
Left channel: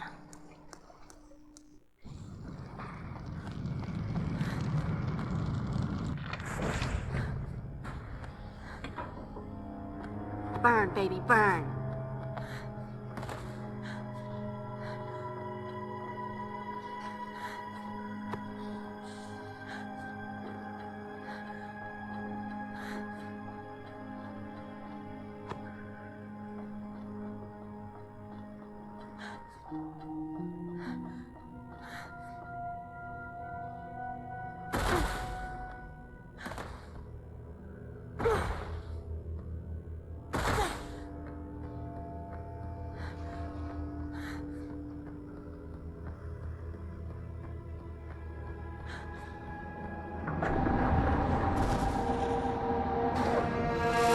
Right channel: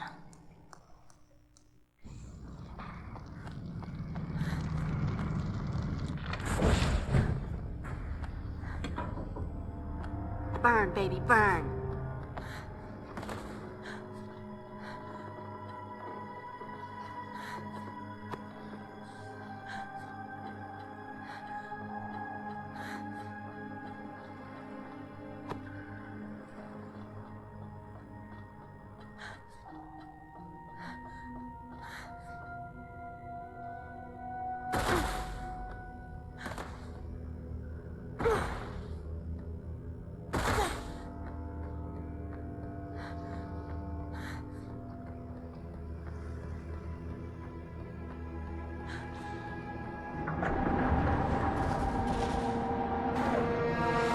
Burn, baby, burn.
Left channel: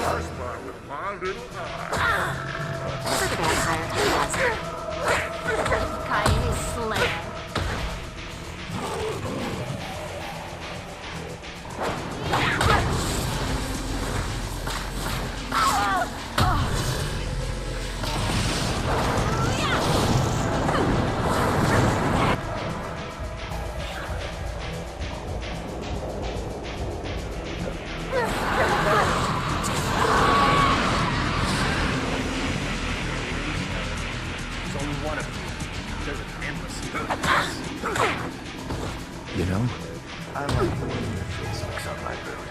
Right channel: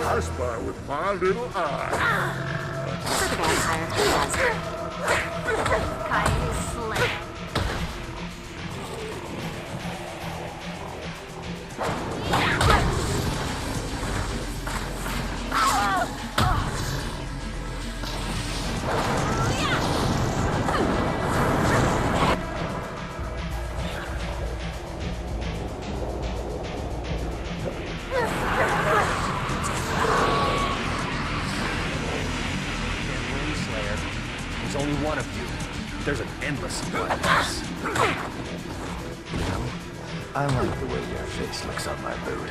I spy with my little eye. For the vampire who has it. Coyote Slayer. There's only one of you. There's an endless amount of us. You know, I like the way your face looks on my bird.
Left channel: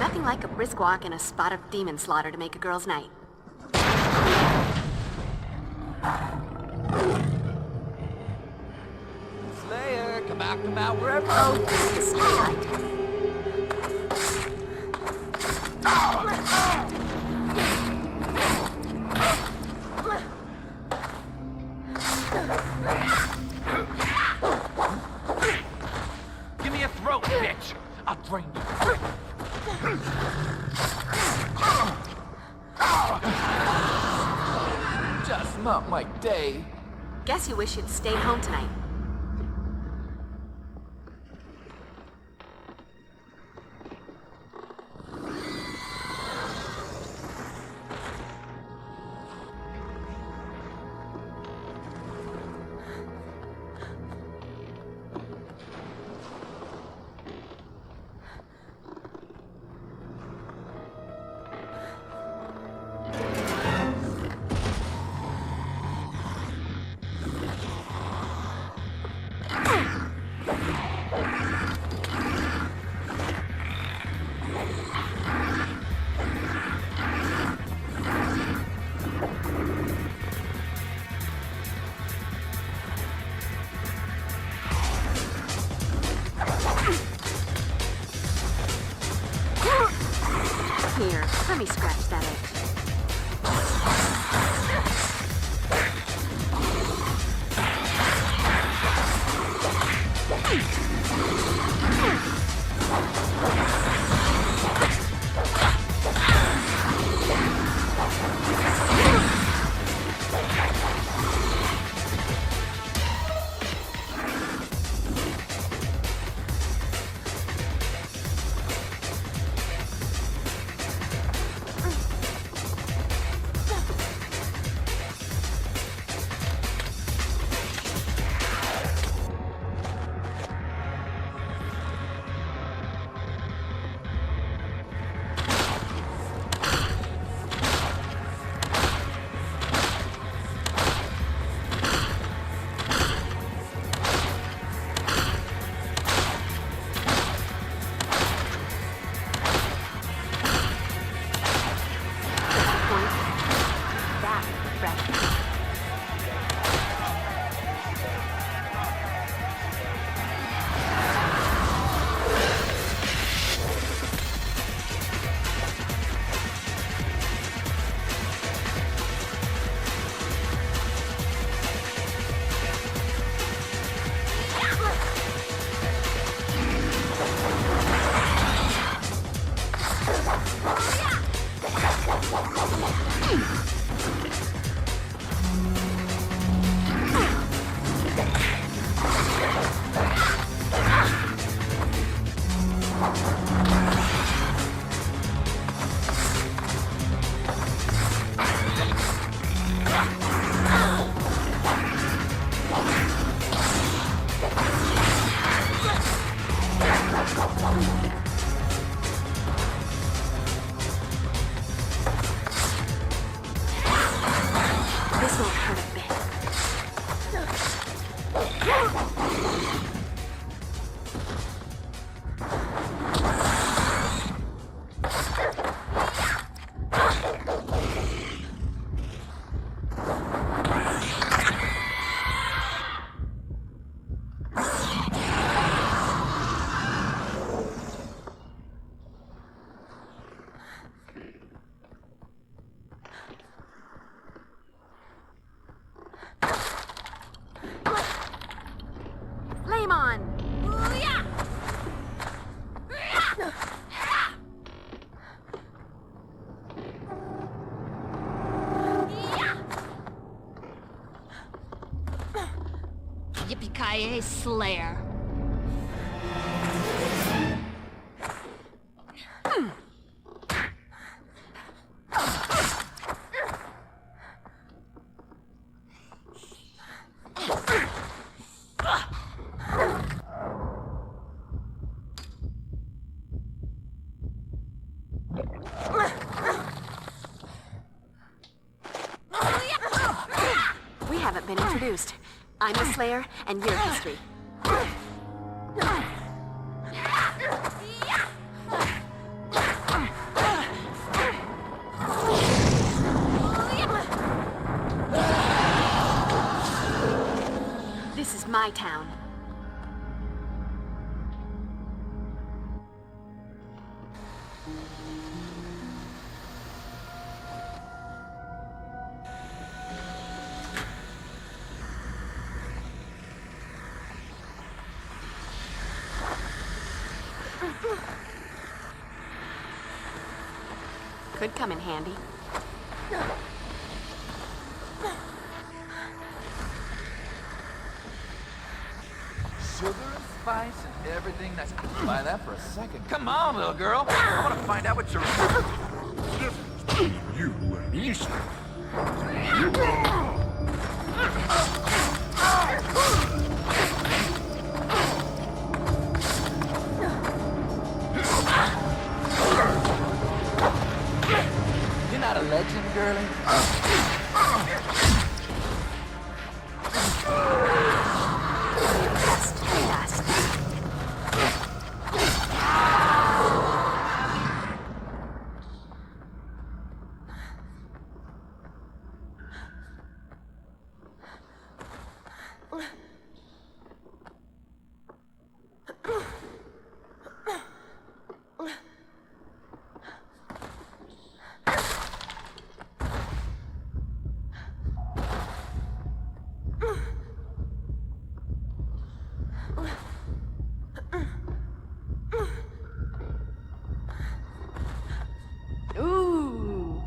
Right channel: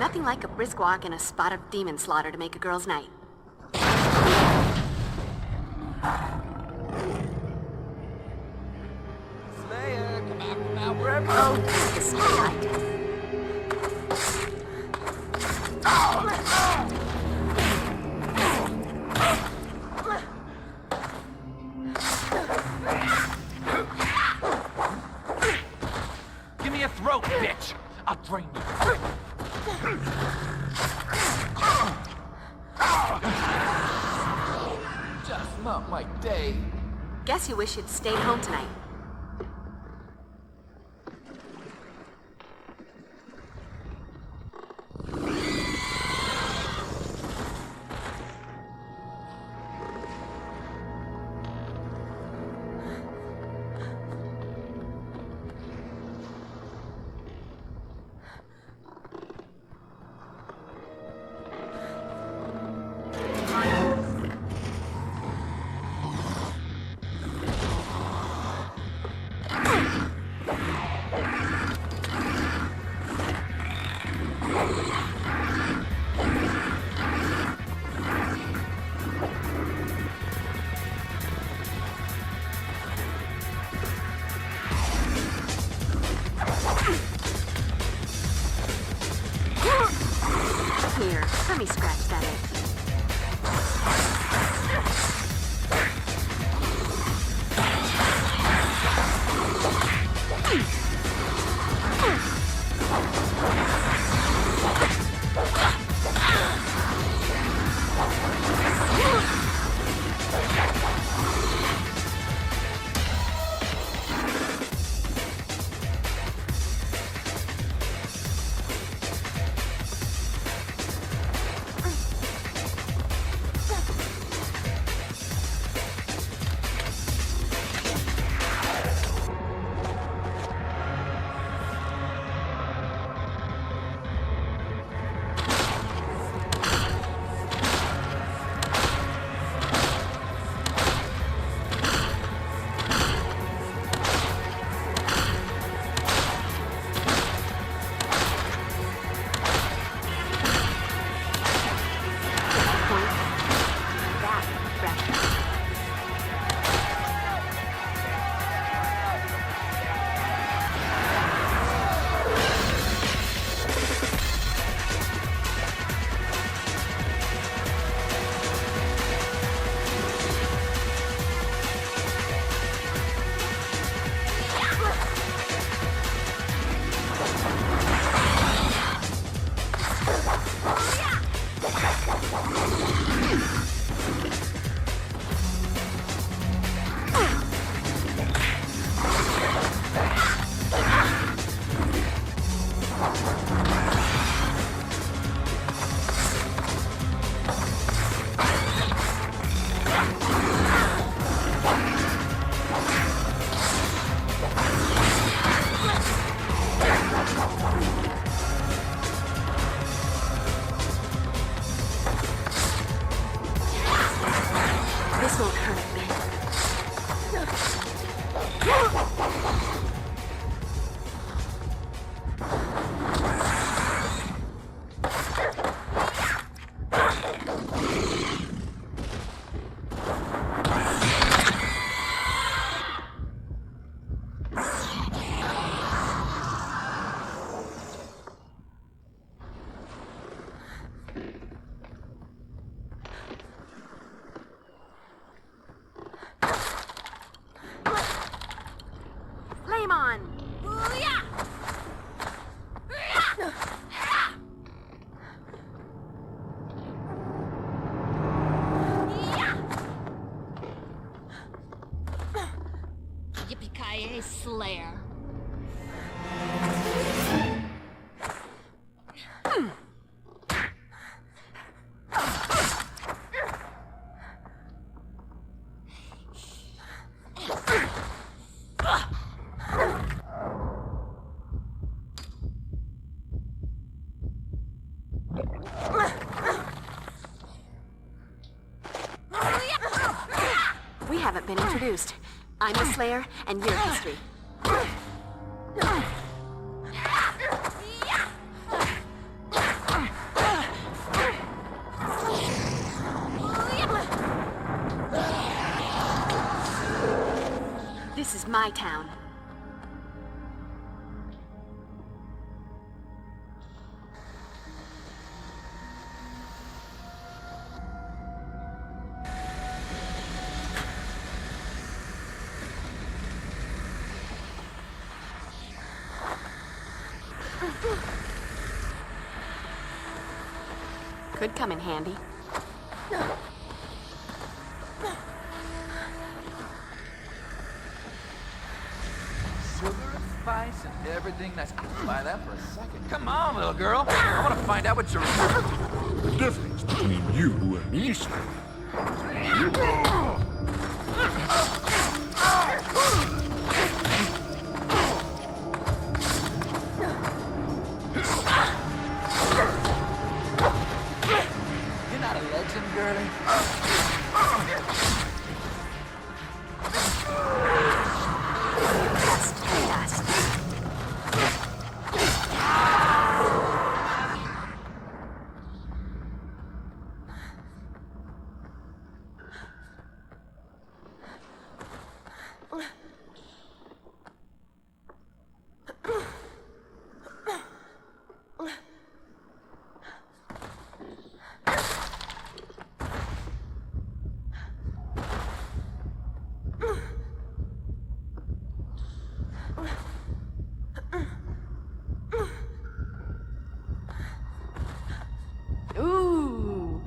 Nothing like a brisk walk and a spot of demon slaughter to make a girl's night. Slayer, come out, wherever. Oh, the spotlight. Give me a throat, bitch. I'll drain you. Just not my day. Guess you wish you'd stayed home tonight. Here, let me scratch that itch. Flame on! Yippee-ki-yay, Slayer. We haven't been introduced. I'm the Slayer, and you're history. This is my town. Could come in handy. Sugar and spice and everything that's... Buy that for a second. Come on, little girl. I want to find out what you're... The difference between you and me, You're not a legend, girlie. Ooh.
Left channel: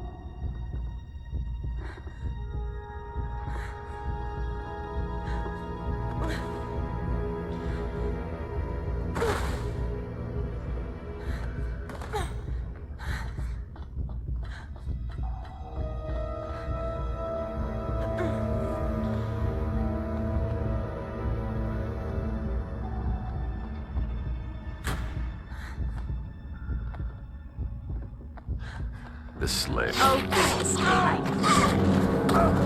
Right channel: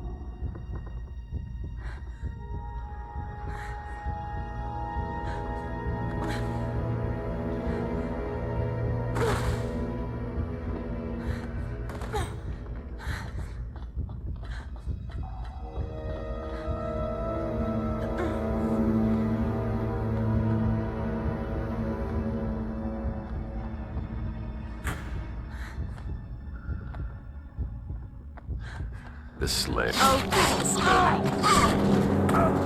The Slayer. Oh, this is daylight.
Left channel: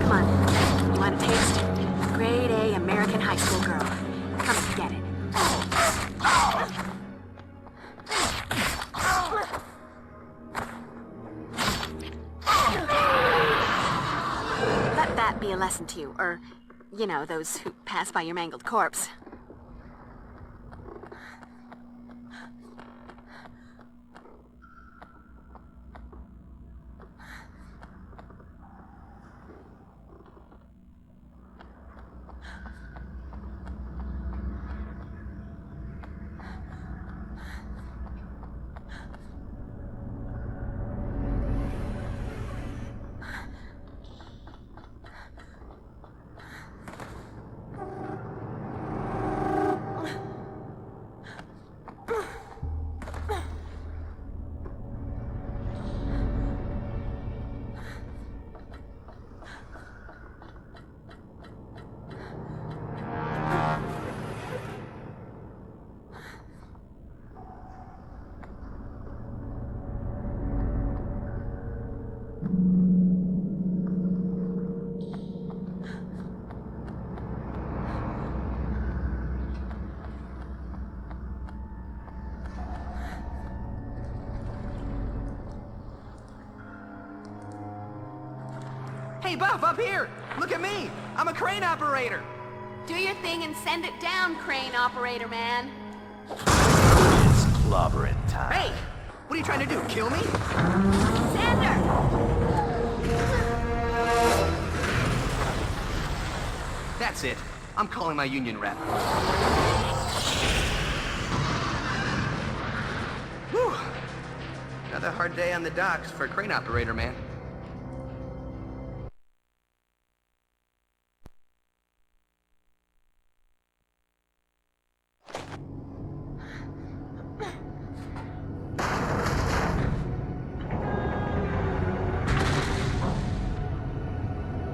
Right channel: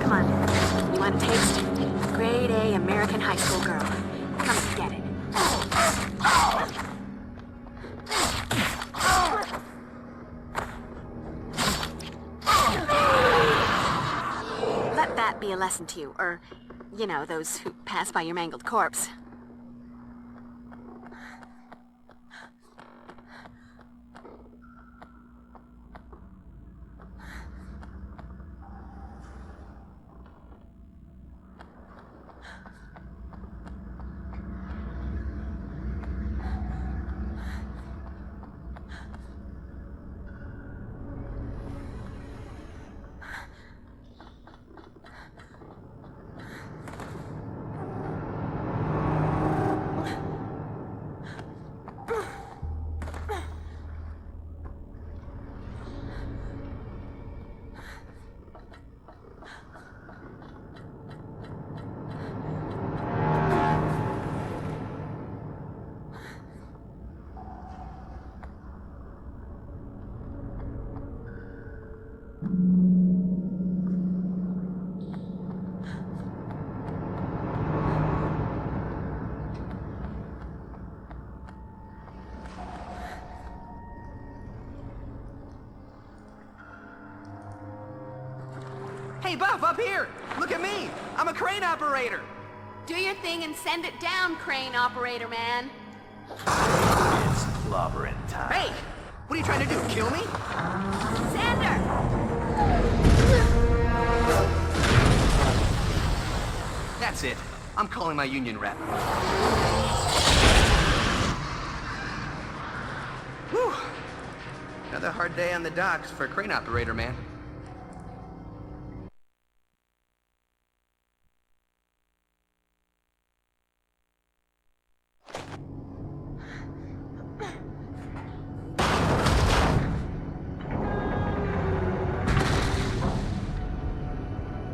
Come on. You want a taste? Grade A American high school girl. Come get it. Let that be a lesson to you, or, you know, those who pass by your mangled corpse. Hey, Buff, up here! Look at me! I'm a crane operator! Do your thing and send it down, crane operator man. It's clobbering time. Hey! What are you trying to do, kill me? Sander! That's it. I'm calling my union rep. Whew. Another hard day on the docks for a crane operator, man.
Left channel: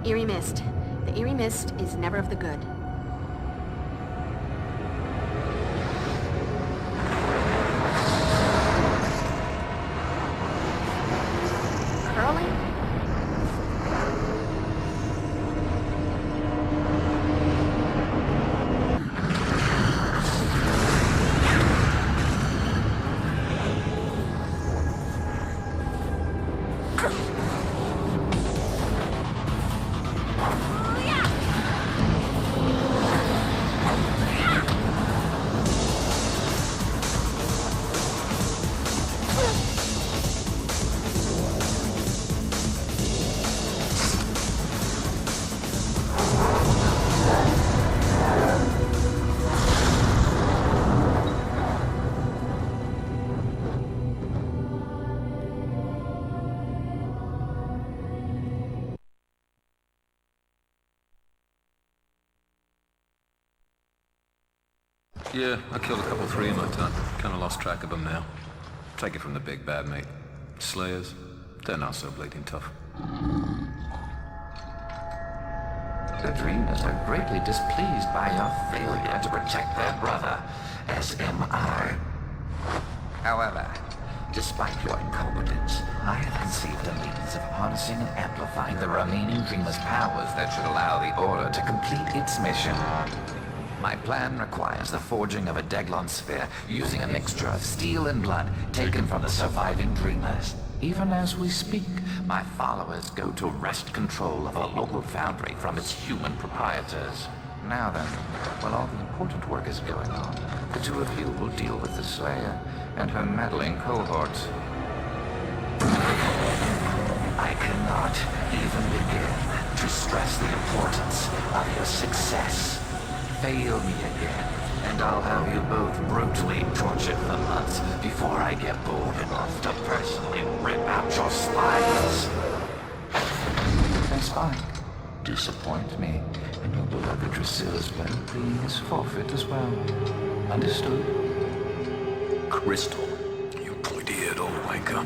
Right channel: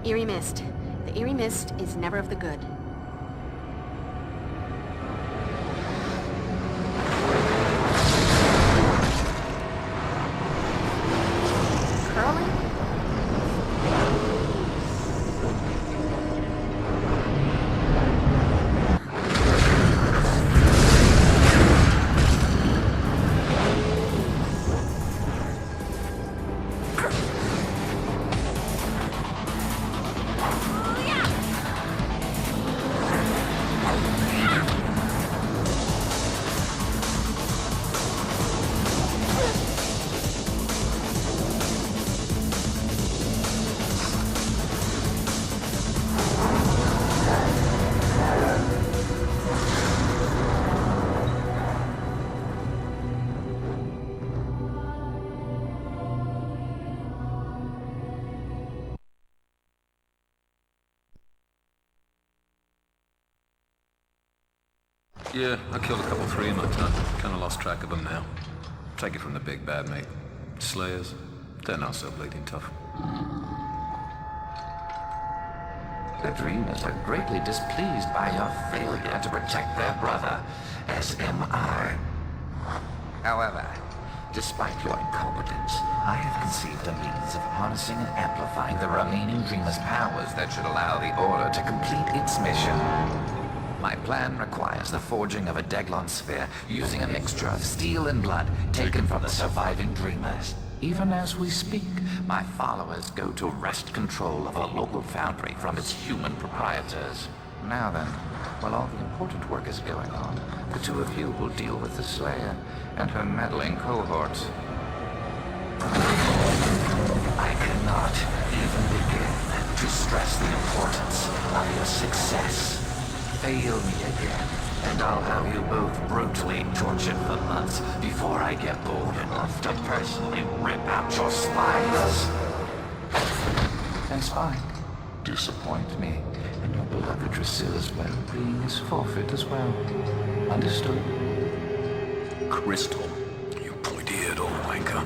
Eerie mist. The eerie mist is never of the good. Curling? Yeah, I killed a couple 3 in my time. Kinda lost track of them now. Take it from the big bad, mate. Slayers, they're not so bleeding tough. The Dreamers are greatly displeased by your failure to protect their brother, as am I. However, despite your incompetence, I have conceived a means of harnessing and amplifying the remaining Dreamers' powers that should allow the Order to complete its mission. My plan requires the forging of a daglon sphere using a mixture of steel and blood taken from the surviving Dreamers. Even as we speak, my followers go to wrest control of a local foundry from its human proprietors. Now then, while all the important work is going on, the two of you will deal with the Slayer and her meddling cohorts. I cannot even begin to stress the importance of your success. Fail me again, and I'll have you both brutally tortured for months before I get bold enough to personally rip out your spines. That's fine. Disappoint me, and your beloved Drusilla's well-being is forfeit as well. Understood? Crystal, you pointy-eared old wanker.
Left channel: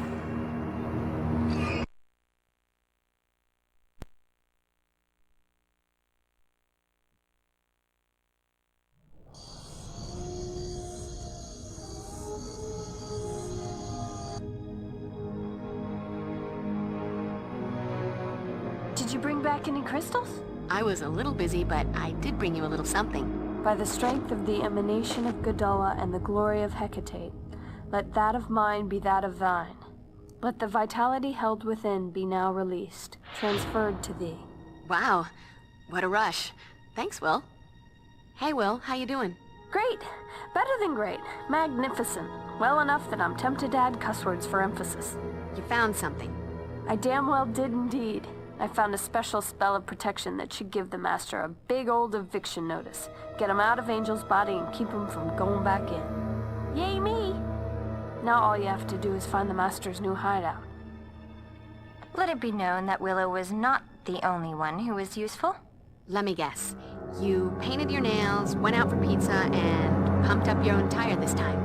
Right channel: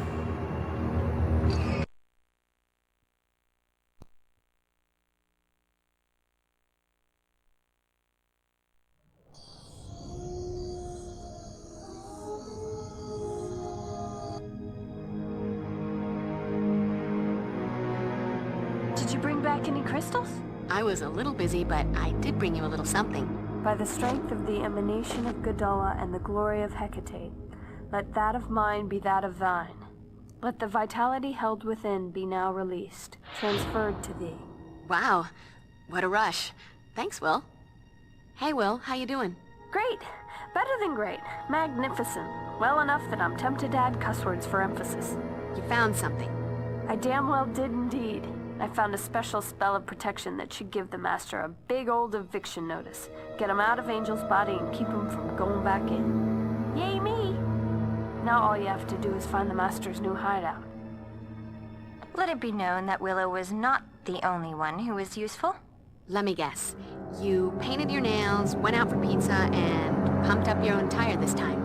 Did you bring back any crystals? I was a little busy, but I did bring you a little something. By the strength of the emanation of Gadala and the glory of Hecate, let that of mine be that of thine. Let the vitality held within be now released, transferred to thee. Wow, what a rush. Thanks, Will. Hey, Will, how you doing? Great. Better than great. Magnificent. Well enough that I'm tempted to add cuss words for emphasis. You found something. I damn well did indeed. I found a special spell of protection that should give the Master a big old eviction notice. Get him out of Angel's body and keep him from going back in. Yay me! Now all you have to do is find the Master's new hideout. Let it be known that Willow was not the only one who was useful. Let me guess. You painted your nails, went out for pizza, and pumped up your own tire this time.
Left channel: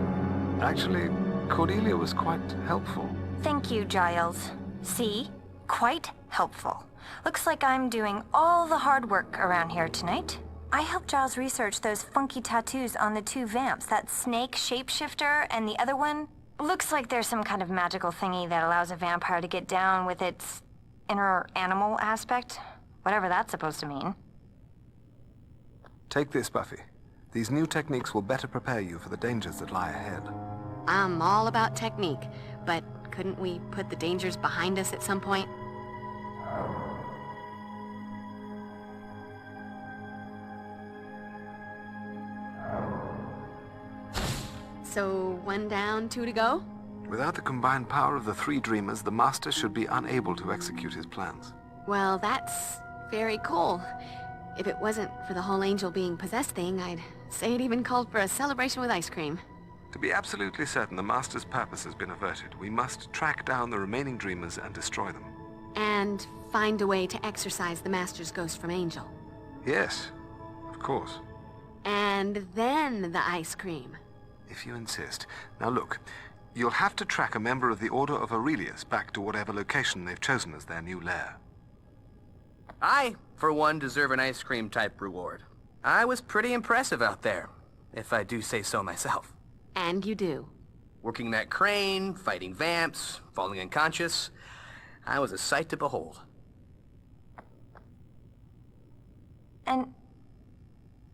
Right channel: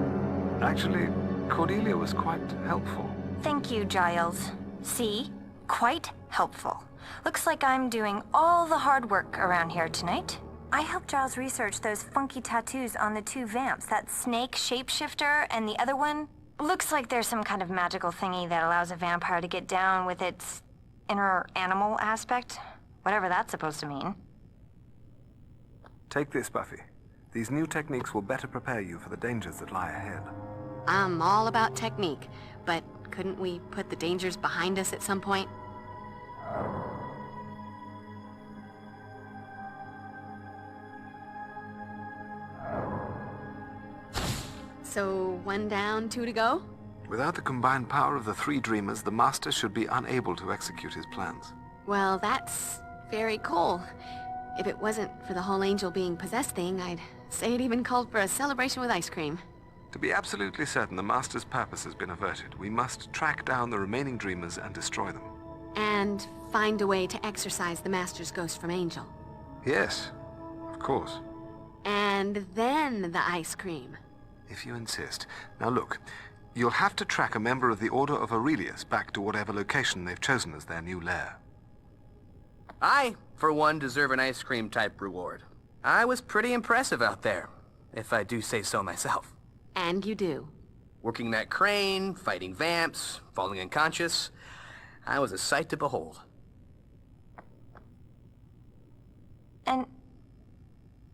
Actually, Cordelia was quite helpful. Thank you, Giles. See? Quite helpful. Looks like I'm doing all the hard work around here tonight. I helped Giles research those funky tattoos on the two vamps, that snake shapeshifter and the other one. Looks like there's some kind of magical thingy that allows a vampire to get down with its inner animal aspect. Whatever that's supposed to mean. Take this, Buffy. These new techniques will better prepare you for the dangers that lie ahead. I'm all about technique, but couldn't we put the dangers behind us at some point? So 1 down, 2 to go? Without the combined power of the 3 dreamers, the Master should be unable to execute his plans. Well, that's very cool. If it wasn't for the whole angel being possessed thing, I'd say it even called for a celebration with ice cream. To be absolutely certain the Master's purpose has been averted, we must track down the remaining dreamers and destroy them. And find a way to exorcise the Master's ghost from Angel. Yes, of course. And then the ice cream. If you insist. Now look, you'll have to track a member of the Order of Aurelius back to whatever location they've chosen as their new lair. I, for one, deserve an ice cream type reward. I was pretty impressive out there, if I do say so myself. And you do. Working that crane, fighting vamps, falling unconscious. I was a sight to behold. And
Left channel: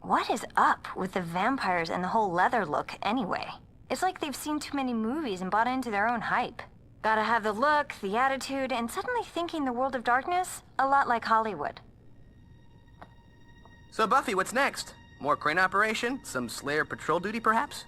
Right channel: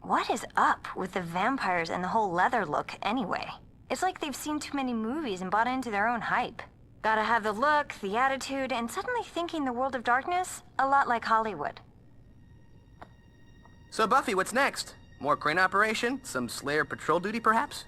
what is up with the vampires and the whole leather look anyway? It's like they've seen too many movies and bought into their own hype. Gotta have the look, the attitude, and suddenly thinking the world of darkness a lot like Hollywood. So Buffy, what's next? More crane operation? Some Slayer patrol duty, perhaps?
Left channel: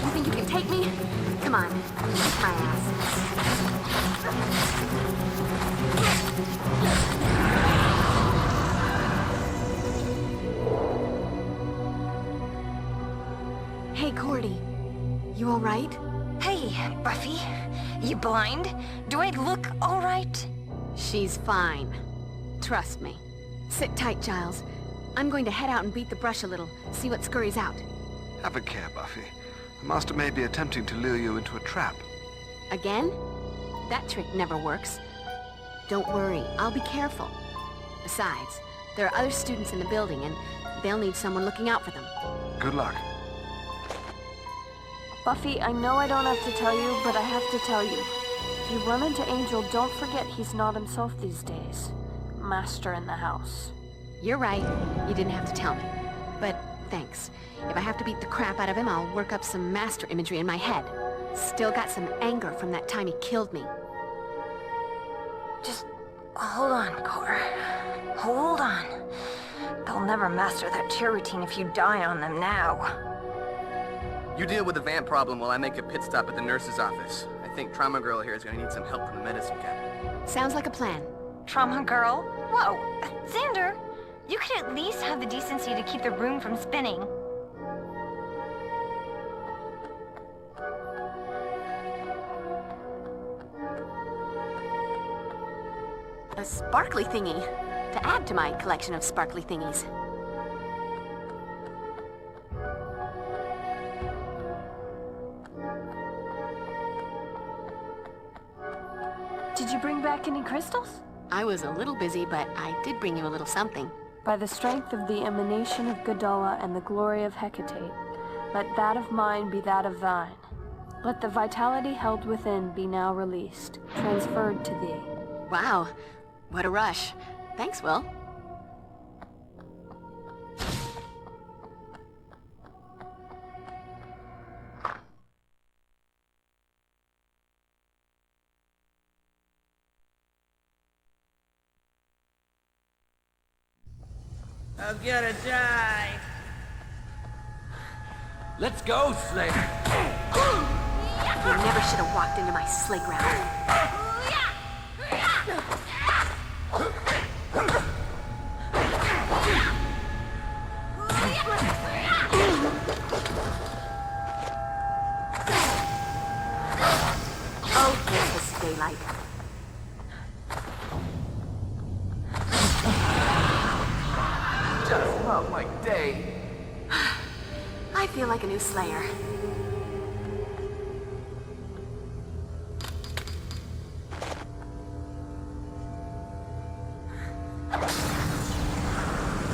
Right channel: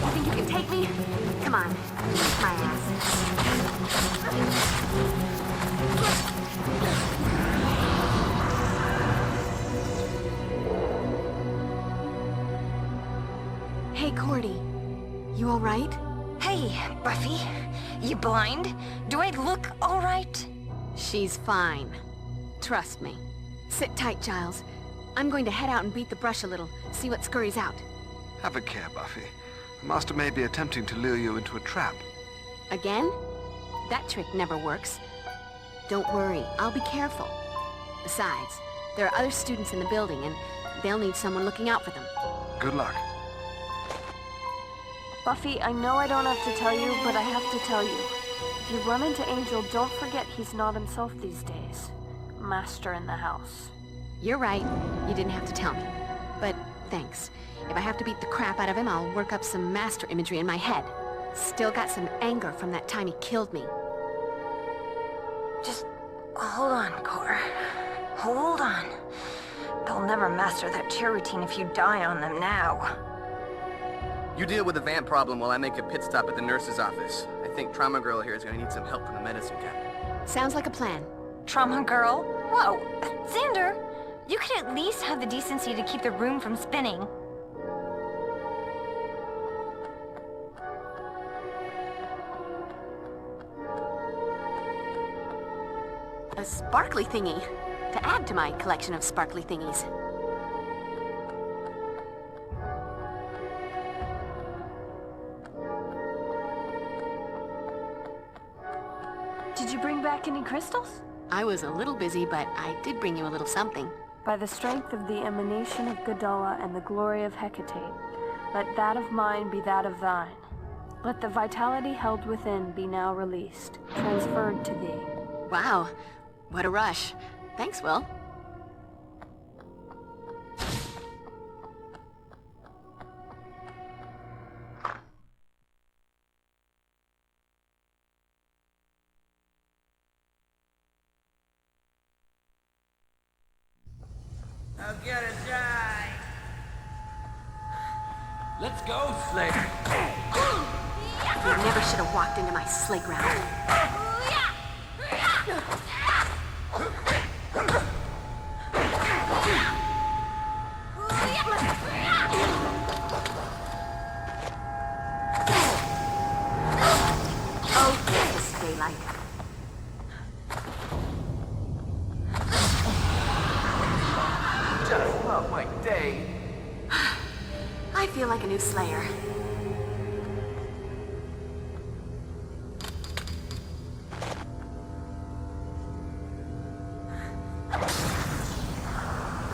You think you can take me? Come on, kick my ass. Hey, Cordy. You all right? Hey, Buffy. You blind? Do I look all right? She's fine. Trust me. Sit tight, Giles. I'm going to head out and beat the brush a little, see what scurries out. Have a care, Buffy. The Master may be attempting to lure you into a trap. Again? That trick never works. Don't worry, I'll be careful. Besides, there are other students in the building, and they'll need someone looking out for them. Good luck. Buffy, I know I don't have to tell you, but I have to tell you. If you run into Angel, don't forget he's not himself these days. Master in the house. You're right. You didn't have to tell me. But thanks. If I have to beat the crap out of him, I'll work up some master imagery in my head. Still got some anger from that time he killed me. Just hold on, Cor. Hold on. They'll never master that cheer routine if you die on them now. You deal with the vamp problem while I make a pit stop at the nurse's office. I think Trauma Girl here is going to need some help from the medicine cabinet. Sounds like a plan. Trauma Girl? Whoa, Xander! You could at least have the decency to keep the room from spinning. A sparkly thingy. To add to my collection of sparkly thingies. Did you bring back any crystals? I was a little busy, but I did bring you a little something. By the strength of the emanation of Gadala and the glory of Hecate, let that of mine be that of thine. Let the vitality held within be now released, transferred to thee. Wow, what a rush. Thanks, Will. I'm gonna die. Let's go, Slayer. You never should have walked into my sleigh ground. Oh, goodness, daylight. Just not my day. I feel like a new Slayer.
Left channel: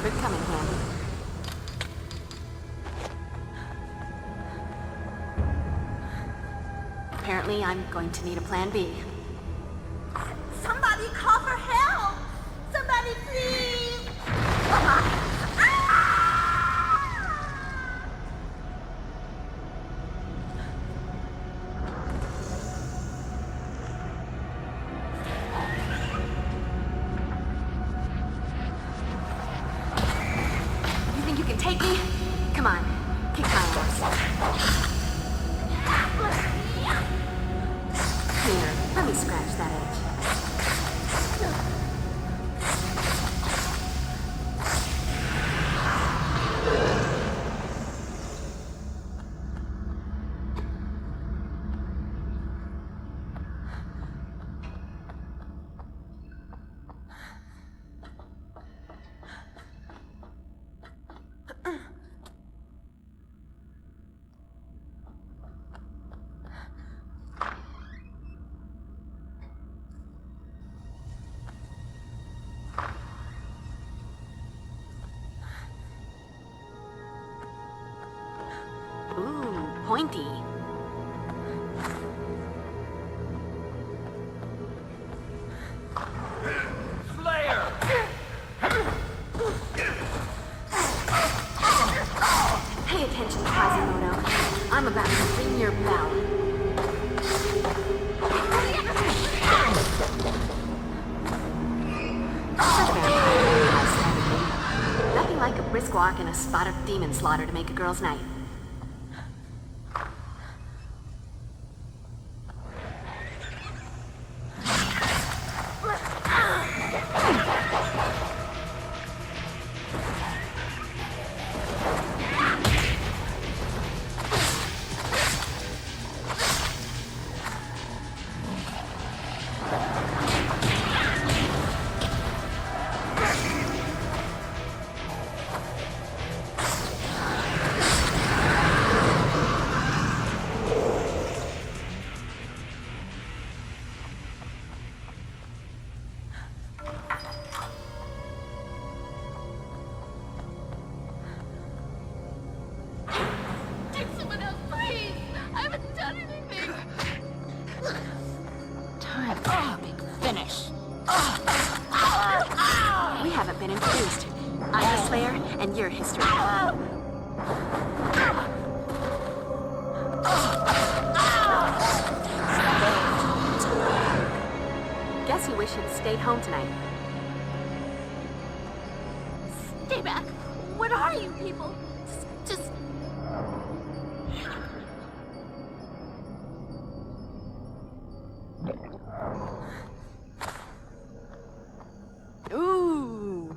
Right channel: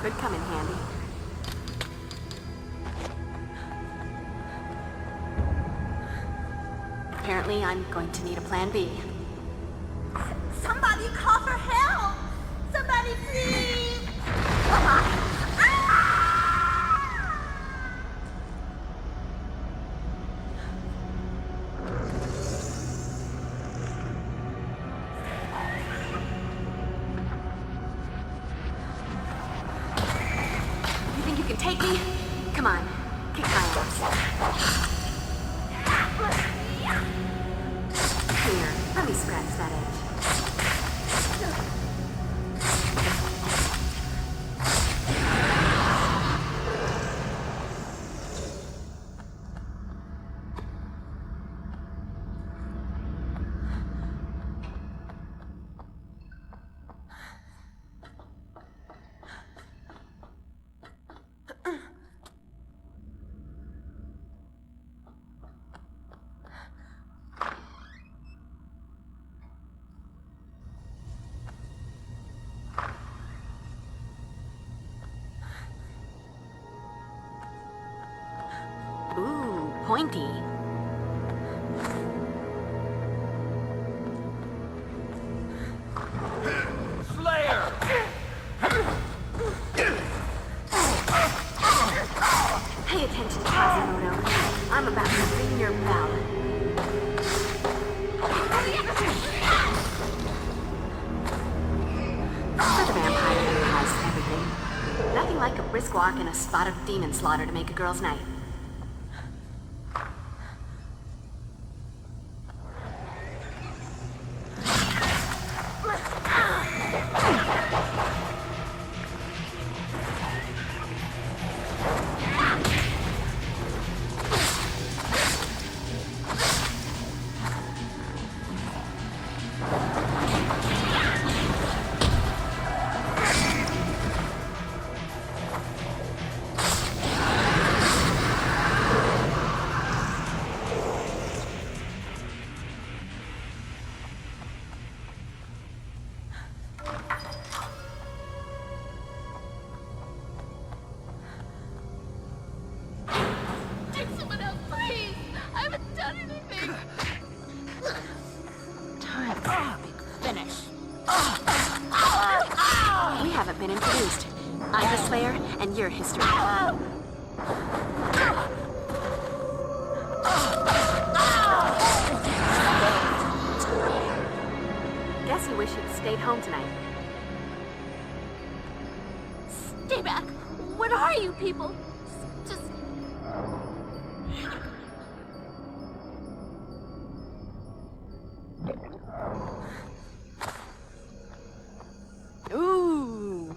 Could come in handy. Apparently, I'm going to need a plan B. Somebody call for help! Somebody please! You think you can take me? Come on, kick my ass. Here, let me scratch that edge. Ooh, pointy. Slayer! Pay attention, Quasimodo. I'm about to ring your bell. The vampire has everything. Nothing like a brisk walk and a spot of demon slaughter to make a girl's night. Your history. Guess you wish you'd stayed home tonight. Stay back. What are you people? Just... Ooh.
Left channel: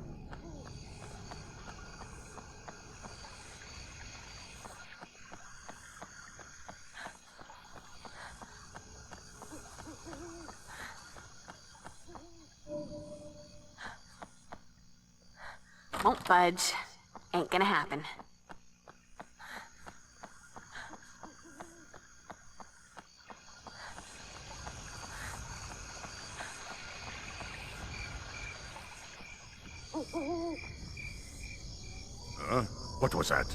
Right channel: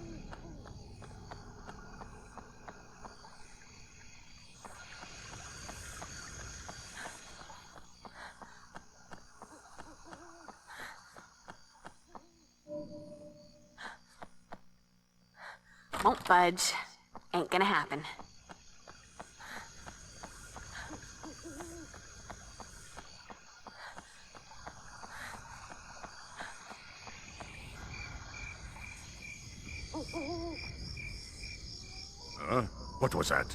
Won't budge. Ain't gonna happen. What was that?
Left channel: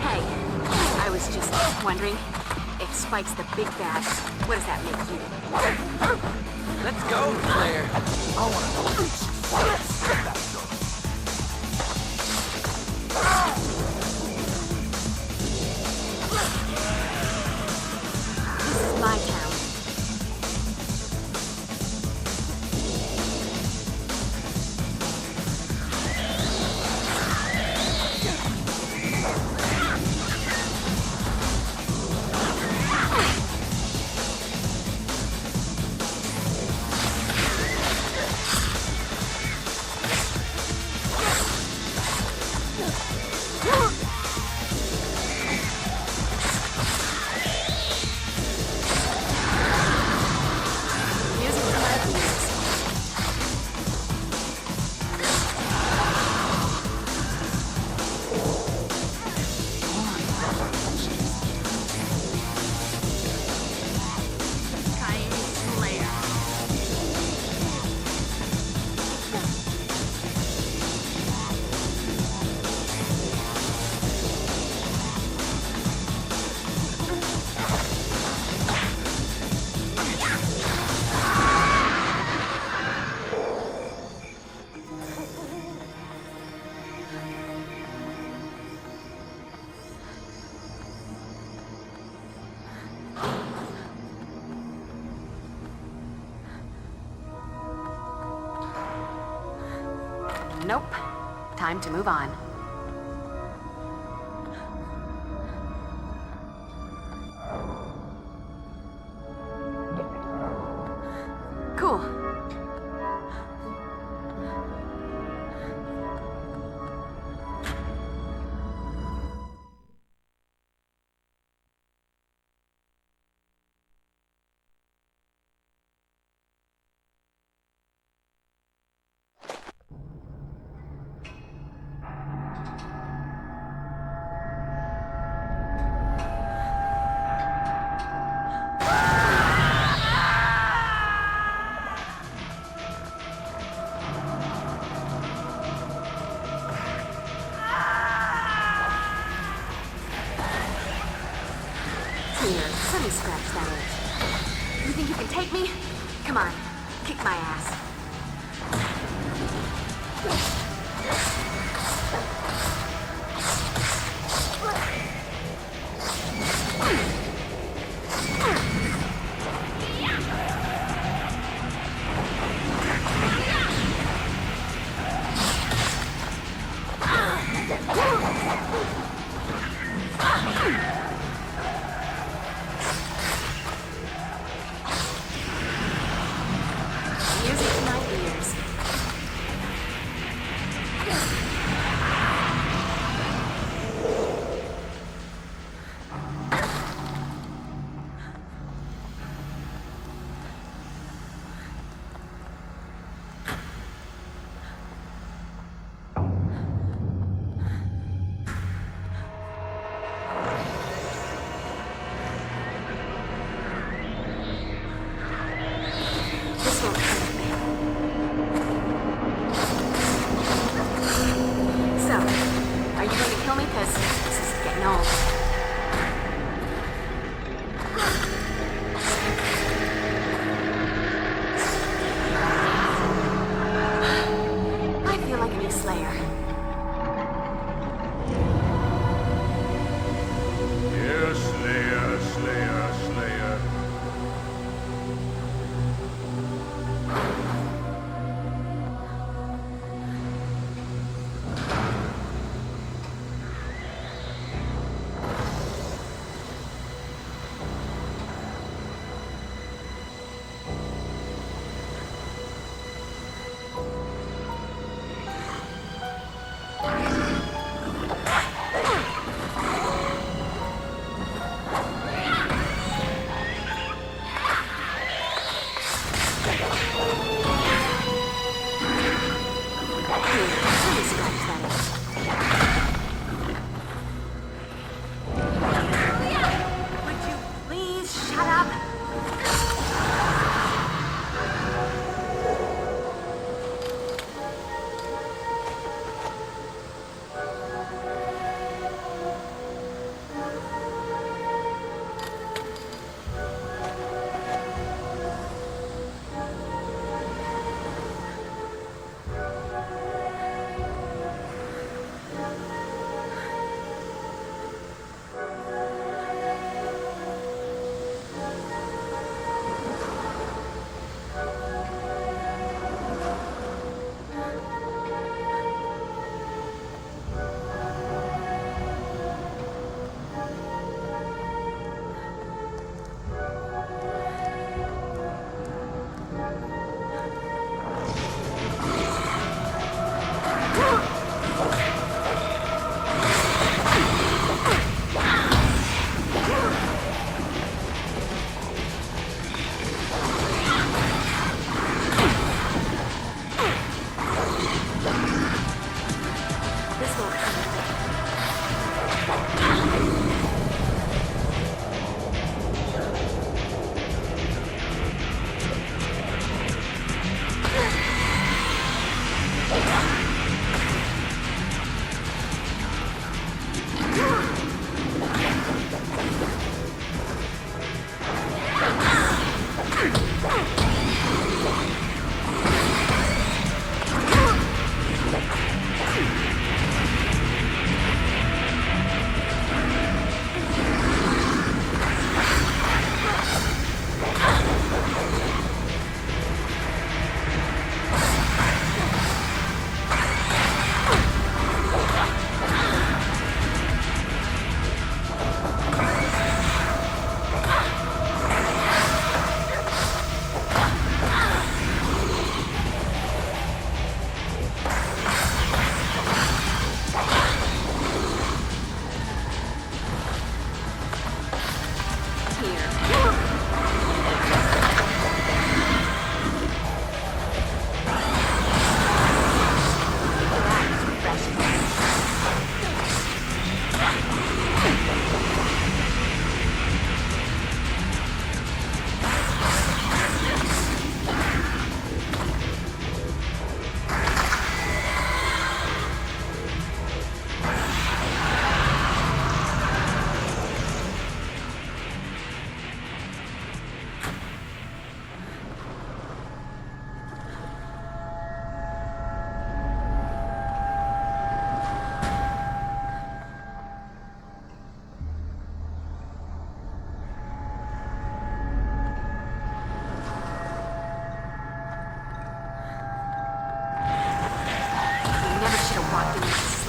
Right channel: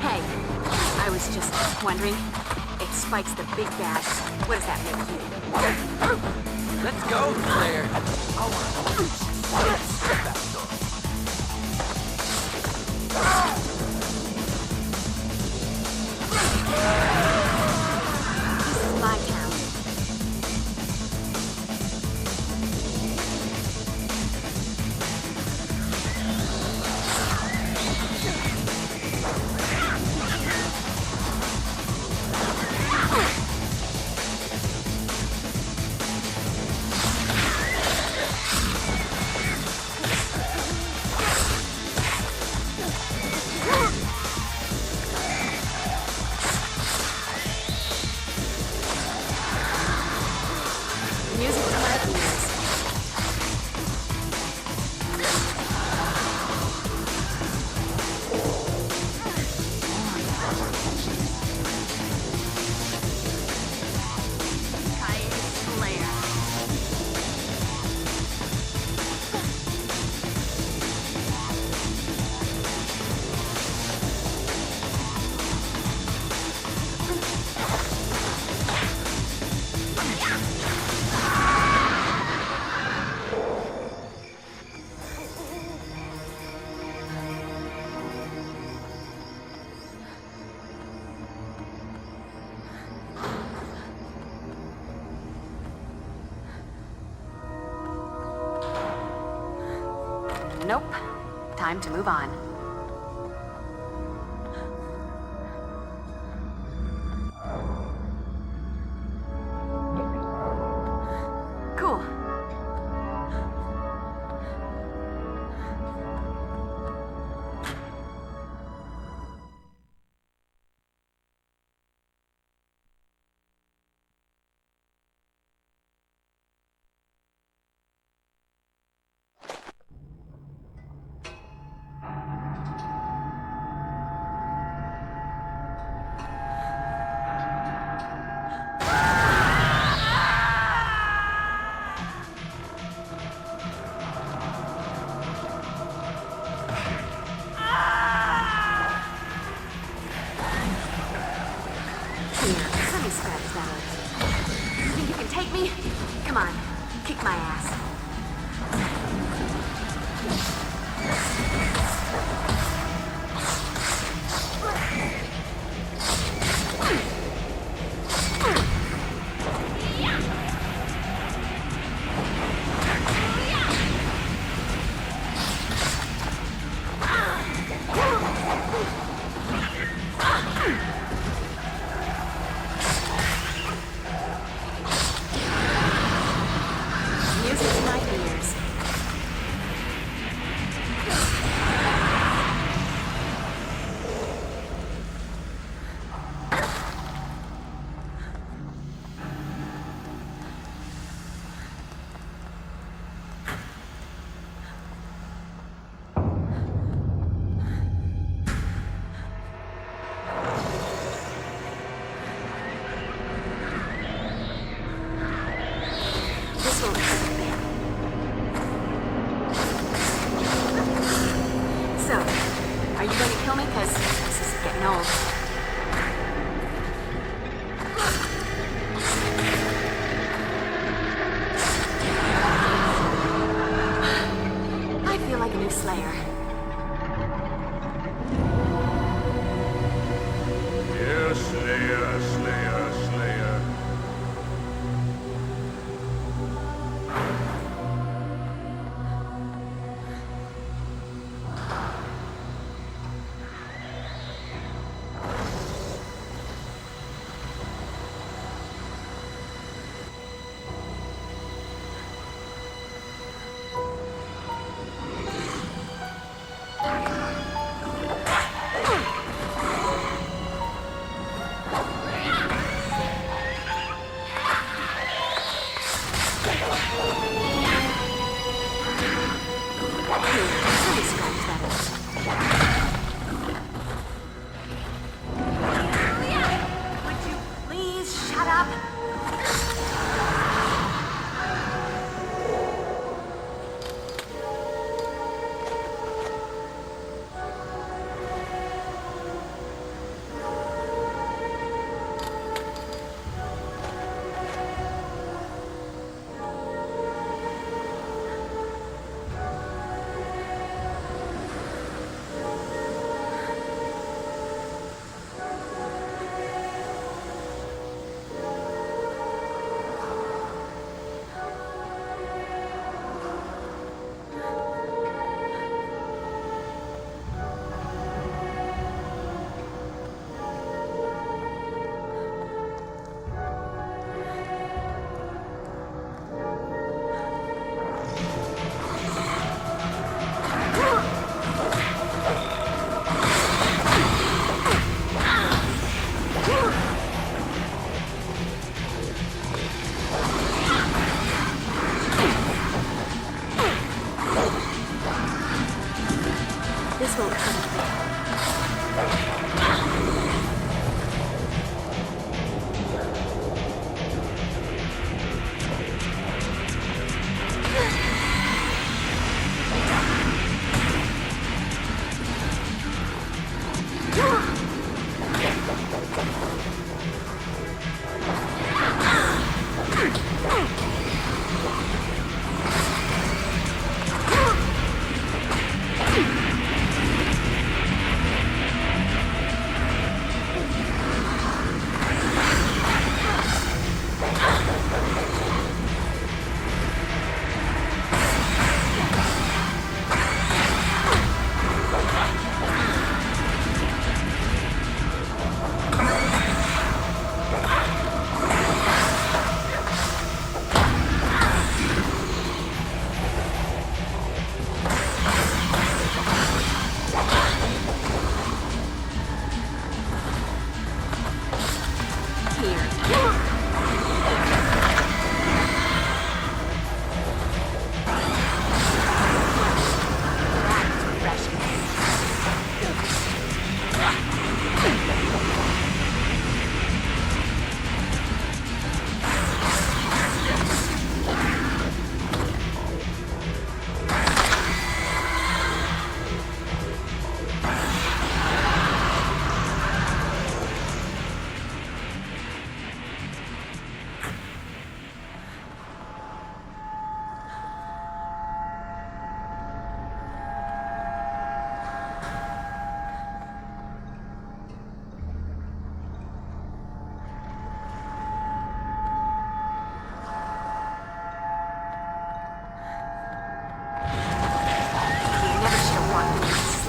Hey, I was just wondering. It spikes the big bad. What does that make you? Let's go, Slayer. This is my town. Nope. Time to move on. Cool. Here, let me scratch that itch. You think you can take me? Come on, kick my ass.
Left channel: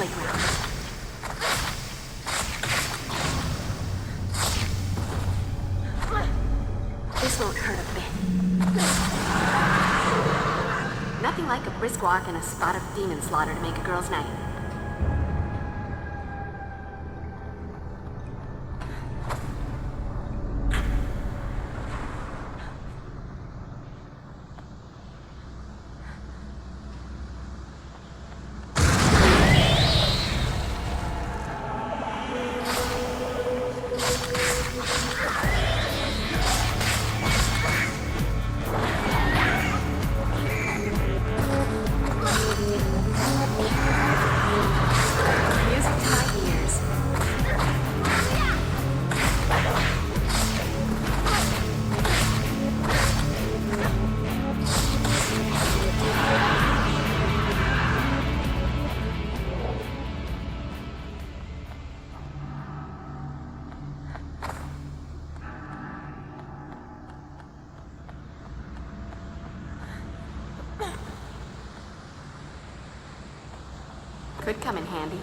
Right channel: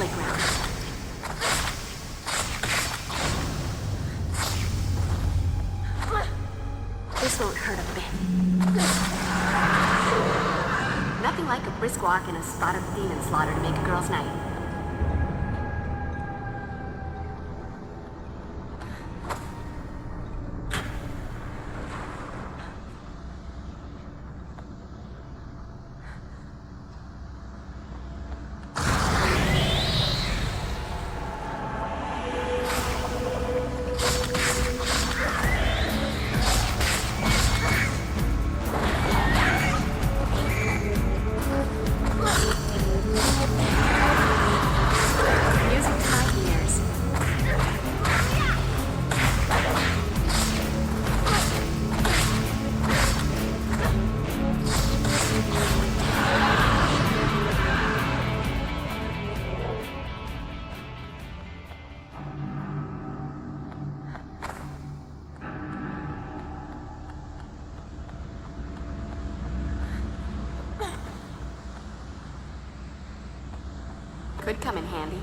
solid ground. This won't hurt a bit. Nothing like a brisk walk and a spot of demon slaughter to make a girl's night. Could come in handy.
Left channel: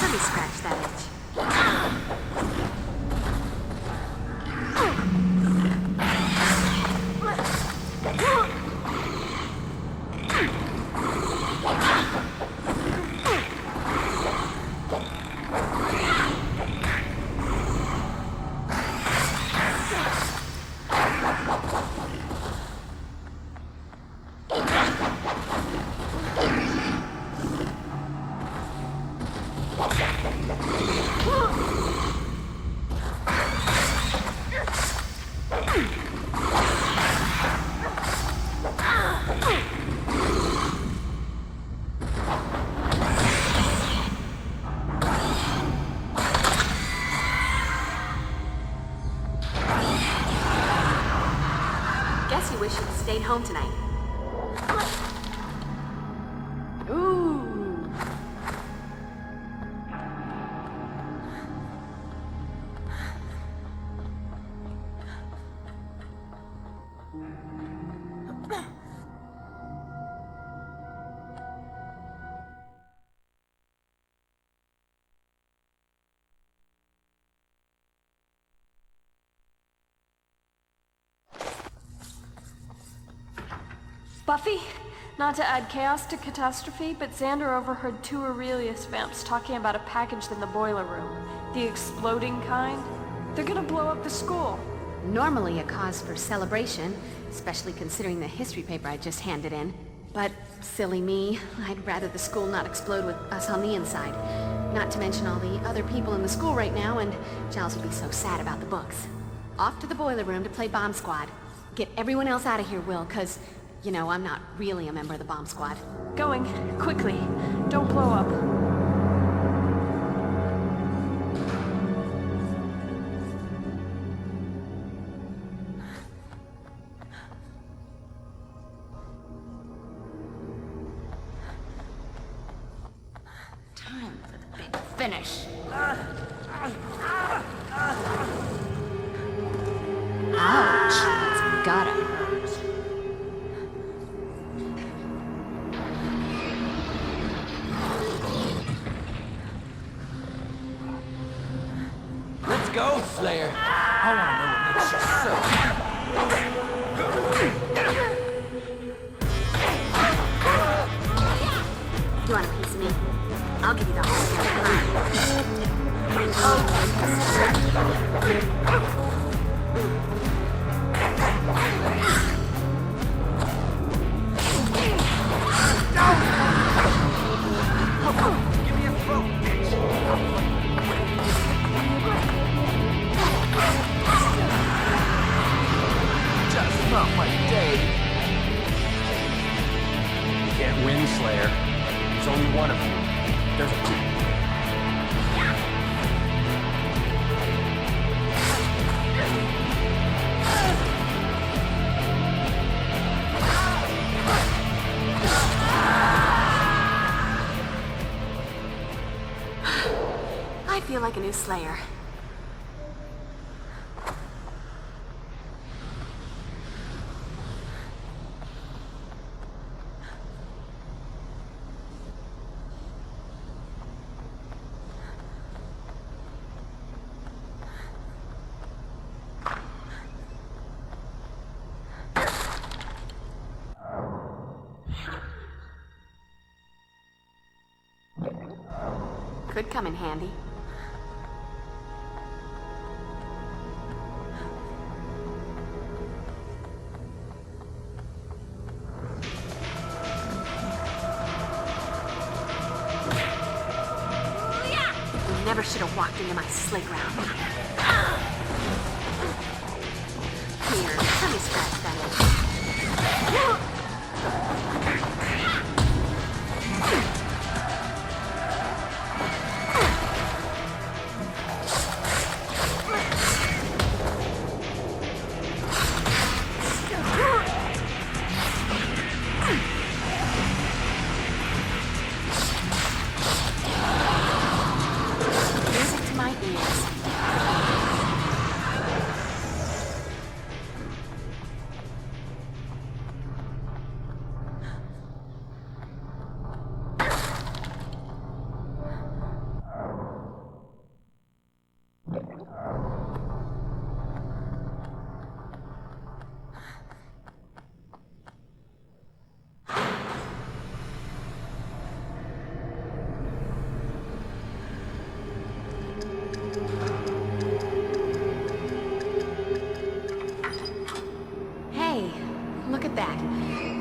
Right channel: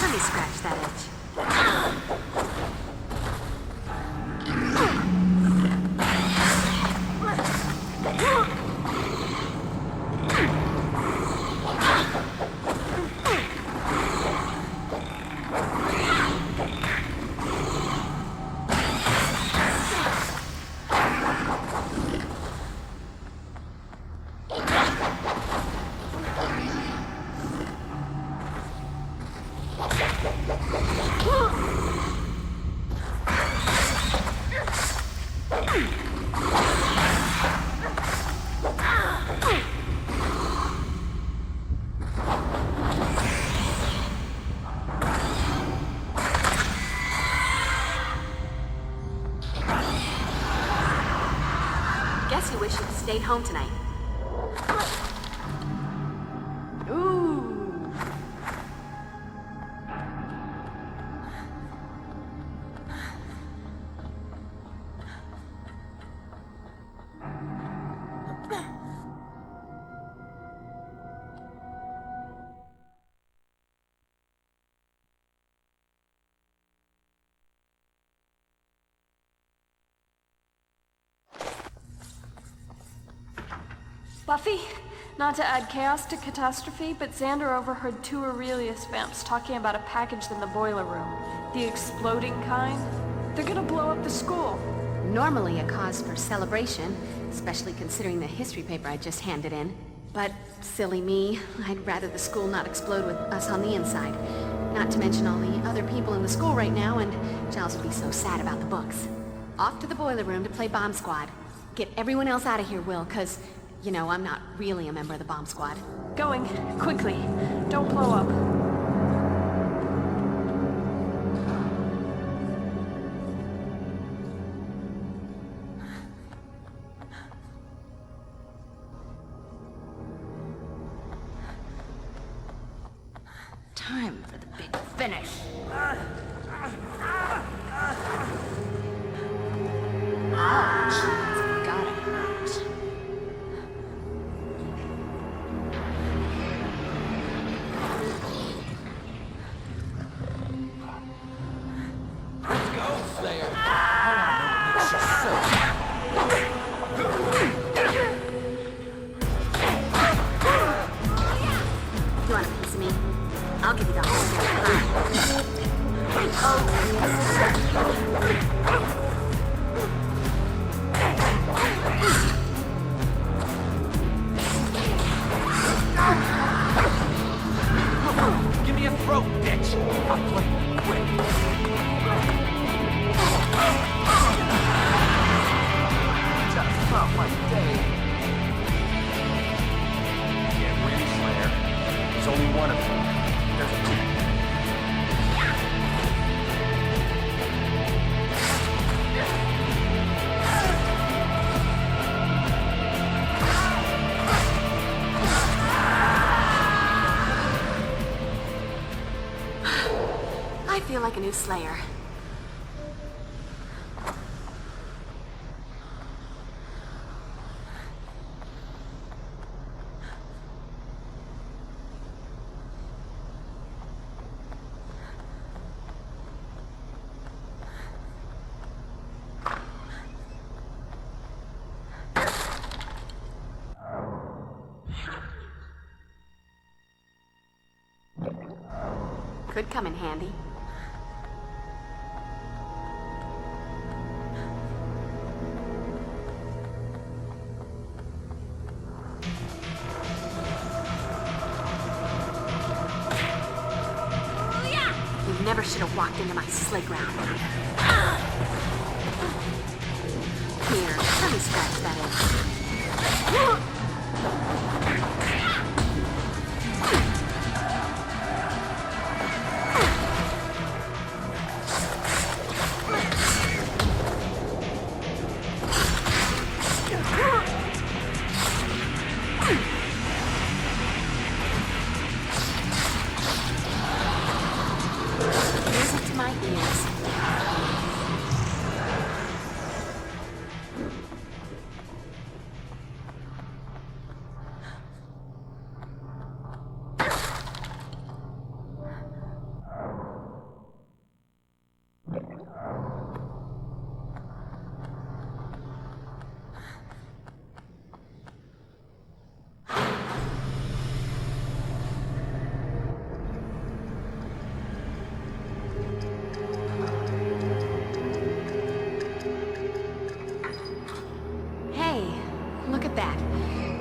Let me scratch that itch. Guess you wish you'd stayed home tonight. Ooh. Buffy? Not to add chaos to catastrophe, but Xander overheard 2 Aurelius vamps talking about a package in the boiler room. The exploding kind. They're gonna blow up the school. Normally a cause for celebration, especially considering the history paper I just handed in. But silly me, I'd rather the school not explode with us on the inside. Not to mention all the other people in the school right now, and Giles would be so sad about the books. Off to the boiler room to play Bomb Squad. Get everyone else out of here, Will, 'cause you know, I'm not really a member of the bomb squad. Going. Quickly. Don't blow up. Time for the big finish. Ouch. It's gotta hurt. Go, Slayer. I want to know what makes you so You want a piece of me? I'll give you the whole a new slayer. Could come in handy. You never should have walked into my sleigh ground. Here, let me scratch that itch.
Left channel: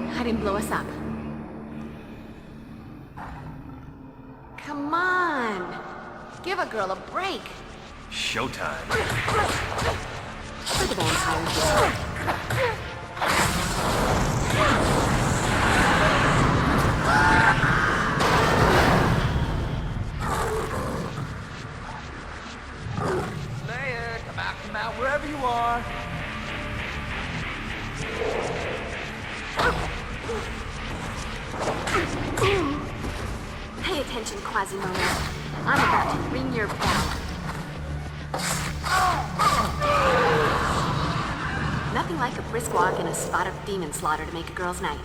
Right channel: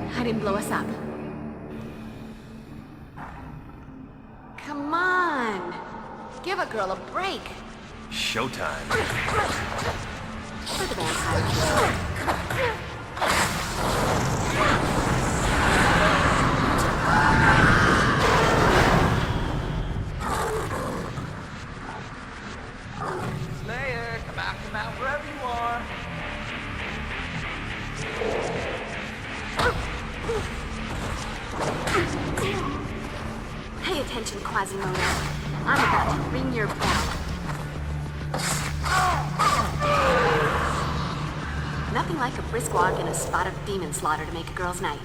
I didn't blow us up. Come on. Give a girl a break. Showtime. For the vampire. Lair, come out, wherever you are. Pay attention, Quasimodo. I'm about to ring your bell. Nothing like a brisk walk and a spot of demon slaughter to make a girl's night.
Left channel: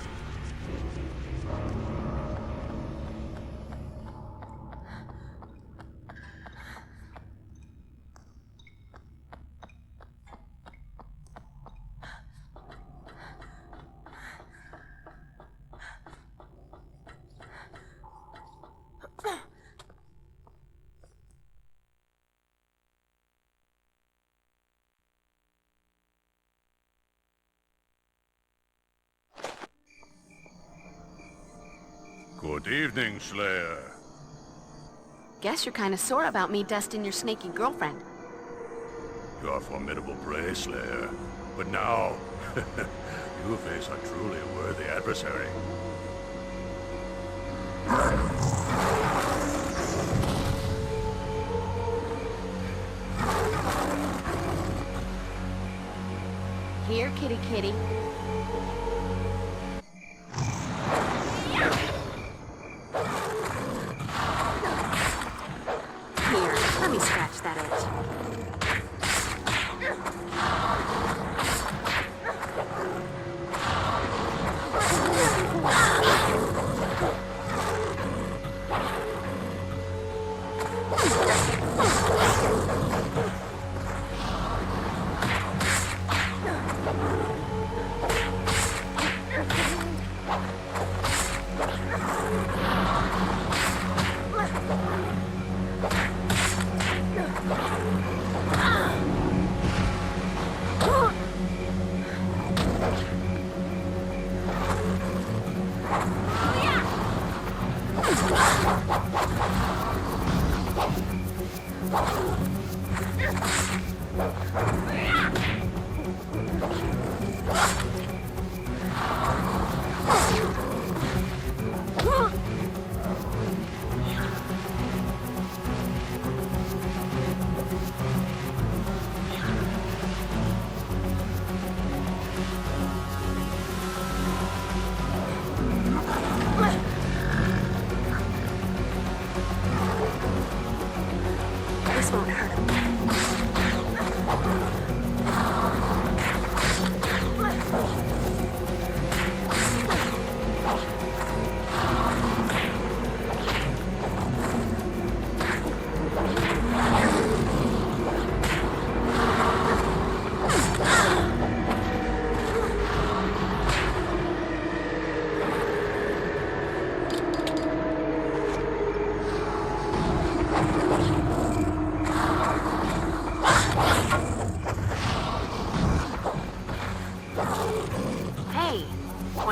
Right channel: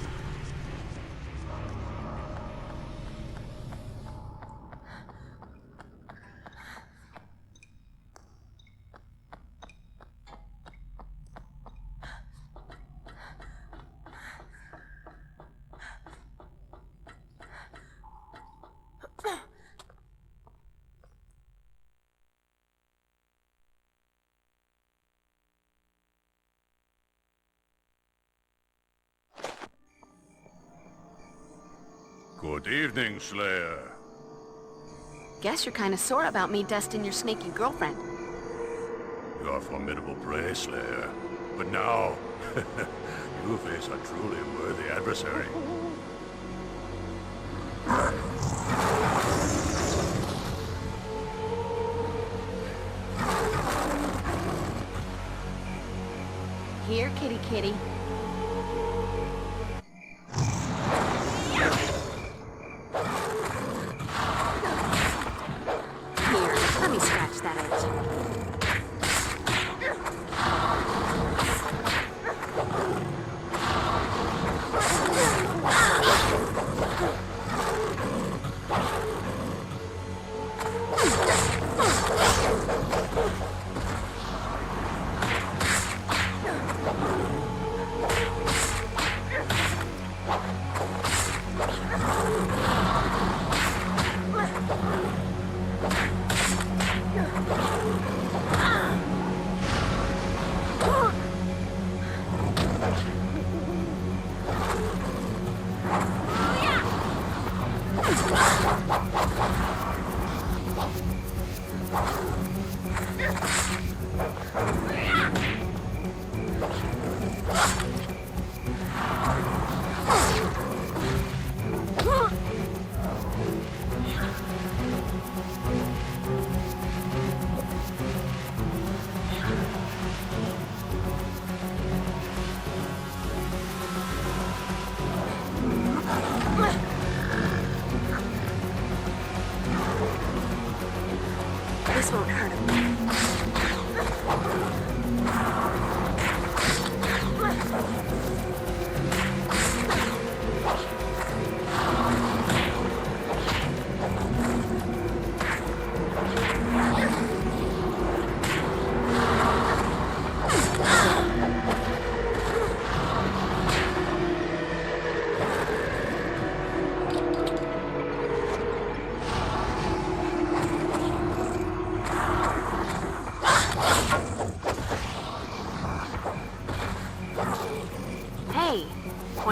Good evening, Slayer. Guess you're kind of sore about me dusting your snaky girlfriend. You are formidable prey, Slayer. But now, you face a truly worthy adversary. Here, kitty kitty. Here, let me scratch that itch.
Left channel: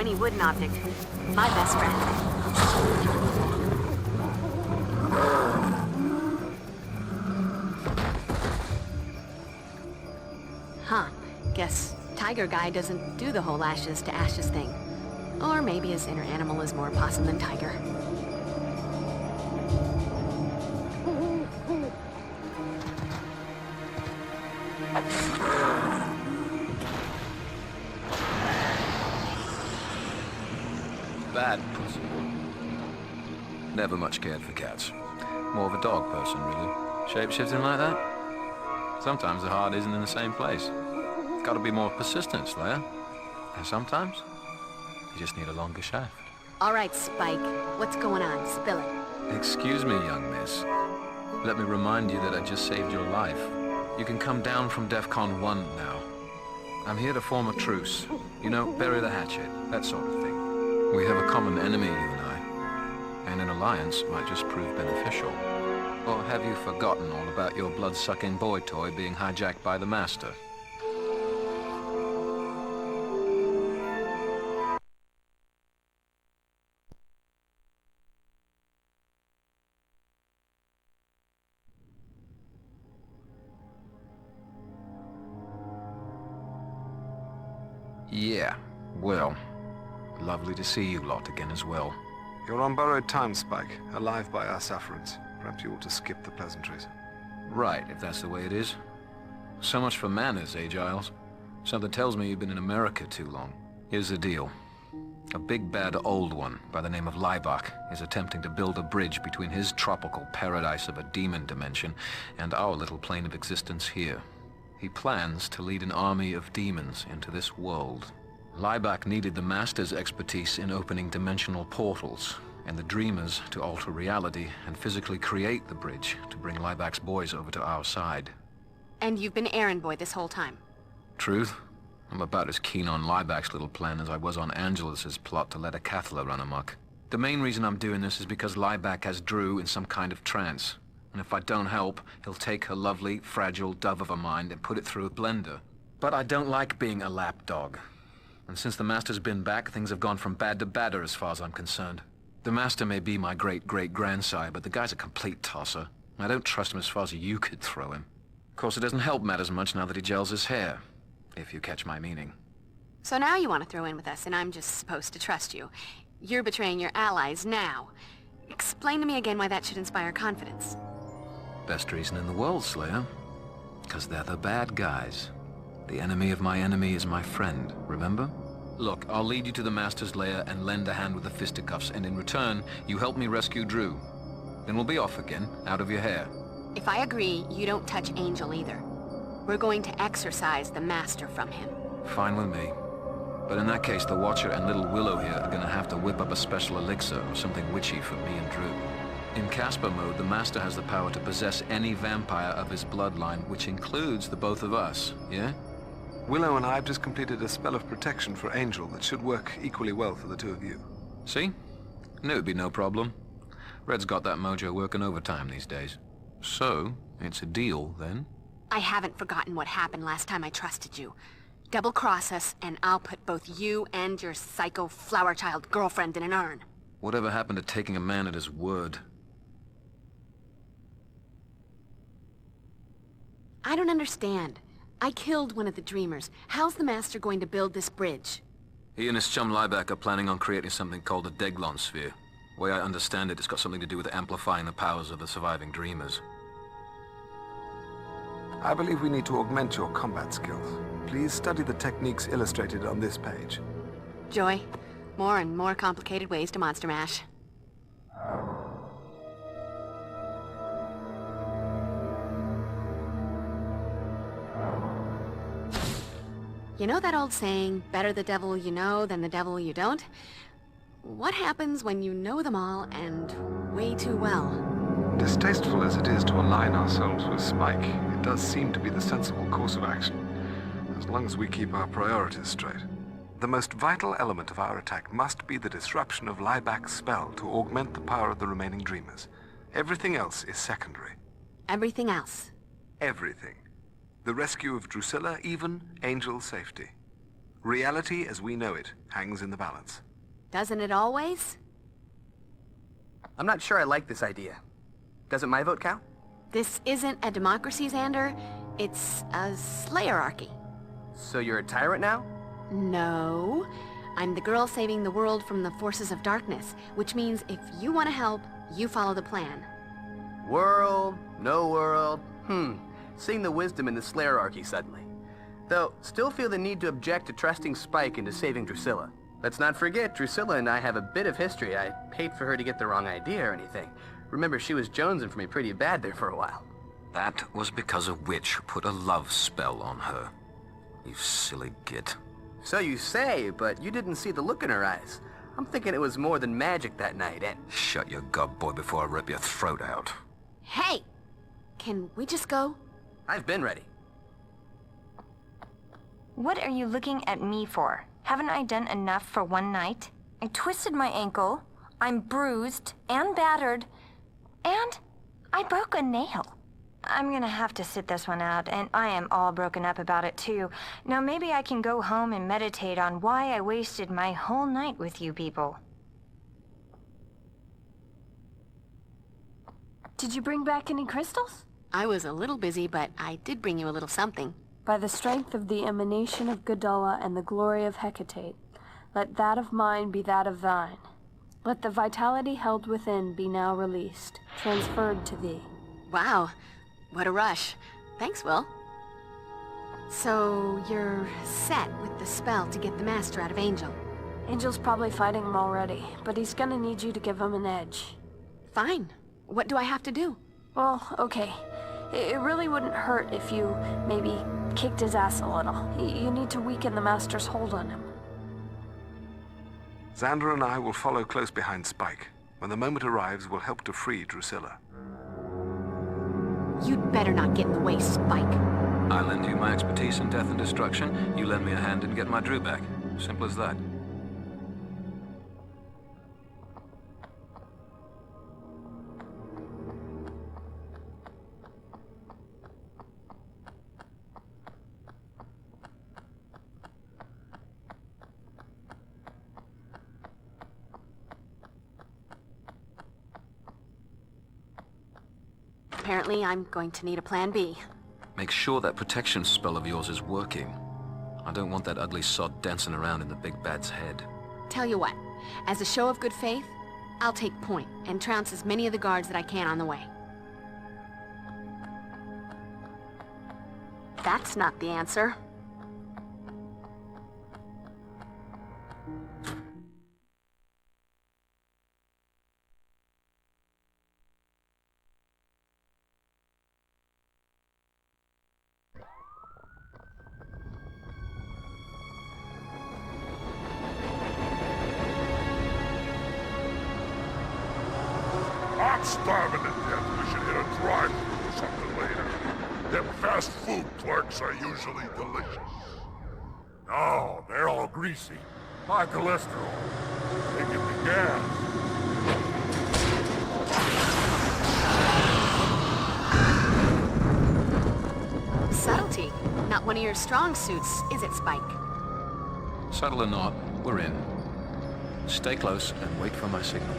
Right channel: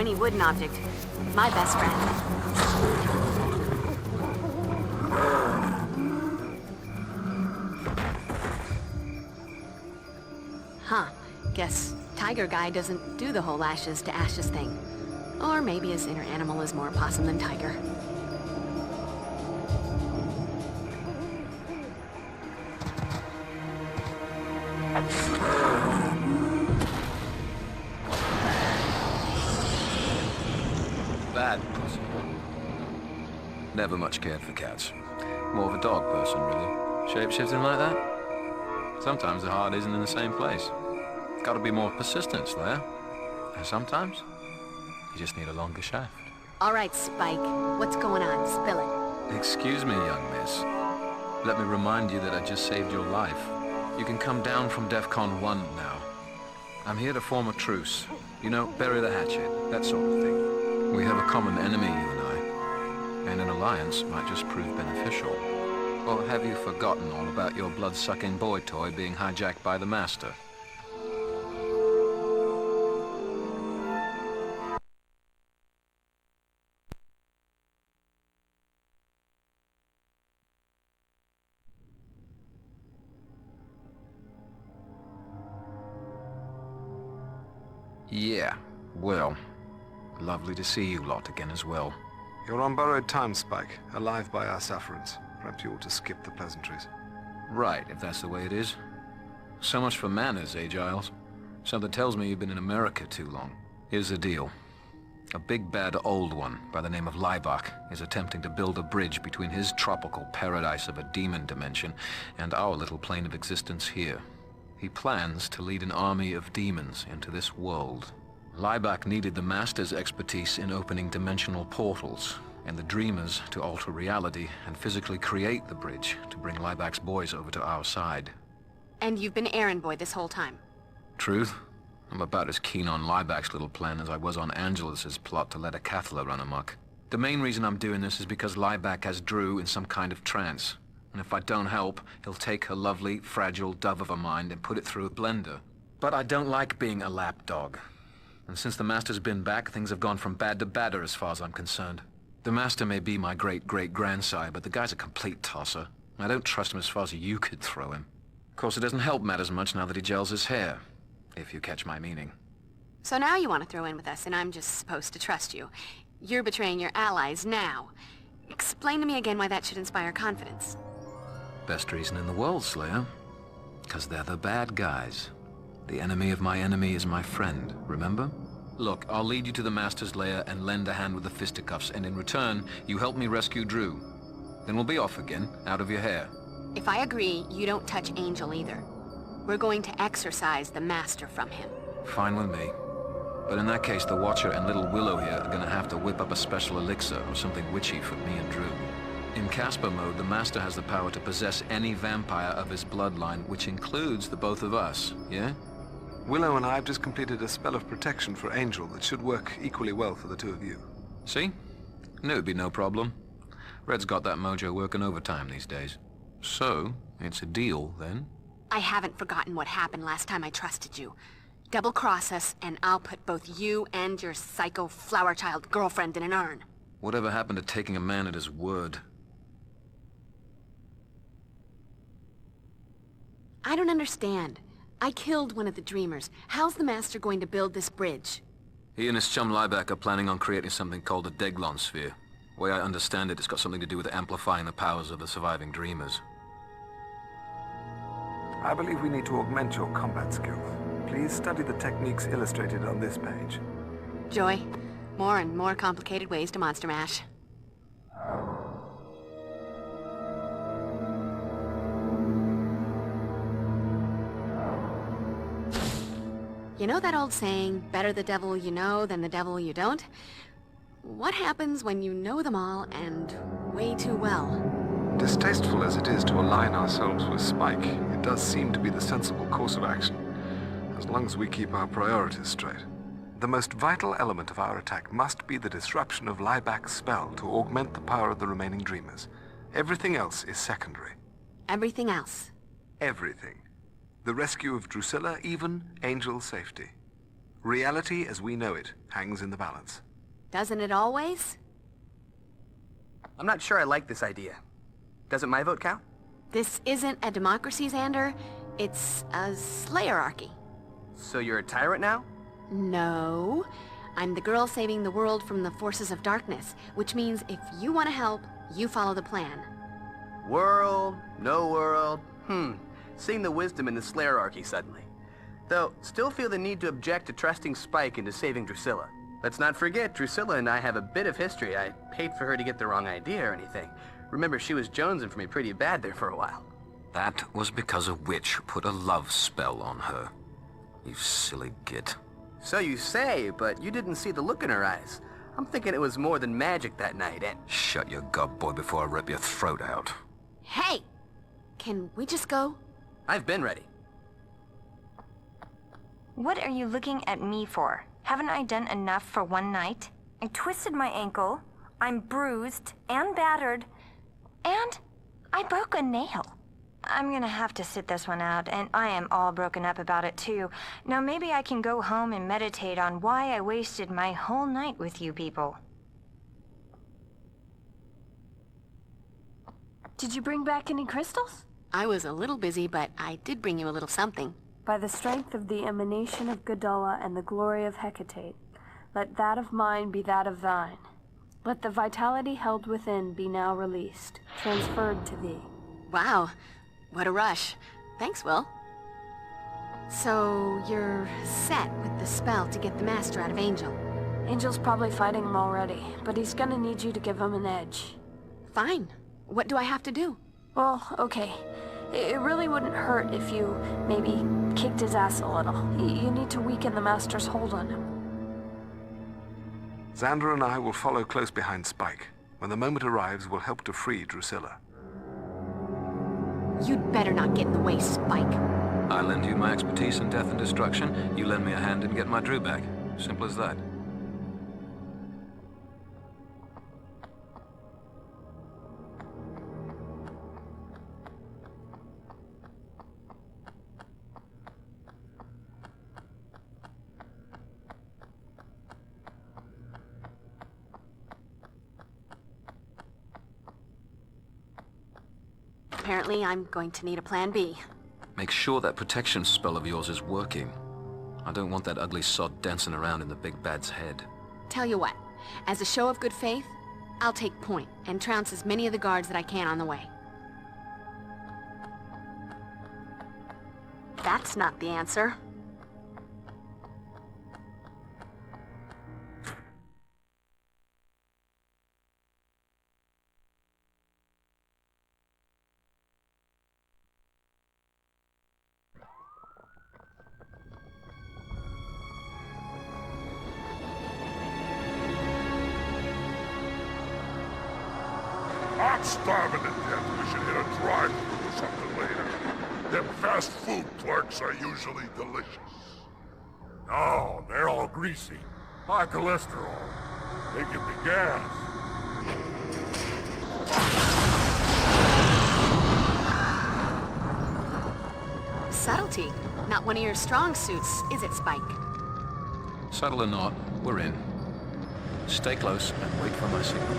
pointy wooden object. My best friend. Huh. Guess Tiger Guy doesn't do the whole ashes to ashes thing. Or maybe his inner animal is more possum than tiger. Bad pussy. Never much cared for cats. More of a dog person, really. Shape-shifting like that? Sometimes the heart isn't in the same place. Gotta be more persistent, Slayer. And sometimes, you just need a longer shaft. All right, Spike. What's going on? Spill it. Excuse me, young miss. Let me remind you that I just saved your life. You can come down from DEFCON 1 now. I'm here to form a truce. You know, bury the hatchet, that sort of thing. We have a common enemy, you and I. And an alliance might just prove beneficial. Or have you forgotten all about your blood-sucking boy toy being hijacked by the Master? Yeah, well, lovely to see you lot again as well. You're on borrowed time, Spike, alive by our sufferance. Perhaps you ought to skip the pleasantries. Right, if that's the way it is. So much for manners, eh, Giles? Something tells me you've been in America too long. Here's the deal. A big bad old one by the name of Laibach is attempting to build a bridge between his tropical paradise of a demon dimension and our little plane of existence here. He plans to lead an army of demons into this world. Laibach needed the Master's expertise in opening dimensional portals, and the Dreamers to alter reality and physically create the bridge to bring Laibach's boys over to our side. And you've been errand boy this whole time? Truth? I'm about as keen on Laibach's little plan as I was on Angelus's plot to let a Cathla run amok. The main reason I'm doing this is because Laibach has Drew in some kind of trance. And if I don't help, he'll take her lovely, fragile dove of a mind and put it through a blender. But I don't like being a lapdog. And since the Master's been back, things have gone from bad to badder as far as I'm concerned. The Master may be my great-great-grandsire, but the guy's a complete tosser. I don't trust him as far as you could throw him. Of course, it doesn't help matters much now that he gels his hair, if you catch my meaning. So now you want to throw in with us, and I'm just supposed to trust you. You're betraying your allies now. Explain to me again why that should inspire confidence. Best reason in the world, Slayer. 'Cause they're the bad guys. The enemy of my enemy is my friend, remember? Look, I'll lead you to the Master's lair and lend a hand with the fisticuffs, and in return, you help me rescue Drew. Then we'll be off again, out of your hair. If I agree, you don't touch Angel either. We're going to exorcise the Master from him. Fine with me. But in that case, the Watcher and little Willow here are gonna have to whip up a special elixir or something witchy for me and Drew. In Casper mode, the Master has the power to possess any vampire of his bloodline, which includes the both of us, yeah? Willow and I have just completed a spell of protection for Angel that should work equally well for the two of you. See? Knew it'd be no problem. Red's got that mojo working overtime these days. So, it's a deal, then? I haven't forgotten what happened last time I trusted you. Double-cross us, and I'll put both you and your psycho flower child girlfriend in an urn. Whatever happened to taking a man at his word? I don't understand. I killed one of the Dreamers. How's the Master going to build this bridge? He and his chum Laibach are planning on creating something called a daglon sphere. The way I understand it, it's got something to do with amplifying the powers of the surviving Dreamers. I believe we need to augment your combat skills. Please study the techniques illustrated on this page. Joy, more and more complicated ways to monster mash. You know that old saying, better the devil you know than the devil you don't? What happens when you know them all and way too well? Distasteful as it is to align ourselves with Spike, it does seem to be the sensible course of action, as long as we keep our priorities straight. The most vital element of our attack must be the disruption of Laibach's spell to augment the power of the remaining Dreamers. Everything else is secondary. Everything else? Everything. The rescue of Drusilla, even Angel's safety. Reality as we know it hangs in the balance. Doesn't it always? I'm not sure I like this idea. Doesn't my vote count? This isn't a democracy, Xander. It's a slayerarchy. So you're a tyrant now? No. I'm the girl saving the world from the forces of darkness, which means if you want to help, you follow the plan. World, no world. Seeing the wisdom in the slayerarchy suddenly. Though, still feel the need to object to trusting Spike into saving Drusilla. Let's not forget, Drusilla and I have a bit of history. I paid for her to get the wrong idea or anything. Remember, she was jonesing for me pretty bad there for a while. That was because a witch put a love spell on her. You silly git. So you say, but you didn't see the look in her eyes. I'm thinking it was more than magic that night, and... Shut your gob, boy, before I rip your throat out. Hey! Can we just go? I've been ready. What are you looking at me for? Haven't I done enough for one night? I twisted my ankle, I'm bruised and battered, and I broke a nail. I'm gonna have to sit this one out, and I am all broken up about it too. Now maybe I can go home and meditate on why I wasted my whole night with you people. Did you bring back any crystals? I was a little busy, but I did bring you a little something. By the strength of the emanation of Gadala and the glory of Hecate, let that of mine be that of thine. Let the vitality held within be now released, transferred to thee. Wow, what a rush. Thanks, Will. So, you're set with the spell to get the Master out of Angel. Angel's probably fighting him already, but he's gonna need you to give him an edge. Fine. What do I have to do? Well, okay. It really wouldn't hurt if you, maybe, kicked his ass a little. You need to weaken the Master's hold on him. Xander and I will follow close behind Spike. When the moment arrives, we'll help to free Drusilla. You'd better not get in the way, Spike. I lend you my expertise in death and destruction. You lend me a hand in getting my Drew back. Simple as that. Apparently, I'm going to need a plan B. Make sure that protection spell of yours is working. I don't want that ugly sod dancing around in the big bad's head. Tell you what, as a show of good faith, I'll take point and trounce as many of the guards that I can on the way. That's not the answer. I'm starving to death. We should hit a drive-thru or something later. Them fast food clerks are usually delicious. No, they're all greasy. High cholesterol. They give me gas. Subtlety. Not one of your strong suits, is it, Spike? Subtle or not, we're in. Stay close and wait for my signal.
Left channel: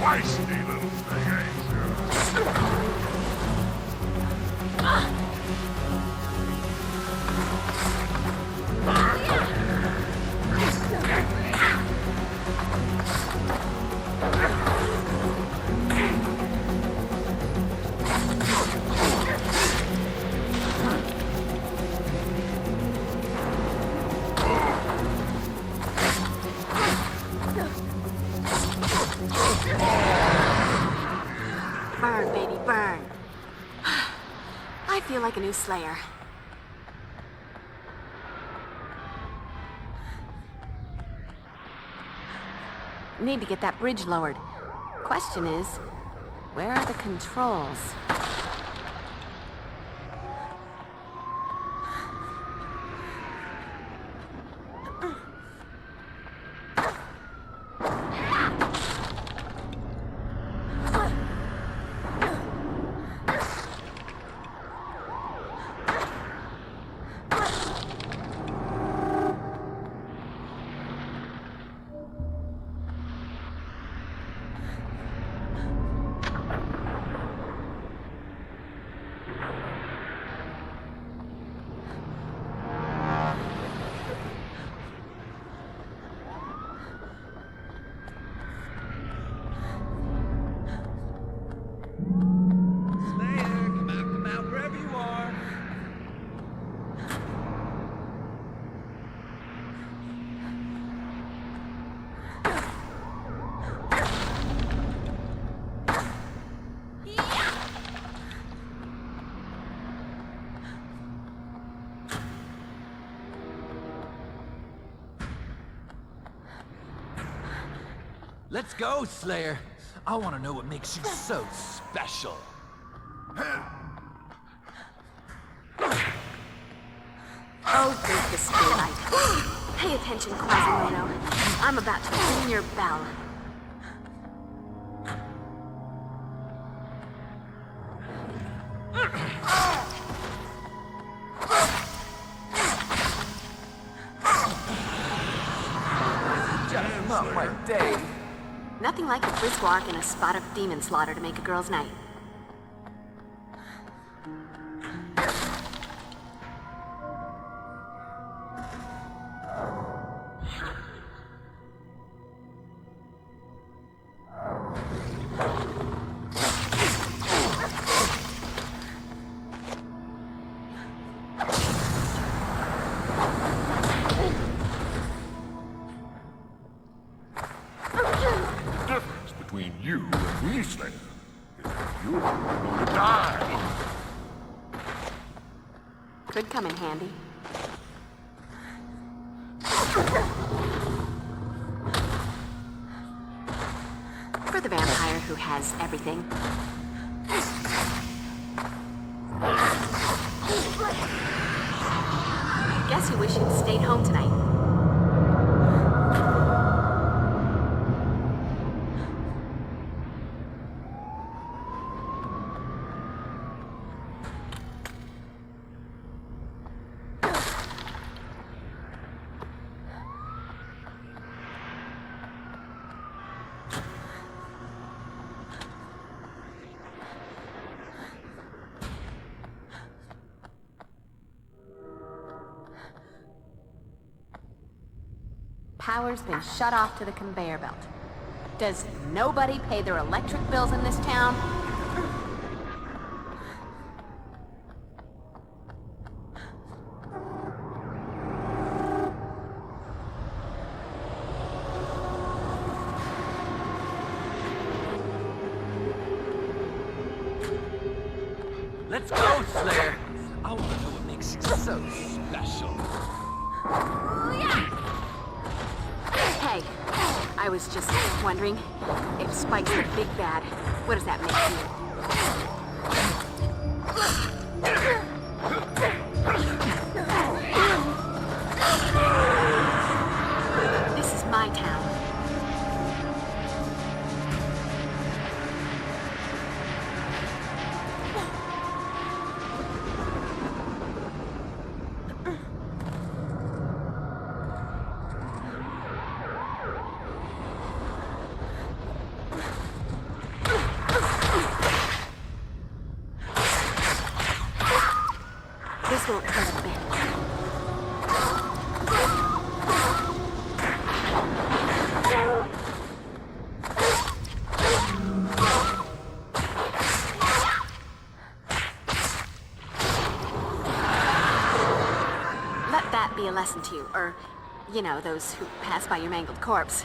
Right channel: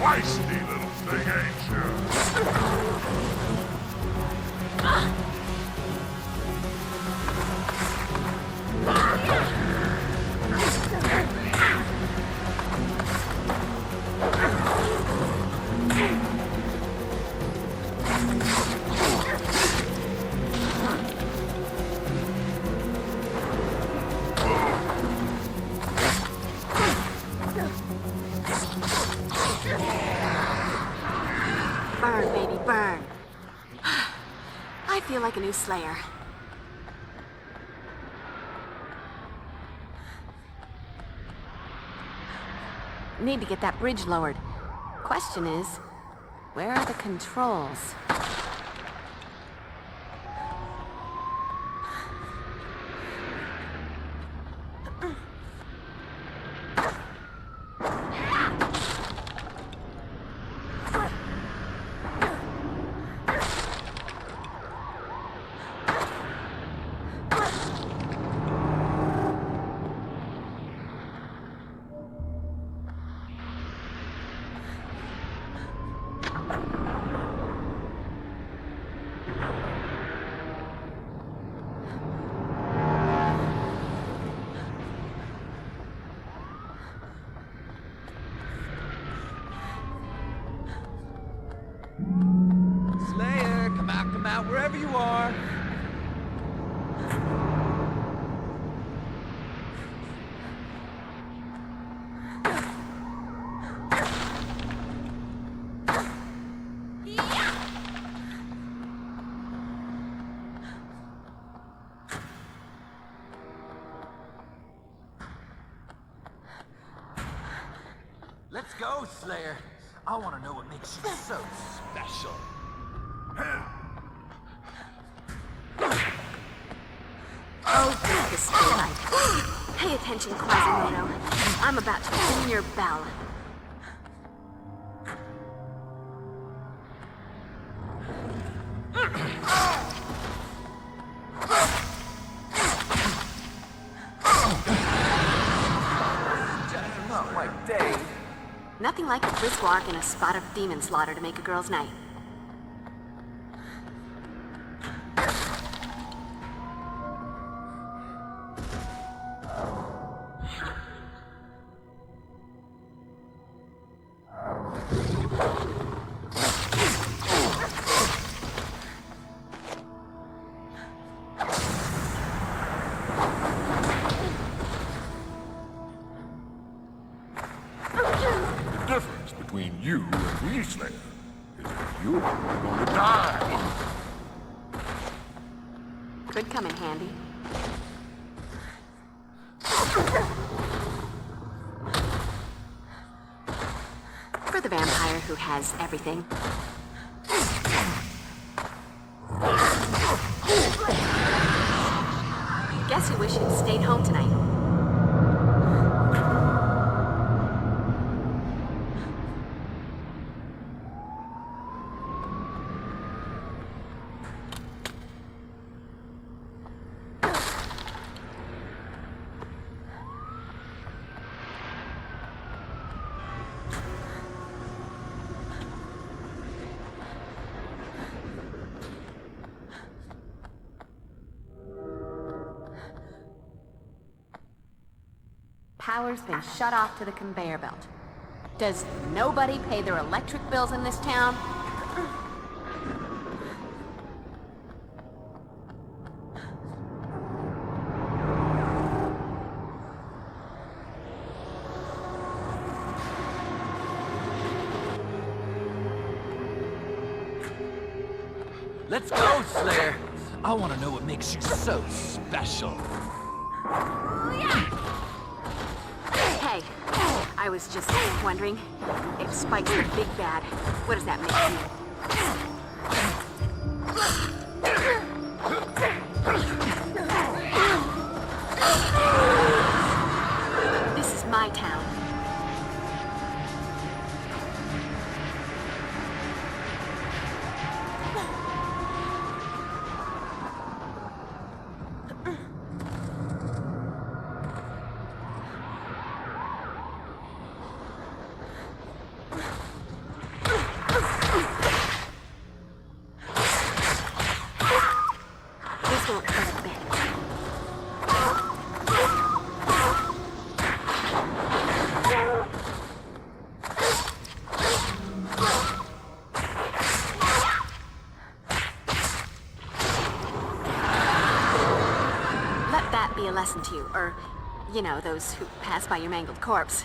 feisty little thing, ain't you? Burn, baby, burn. I feel like a new Slayer. Need to get that bridge lowered. Question is, where are the controls? Let's go, Slayer. I want to know what makes you so special. Oh, great display light. Pay attention, Quasimodo. I'm about to ring your bell. That's not my day. Nothing like a brisk walk and a spot of demon slaughter to make a girl's night. Between you and me, Slayer, is that you're going to die. Could come in handy. For the vampire who has everything. Guess you wish you'd stayed home tonight. Power's been shut off to the conveyor belt. Does nobody pay their electric bills in this town? Let's go, Slayer. I want to know what makes you so special. Hey, I was just wondering, if Spike's the big bad, what does that make you? This is my town. a lesson to you, or, you know, those who pass by your mangled corpse.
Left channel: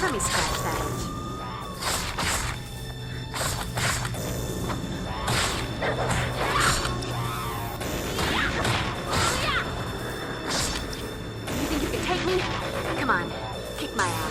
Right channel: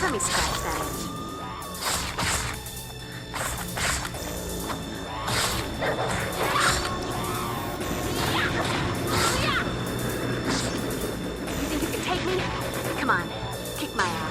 Let me scratch that itch. You think you can take me? Come on, kick my ass.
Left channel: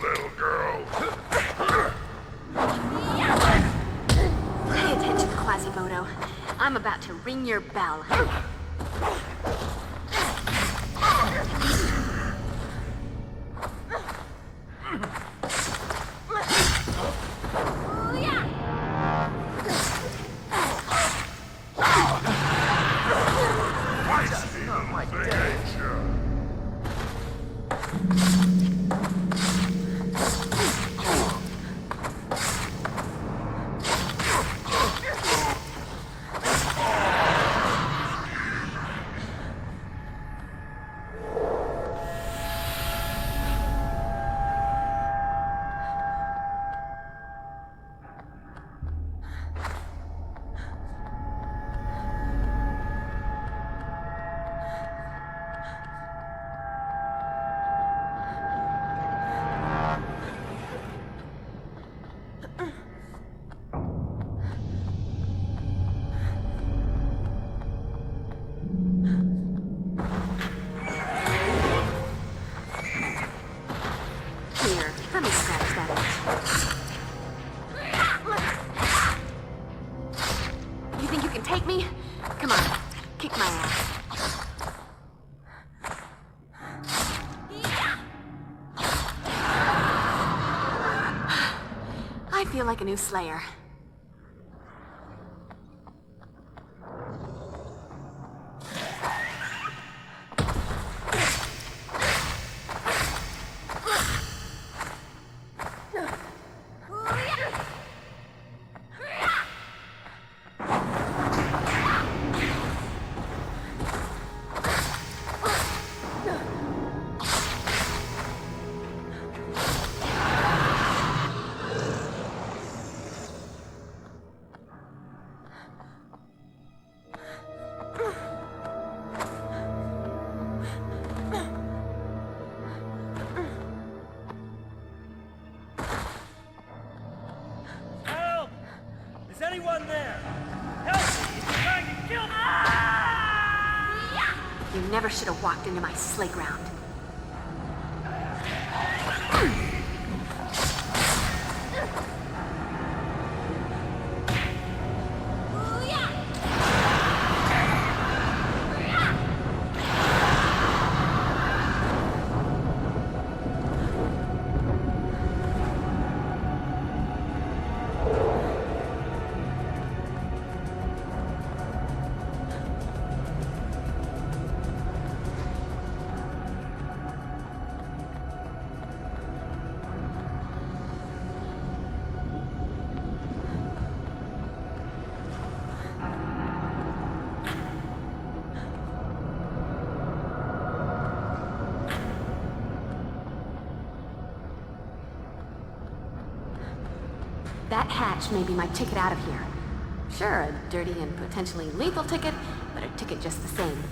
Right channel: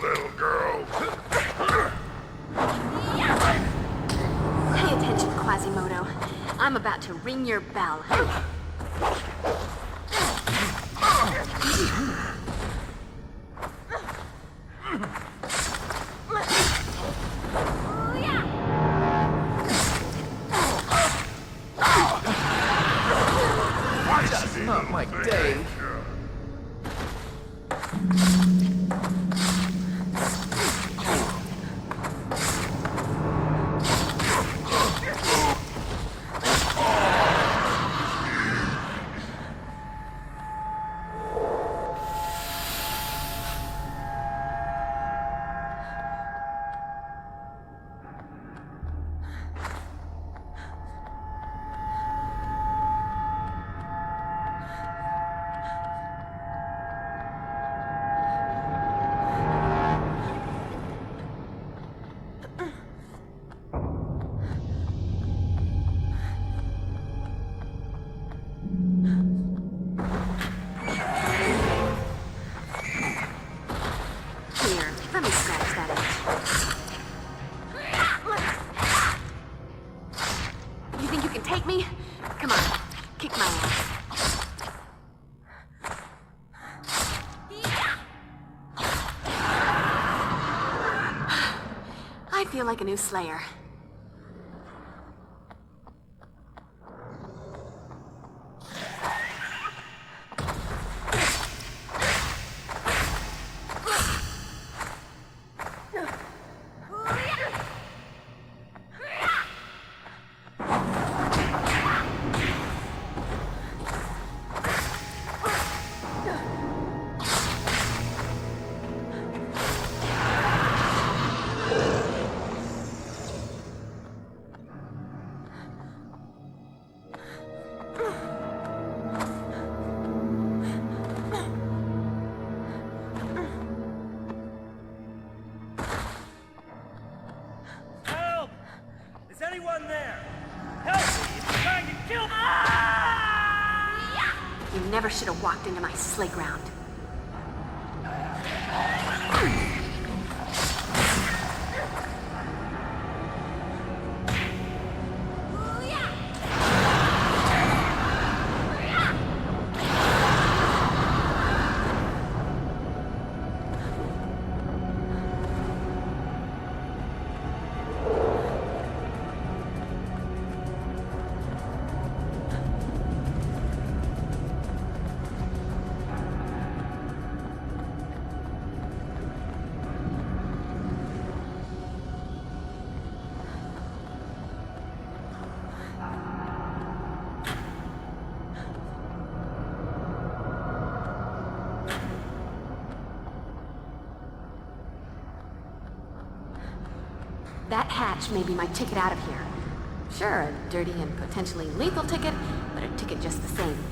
little girl. Pay attention, Quasimodo. I'm about to ring your bell. Not my day. Here, let me scratch that itch. You think you can take me? Come on, kick my ass. I feel like a new Slayer. Help! Is anyone there? Help me! It's trying to kill me! You never should have walked into my sleigh ground. That hatch may be my ticket out of here. Sure, a dirty and potentially lethal ticket, but a ticket just the same.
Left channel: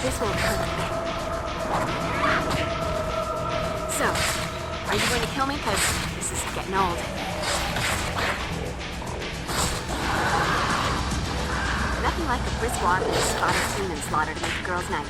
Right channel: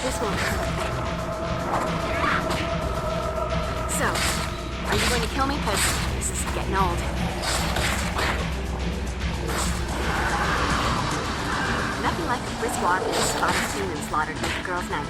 This won't hurt a bit. So, are you going to kill me? Because this is getting old. Nothing like a brisk walk and a spot of seen and slaughter to make a girl's night.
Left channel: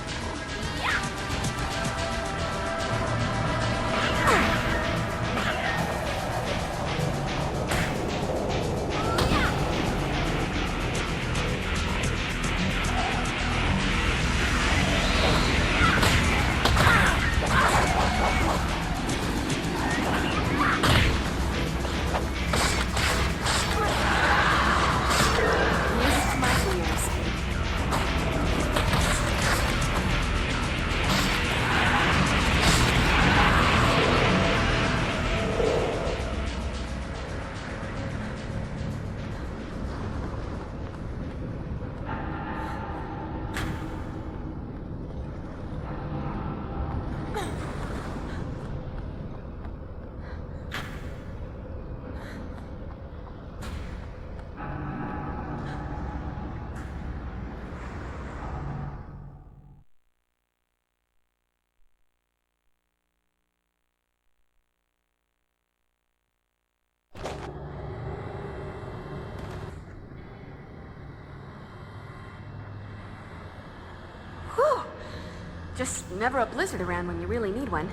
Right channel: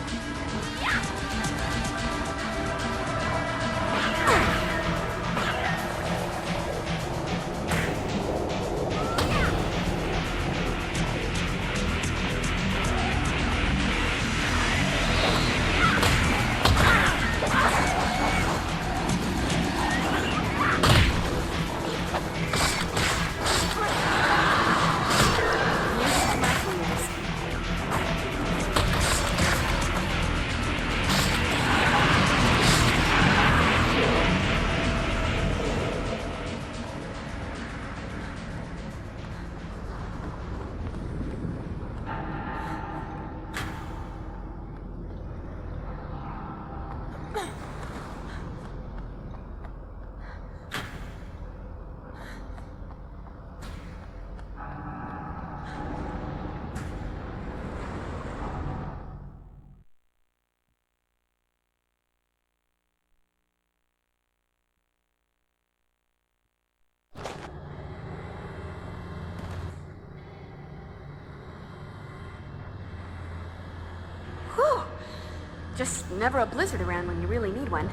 Just never a blizzard around when you really need one.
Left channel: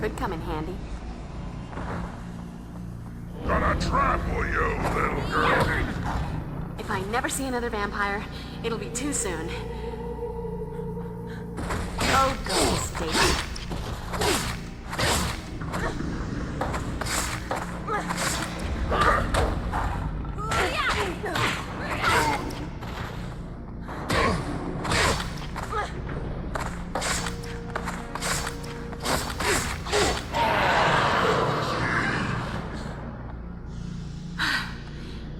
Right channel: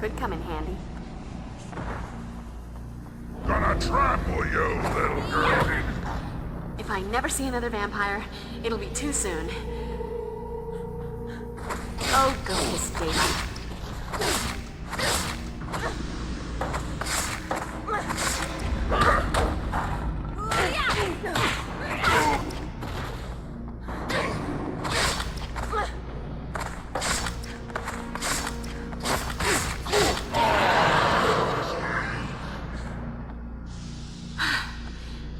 Could come in handy. Gonna trample you, little girl. If I never see another vampire, it'll be too soon. Oh, go, Stacy.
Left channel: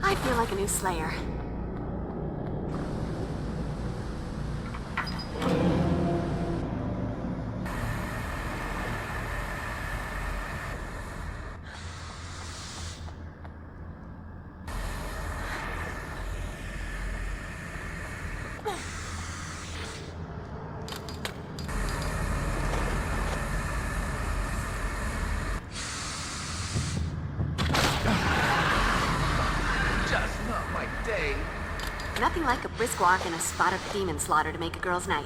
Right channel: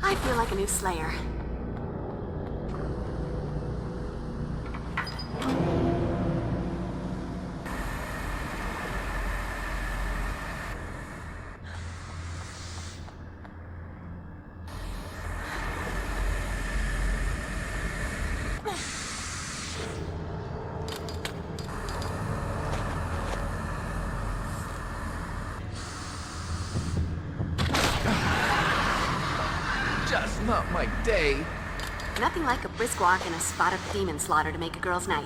I feel like a new Slayer. Just not my day. Nothing like a brisk walk and a spot of demon slaughter to make a girl's night.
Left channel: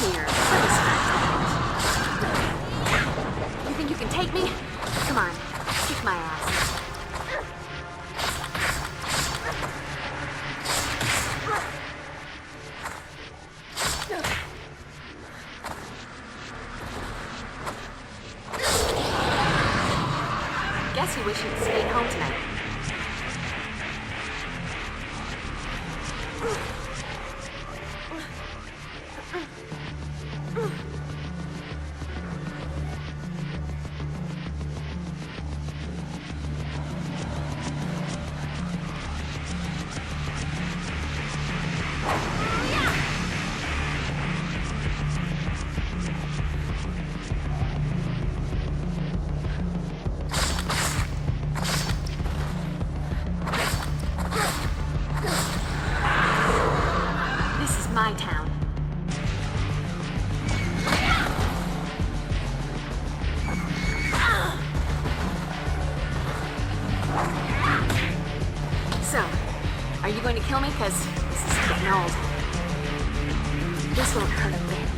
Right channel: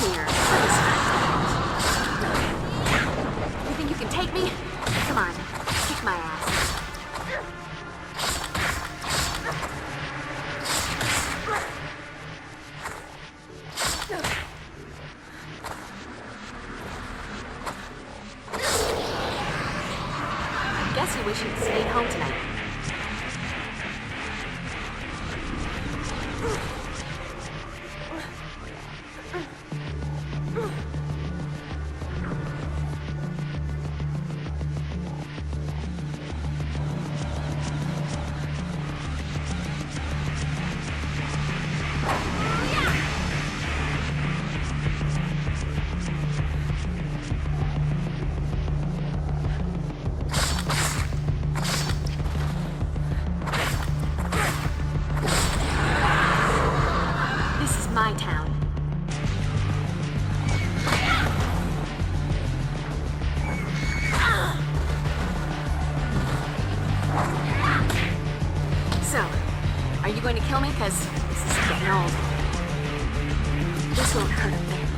Here, let me scratch that. You think you can take me? Come on, kick my ass. Guess you wish you'd stayed home tonight. This is my town. So, are you going to kill me? Because this is getting old. This won't hurt a bit.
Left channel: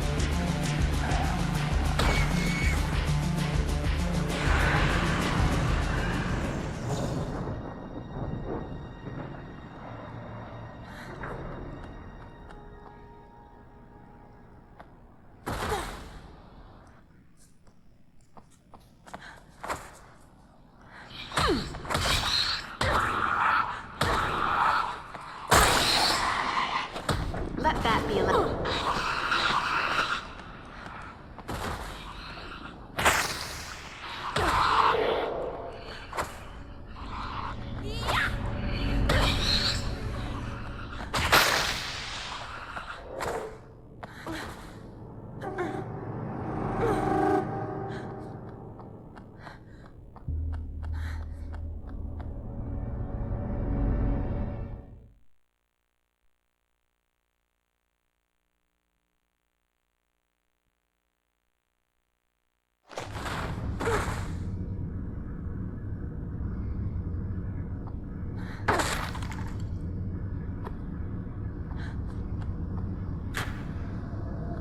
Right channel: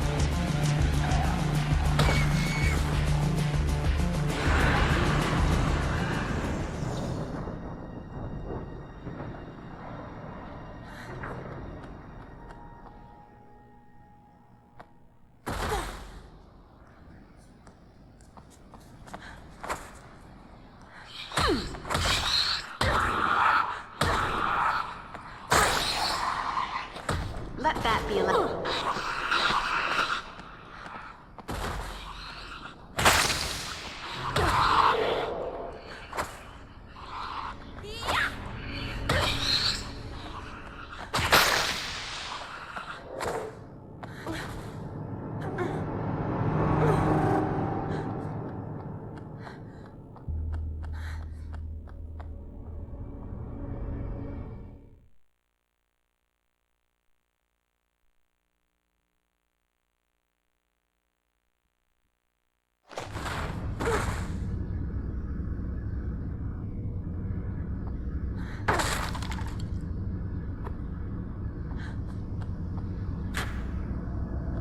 Let that be a little...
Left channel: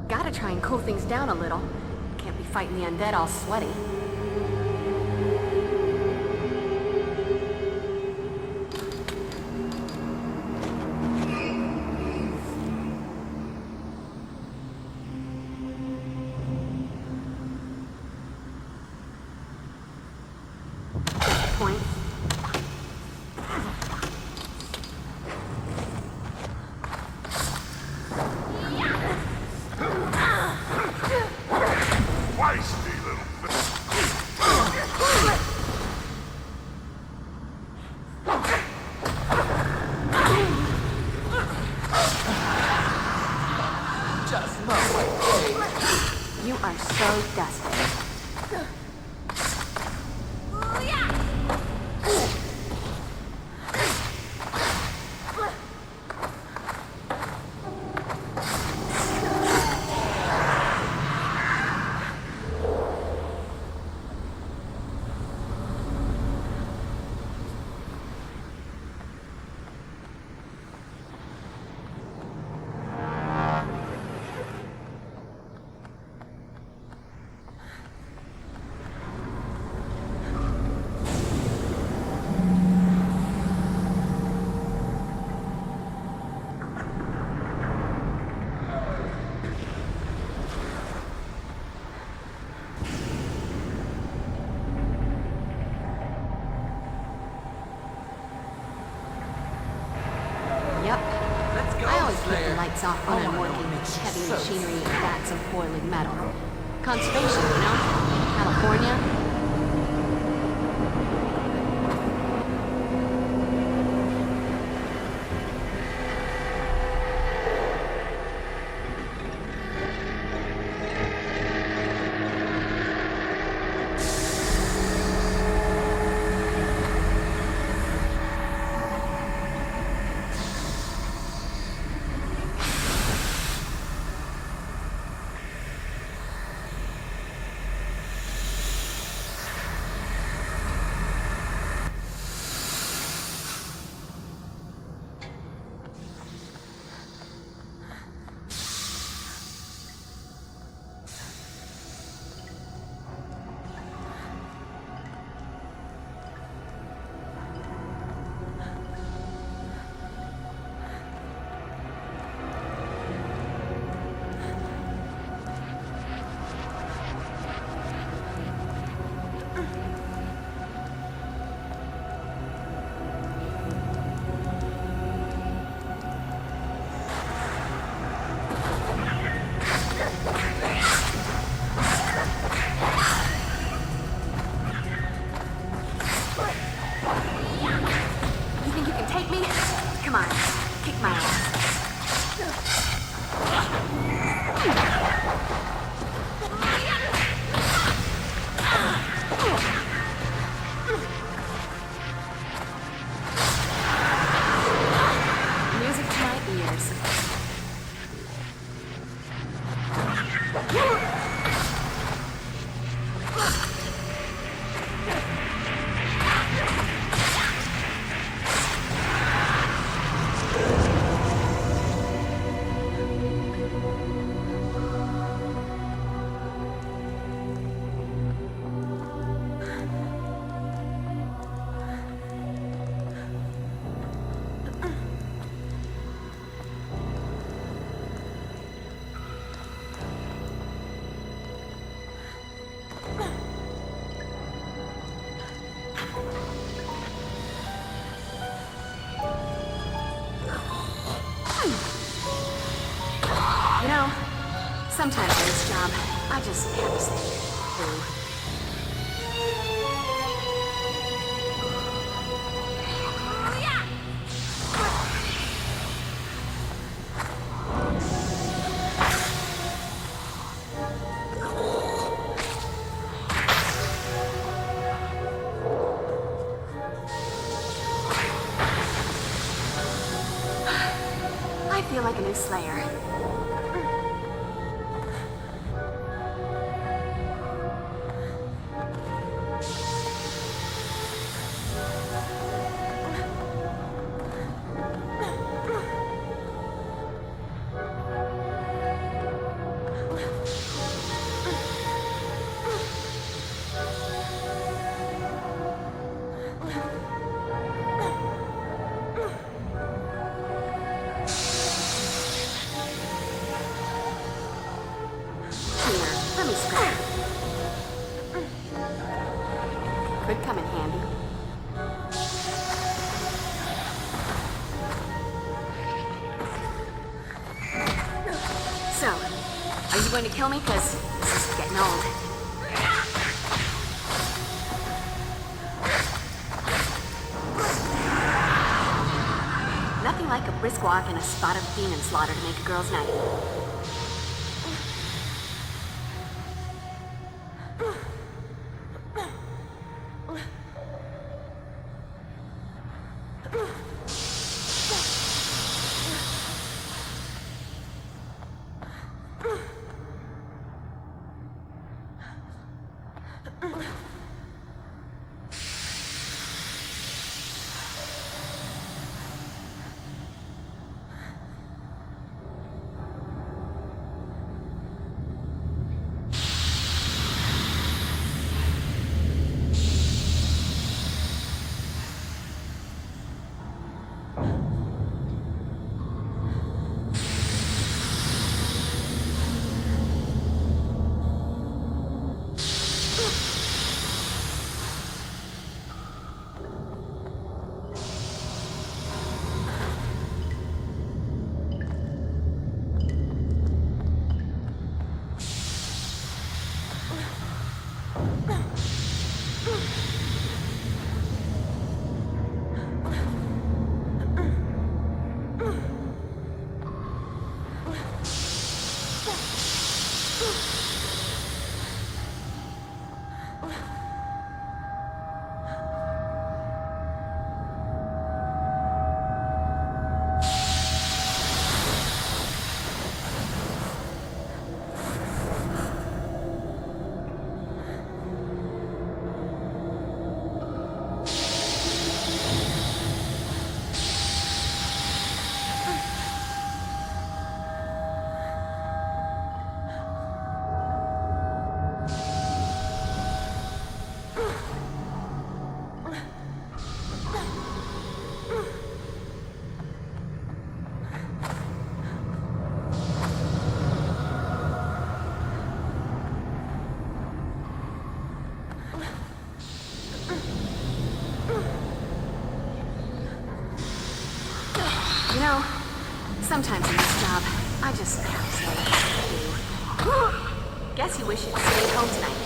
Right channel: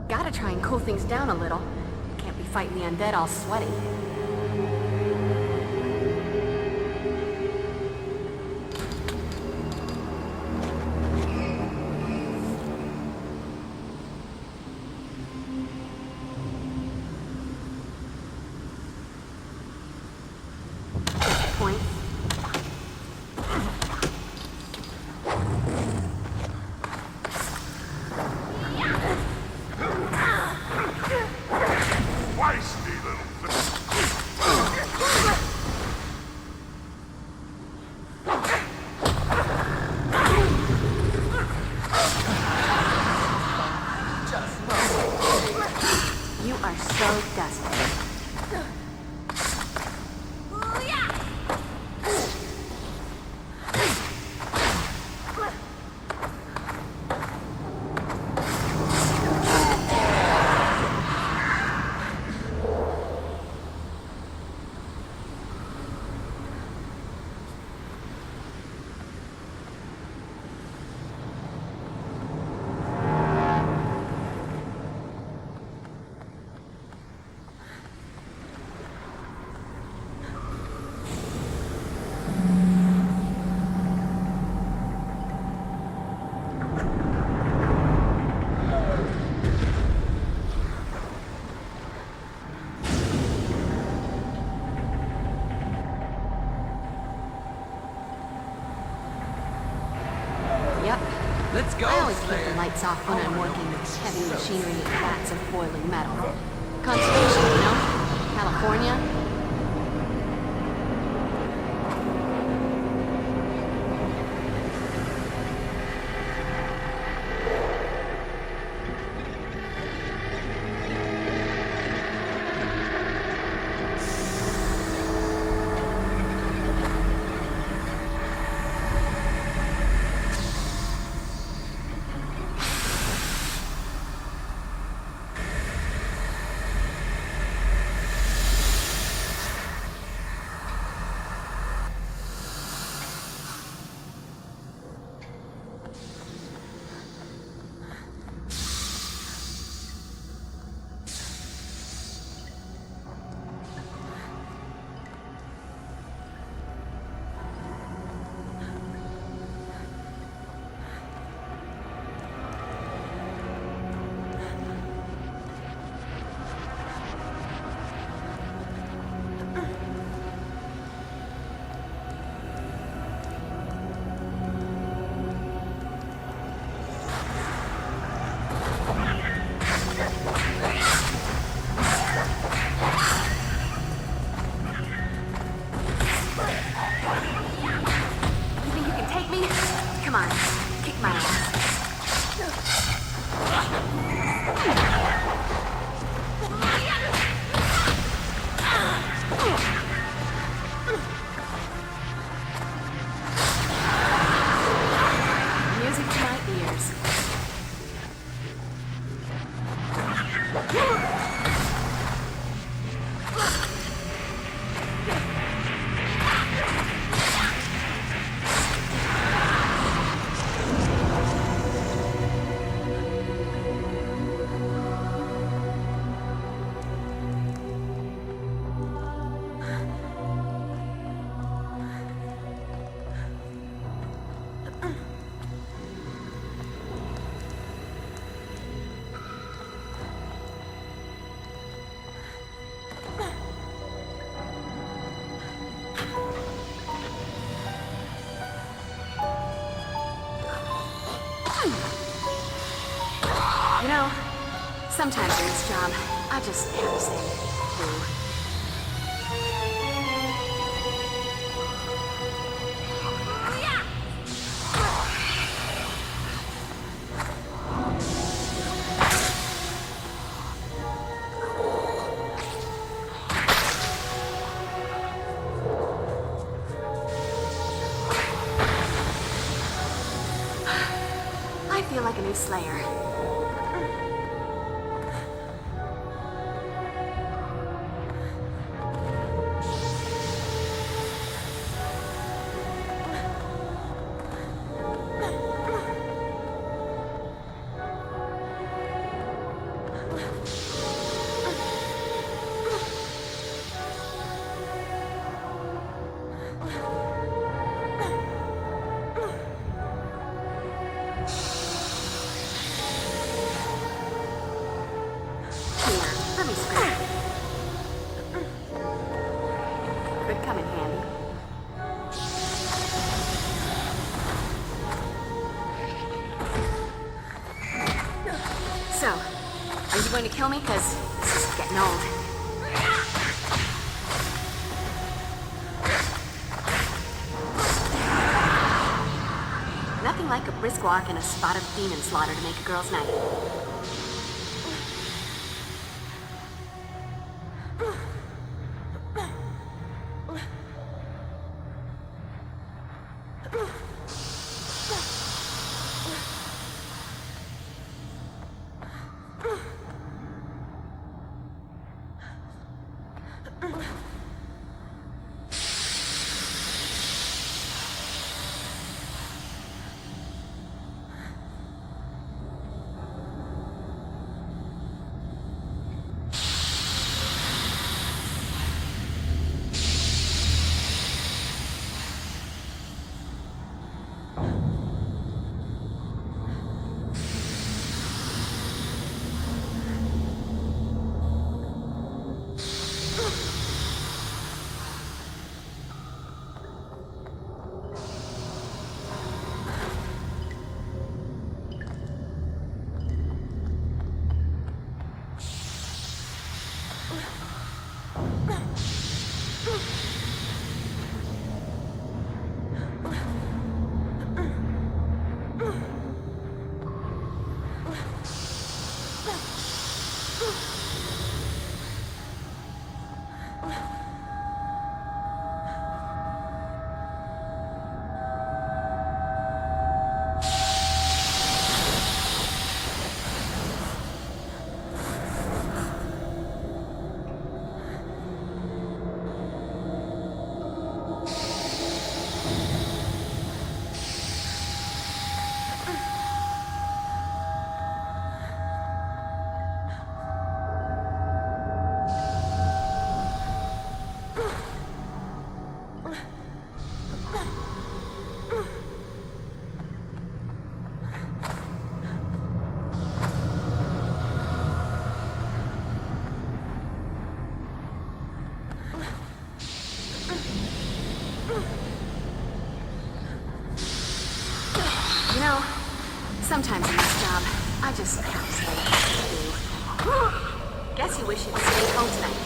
Gotta try and cool things down a little. Can't be fighting the undead all sweaty. Point. Feisty little You are so dusty. I always keep the lights off when I'm working heavy machinery and vats of boiling metal. Conservation, you know? California. You know, sometimes in this job, I just have to say, boo. I feel like a new Slayer. Here, let me scratch. Could come in handy. So, are you going to kill me? Because this is getting old. Nothing like a brisk walk and a spot of demon slaughter to make a girl's night. You know, sometimes in this job, I just have to say what to do. Guess you wish you'd stayed home tonight.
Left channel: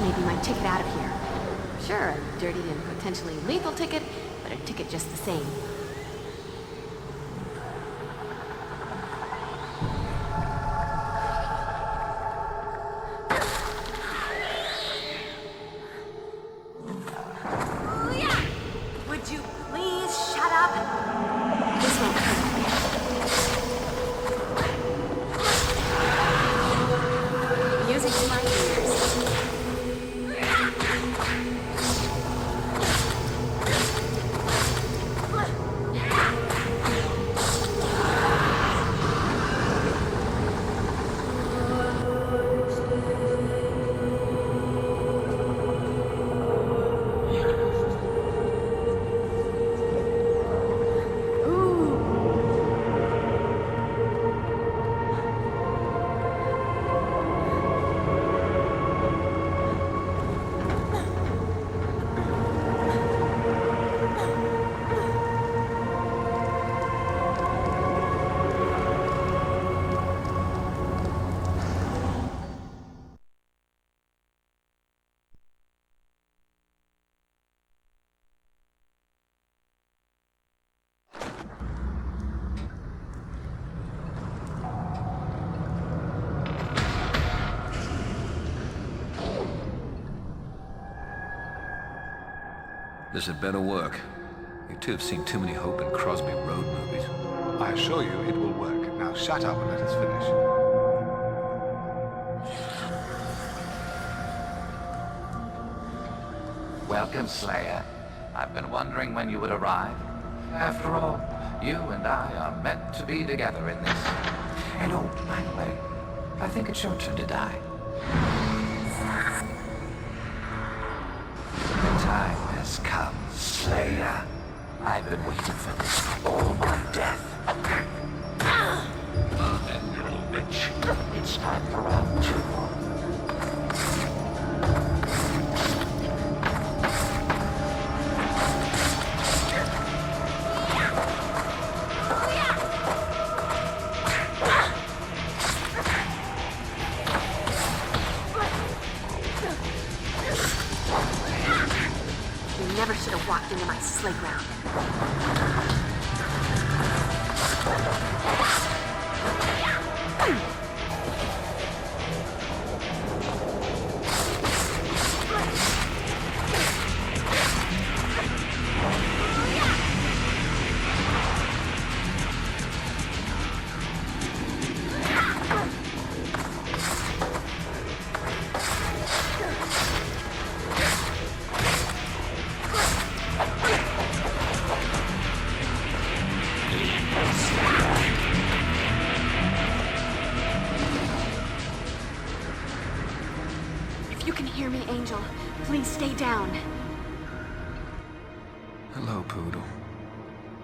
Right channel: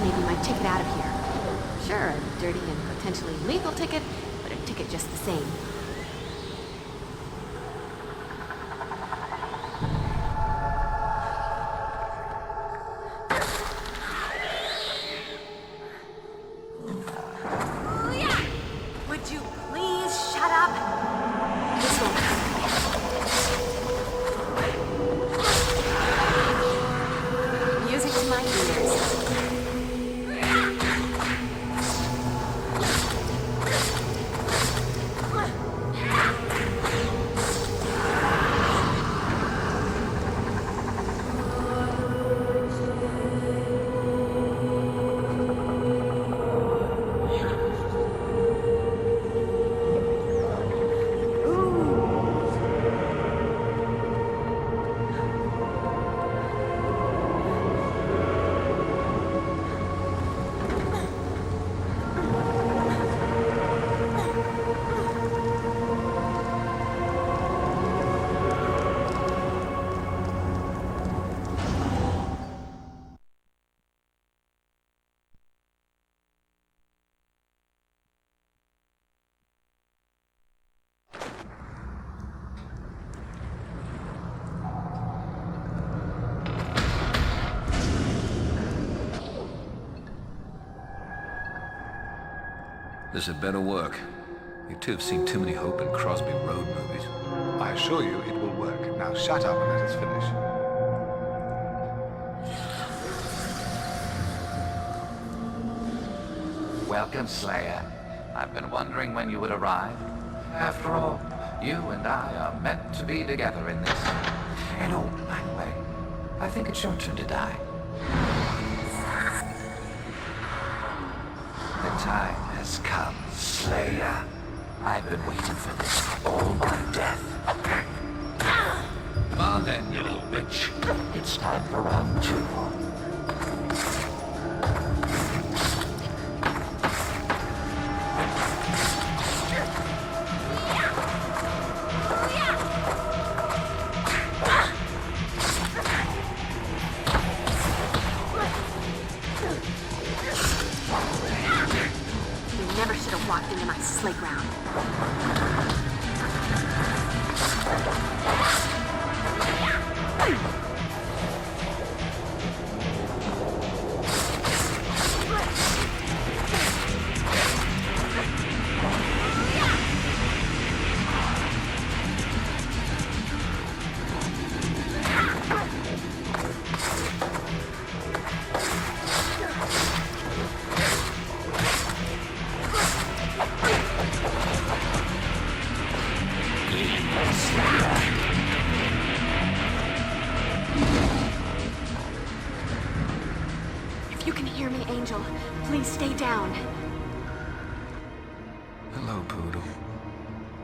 Maybe my ticket out of here. Sure, a dirty and potentially lethal ticket, but a ticket just the same. Would you please shut up? This won't hurt. Music to my ears. This had better work. You two have seen too many Hope and Crosby road movies. I assure you it will work. Now shut up and let us finish. Welcome, Slayer. I've been wondering when you would arrive. After all, you and I are meant to be together in this. And oh, by the way, I think it's your turn to die. The time has come, Slayer. I've been waiting for this all my death. Come on then, you little bitch. It's time for round 2. Never should have walked into my playground. Angel, please stay down. Hello, Poodle.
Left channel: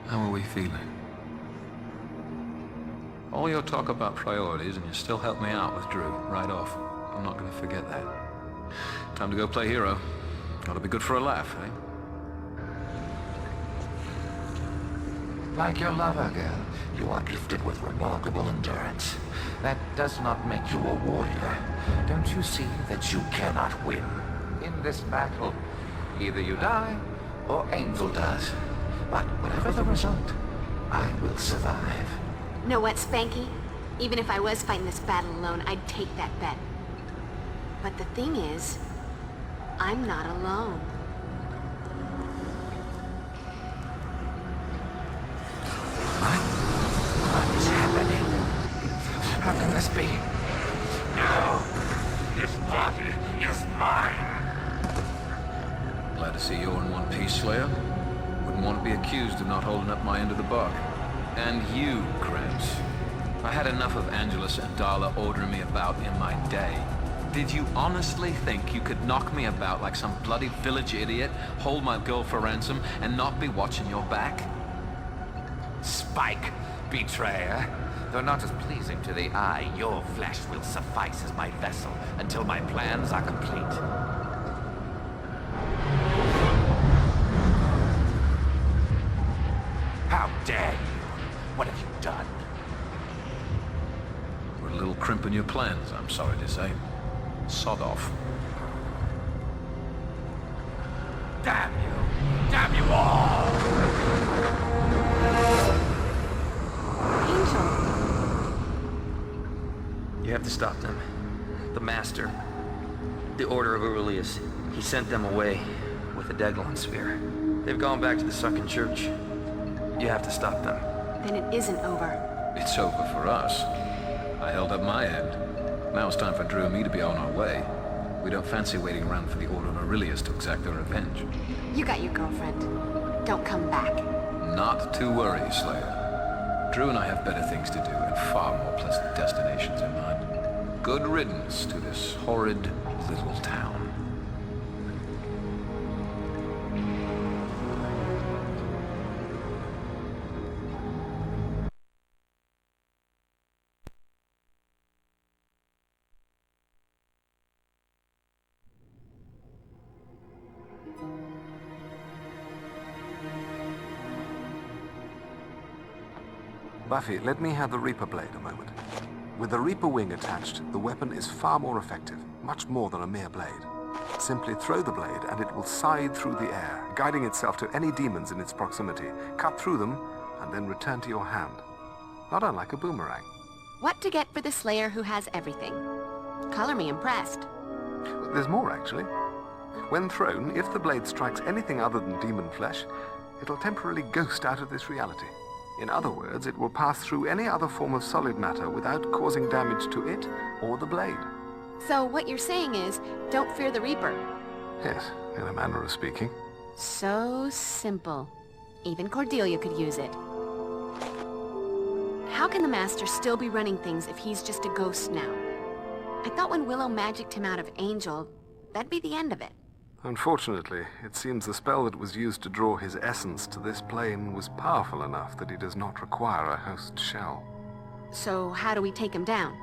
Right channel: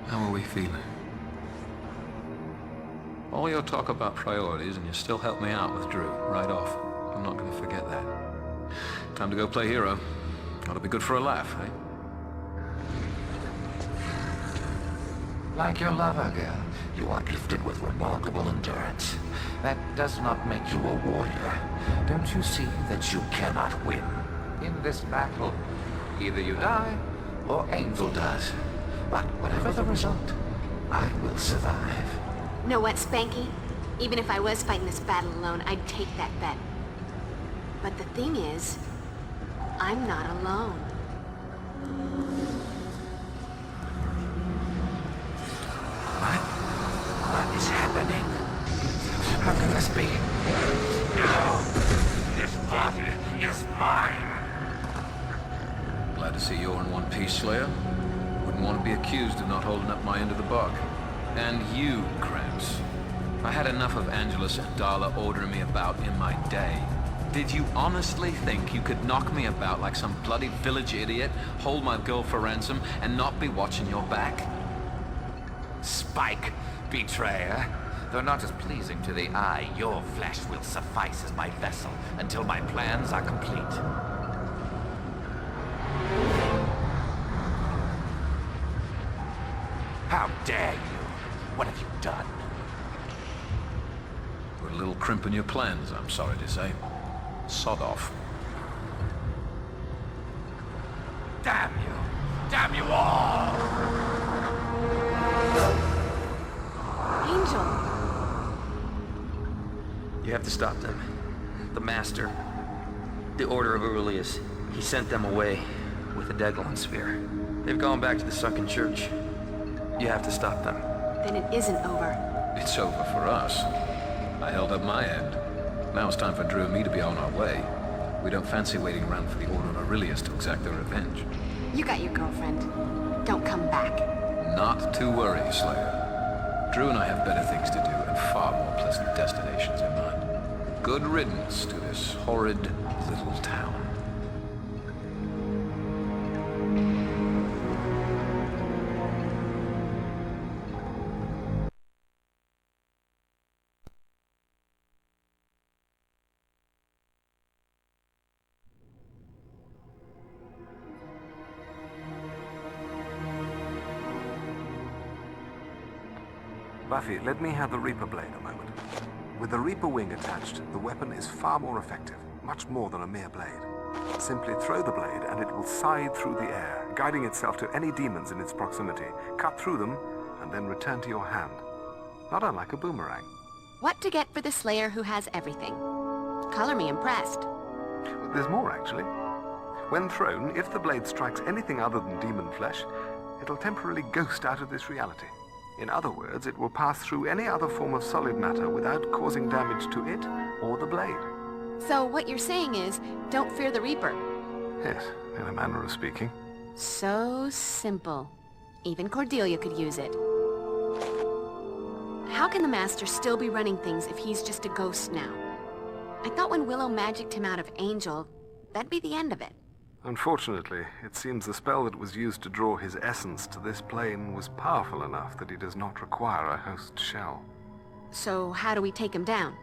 How are we feeling? All your talk about priorities, and you still help me out with Drew, right off. I'm not going to forget that. Time to go play hero. Gotta be good for a laugh, eh? Like your lover, girl, you are gifted with remarkable endurance. That does not make you a warrior. Don't you see that you cannot win? In this battle, either you die, or Angel does. But whatever the result, I will survive. Know what, Spanky? Even if I was fighting this battle alone, I'd take that bet. But the thing is, I'm not alone. What is happening? How can this be? No! This body is mine! Glad to see you're in one piece, Slayer. Wouldn't want to be accused of not holding up my end of the bargain. And you, Gramps. I had enough of Angelus and Darla ordering me about in my day. Did you honestly think you could knock me about like some bloody village idiot, hold my girl for ransom, and not be watching your back? Spike, betrayer. Though not as pleasing to the eye, your flesh will suffice as my vessel until my plans are complete. How dare you? What have you done? Put a little crimp in your plans, I'm sorry to say. Sod off. Damn you! Damn you all! Angel! You have to stop them. The Master. The Order of Aurelius. He sent them away with a daglon sphere. They've gone back to the sunken church. You have to stop them. Then it isn't over. It's over for us. I held up my end. Now it's time for Drew and me to be on our way. We don't fancy waiting around for the Order of Aurelius to exact their revenge. You got your girlfriend. Don't come back. Not to worry, Slayer. Drew and I have better things to do and far more pleasant destinations in mind. Good riddance to this horrid little town. Buffy, let me have the Reaper blade a moment. With the Reaper wing attached, the weapon is far more effective, much more than a mere blade. Simply throw the blade and it will scythe through the air, guiding itself to any demons in its proximity, cut through them, and then return to your hand. Not unlike a boomerang. What to get for the Slayer who has everything? Color me impressed. There's more, actually. When thrown, if the blade strikes anything other than demon flesh, it'll temporarily ghost out of this reality. In other words, it will pass through any other form of solid matter without causing damage to it or the blade. So what you're saying is, don't fear the Reaper. Yes, in a manner of speaking. So simple. Even Cordelia could use it. How can the Master still be running things if he's just a ghost now? I thought when Willow magicked him out of Angel, that'd be the end of it. Unfortunately, it seems the spell that was used to draw his essence to this plane was powerful enough that he does not require a host shell. So how do we take him down?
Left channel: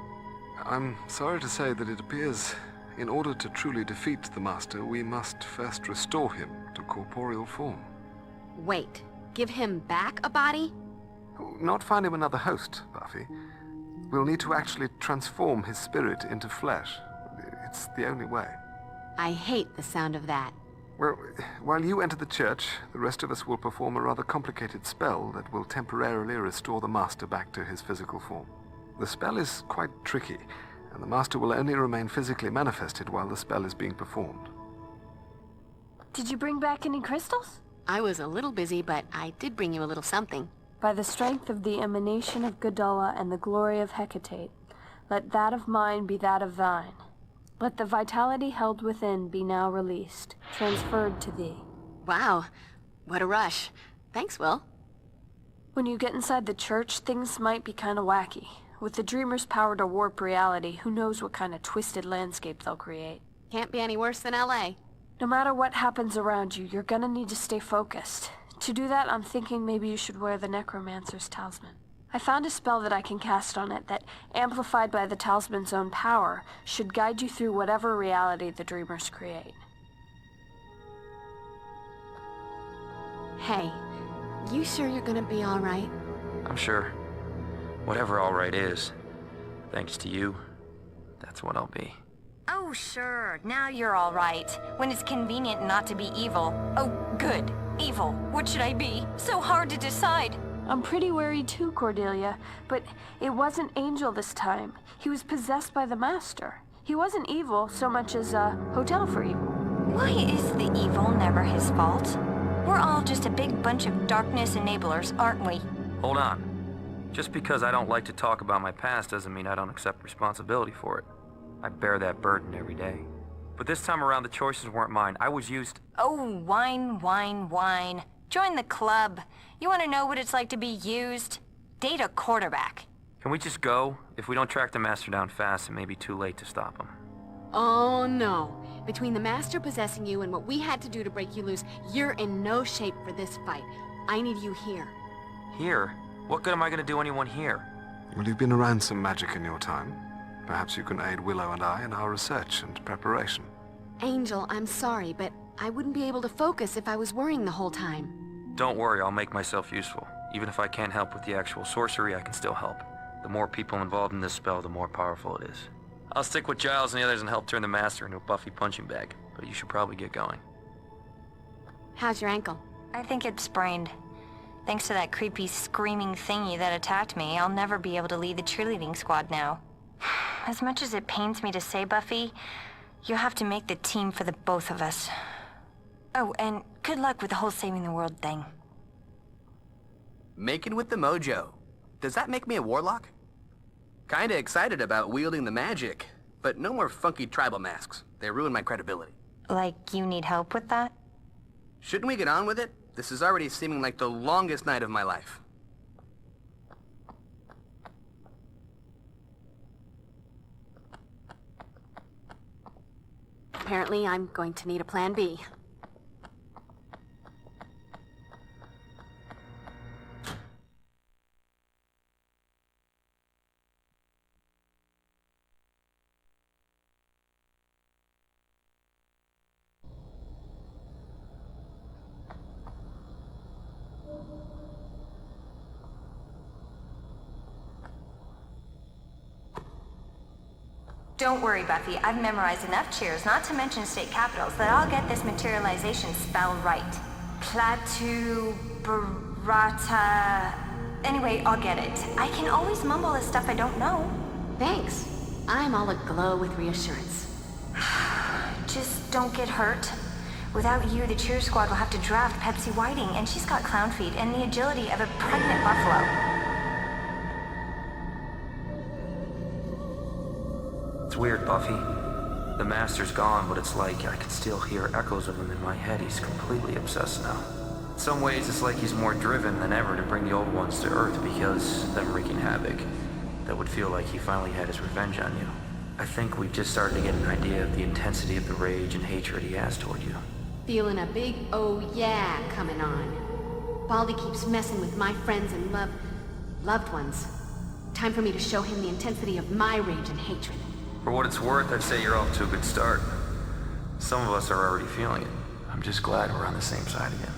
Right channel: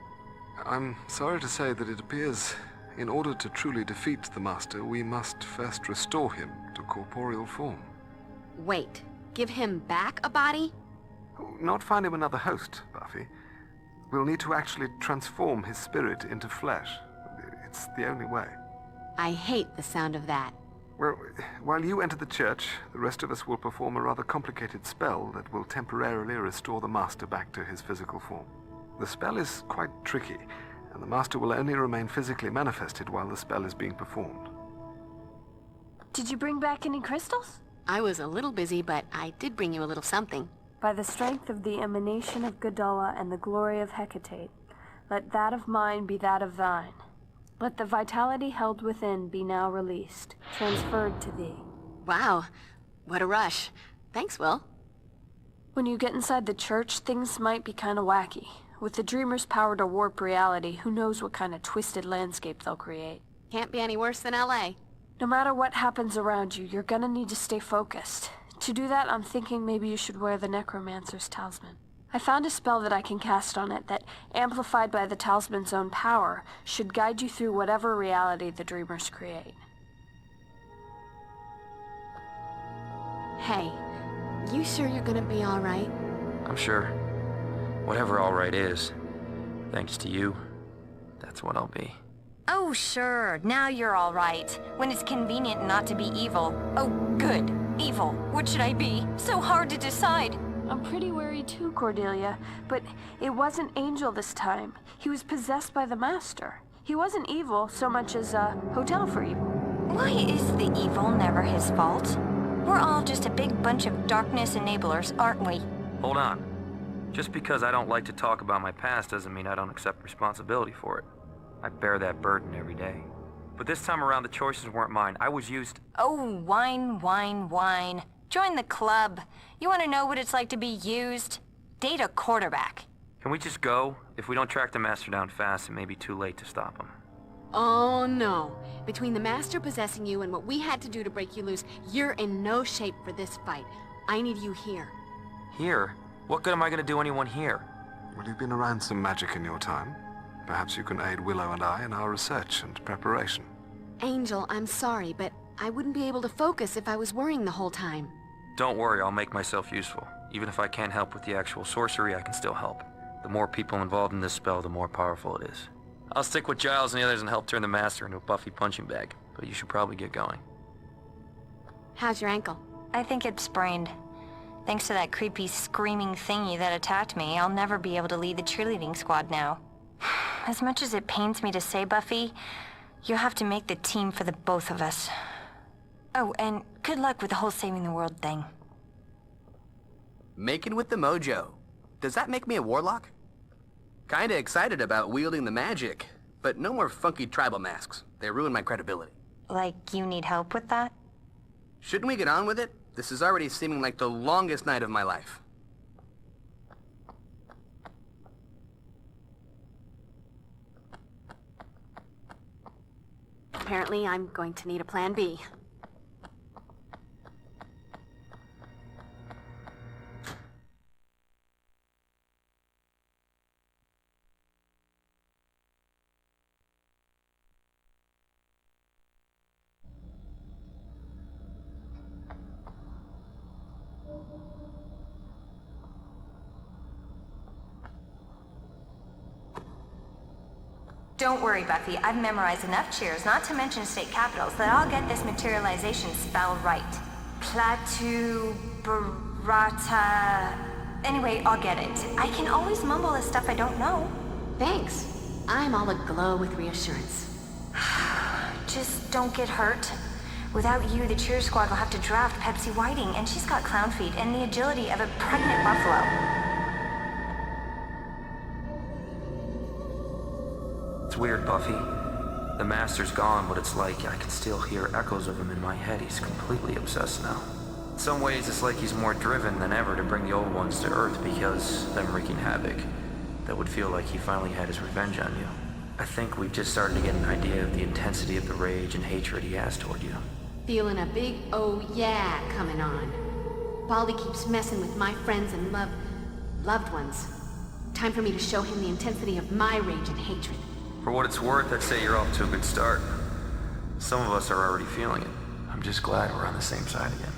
I'm sorry to say that it appears, in order to truly defeat the Master, we must first restore him to corporeal form. Wait, give him back a body? Not find him another host, Buffy. We'll need to actually transform his spirit into flesh. It's the only way. I hate the sound of that. Well, while you enter the church, the rest of us will perform a rather complicated spell that will temporarily restore the Master back to his physical form. The spell is quite tricky, and the Master will only remain physically manifested while the spell is being performed. Did you bring back any crystals? I was a little busy, but I did bring you a little something. By the strength of the emanation of Gudulla and the glory of Hecate, let that of mine be that of thine. Let the vitality held within be now released, transferred to thee. Wow, what a rush. Thanks, Will. When you get inside the church, things might be kinda wacky. With the Dreamer's power to warp reality, who knows what kind of twisted landscape they'll create. Can't be any worse than LA. No matter what happens around you, you're gonna need to stay focused. To do that, I'm thinking maybe you should wear the Necromancer's Talisman. I found a spell that I can cast on it that, amplified by the Talisman's own power, should guide you through whatever reality the Dreamers create. Hey, you sure you're gonna be all right? I'm sure. Whatever all right is, thanks to you, that's what I'll be. Oh, sure. Now you're all right. When it's convenient not to be evil. Oh, good. Evil. What should I be? So hard to decide. I'm pretty worried too, Cordelia, but it wasn't Angel this time. He was possessed by the Master. He wasn't evil so much as a hotel for evil. Why is the evil never his fault? We're all just a big bunch of darkness enablers, aren't we? Hold on. Just because I don't like to talk about my past doesn't mean I don't accept responsibility for it. I bear that burden every day. But this time around, the choices weren't mine. I was used... Oh, whine, whine, whine. Join the club. You want to know what it's like to be used? Date a quarterback. Can we just go? If we don't track the Master down fast, it may be too late to stop him. Oh, no. Between the Master possessing you and what we had to do to break you loose, you're in no shape for this fight. I need you here. Here? What good am I going to do anyone here? Well, you've been around some magic in your time. Perhaps you can aid Willow and I in our research and preparation. Angel, I'm sorry, but I wouldn't be able to focus if I was worrying the whole time. Don't worry, I'll make myself useful. Even if I can't help with the actual sorcery, I can still help. The more people involved in this spell, the more powerful it is. I'll stick with Giles and the others and help turn the Master into a Buffy punching bag, but you should probably get going. How's your ankle? I think it's sprained. Thanks to that creepy screaming thingy that attacked me, I'll never be able to lead the cheerleading squad now. As much as it pains me to say, Buffy, you'll have to make the team for the both of us. Oh, and good luck with the whole saving the world thing. Making with the mojo. Does that make me a warlock? Kinda excited about wielding the magic, but no more funky tribal masks. They ruin my credibility. Like, you need help with that? Shouldn't we get on with it? This is already seeming like the longest night of my life. Apparently, I'm going to need a plan B. Don't worry, Buffy. I've memorized enough cheers, not to mention state capitals, that I'll get this materialization spell right. Platu... Barata... Anyway, I'll get it. I can always mumble the stuff I don't know. Thanks. I'm all aglow with reassurance. Just don't get hurt. Without you, the cheer squad will have to draft Pepsi Whiting, and she's got clown feet and the agility of a pregnant buffalo. It's weird, Buffy. The Master's gone, but it's like I can still hear echoes of him in my head. He's completely obsessed now. In some ways, it's like he's more driven than ever to bring the old ones to Earth because them wreaking havoc. That would feel like he finally had his revenge on you. I think we've just started to get an idea of the intensity of the rage and hatred he has toward you. Feeling a big oh yeah coming on. Baldy keeps messing with my friends and loved ones. Time for me to show him the intensity of my rage and hatred. For what it's worth, I'd say you're off to a good start. Some of us are already feeling it. I'm just glad we're on the same side again.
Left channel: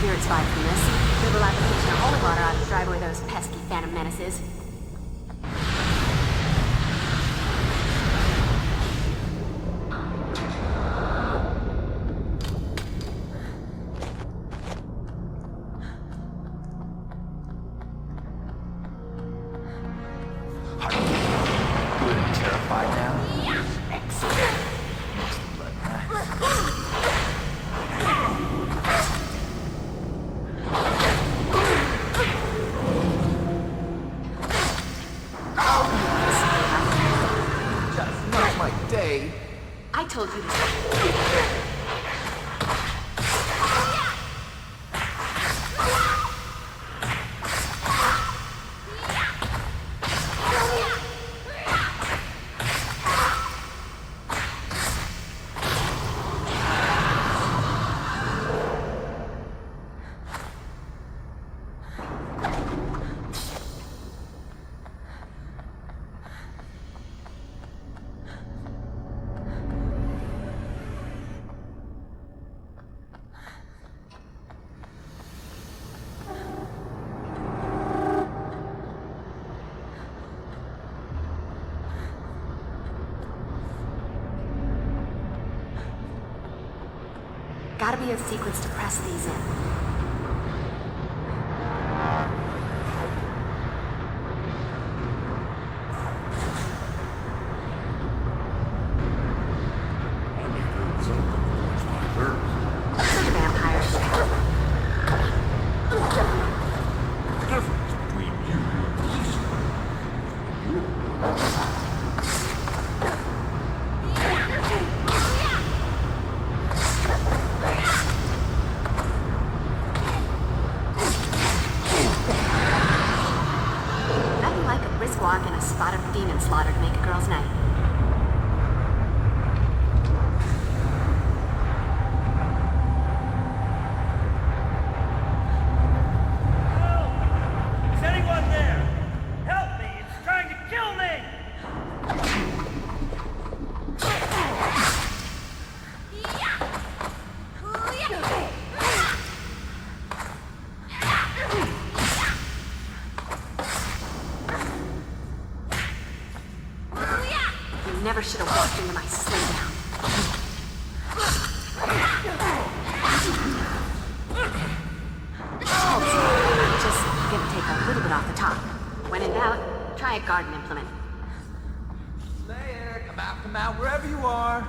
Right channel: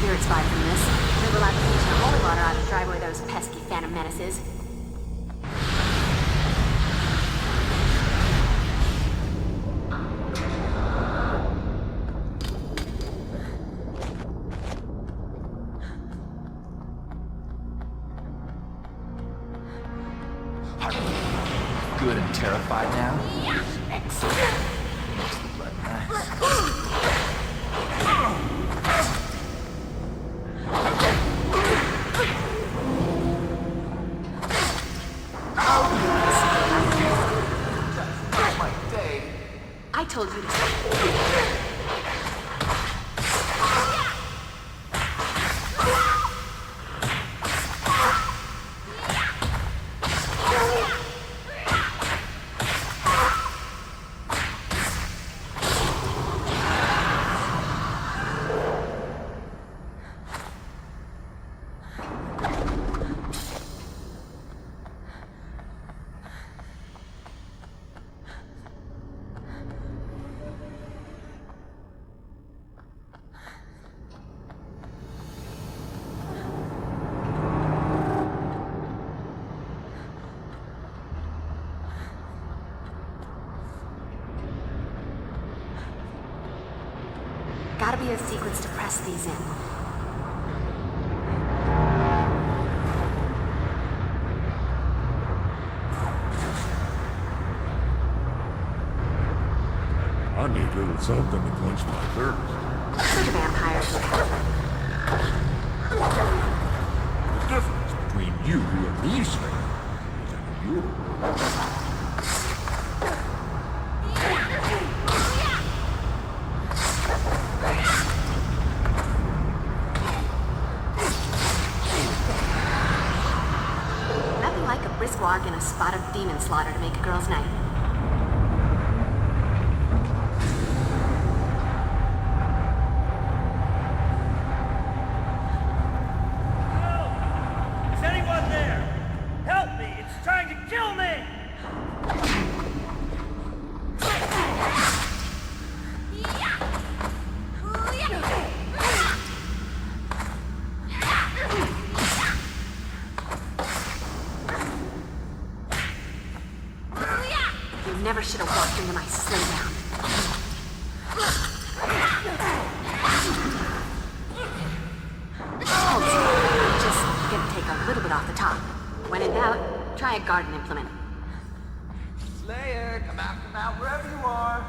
Spirits vibe from this. Dribble application of holy water ought to drive away those pesky phantom menaces. Good and terrified now? Yeah. Excellent. Makes the blood nice. I told you to stop. Gotta be a sequence to press these in. I need a little something to quench my thirst. For the vampires. The difference between you and Lisa. You're Nothing like a brisk walk and a spot of demon slaughter to make a girl's night. Is anyone there? Help me! It's trying to kill me! You never should have walked into my showdown. I'm just Try a garden implement. Slayer, come out, wherever you are.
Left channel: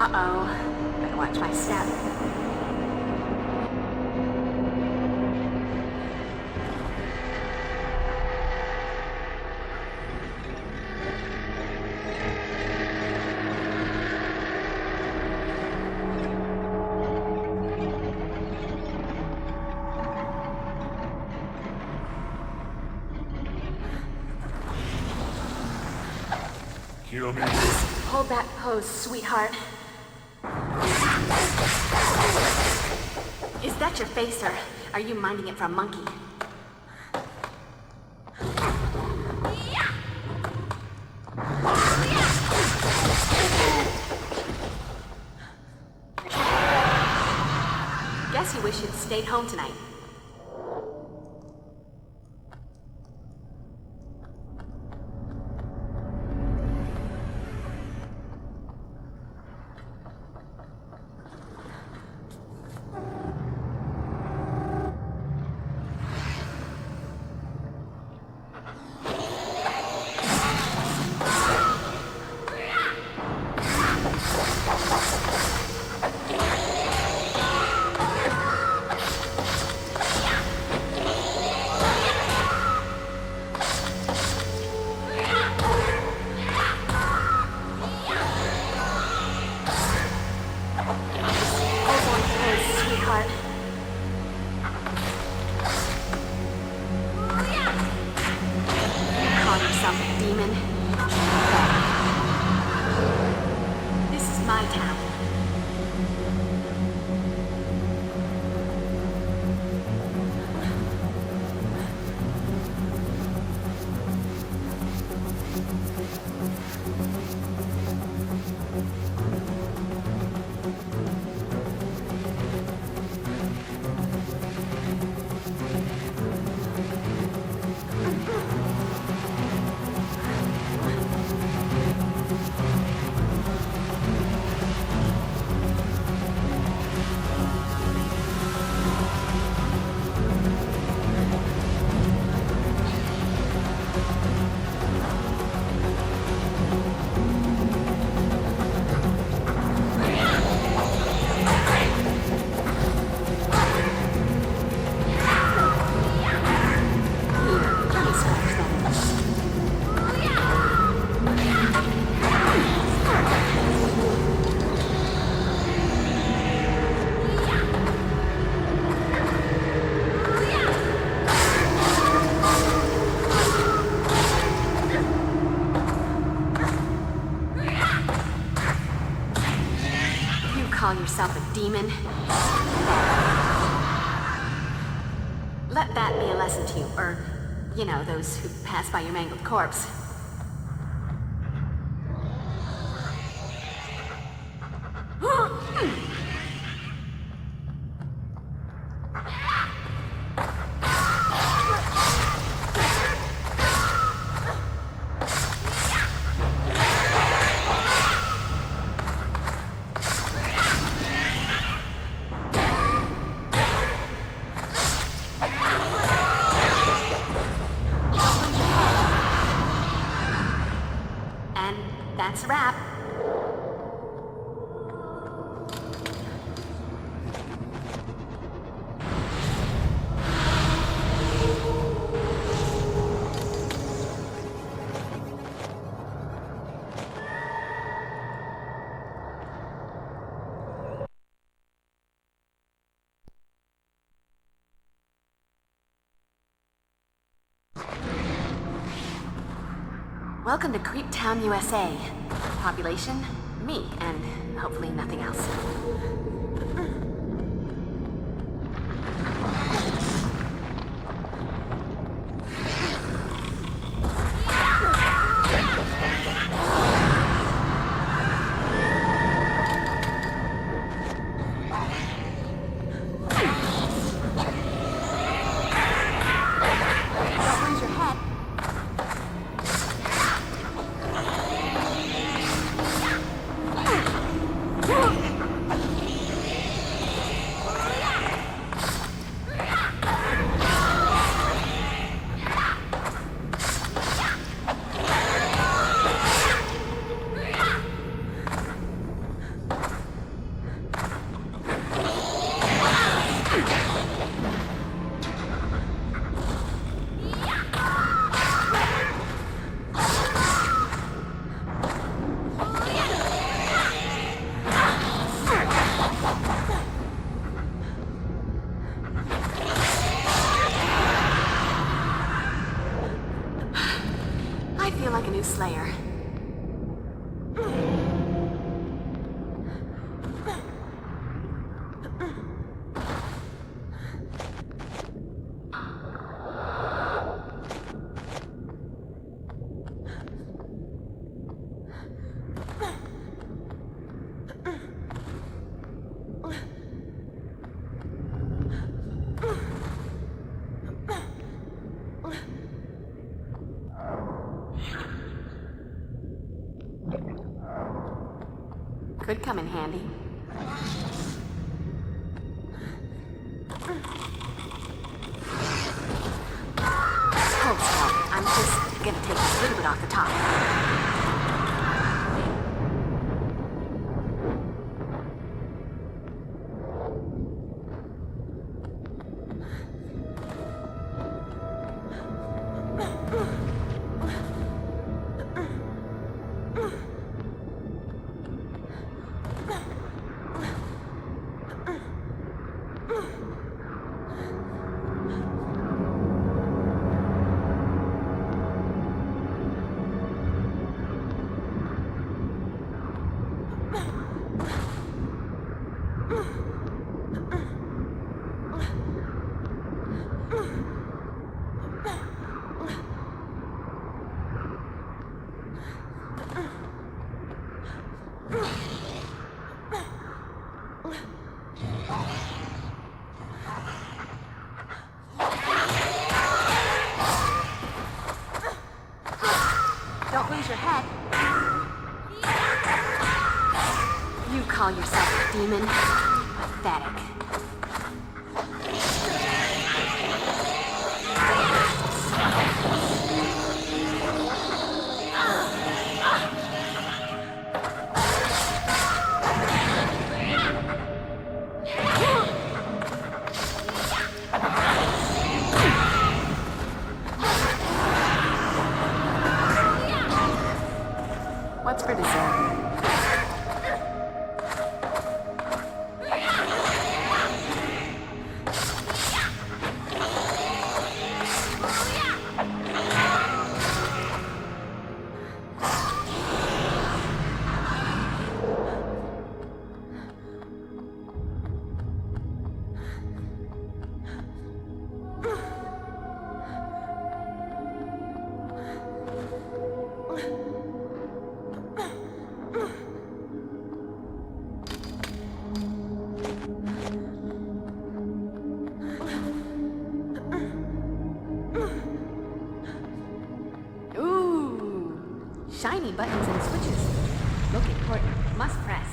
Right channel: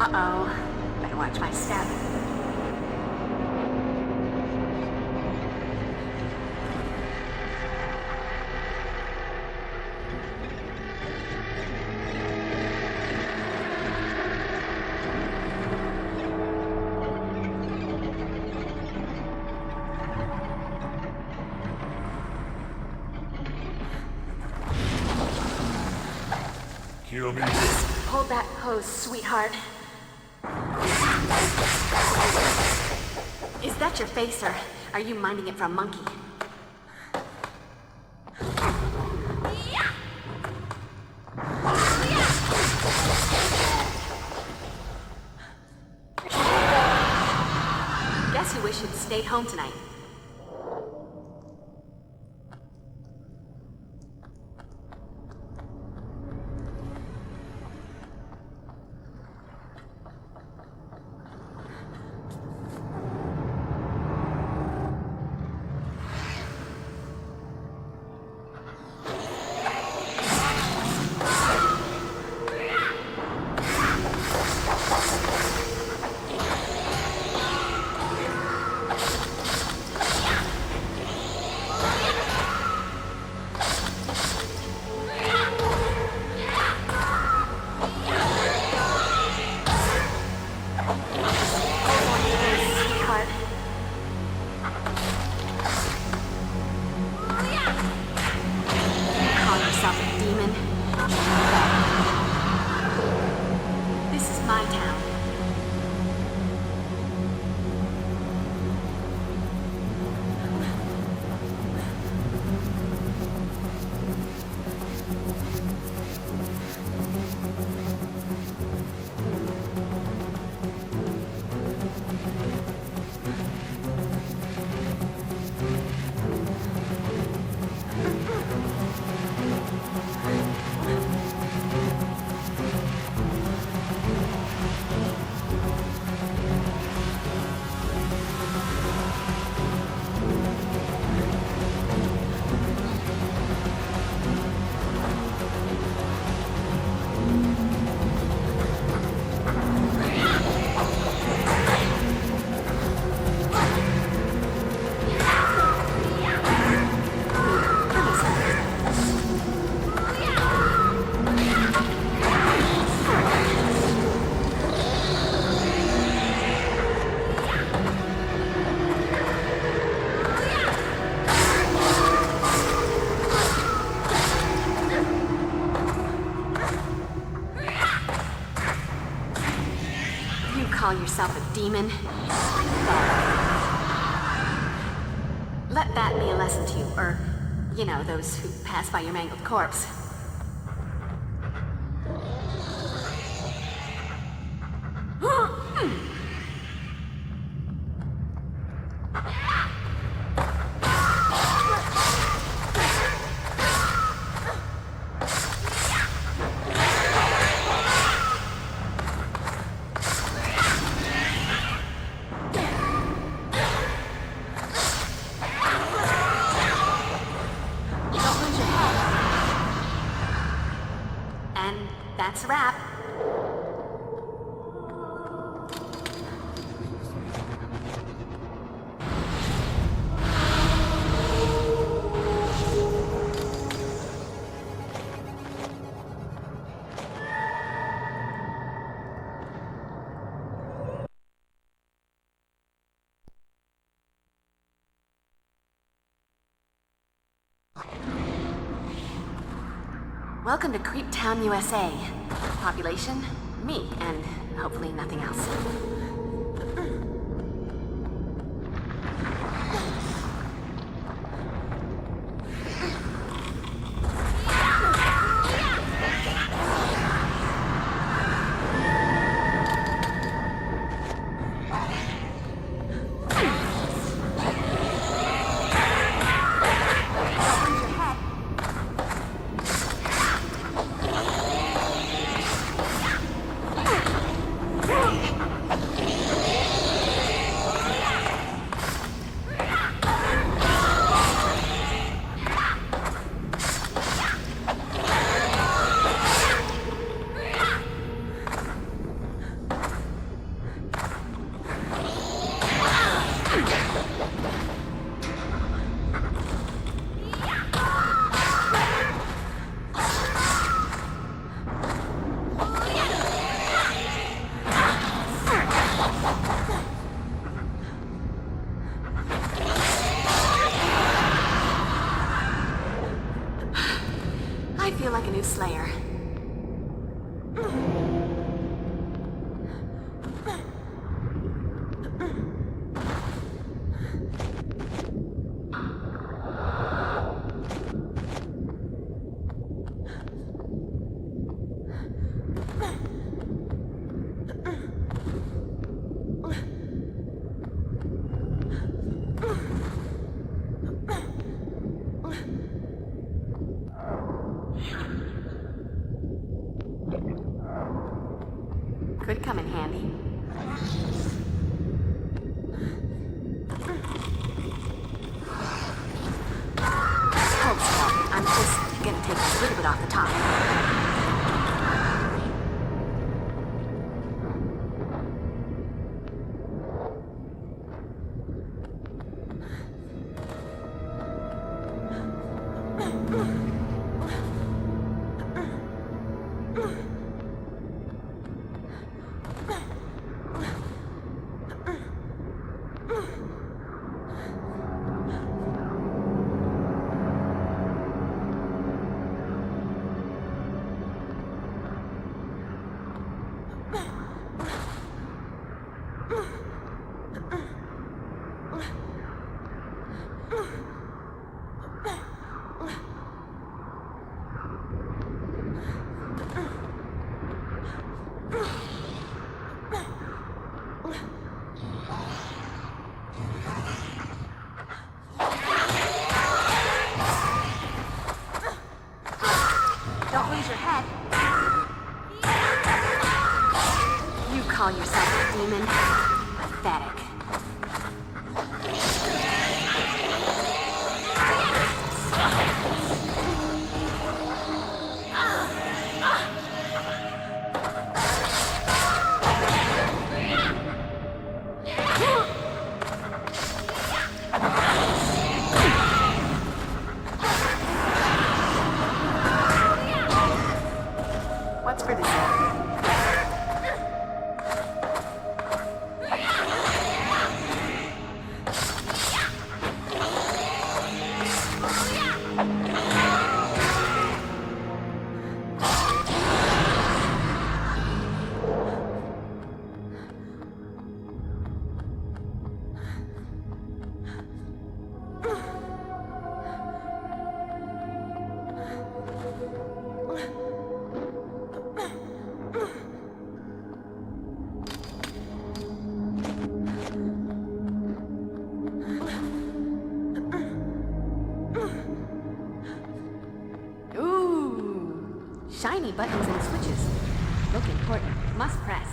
Uh-oh. Better watch my step. Kill me. Hold that pose, sweetheart. Is that your face, or are you minding it for a monkey? Guess you wish you'd stayed home tonight. Call yourself a demon? Let that be a lesson to you, or, you know, those who pass by your mangled corpse. That's a wrap. Welcome to Creep Town, USA. Population, me, and hopefully nothing else. I feel like a new Slayer. Could come in handy. Hold still. I'm just gonna take a little bit off the top. Don't lose your head. You call yourself a demon? Pathetic. What's for dessert? Shiny buttons and switches. Look important. Must press.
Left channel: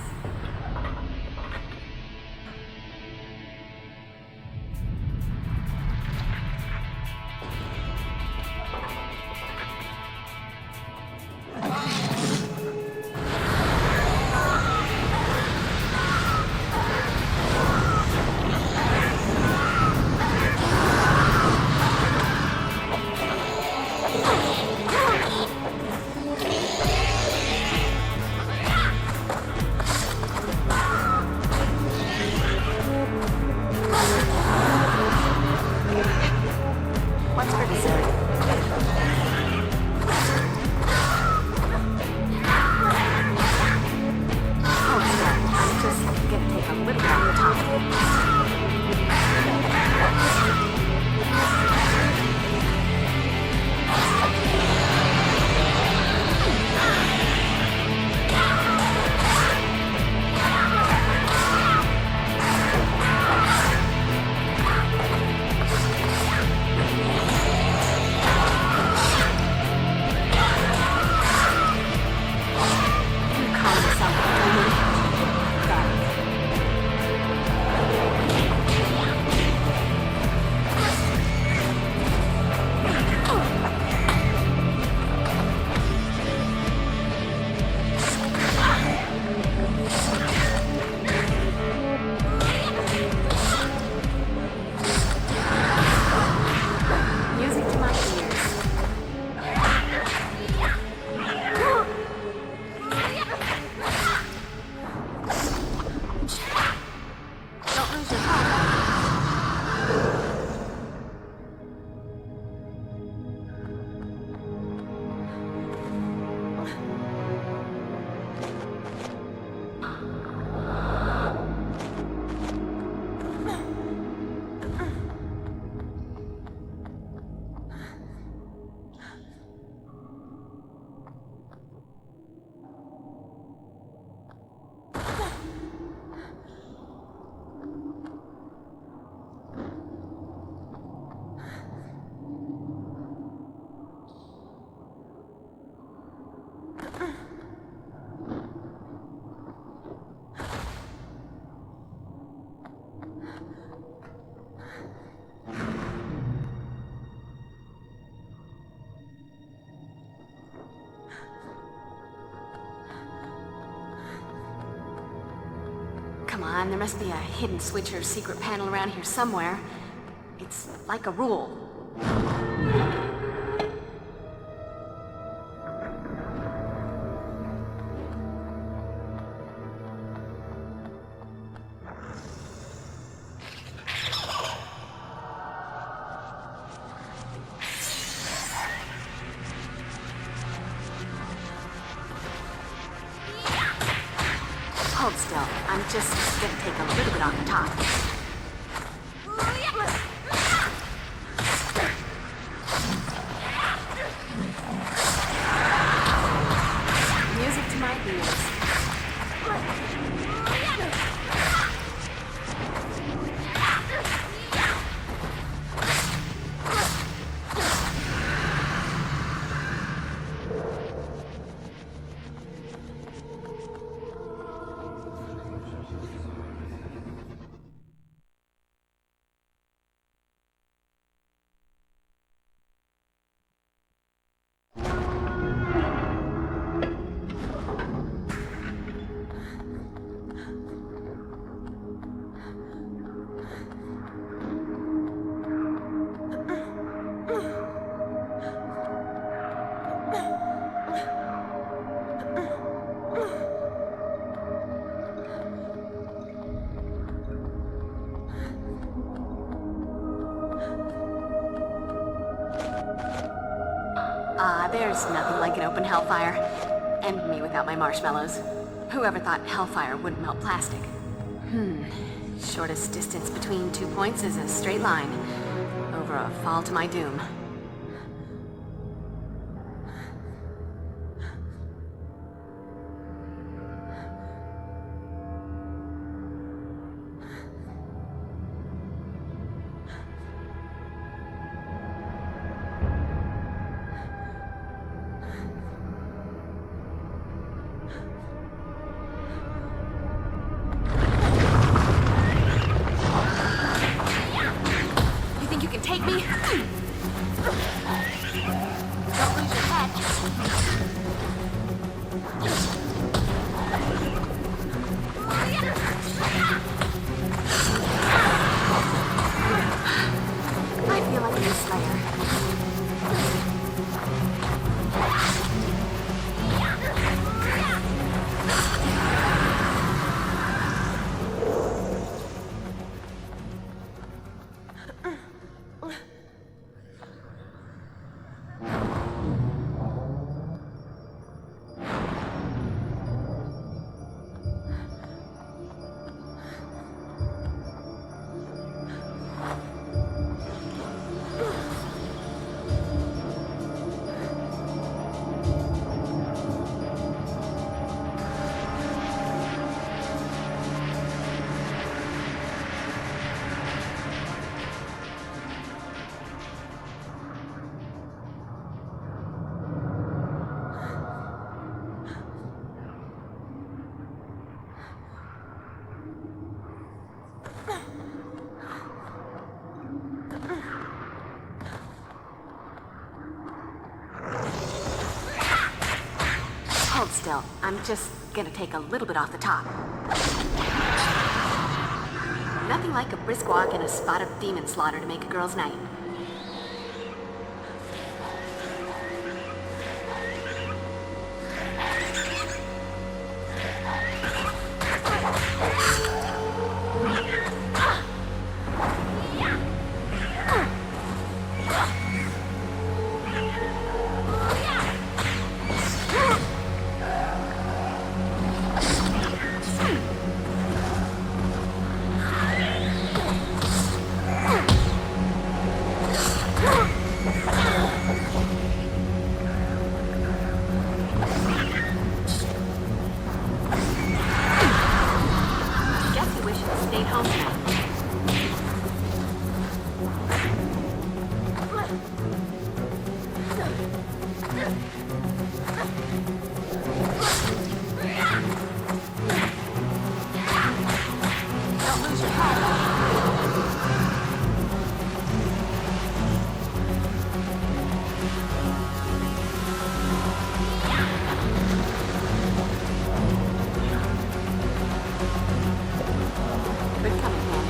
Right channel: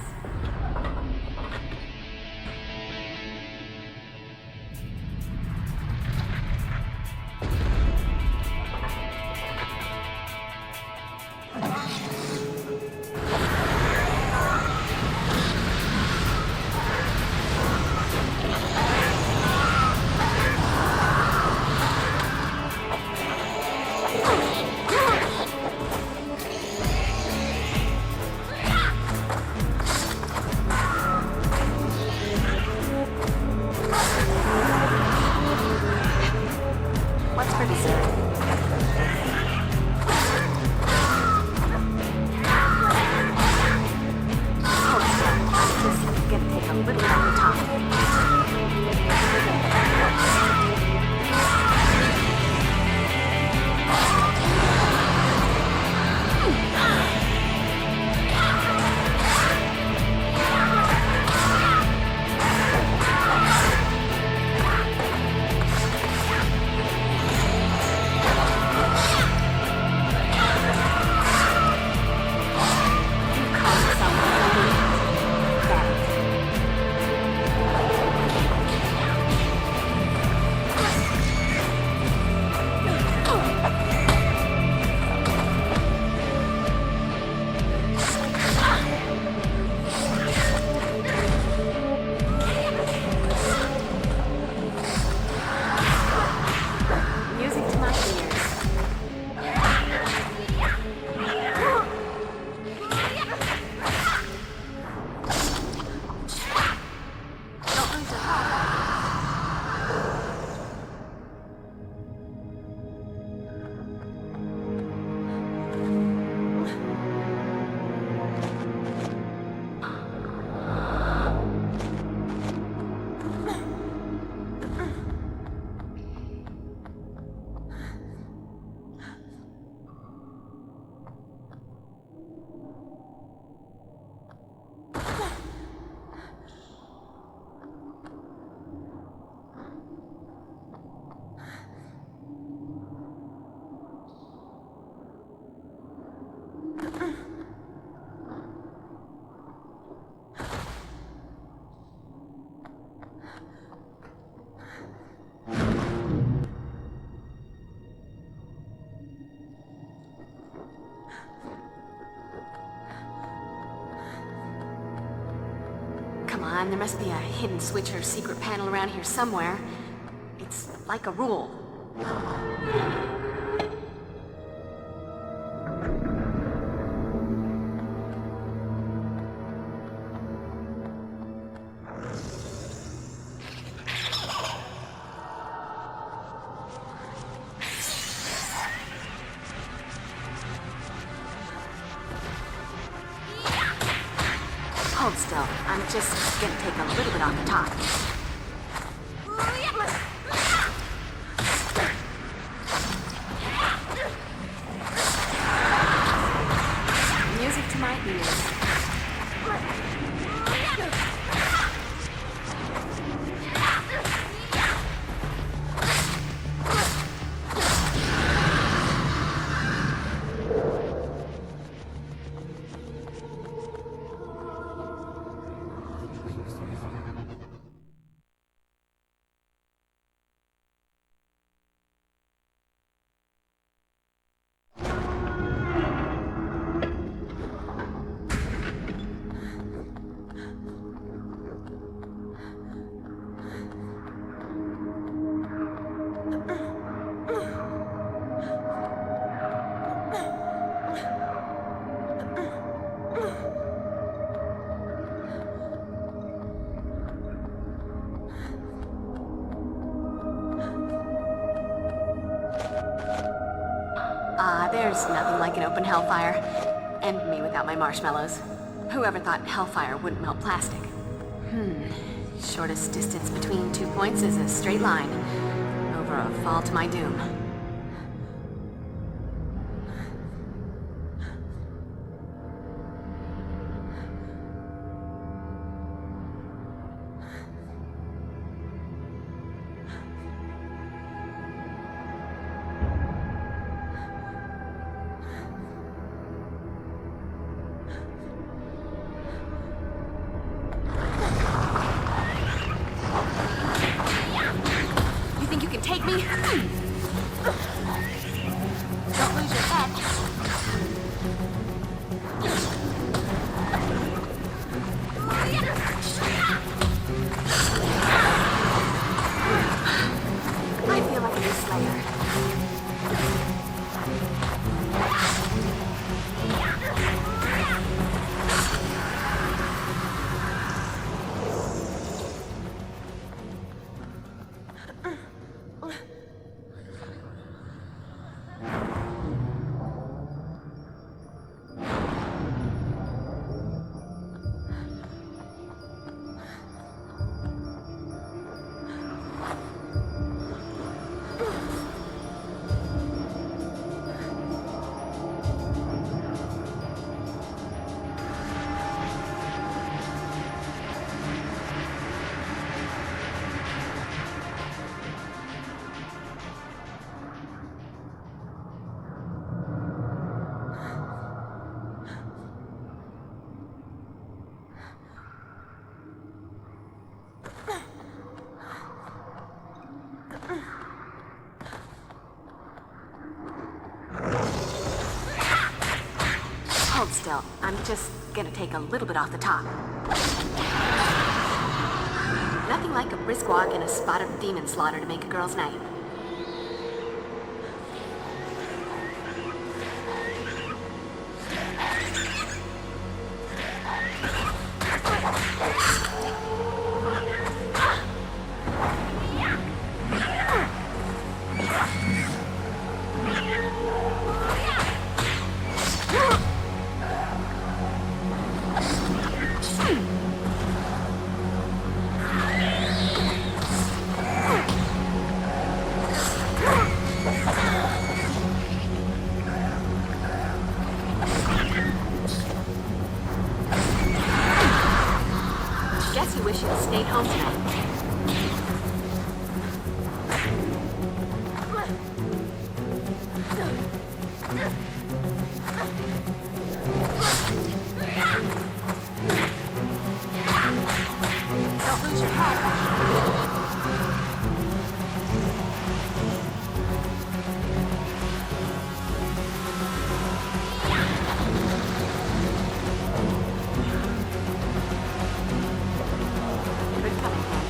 lose your head. Come on, there must be a hidden switch or secret panel around here somewhere. It's like a rule. Hold still. I'm just gonna take a little bit off the top. Music to my ears. There's nothing like an open hellfire. And me without my marshmallows. Whoever thought hellfire wouldn't melt plastic? Shortest distance between 2 points is a straight line. Over a fall to my doom. Take me. Don't lose your head. I feel like a new Slayer. Hold still. I'm just gonna take a little bit off the top. Nothing like a brisk walk and a spot of demon slaughter to make a girl's night. tonight. Don't lose your head. Good coming, man.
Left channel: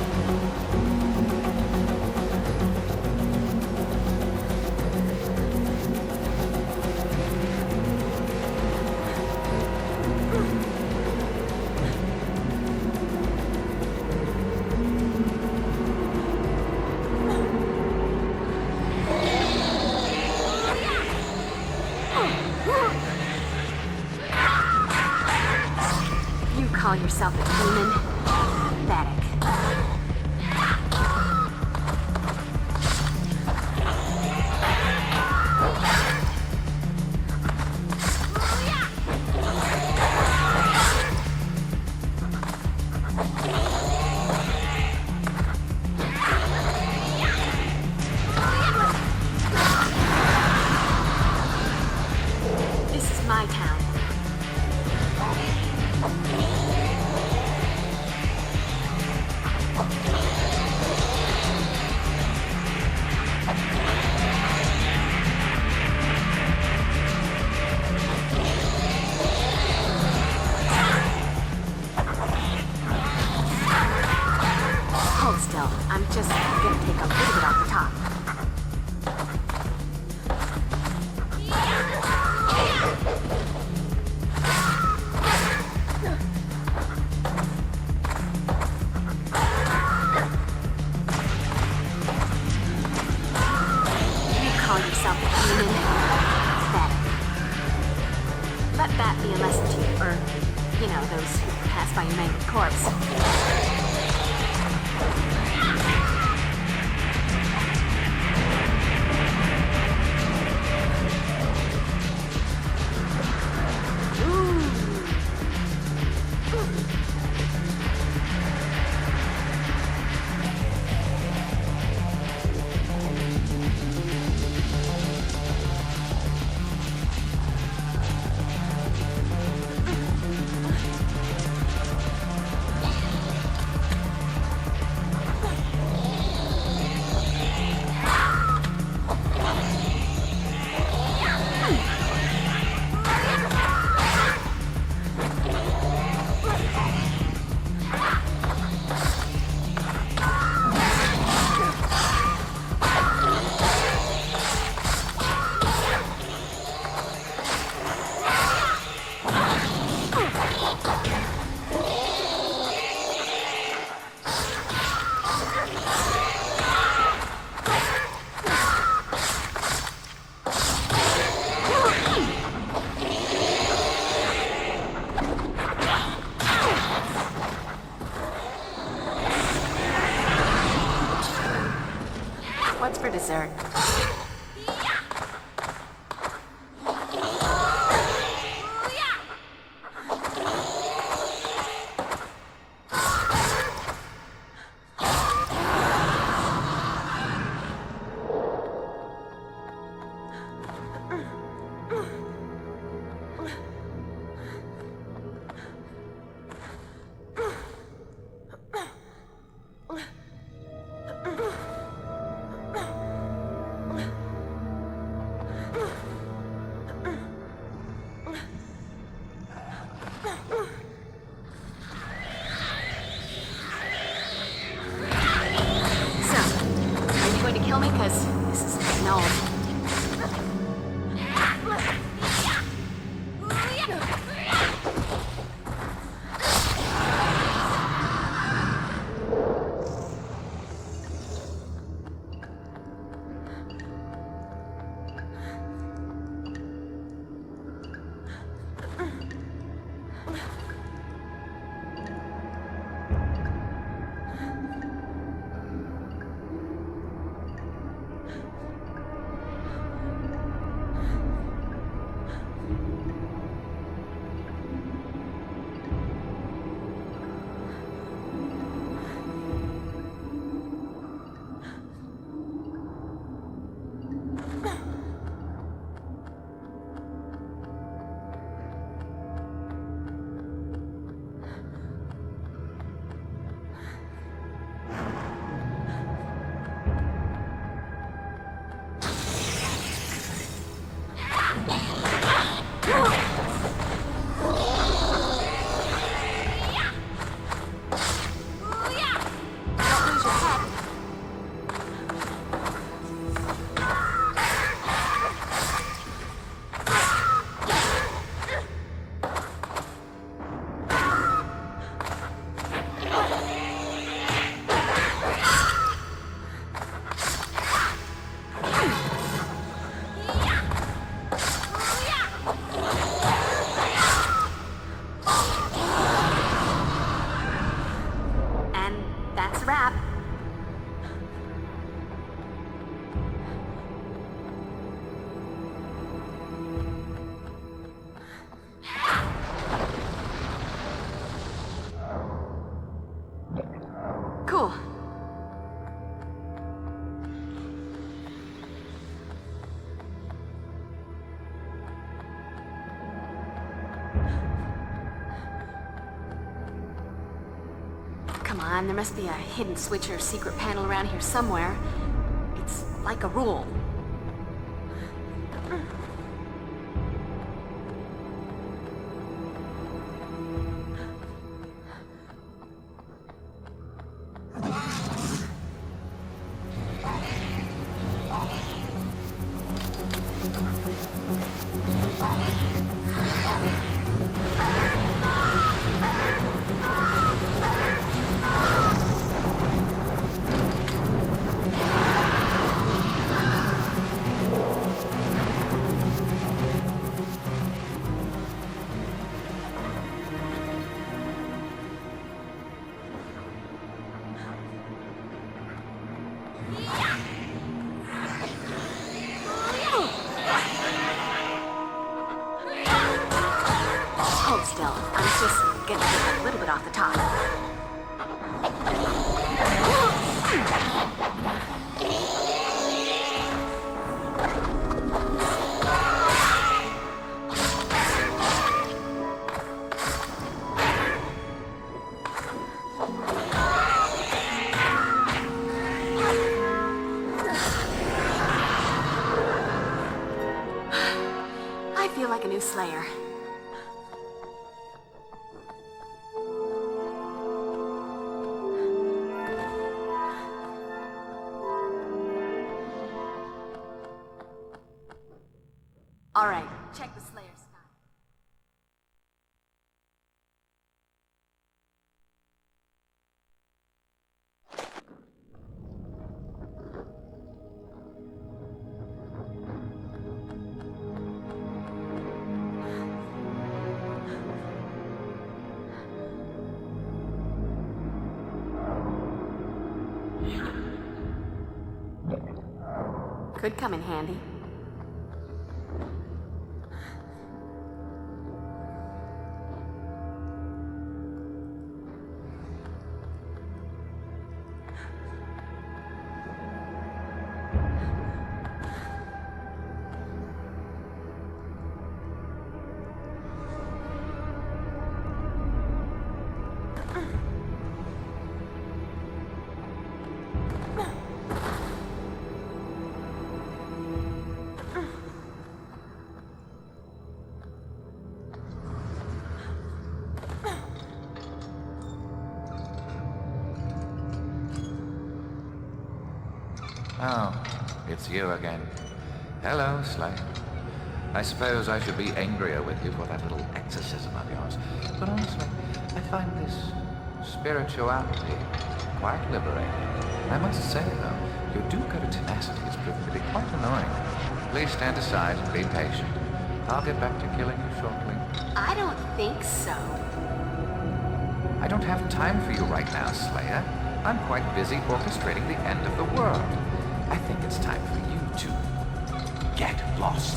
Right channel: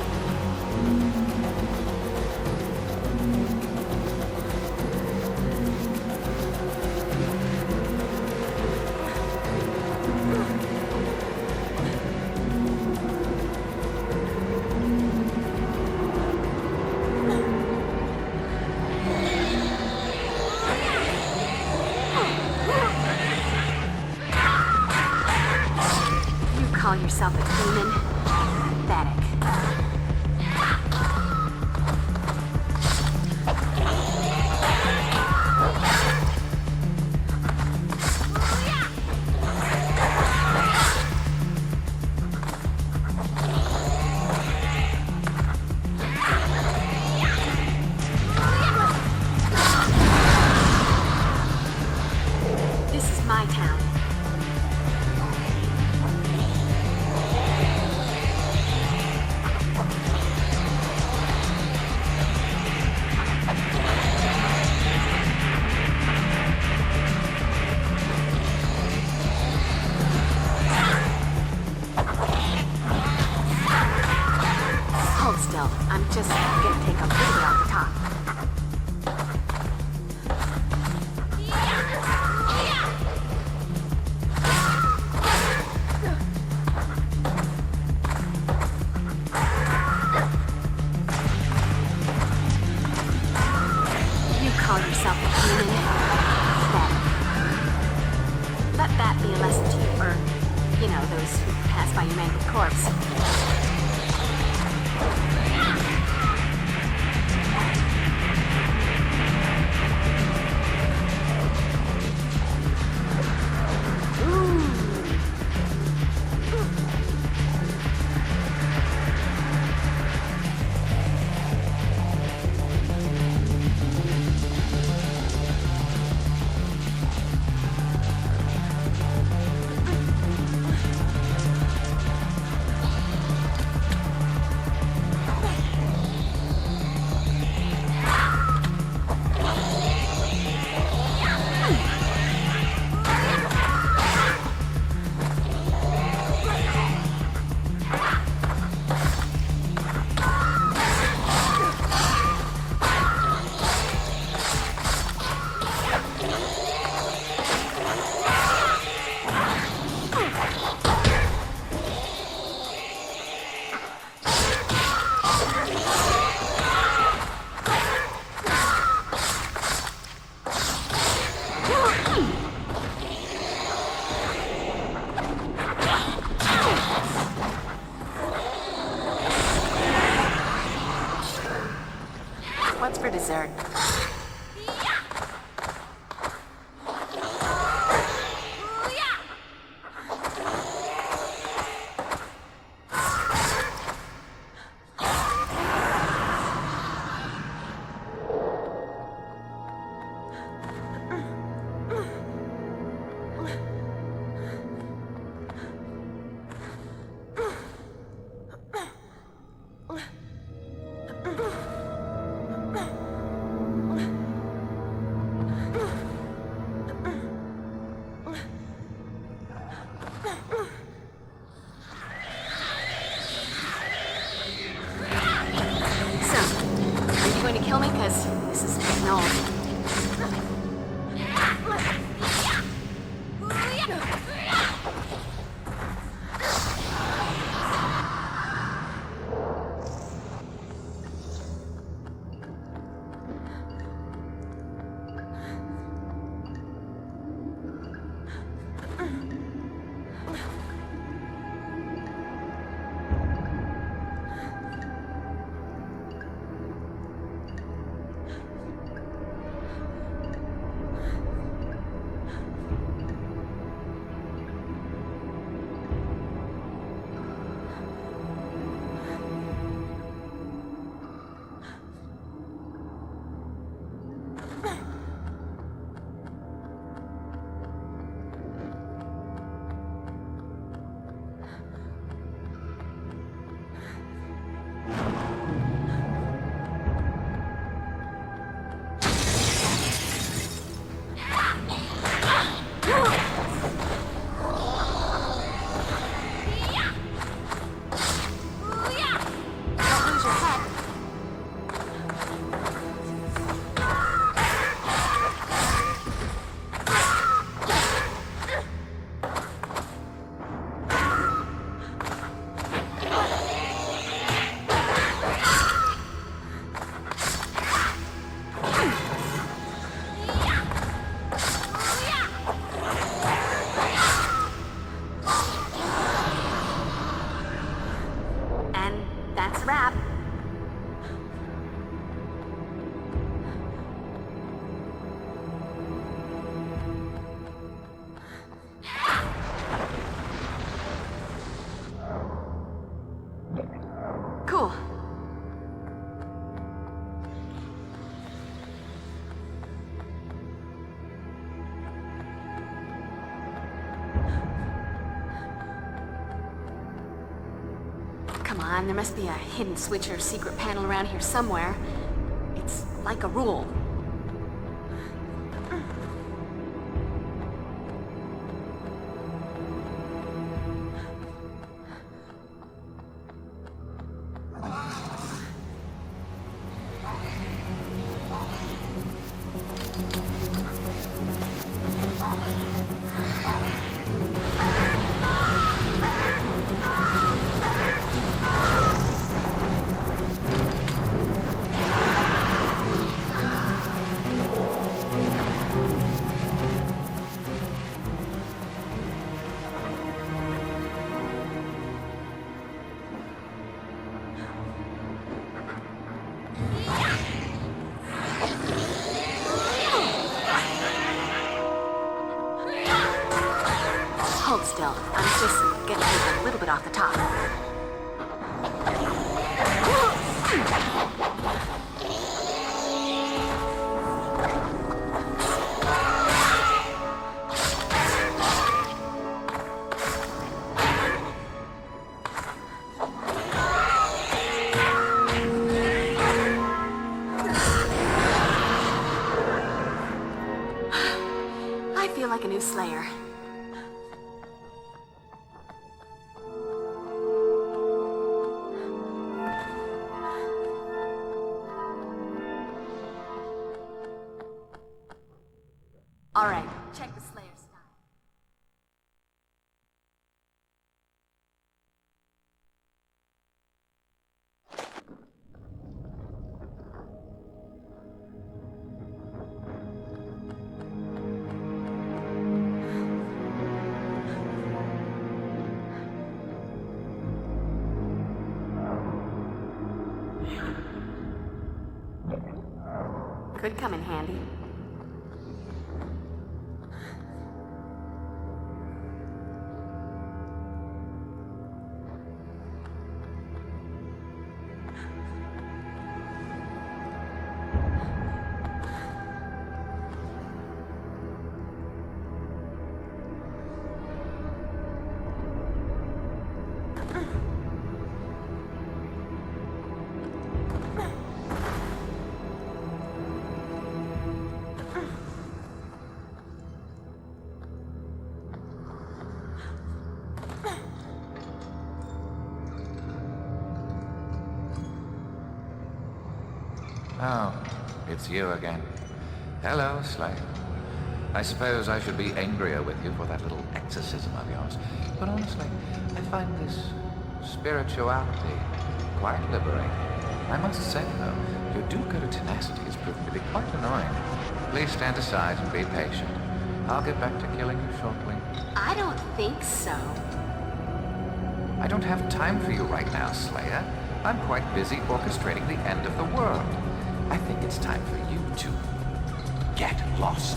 You call yourself a demon? Pathetic. This is my town. Hold still. I'm just gonna take a little bit off the top. You call yourself a demon? Pathetic. Let that be a lesson to you, or, you know, those who pass by your mangled corpse. What's for dessert? Kill me, because this is getting old. That's a wrap. Cool. Come on, there must be a hidden switch or secret panel around here somewhere. It's like a rule. Hold still. I'm just gonna take a little bit off the top. I feel like a new Slayer. All right, check the Slayer style. Could come in handy. Oh, it's you again. Hello, Slayer. I suppose I should be angrier with you for that little exorcism of yours. But honestly, I find this spirituality quite liberating. I must say, though, your do-gooder tenacity has proven to be quite annoying. Please stand aside and be patient. I'll get back to killing you shortly. I don't think so. I don't have time for you right now, Slayer. I'm quite busy orchestrating the end of the world. I think it's time for you to get lost.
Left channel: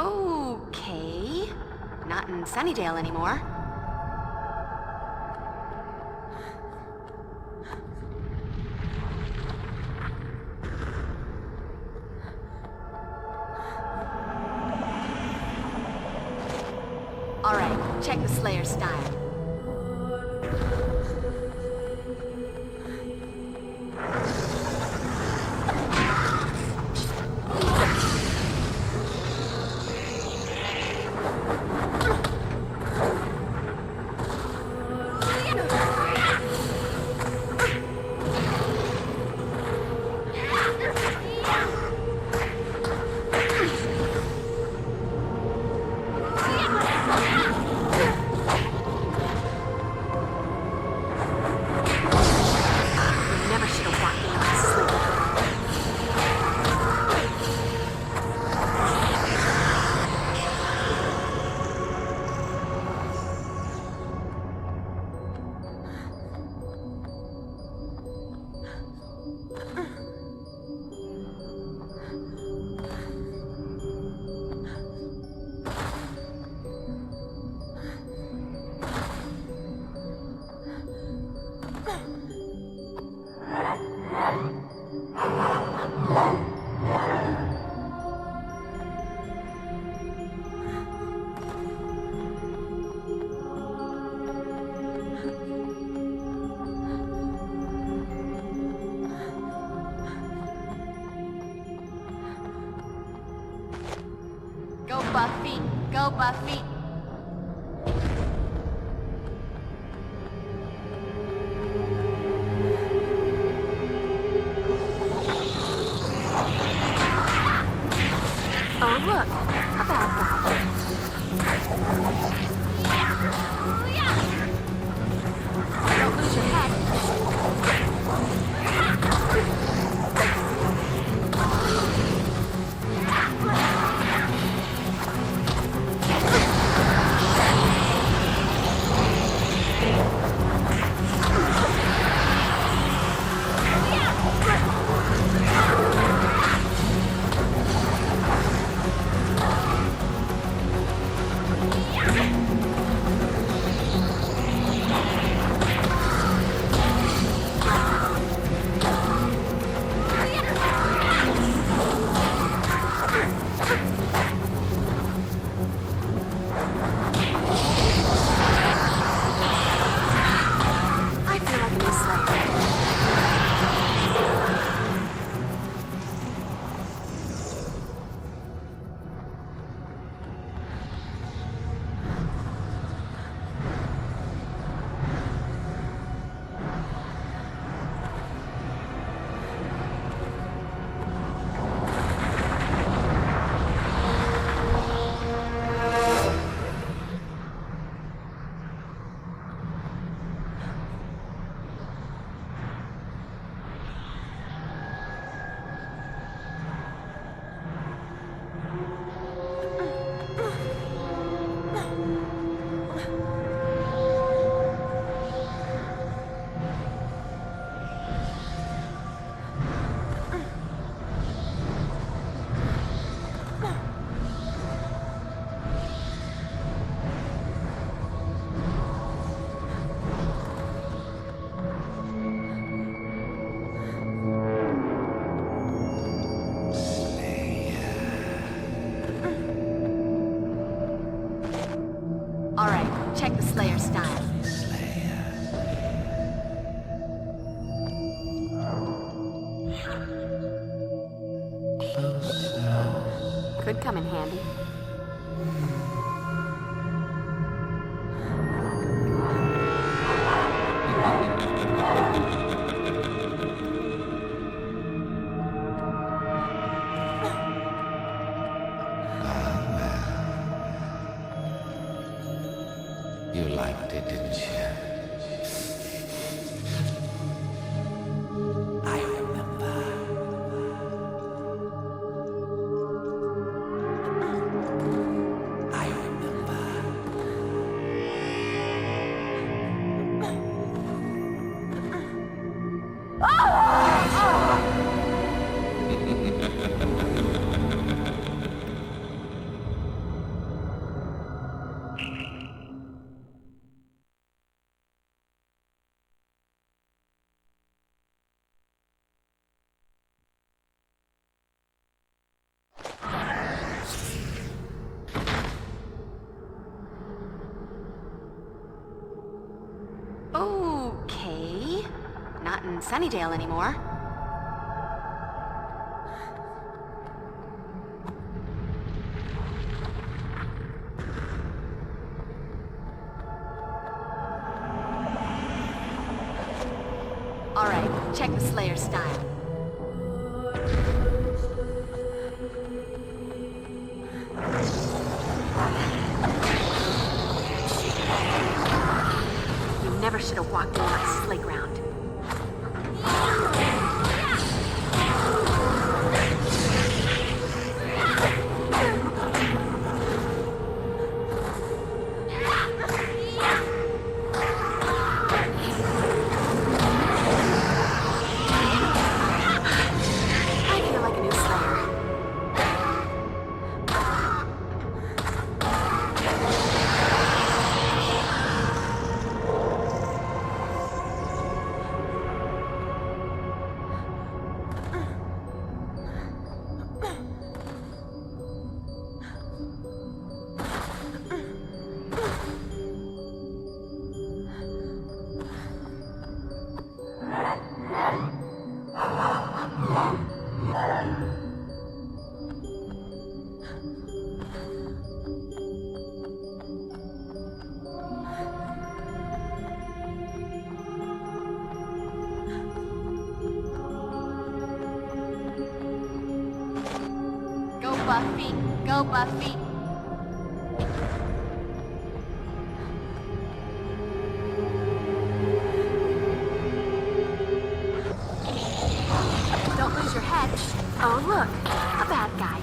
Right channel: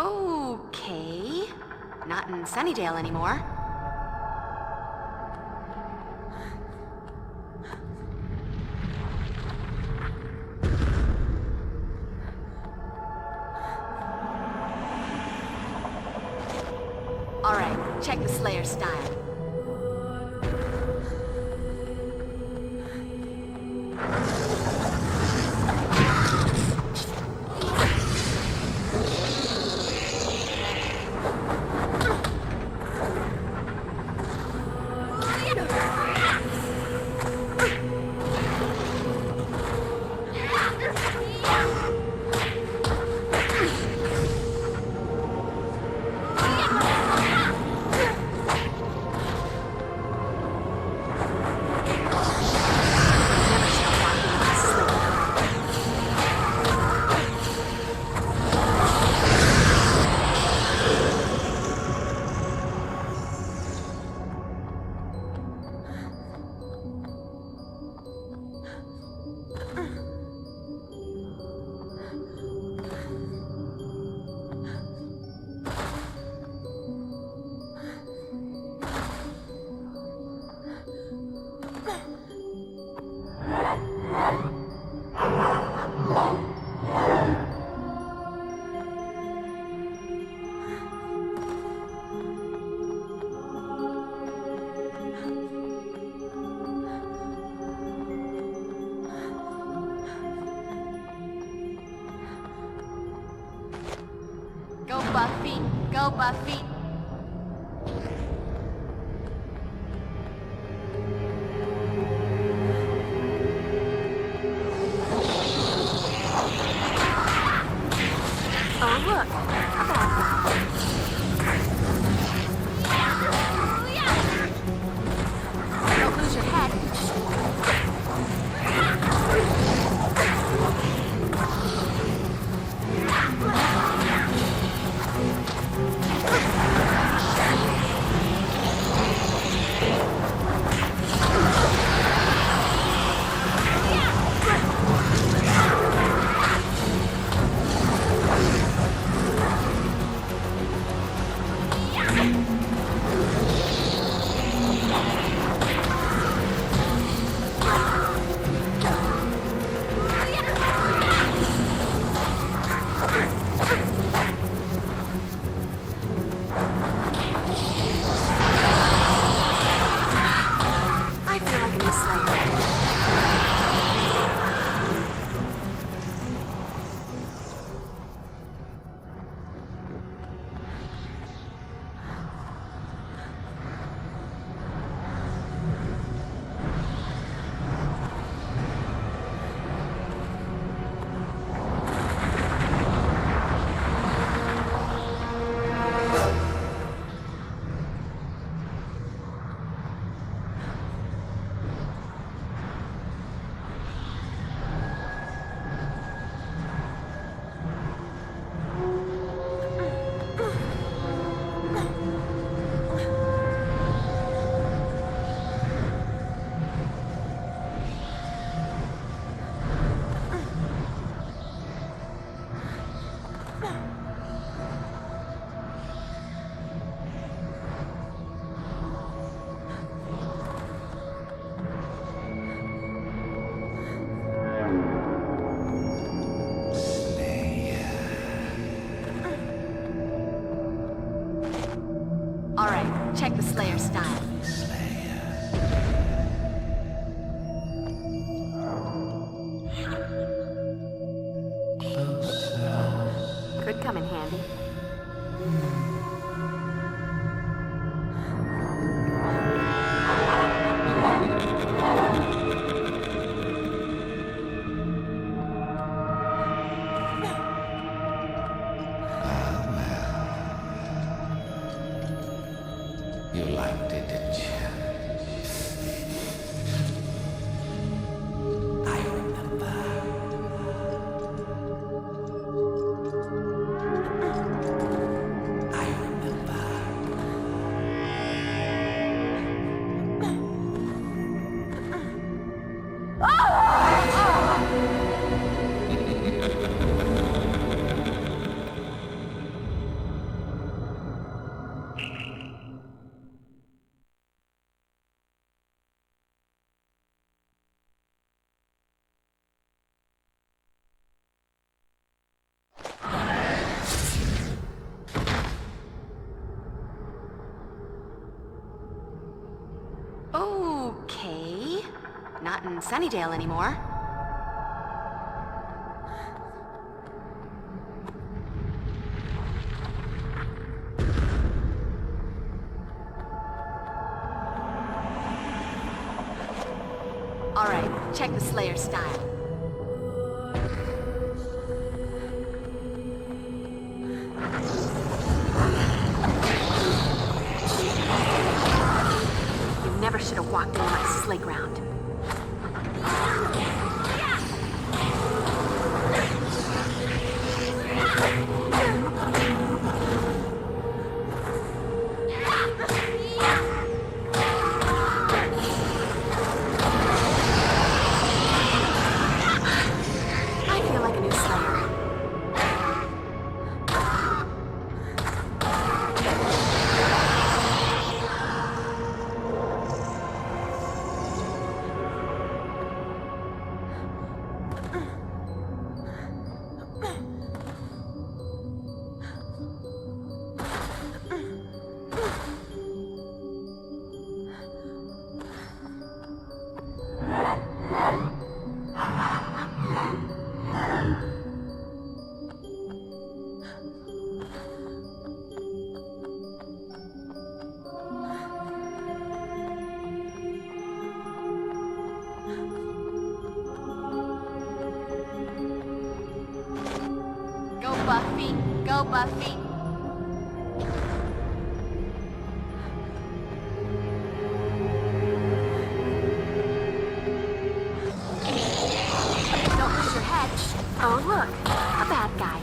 Okay. Not in Sunnydale anymore. All right, check the Slayer style. Go, Buffy. Go, Buffy. Oh, look. A bad guy. Don't lose your head. Check the Slayer style. Closer. Could come in handy. You liked it, didn't you? I remember. I remember. Okay. Not in Sunnydale anymore. All right, check the Slayer style. You never should have walked in like slick ground. Go, Buffy. Don't lose your head. Oh, look. A bad guy.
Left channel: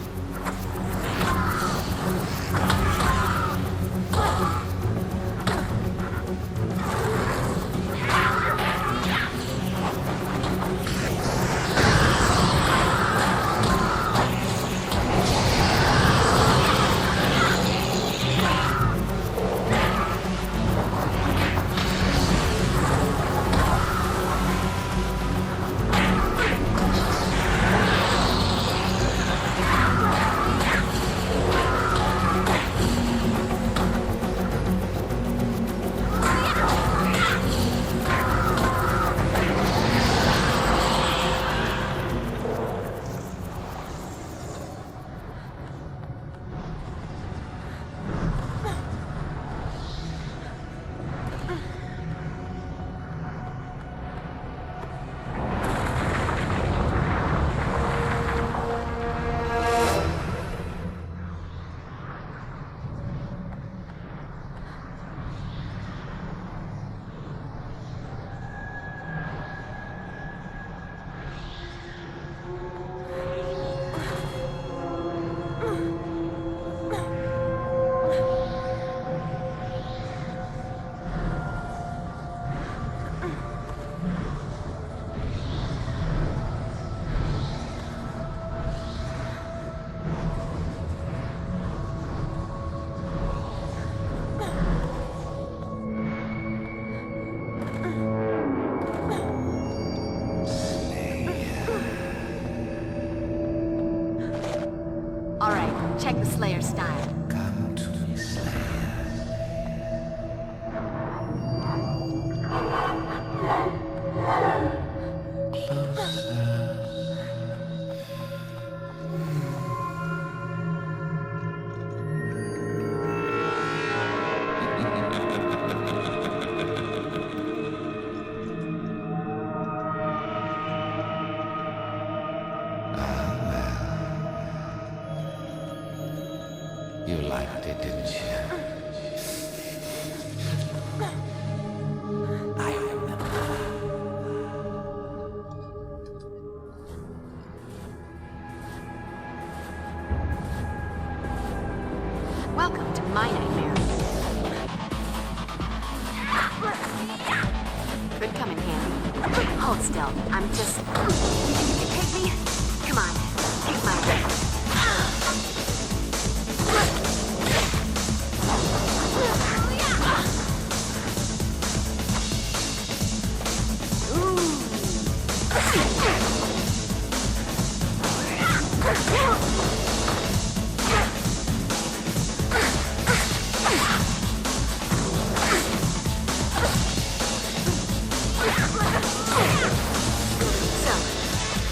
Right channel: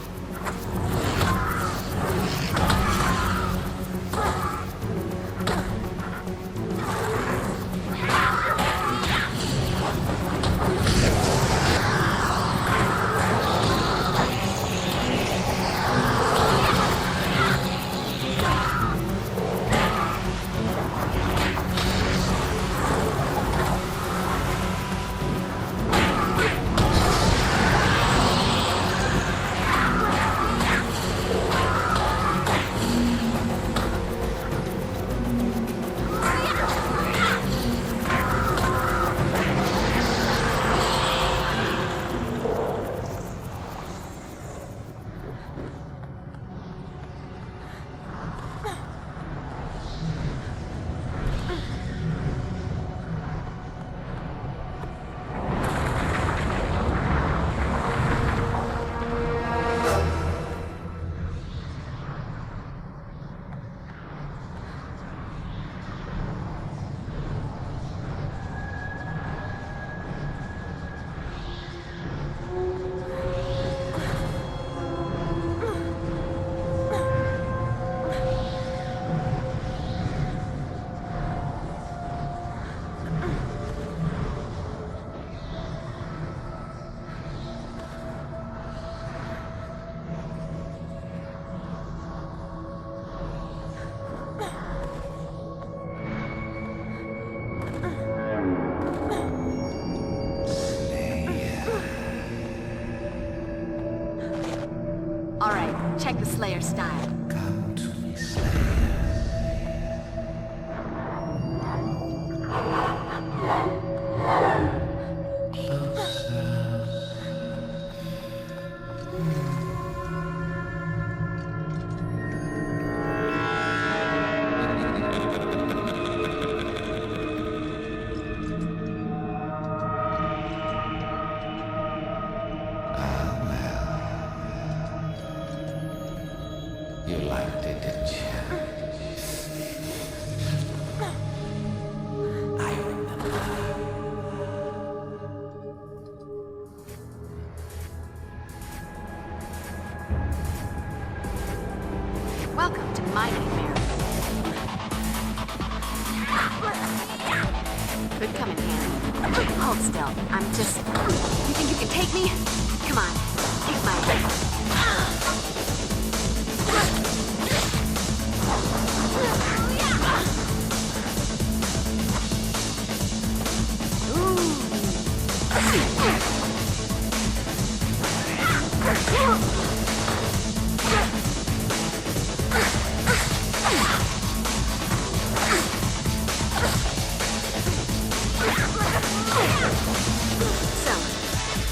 Alright, check the Slayer style. Come to me, Slayer. Closer. You liked it, didn't you? I remember. Welcome to my nightmare. Could come in handy. Hold still. I'm just... Take me? Come on. Take my breath. So,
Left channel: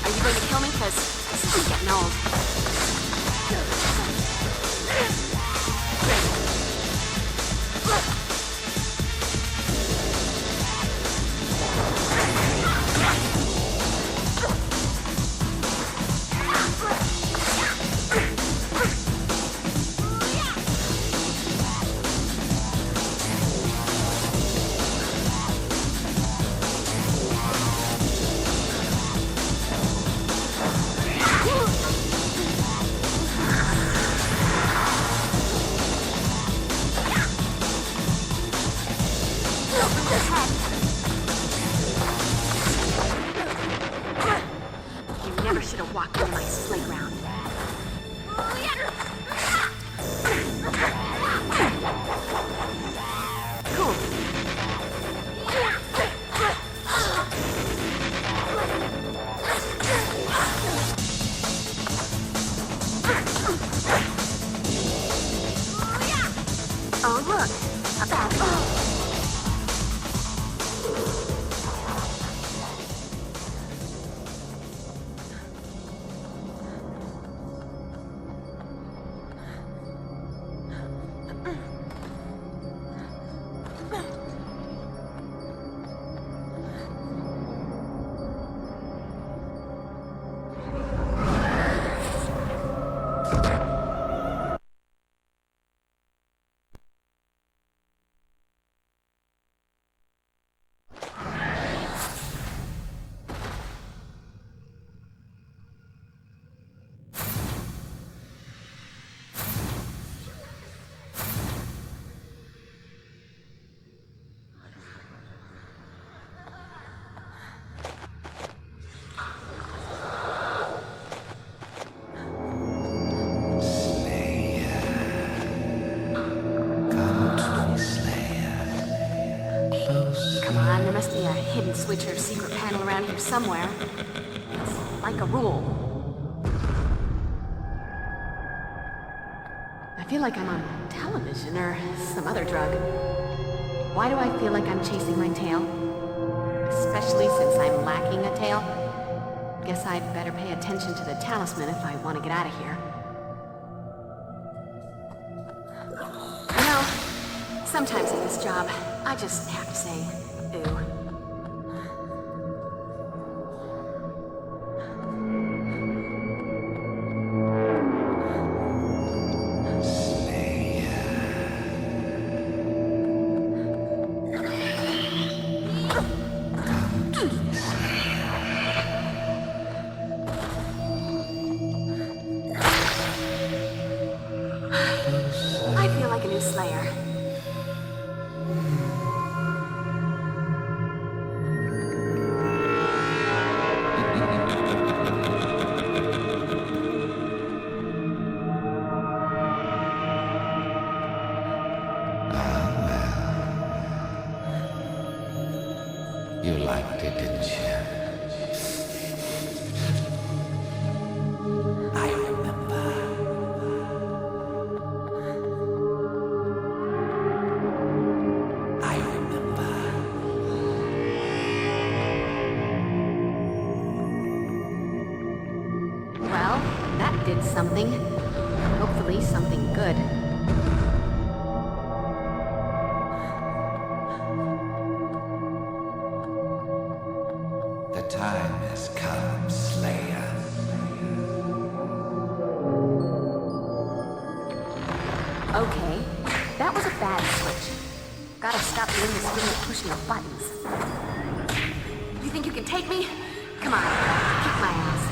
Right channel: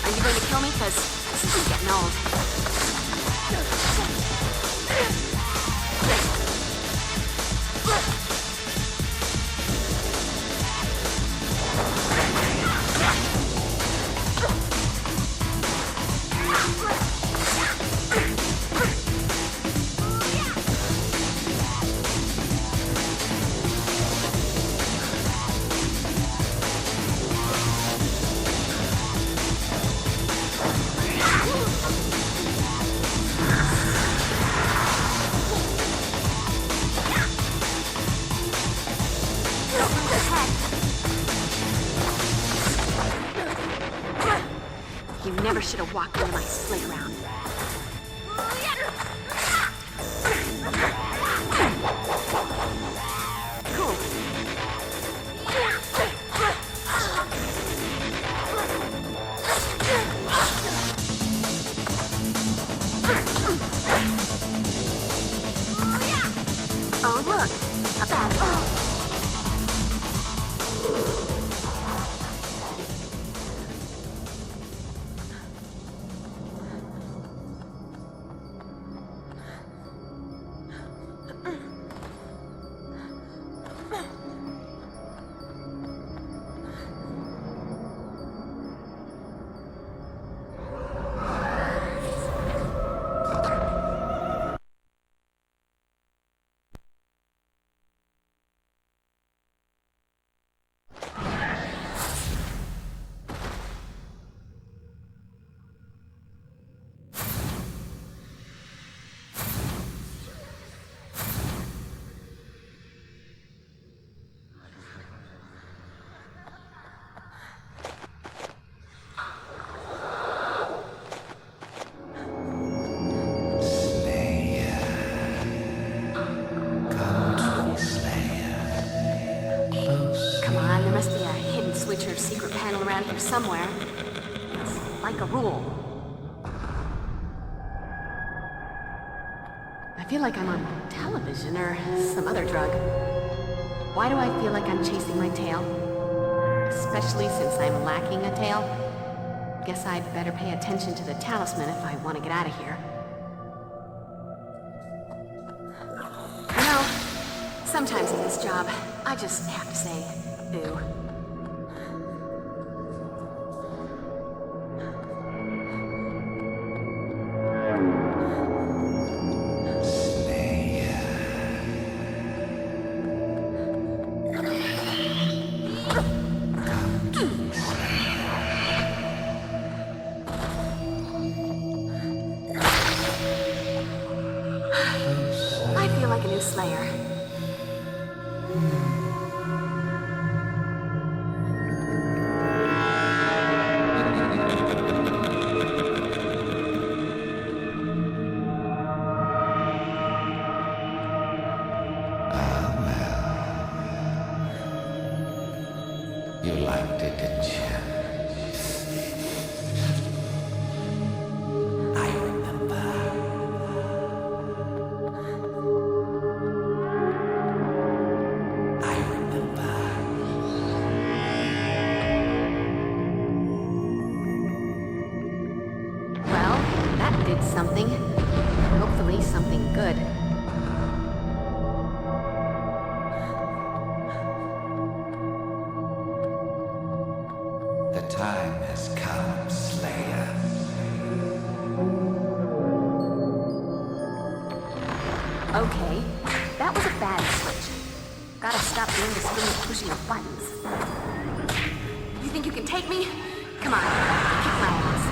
are you going to kill me? Because this is switch or secret panel around here somewhere. It's like a rule. I feel like I'm on television or some other drug. Why do I feel like I'm chasing my tail? Especially since I'm lacking a tail. Guess I'd better pay attention to the talisman if I want to get out of here. You know, sometimes in this job, I just have to say, ooh. I feel like a new Slayer. You liked it, didn't you? I remember. I remember. Well, that did something. Hopefully something good. The time has come, Slayer. Okay, that was a bad switch. Gotta stop the indiscriminate pushing of buttons. You think you can take me? Come on, kick my ass.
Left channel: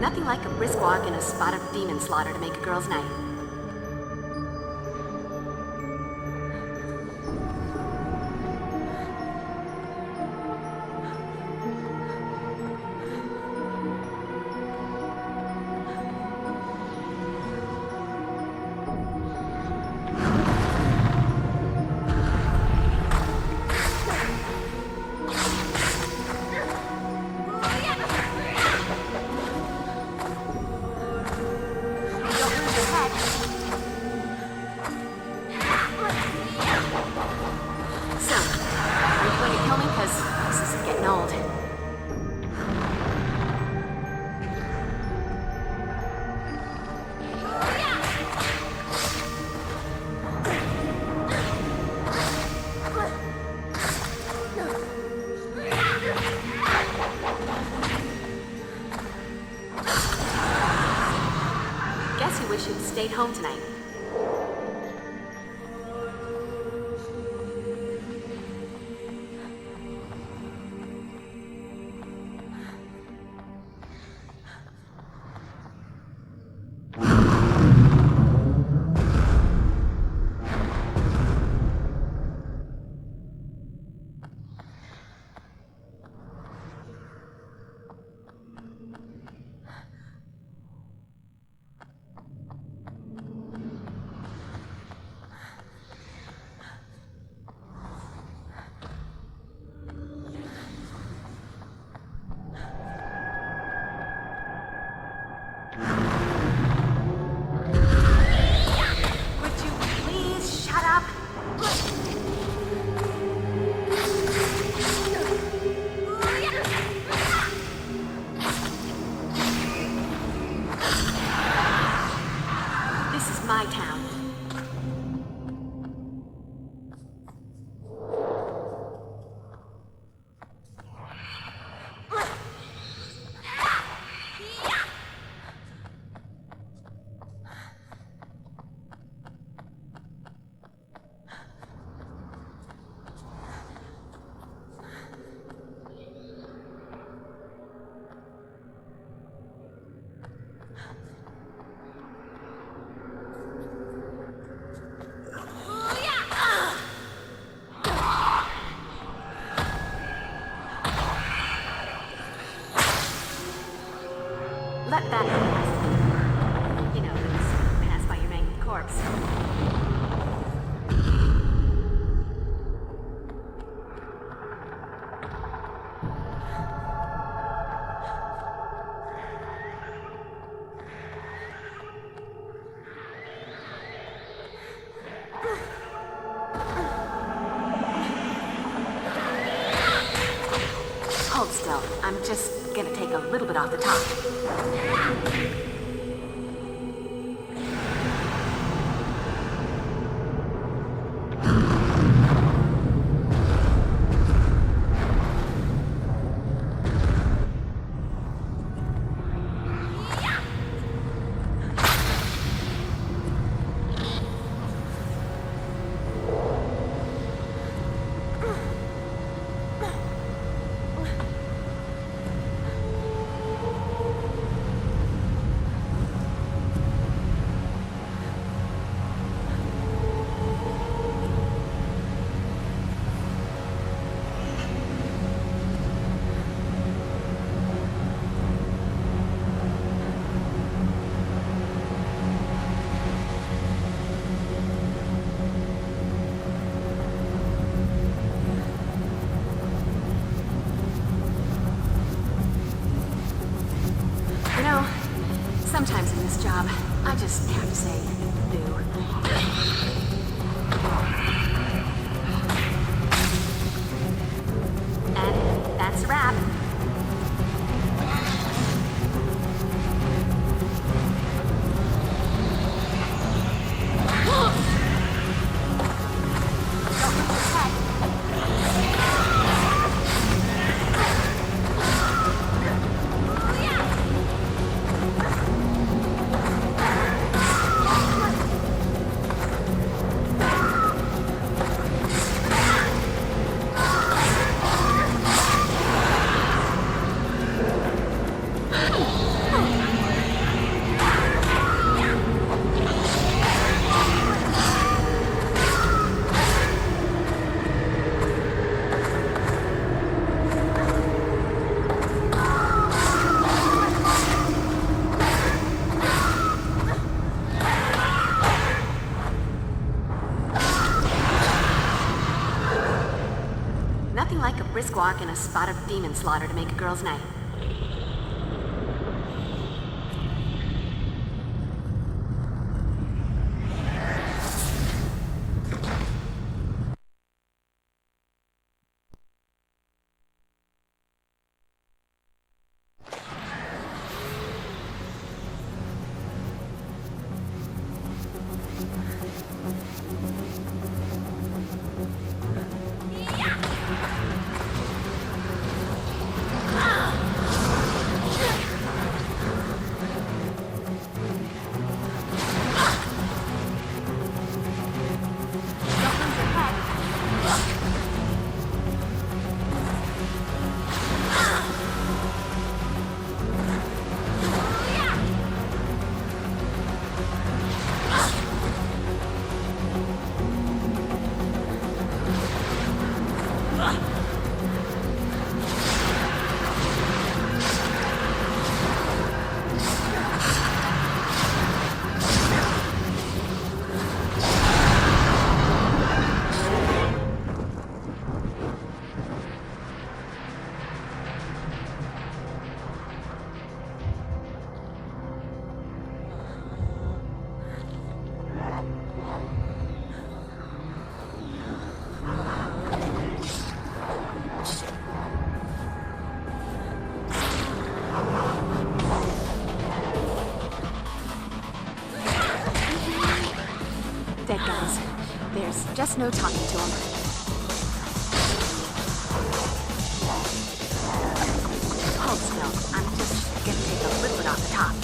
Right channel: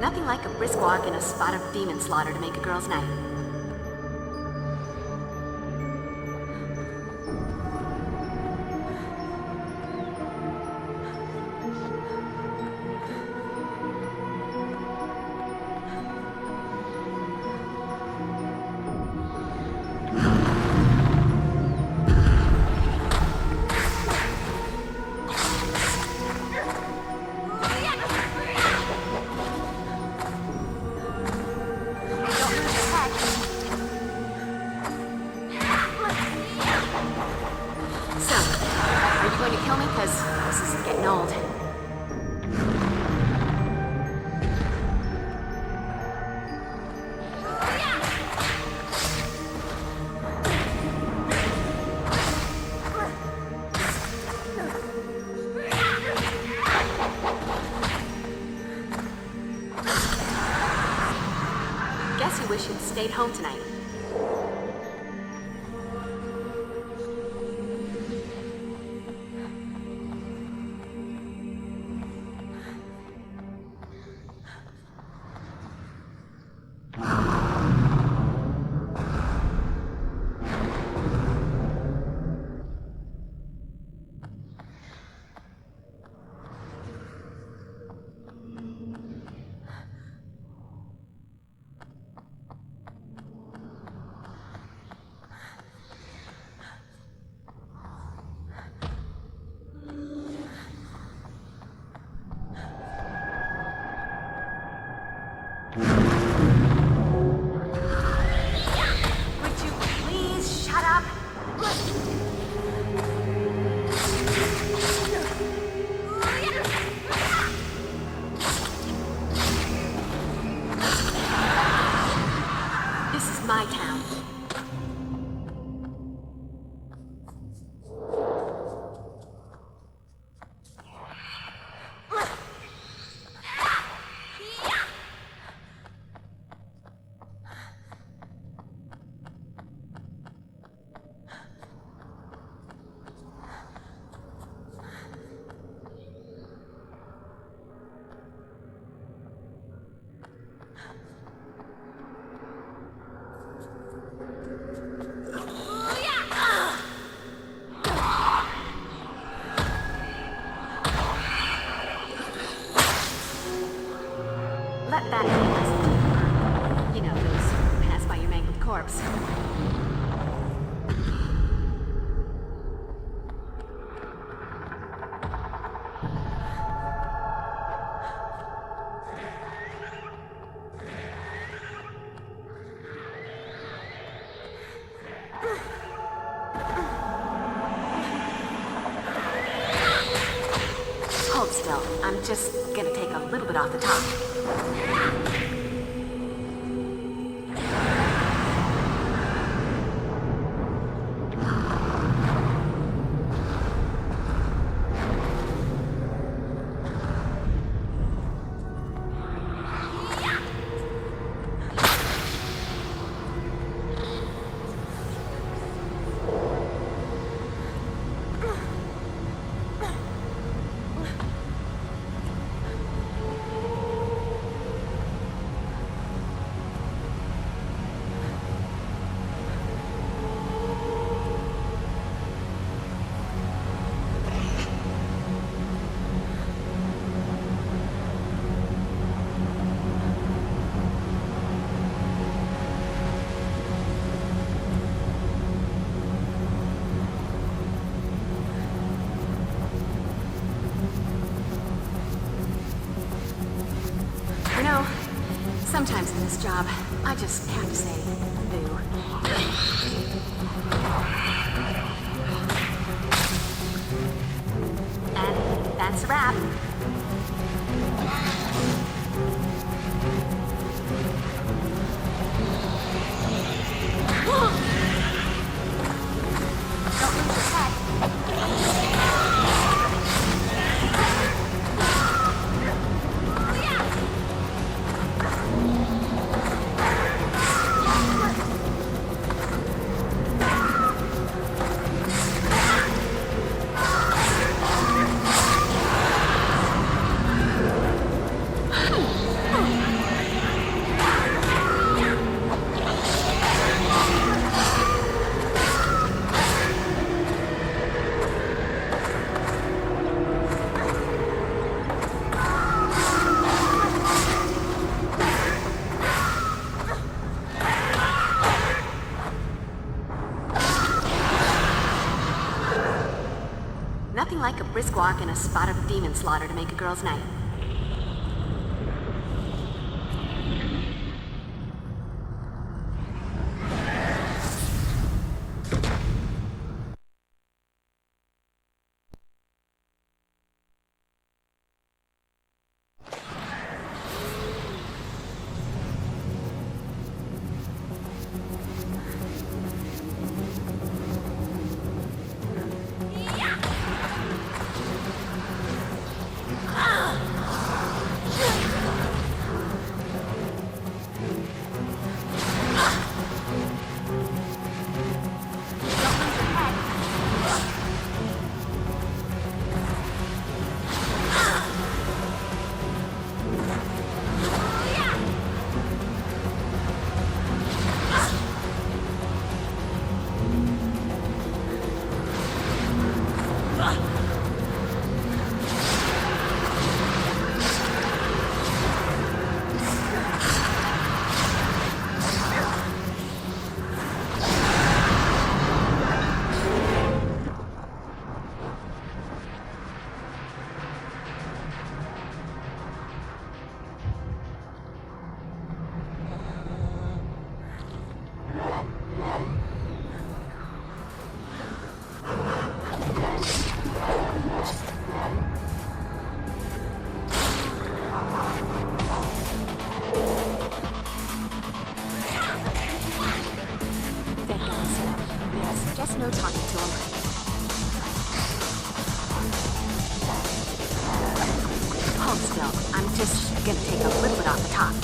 Nothing like a brisk walk and a spot of demon slaughter to make a girl's night. Stayed home tonight. that fast. You know, those pass by your mangled corpse. Hold still. I'm just gonna take a little bit off the top. Sometimes in this job, I just have to say, boo. And that's a wrap. Nothing like a brisk walk and a spot of demon slaughter to make a girl's night. Just no talking to him. Hold still. I'm just gonna take a liquid off the top.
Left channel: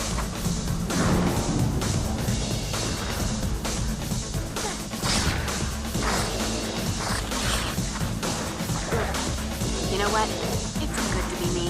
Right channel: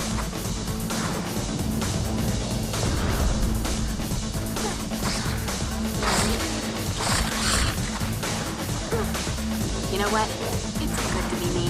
You know what? It's good to be me.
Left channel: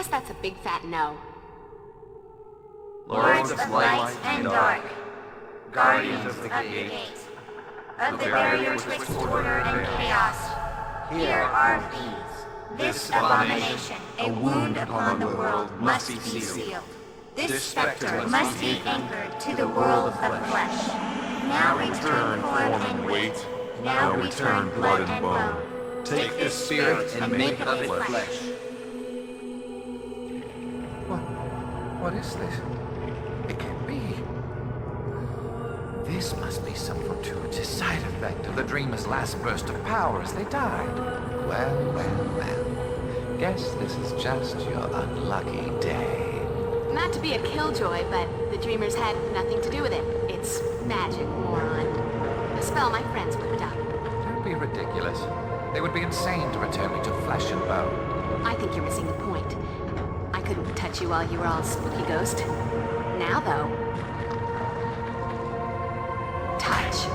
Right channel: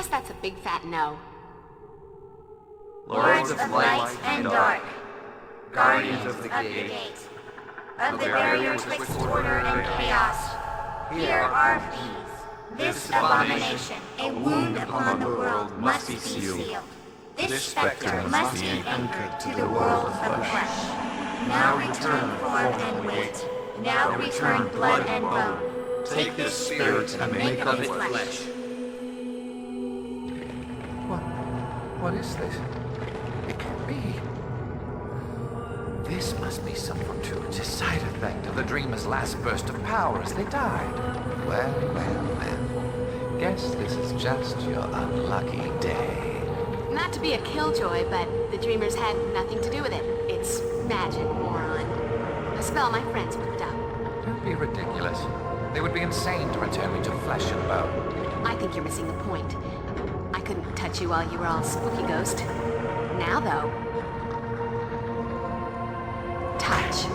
guess that's a big fat no. Lords of light and dark, guardians of the gate, of the barrier twixt order and chaos, here are these. This abomination, a wound upon the world, must be sealed. This specter must be anchored to the world of the flesh. Now return form and weight, now return blood and bone. Take this spirit and make of it flesh. What is this? It can't be. This must be some fortuitous side effect of the dreamer's last burst of power as they died. Well. Guess this is just your unlucky day. Not to be a killjoy, but the dreamers had nothing to do with it. It's magic, moron. A spell my friends whipped up. Don't be ridiculous. They would be insane to return me to flesh and bone. I think you're missing the point. I couldn't touch you while you were all spooky ghost. Now, though... touch.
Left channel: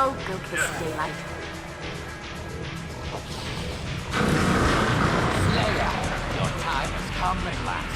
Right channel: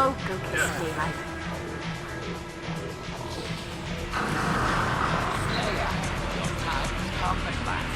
Oh, go kiss daylight. Slayer, your time has come at last.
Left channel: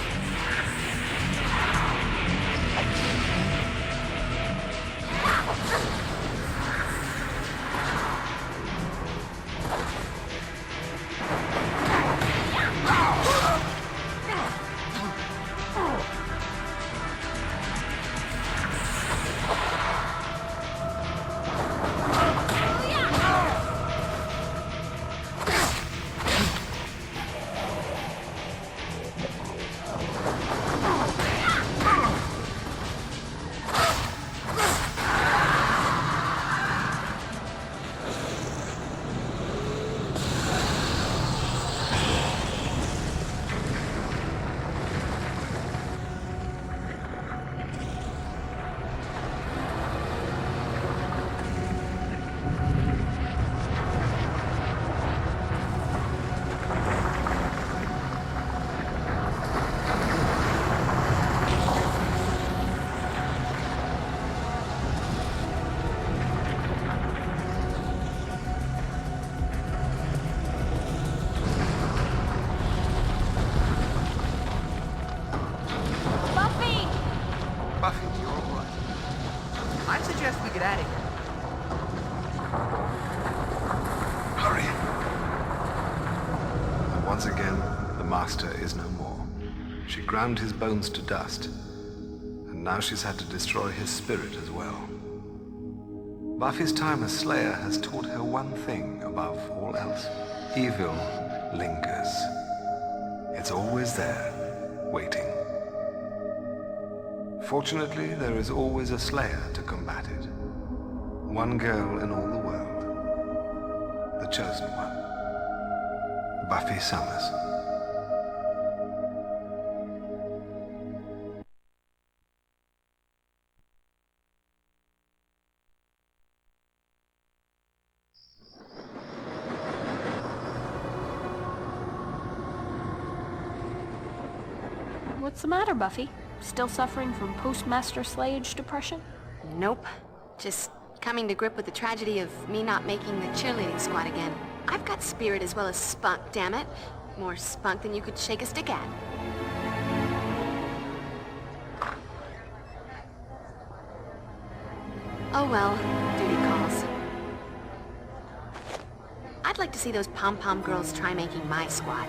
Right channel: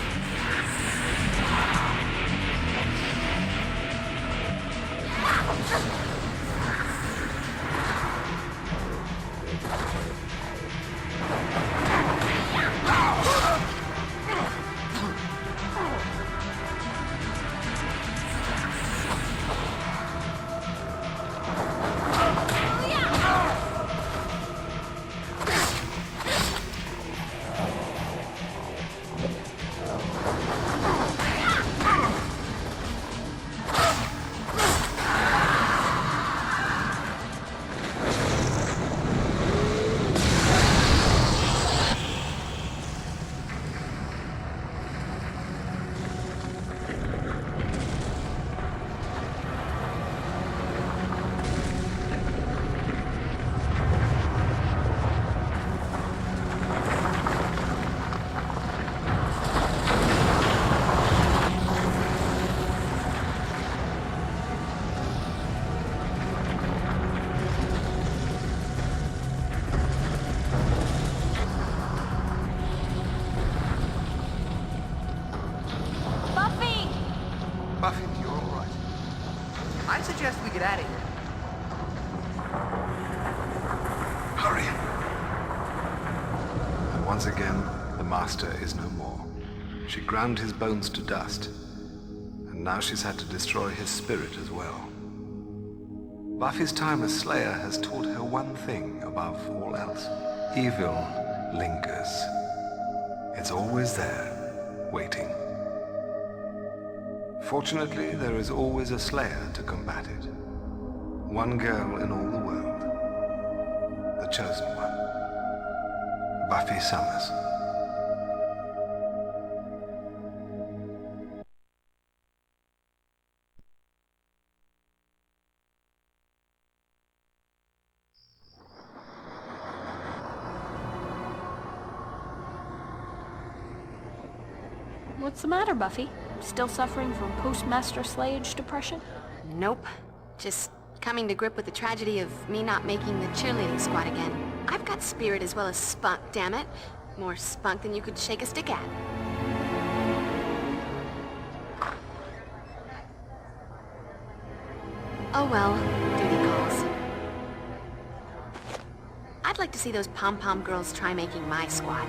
Buffy, you're all right. I suggest we get out of here. Hurry. And once again, the Master is no more. She ground his bones to dust, and now she's had to destroy his spirit as well. Buffy's time as Slayer has taught her one thing above all else. Evil lingers. It's always there, waiting. Fortunately, there is always a Slayer to combat it. One girl in all the world. The chosen one. Buffy Summers. What's the matter, Buffy? Still suffering from post-Master Slayage depression? Nope. Just coming to grip with the tragedy of me not making the cheerleading squad again. I've got spirit as well as spunk, damn it. More spunk than you could shake a stick at. Oh well, duty calls. I'd like to see those pom-pom girls try making my squad.